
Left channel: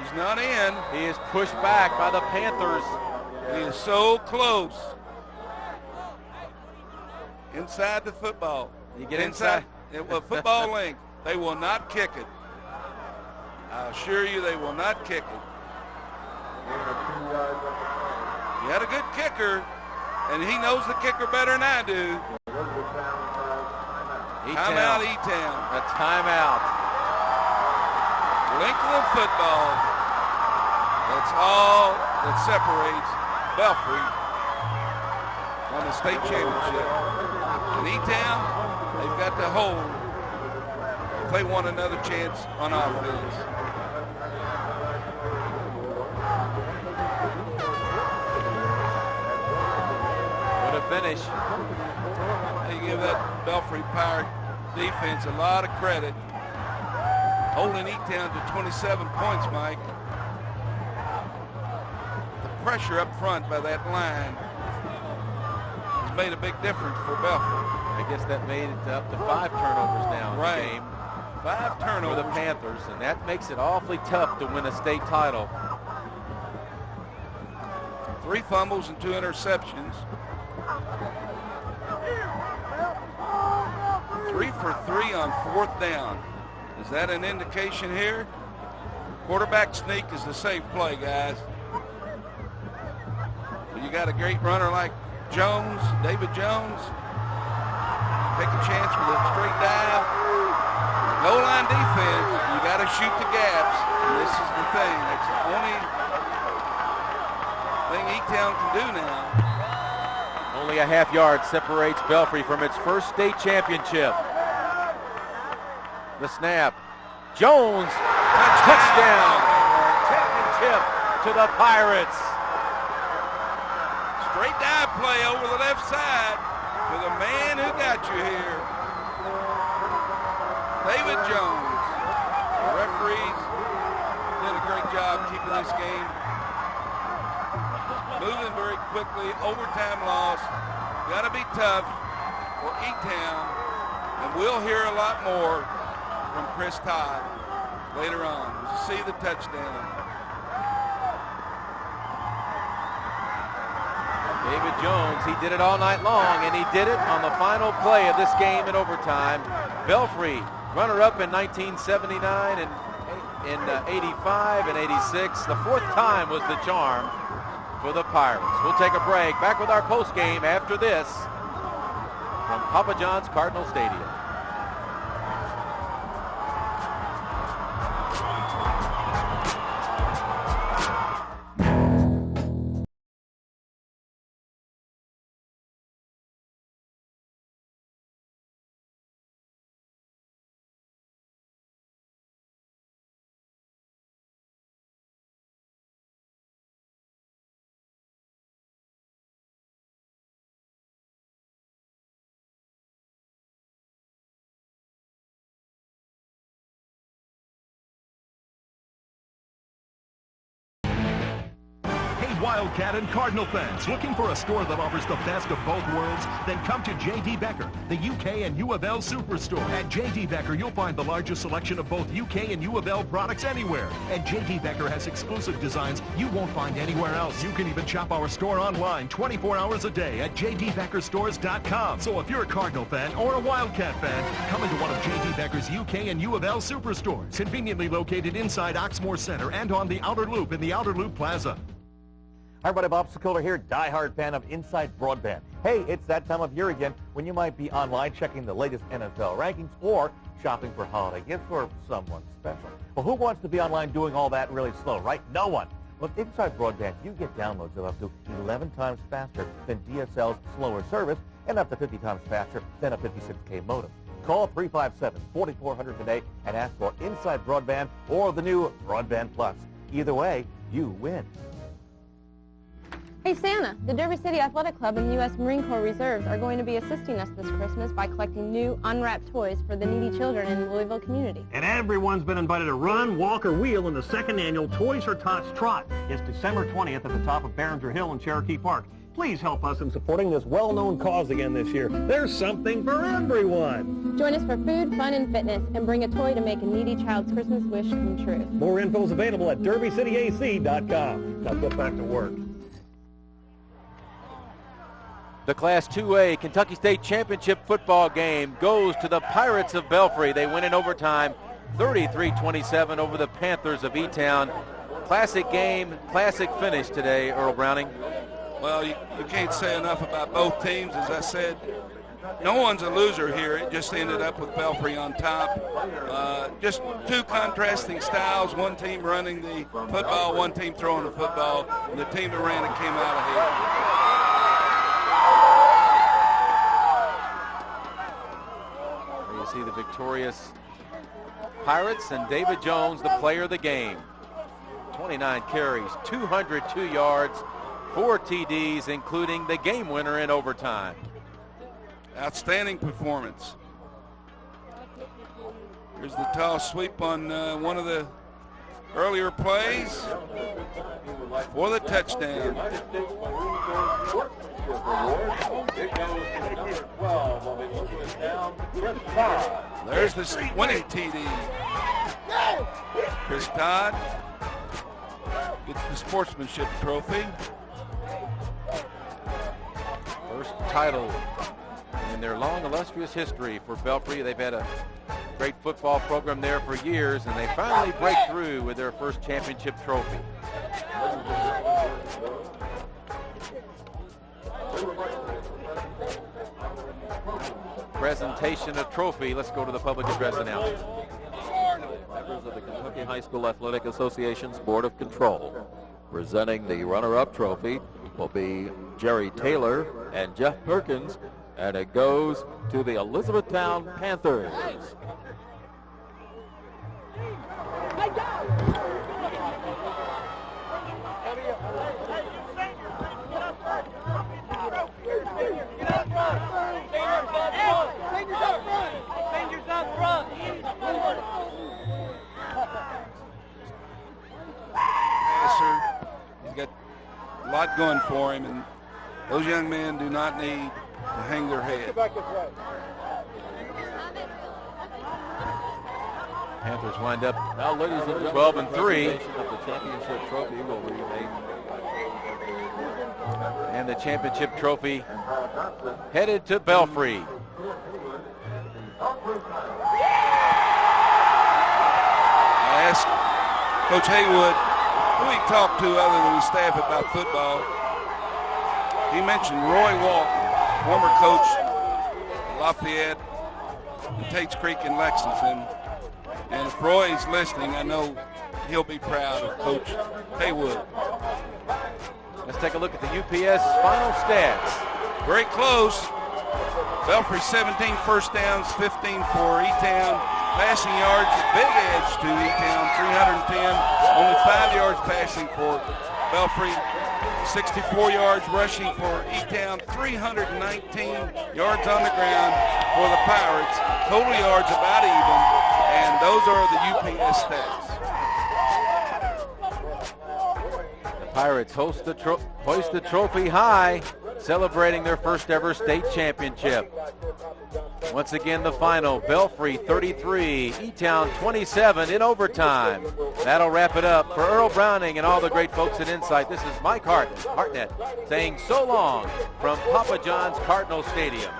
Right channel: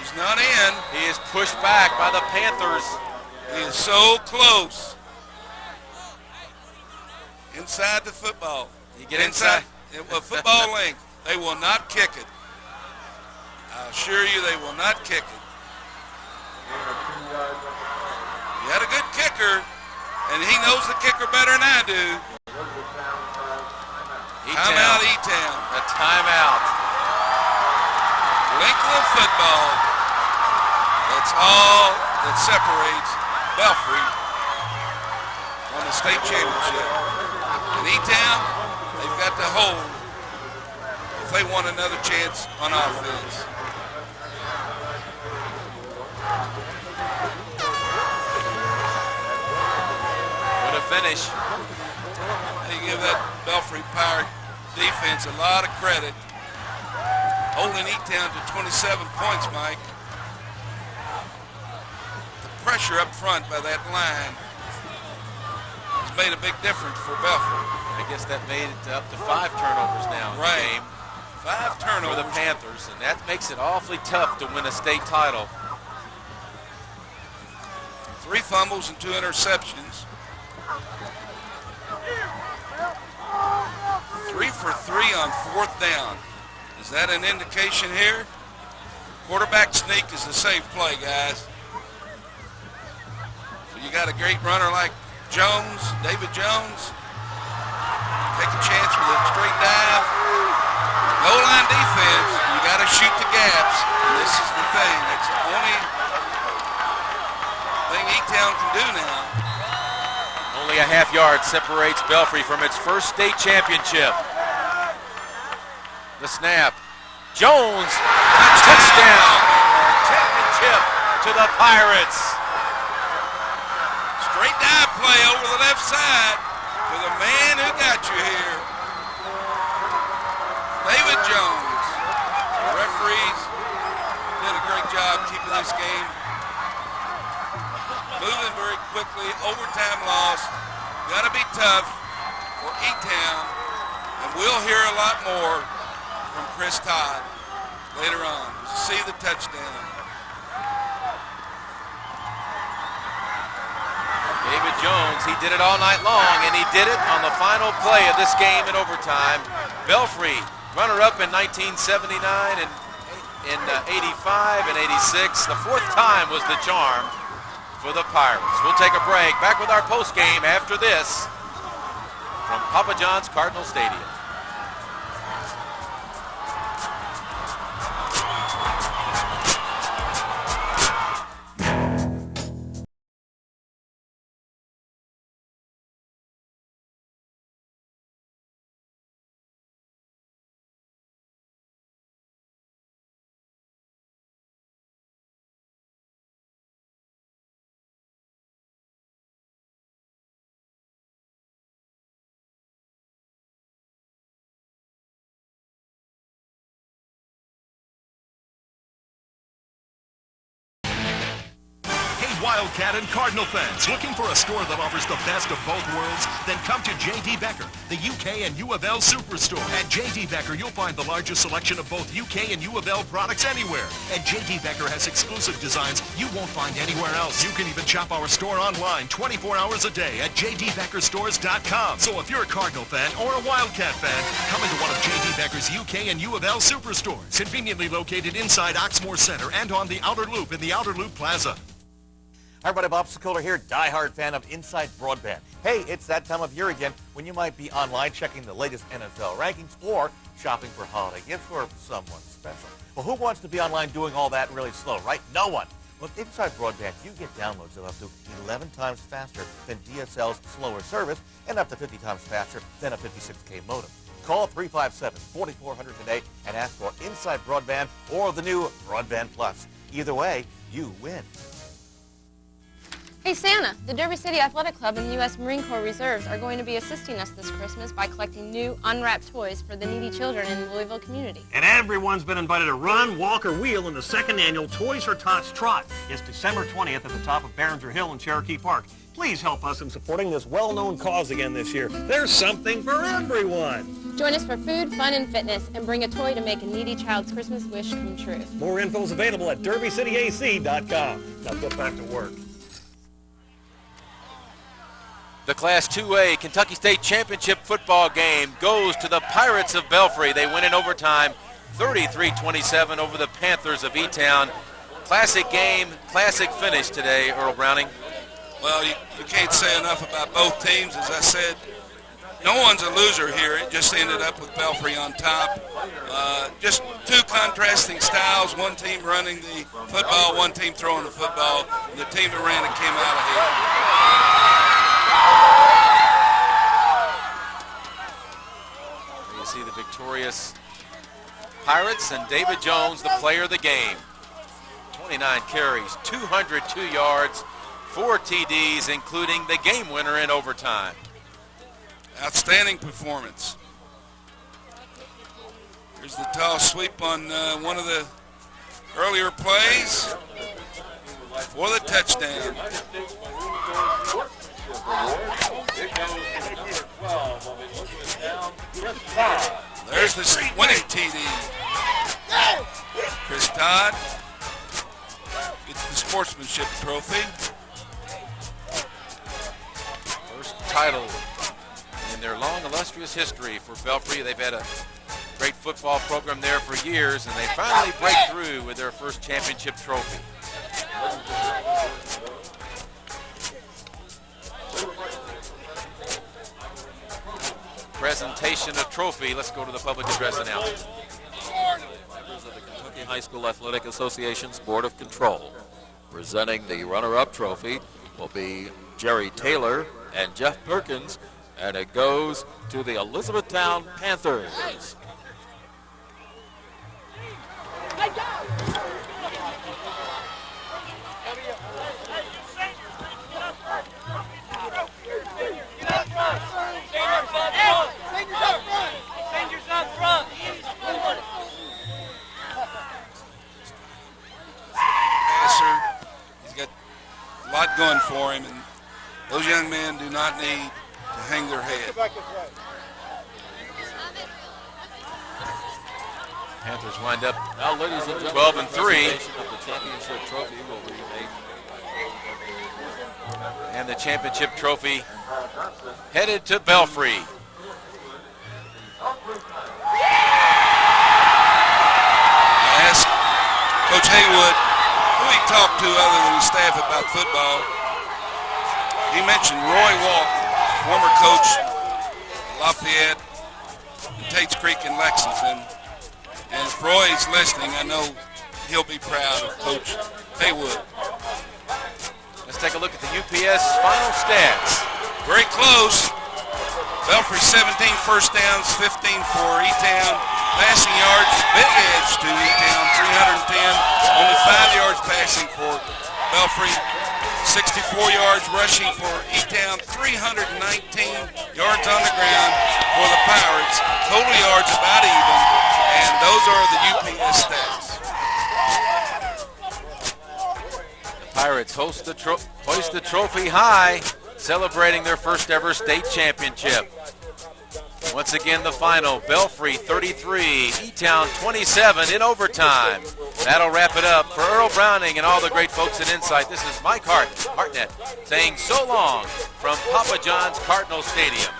He's not in. He is pushed back by the Panthers. He is so close. Inside the football. You get inside. Football length. They will not kick it. I assure you they will not kick it. You had a good kicker, and he knows the kicker better than I do. Timeout, E-Town. A timeout. Length of the football. That's all that separates Belfry from the state championship. And E-Town, they've got to hold if they want another chance on offense. What a finish. They give that Belfry Pirate defense a lot of credit. Holding E-Town to 27 points, Mike. The pressure up front by that line has made a big difference for Belfry. I guess that made it up to 5 turnovers now in the game. 5 turnovers for the Panthers, and that makes it awfully tough to win a state title. 3 fumbles and 2 interceptions. 3 for 3 on 4th down. Is that an indication here? Quarterback sneak is the safe play, guys. So you got a great runner like Jones, David Jones. Take a chance with a straight dive. Goal line defense, you got to shoot the gaps. And this is the thing. It's the only thing E-Town can do now. Only a half yard separates Belfry from its first state championship. The snap. Jones, touchdown. Championship to the Pirates. Straight dive play over the left side for the man who got you here. David Jones. The referees did a great job keeping this game moving very quickly. Overtime loss. Got to be tough for E-Town. And we'll hear a lot more from Chris Todd later on. We'll see the touchdown. David Jones, he did it all night long, and he did it on the final play of this game in overtime. Belfry, runner-up in 1979 and in 85 and 86. The fourth time was the charm for the Pirates. We'll take a break. Back with our post-game after this from Papa John's Cardinal Stadium. Wildcat and Cardinal fans, looking for a store that offers the best of both worlds? Then come to J.D. Becker, the UK and U of L Superstore. At J.D. Becker, you'll find the largest selection of both UK and U of L products anywhere. And J.D. Becker has exclusive designs you won't find anywhere else. You can even shop our store online 24 hours a day at jdbeckerstores.com. So if you're a Cardinal fan or a Wildcat fan, come into one of J.D. Becker's UK and U of L Superstores, conveniently located inside Oxmoor Center and on the Outer Loop in the Outer Loop Plaza. Hi everybody, Bob Sokoler here, diehard fan of Inside Broadband. Hey, it's that time of year again when you might be online checking the latest NFL rankings or shopping for holiday gifts for someone special. Well, who wants to be online doing all that really slow, right? No one. With Inside Broadband, you get downloads of up to 11 times faster than DSL's slower service and up to 50 times faster than a 56K modem. Call 357-4400 today and ask for Inside Broadband or the new Broadband Plus. Either way, you win. Hey Santa, the Derby City Athletic Club and U.S. Marine Corps Reserves are going to be assisting us this Christmas by collecting new unwrapped toys for the needy children in the Louisville community. And everyone's been invited to run, walk, or wheel in the second annual Toys for Tots Trot. It's December 20th at the top of Behringer Hill in Cherokee Park. Please help us in supporting this well-known cause again this year. There's something for everyone. Join us for food, fun, and fitness, and bring a toy to make a needy child's Christmas wish come true. More info is available at derbycityac.com. Now get back to work. The Class 2A Kentucky State Championship football game goes to the Pirates of Belfry. They win in overtime 33-27 over the Panthers of E-Town. Classic game, classic finish today, Earl Browning. Well, you can't say enough about both teams. As I said, no one's a loser here. It just ended up with Belfry on top. Just two contrasting styles, one team running the football, one team throwing the football, and the team that ran it came out ahead. You see the victorious Pirates and David Jones, the player of the game. 29 carries, 202 yards, 4 TDs, including the game winner in overtime. Outstanding performance. Here's the toss sweep on one of the earlier plays for the touchdown. There's the winning TD. Chris Todd gets the sportsmanship trophy. First title in their long, illustrious history for Belfry. They've had a great football program there for years, and they finally break through with their first championship trophy. Presentation of trophy. Let's go to the public address announcement. Members of the Kentucky High School Athletic Association's Board of Control. Presenting the runner-up trophy will be Jerry Taylor and Jeff Perkins, and it goes to the Elizabethtown Panthers. He's got a lot going for him, and those young men do not need to hang their head. Panthers wind up Now, ladies and gentlemen, 12 and 3. presentation of the championship trophy will be made. And the championship trophy headed to Belfry. I asked Coach Haywood who he talked to other than his staff about football. He mentioned Roy Walton, former coach at Lafayette, and Tates Creek in Lexington. And if Roy's listening, I know he'll be proud of Coach Haywood. Let's take a look at the UPS final stats. Very close. Belfry 17 first downs, 15 for E-Town. Passing yards, big edge to E-Town, 310. Only 5 yards passing for Belfry. 64 yards rushing for E-Town, 319 yards on the ground for the Pirates. Total yards about even, and those are the UPS stats. The Pirates hoist the trophy high, celebrating their first ever state championship. Once again, the final, Belfry 33, E-Town 27 in overtime. That'll wrap it up. For Earl Browning and all the great folks at Insight, this is Mike Hartnett saying so long from Papa John's Cardinal Stadium.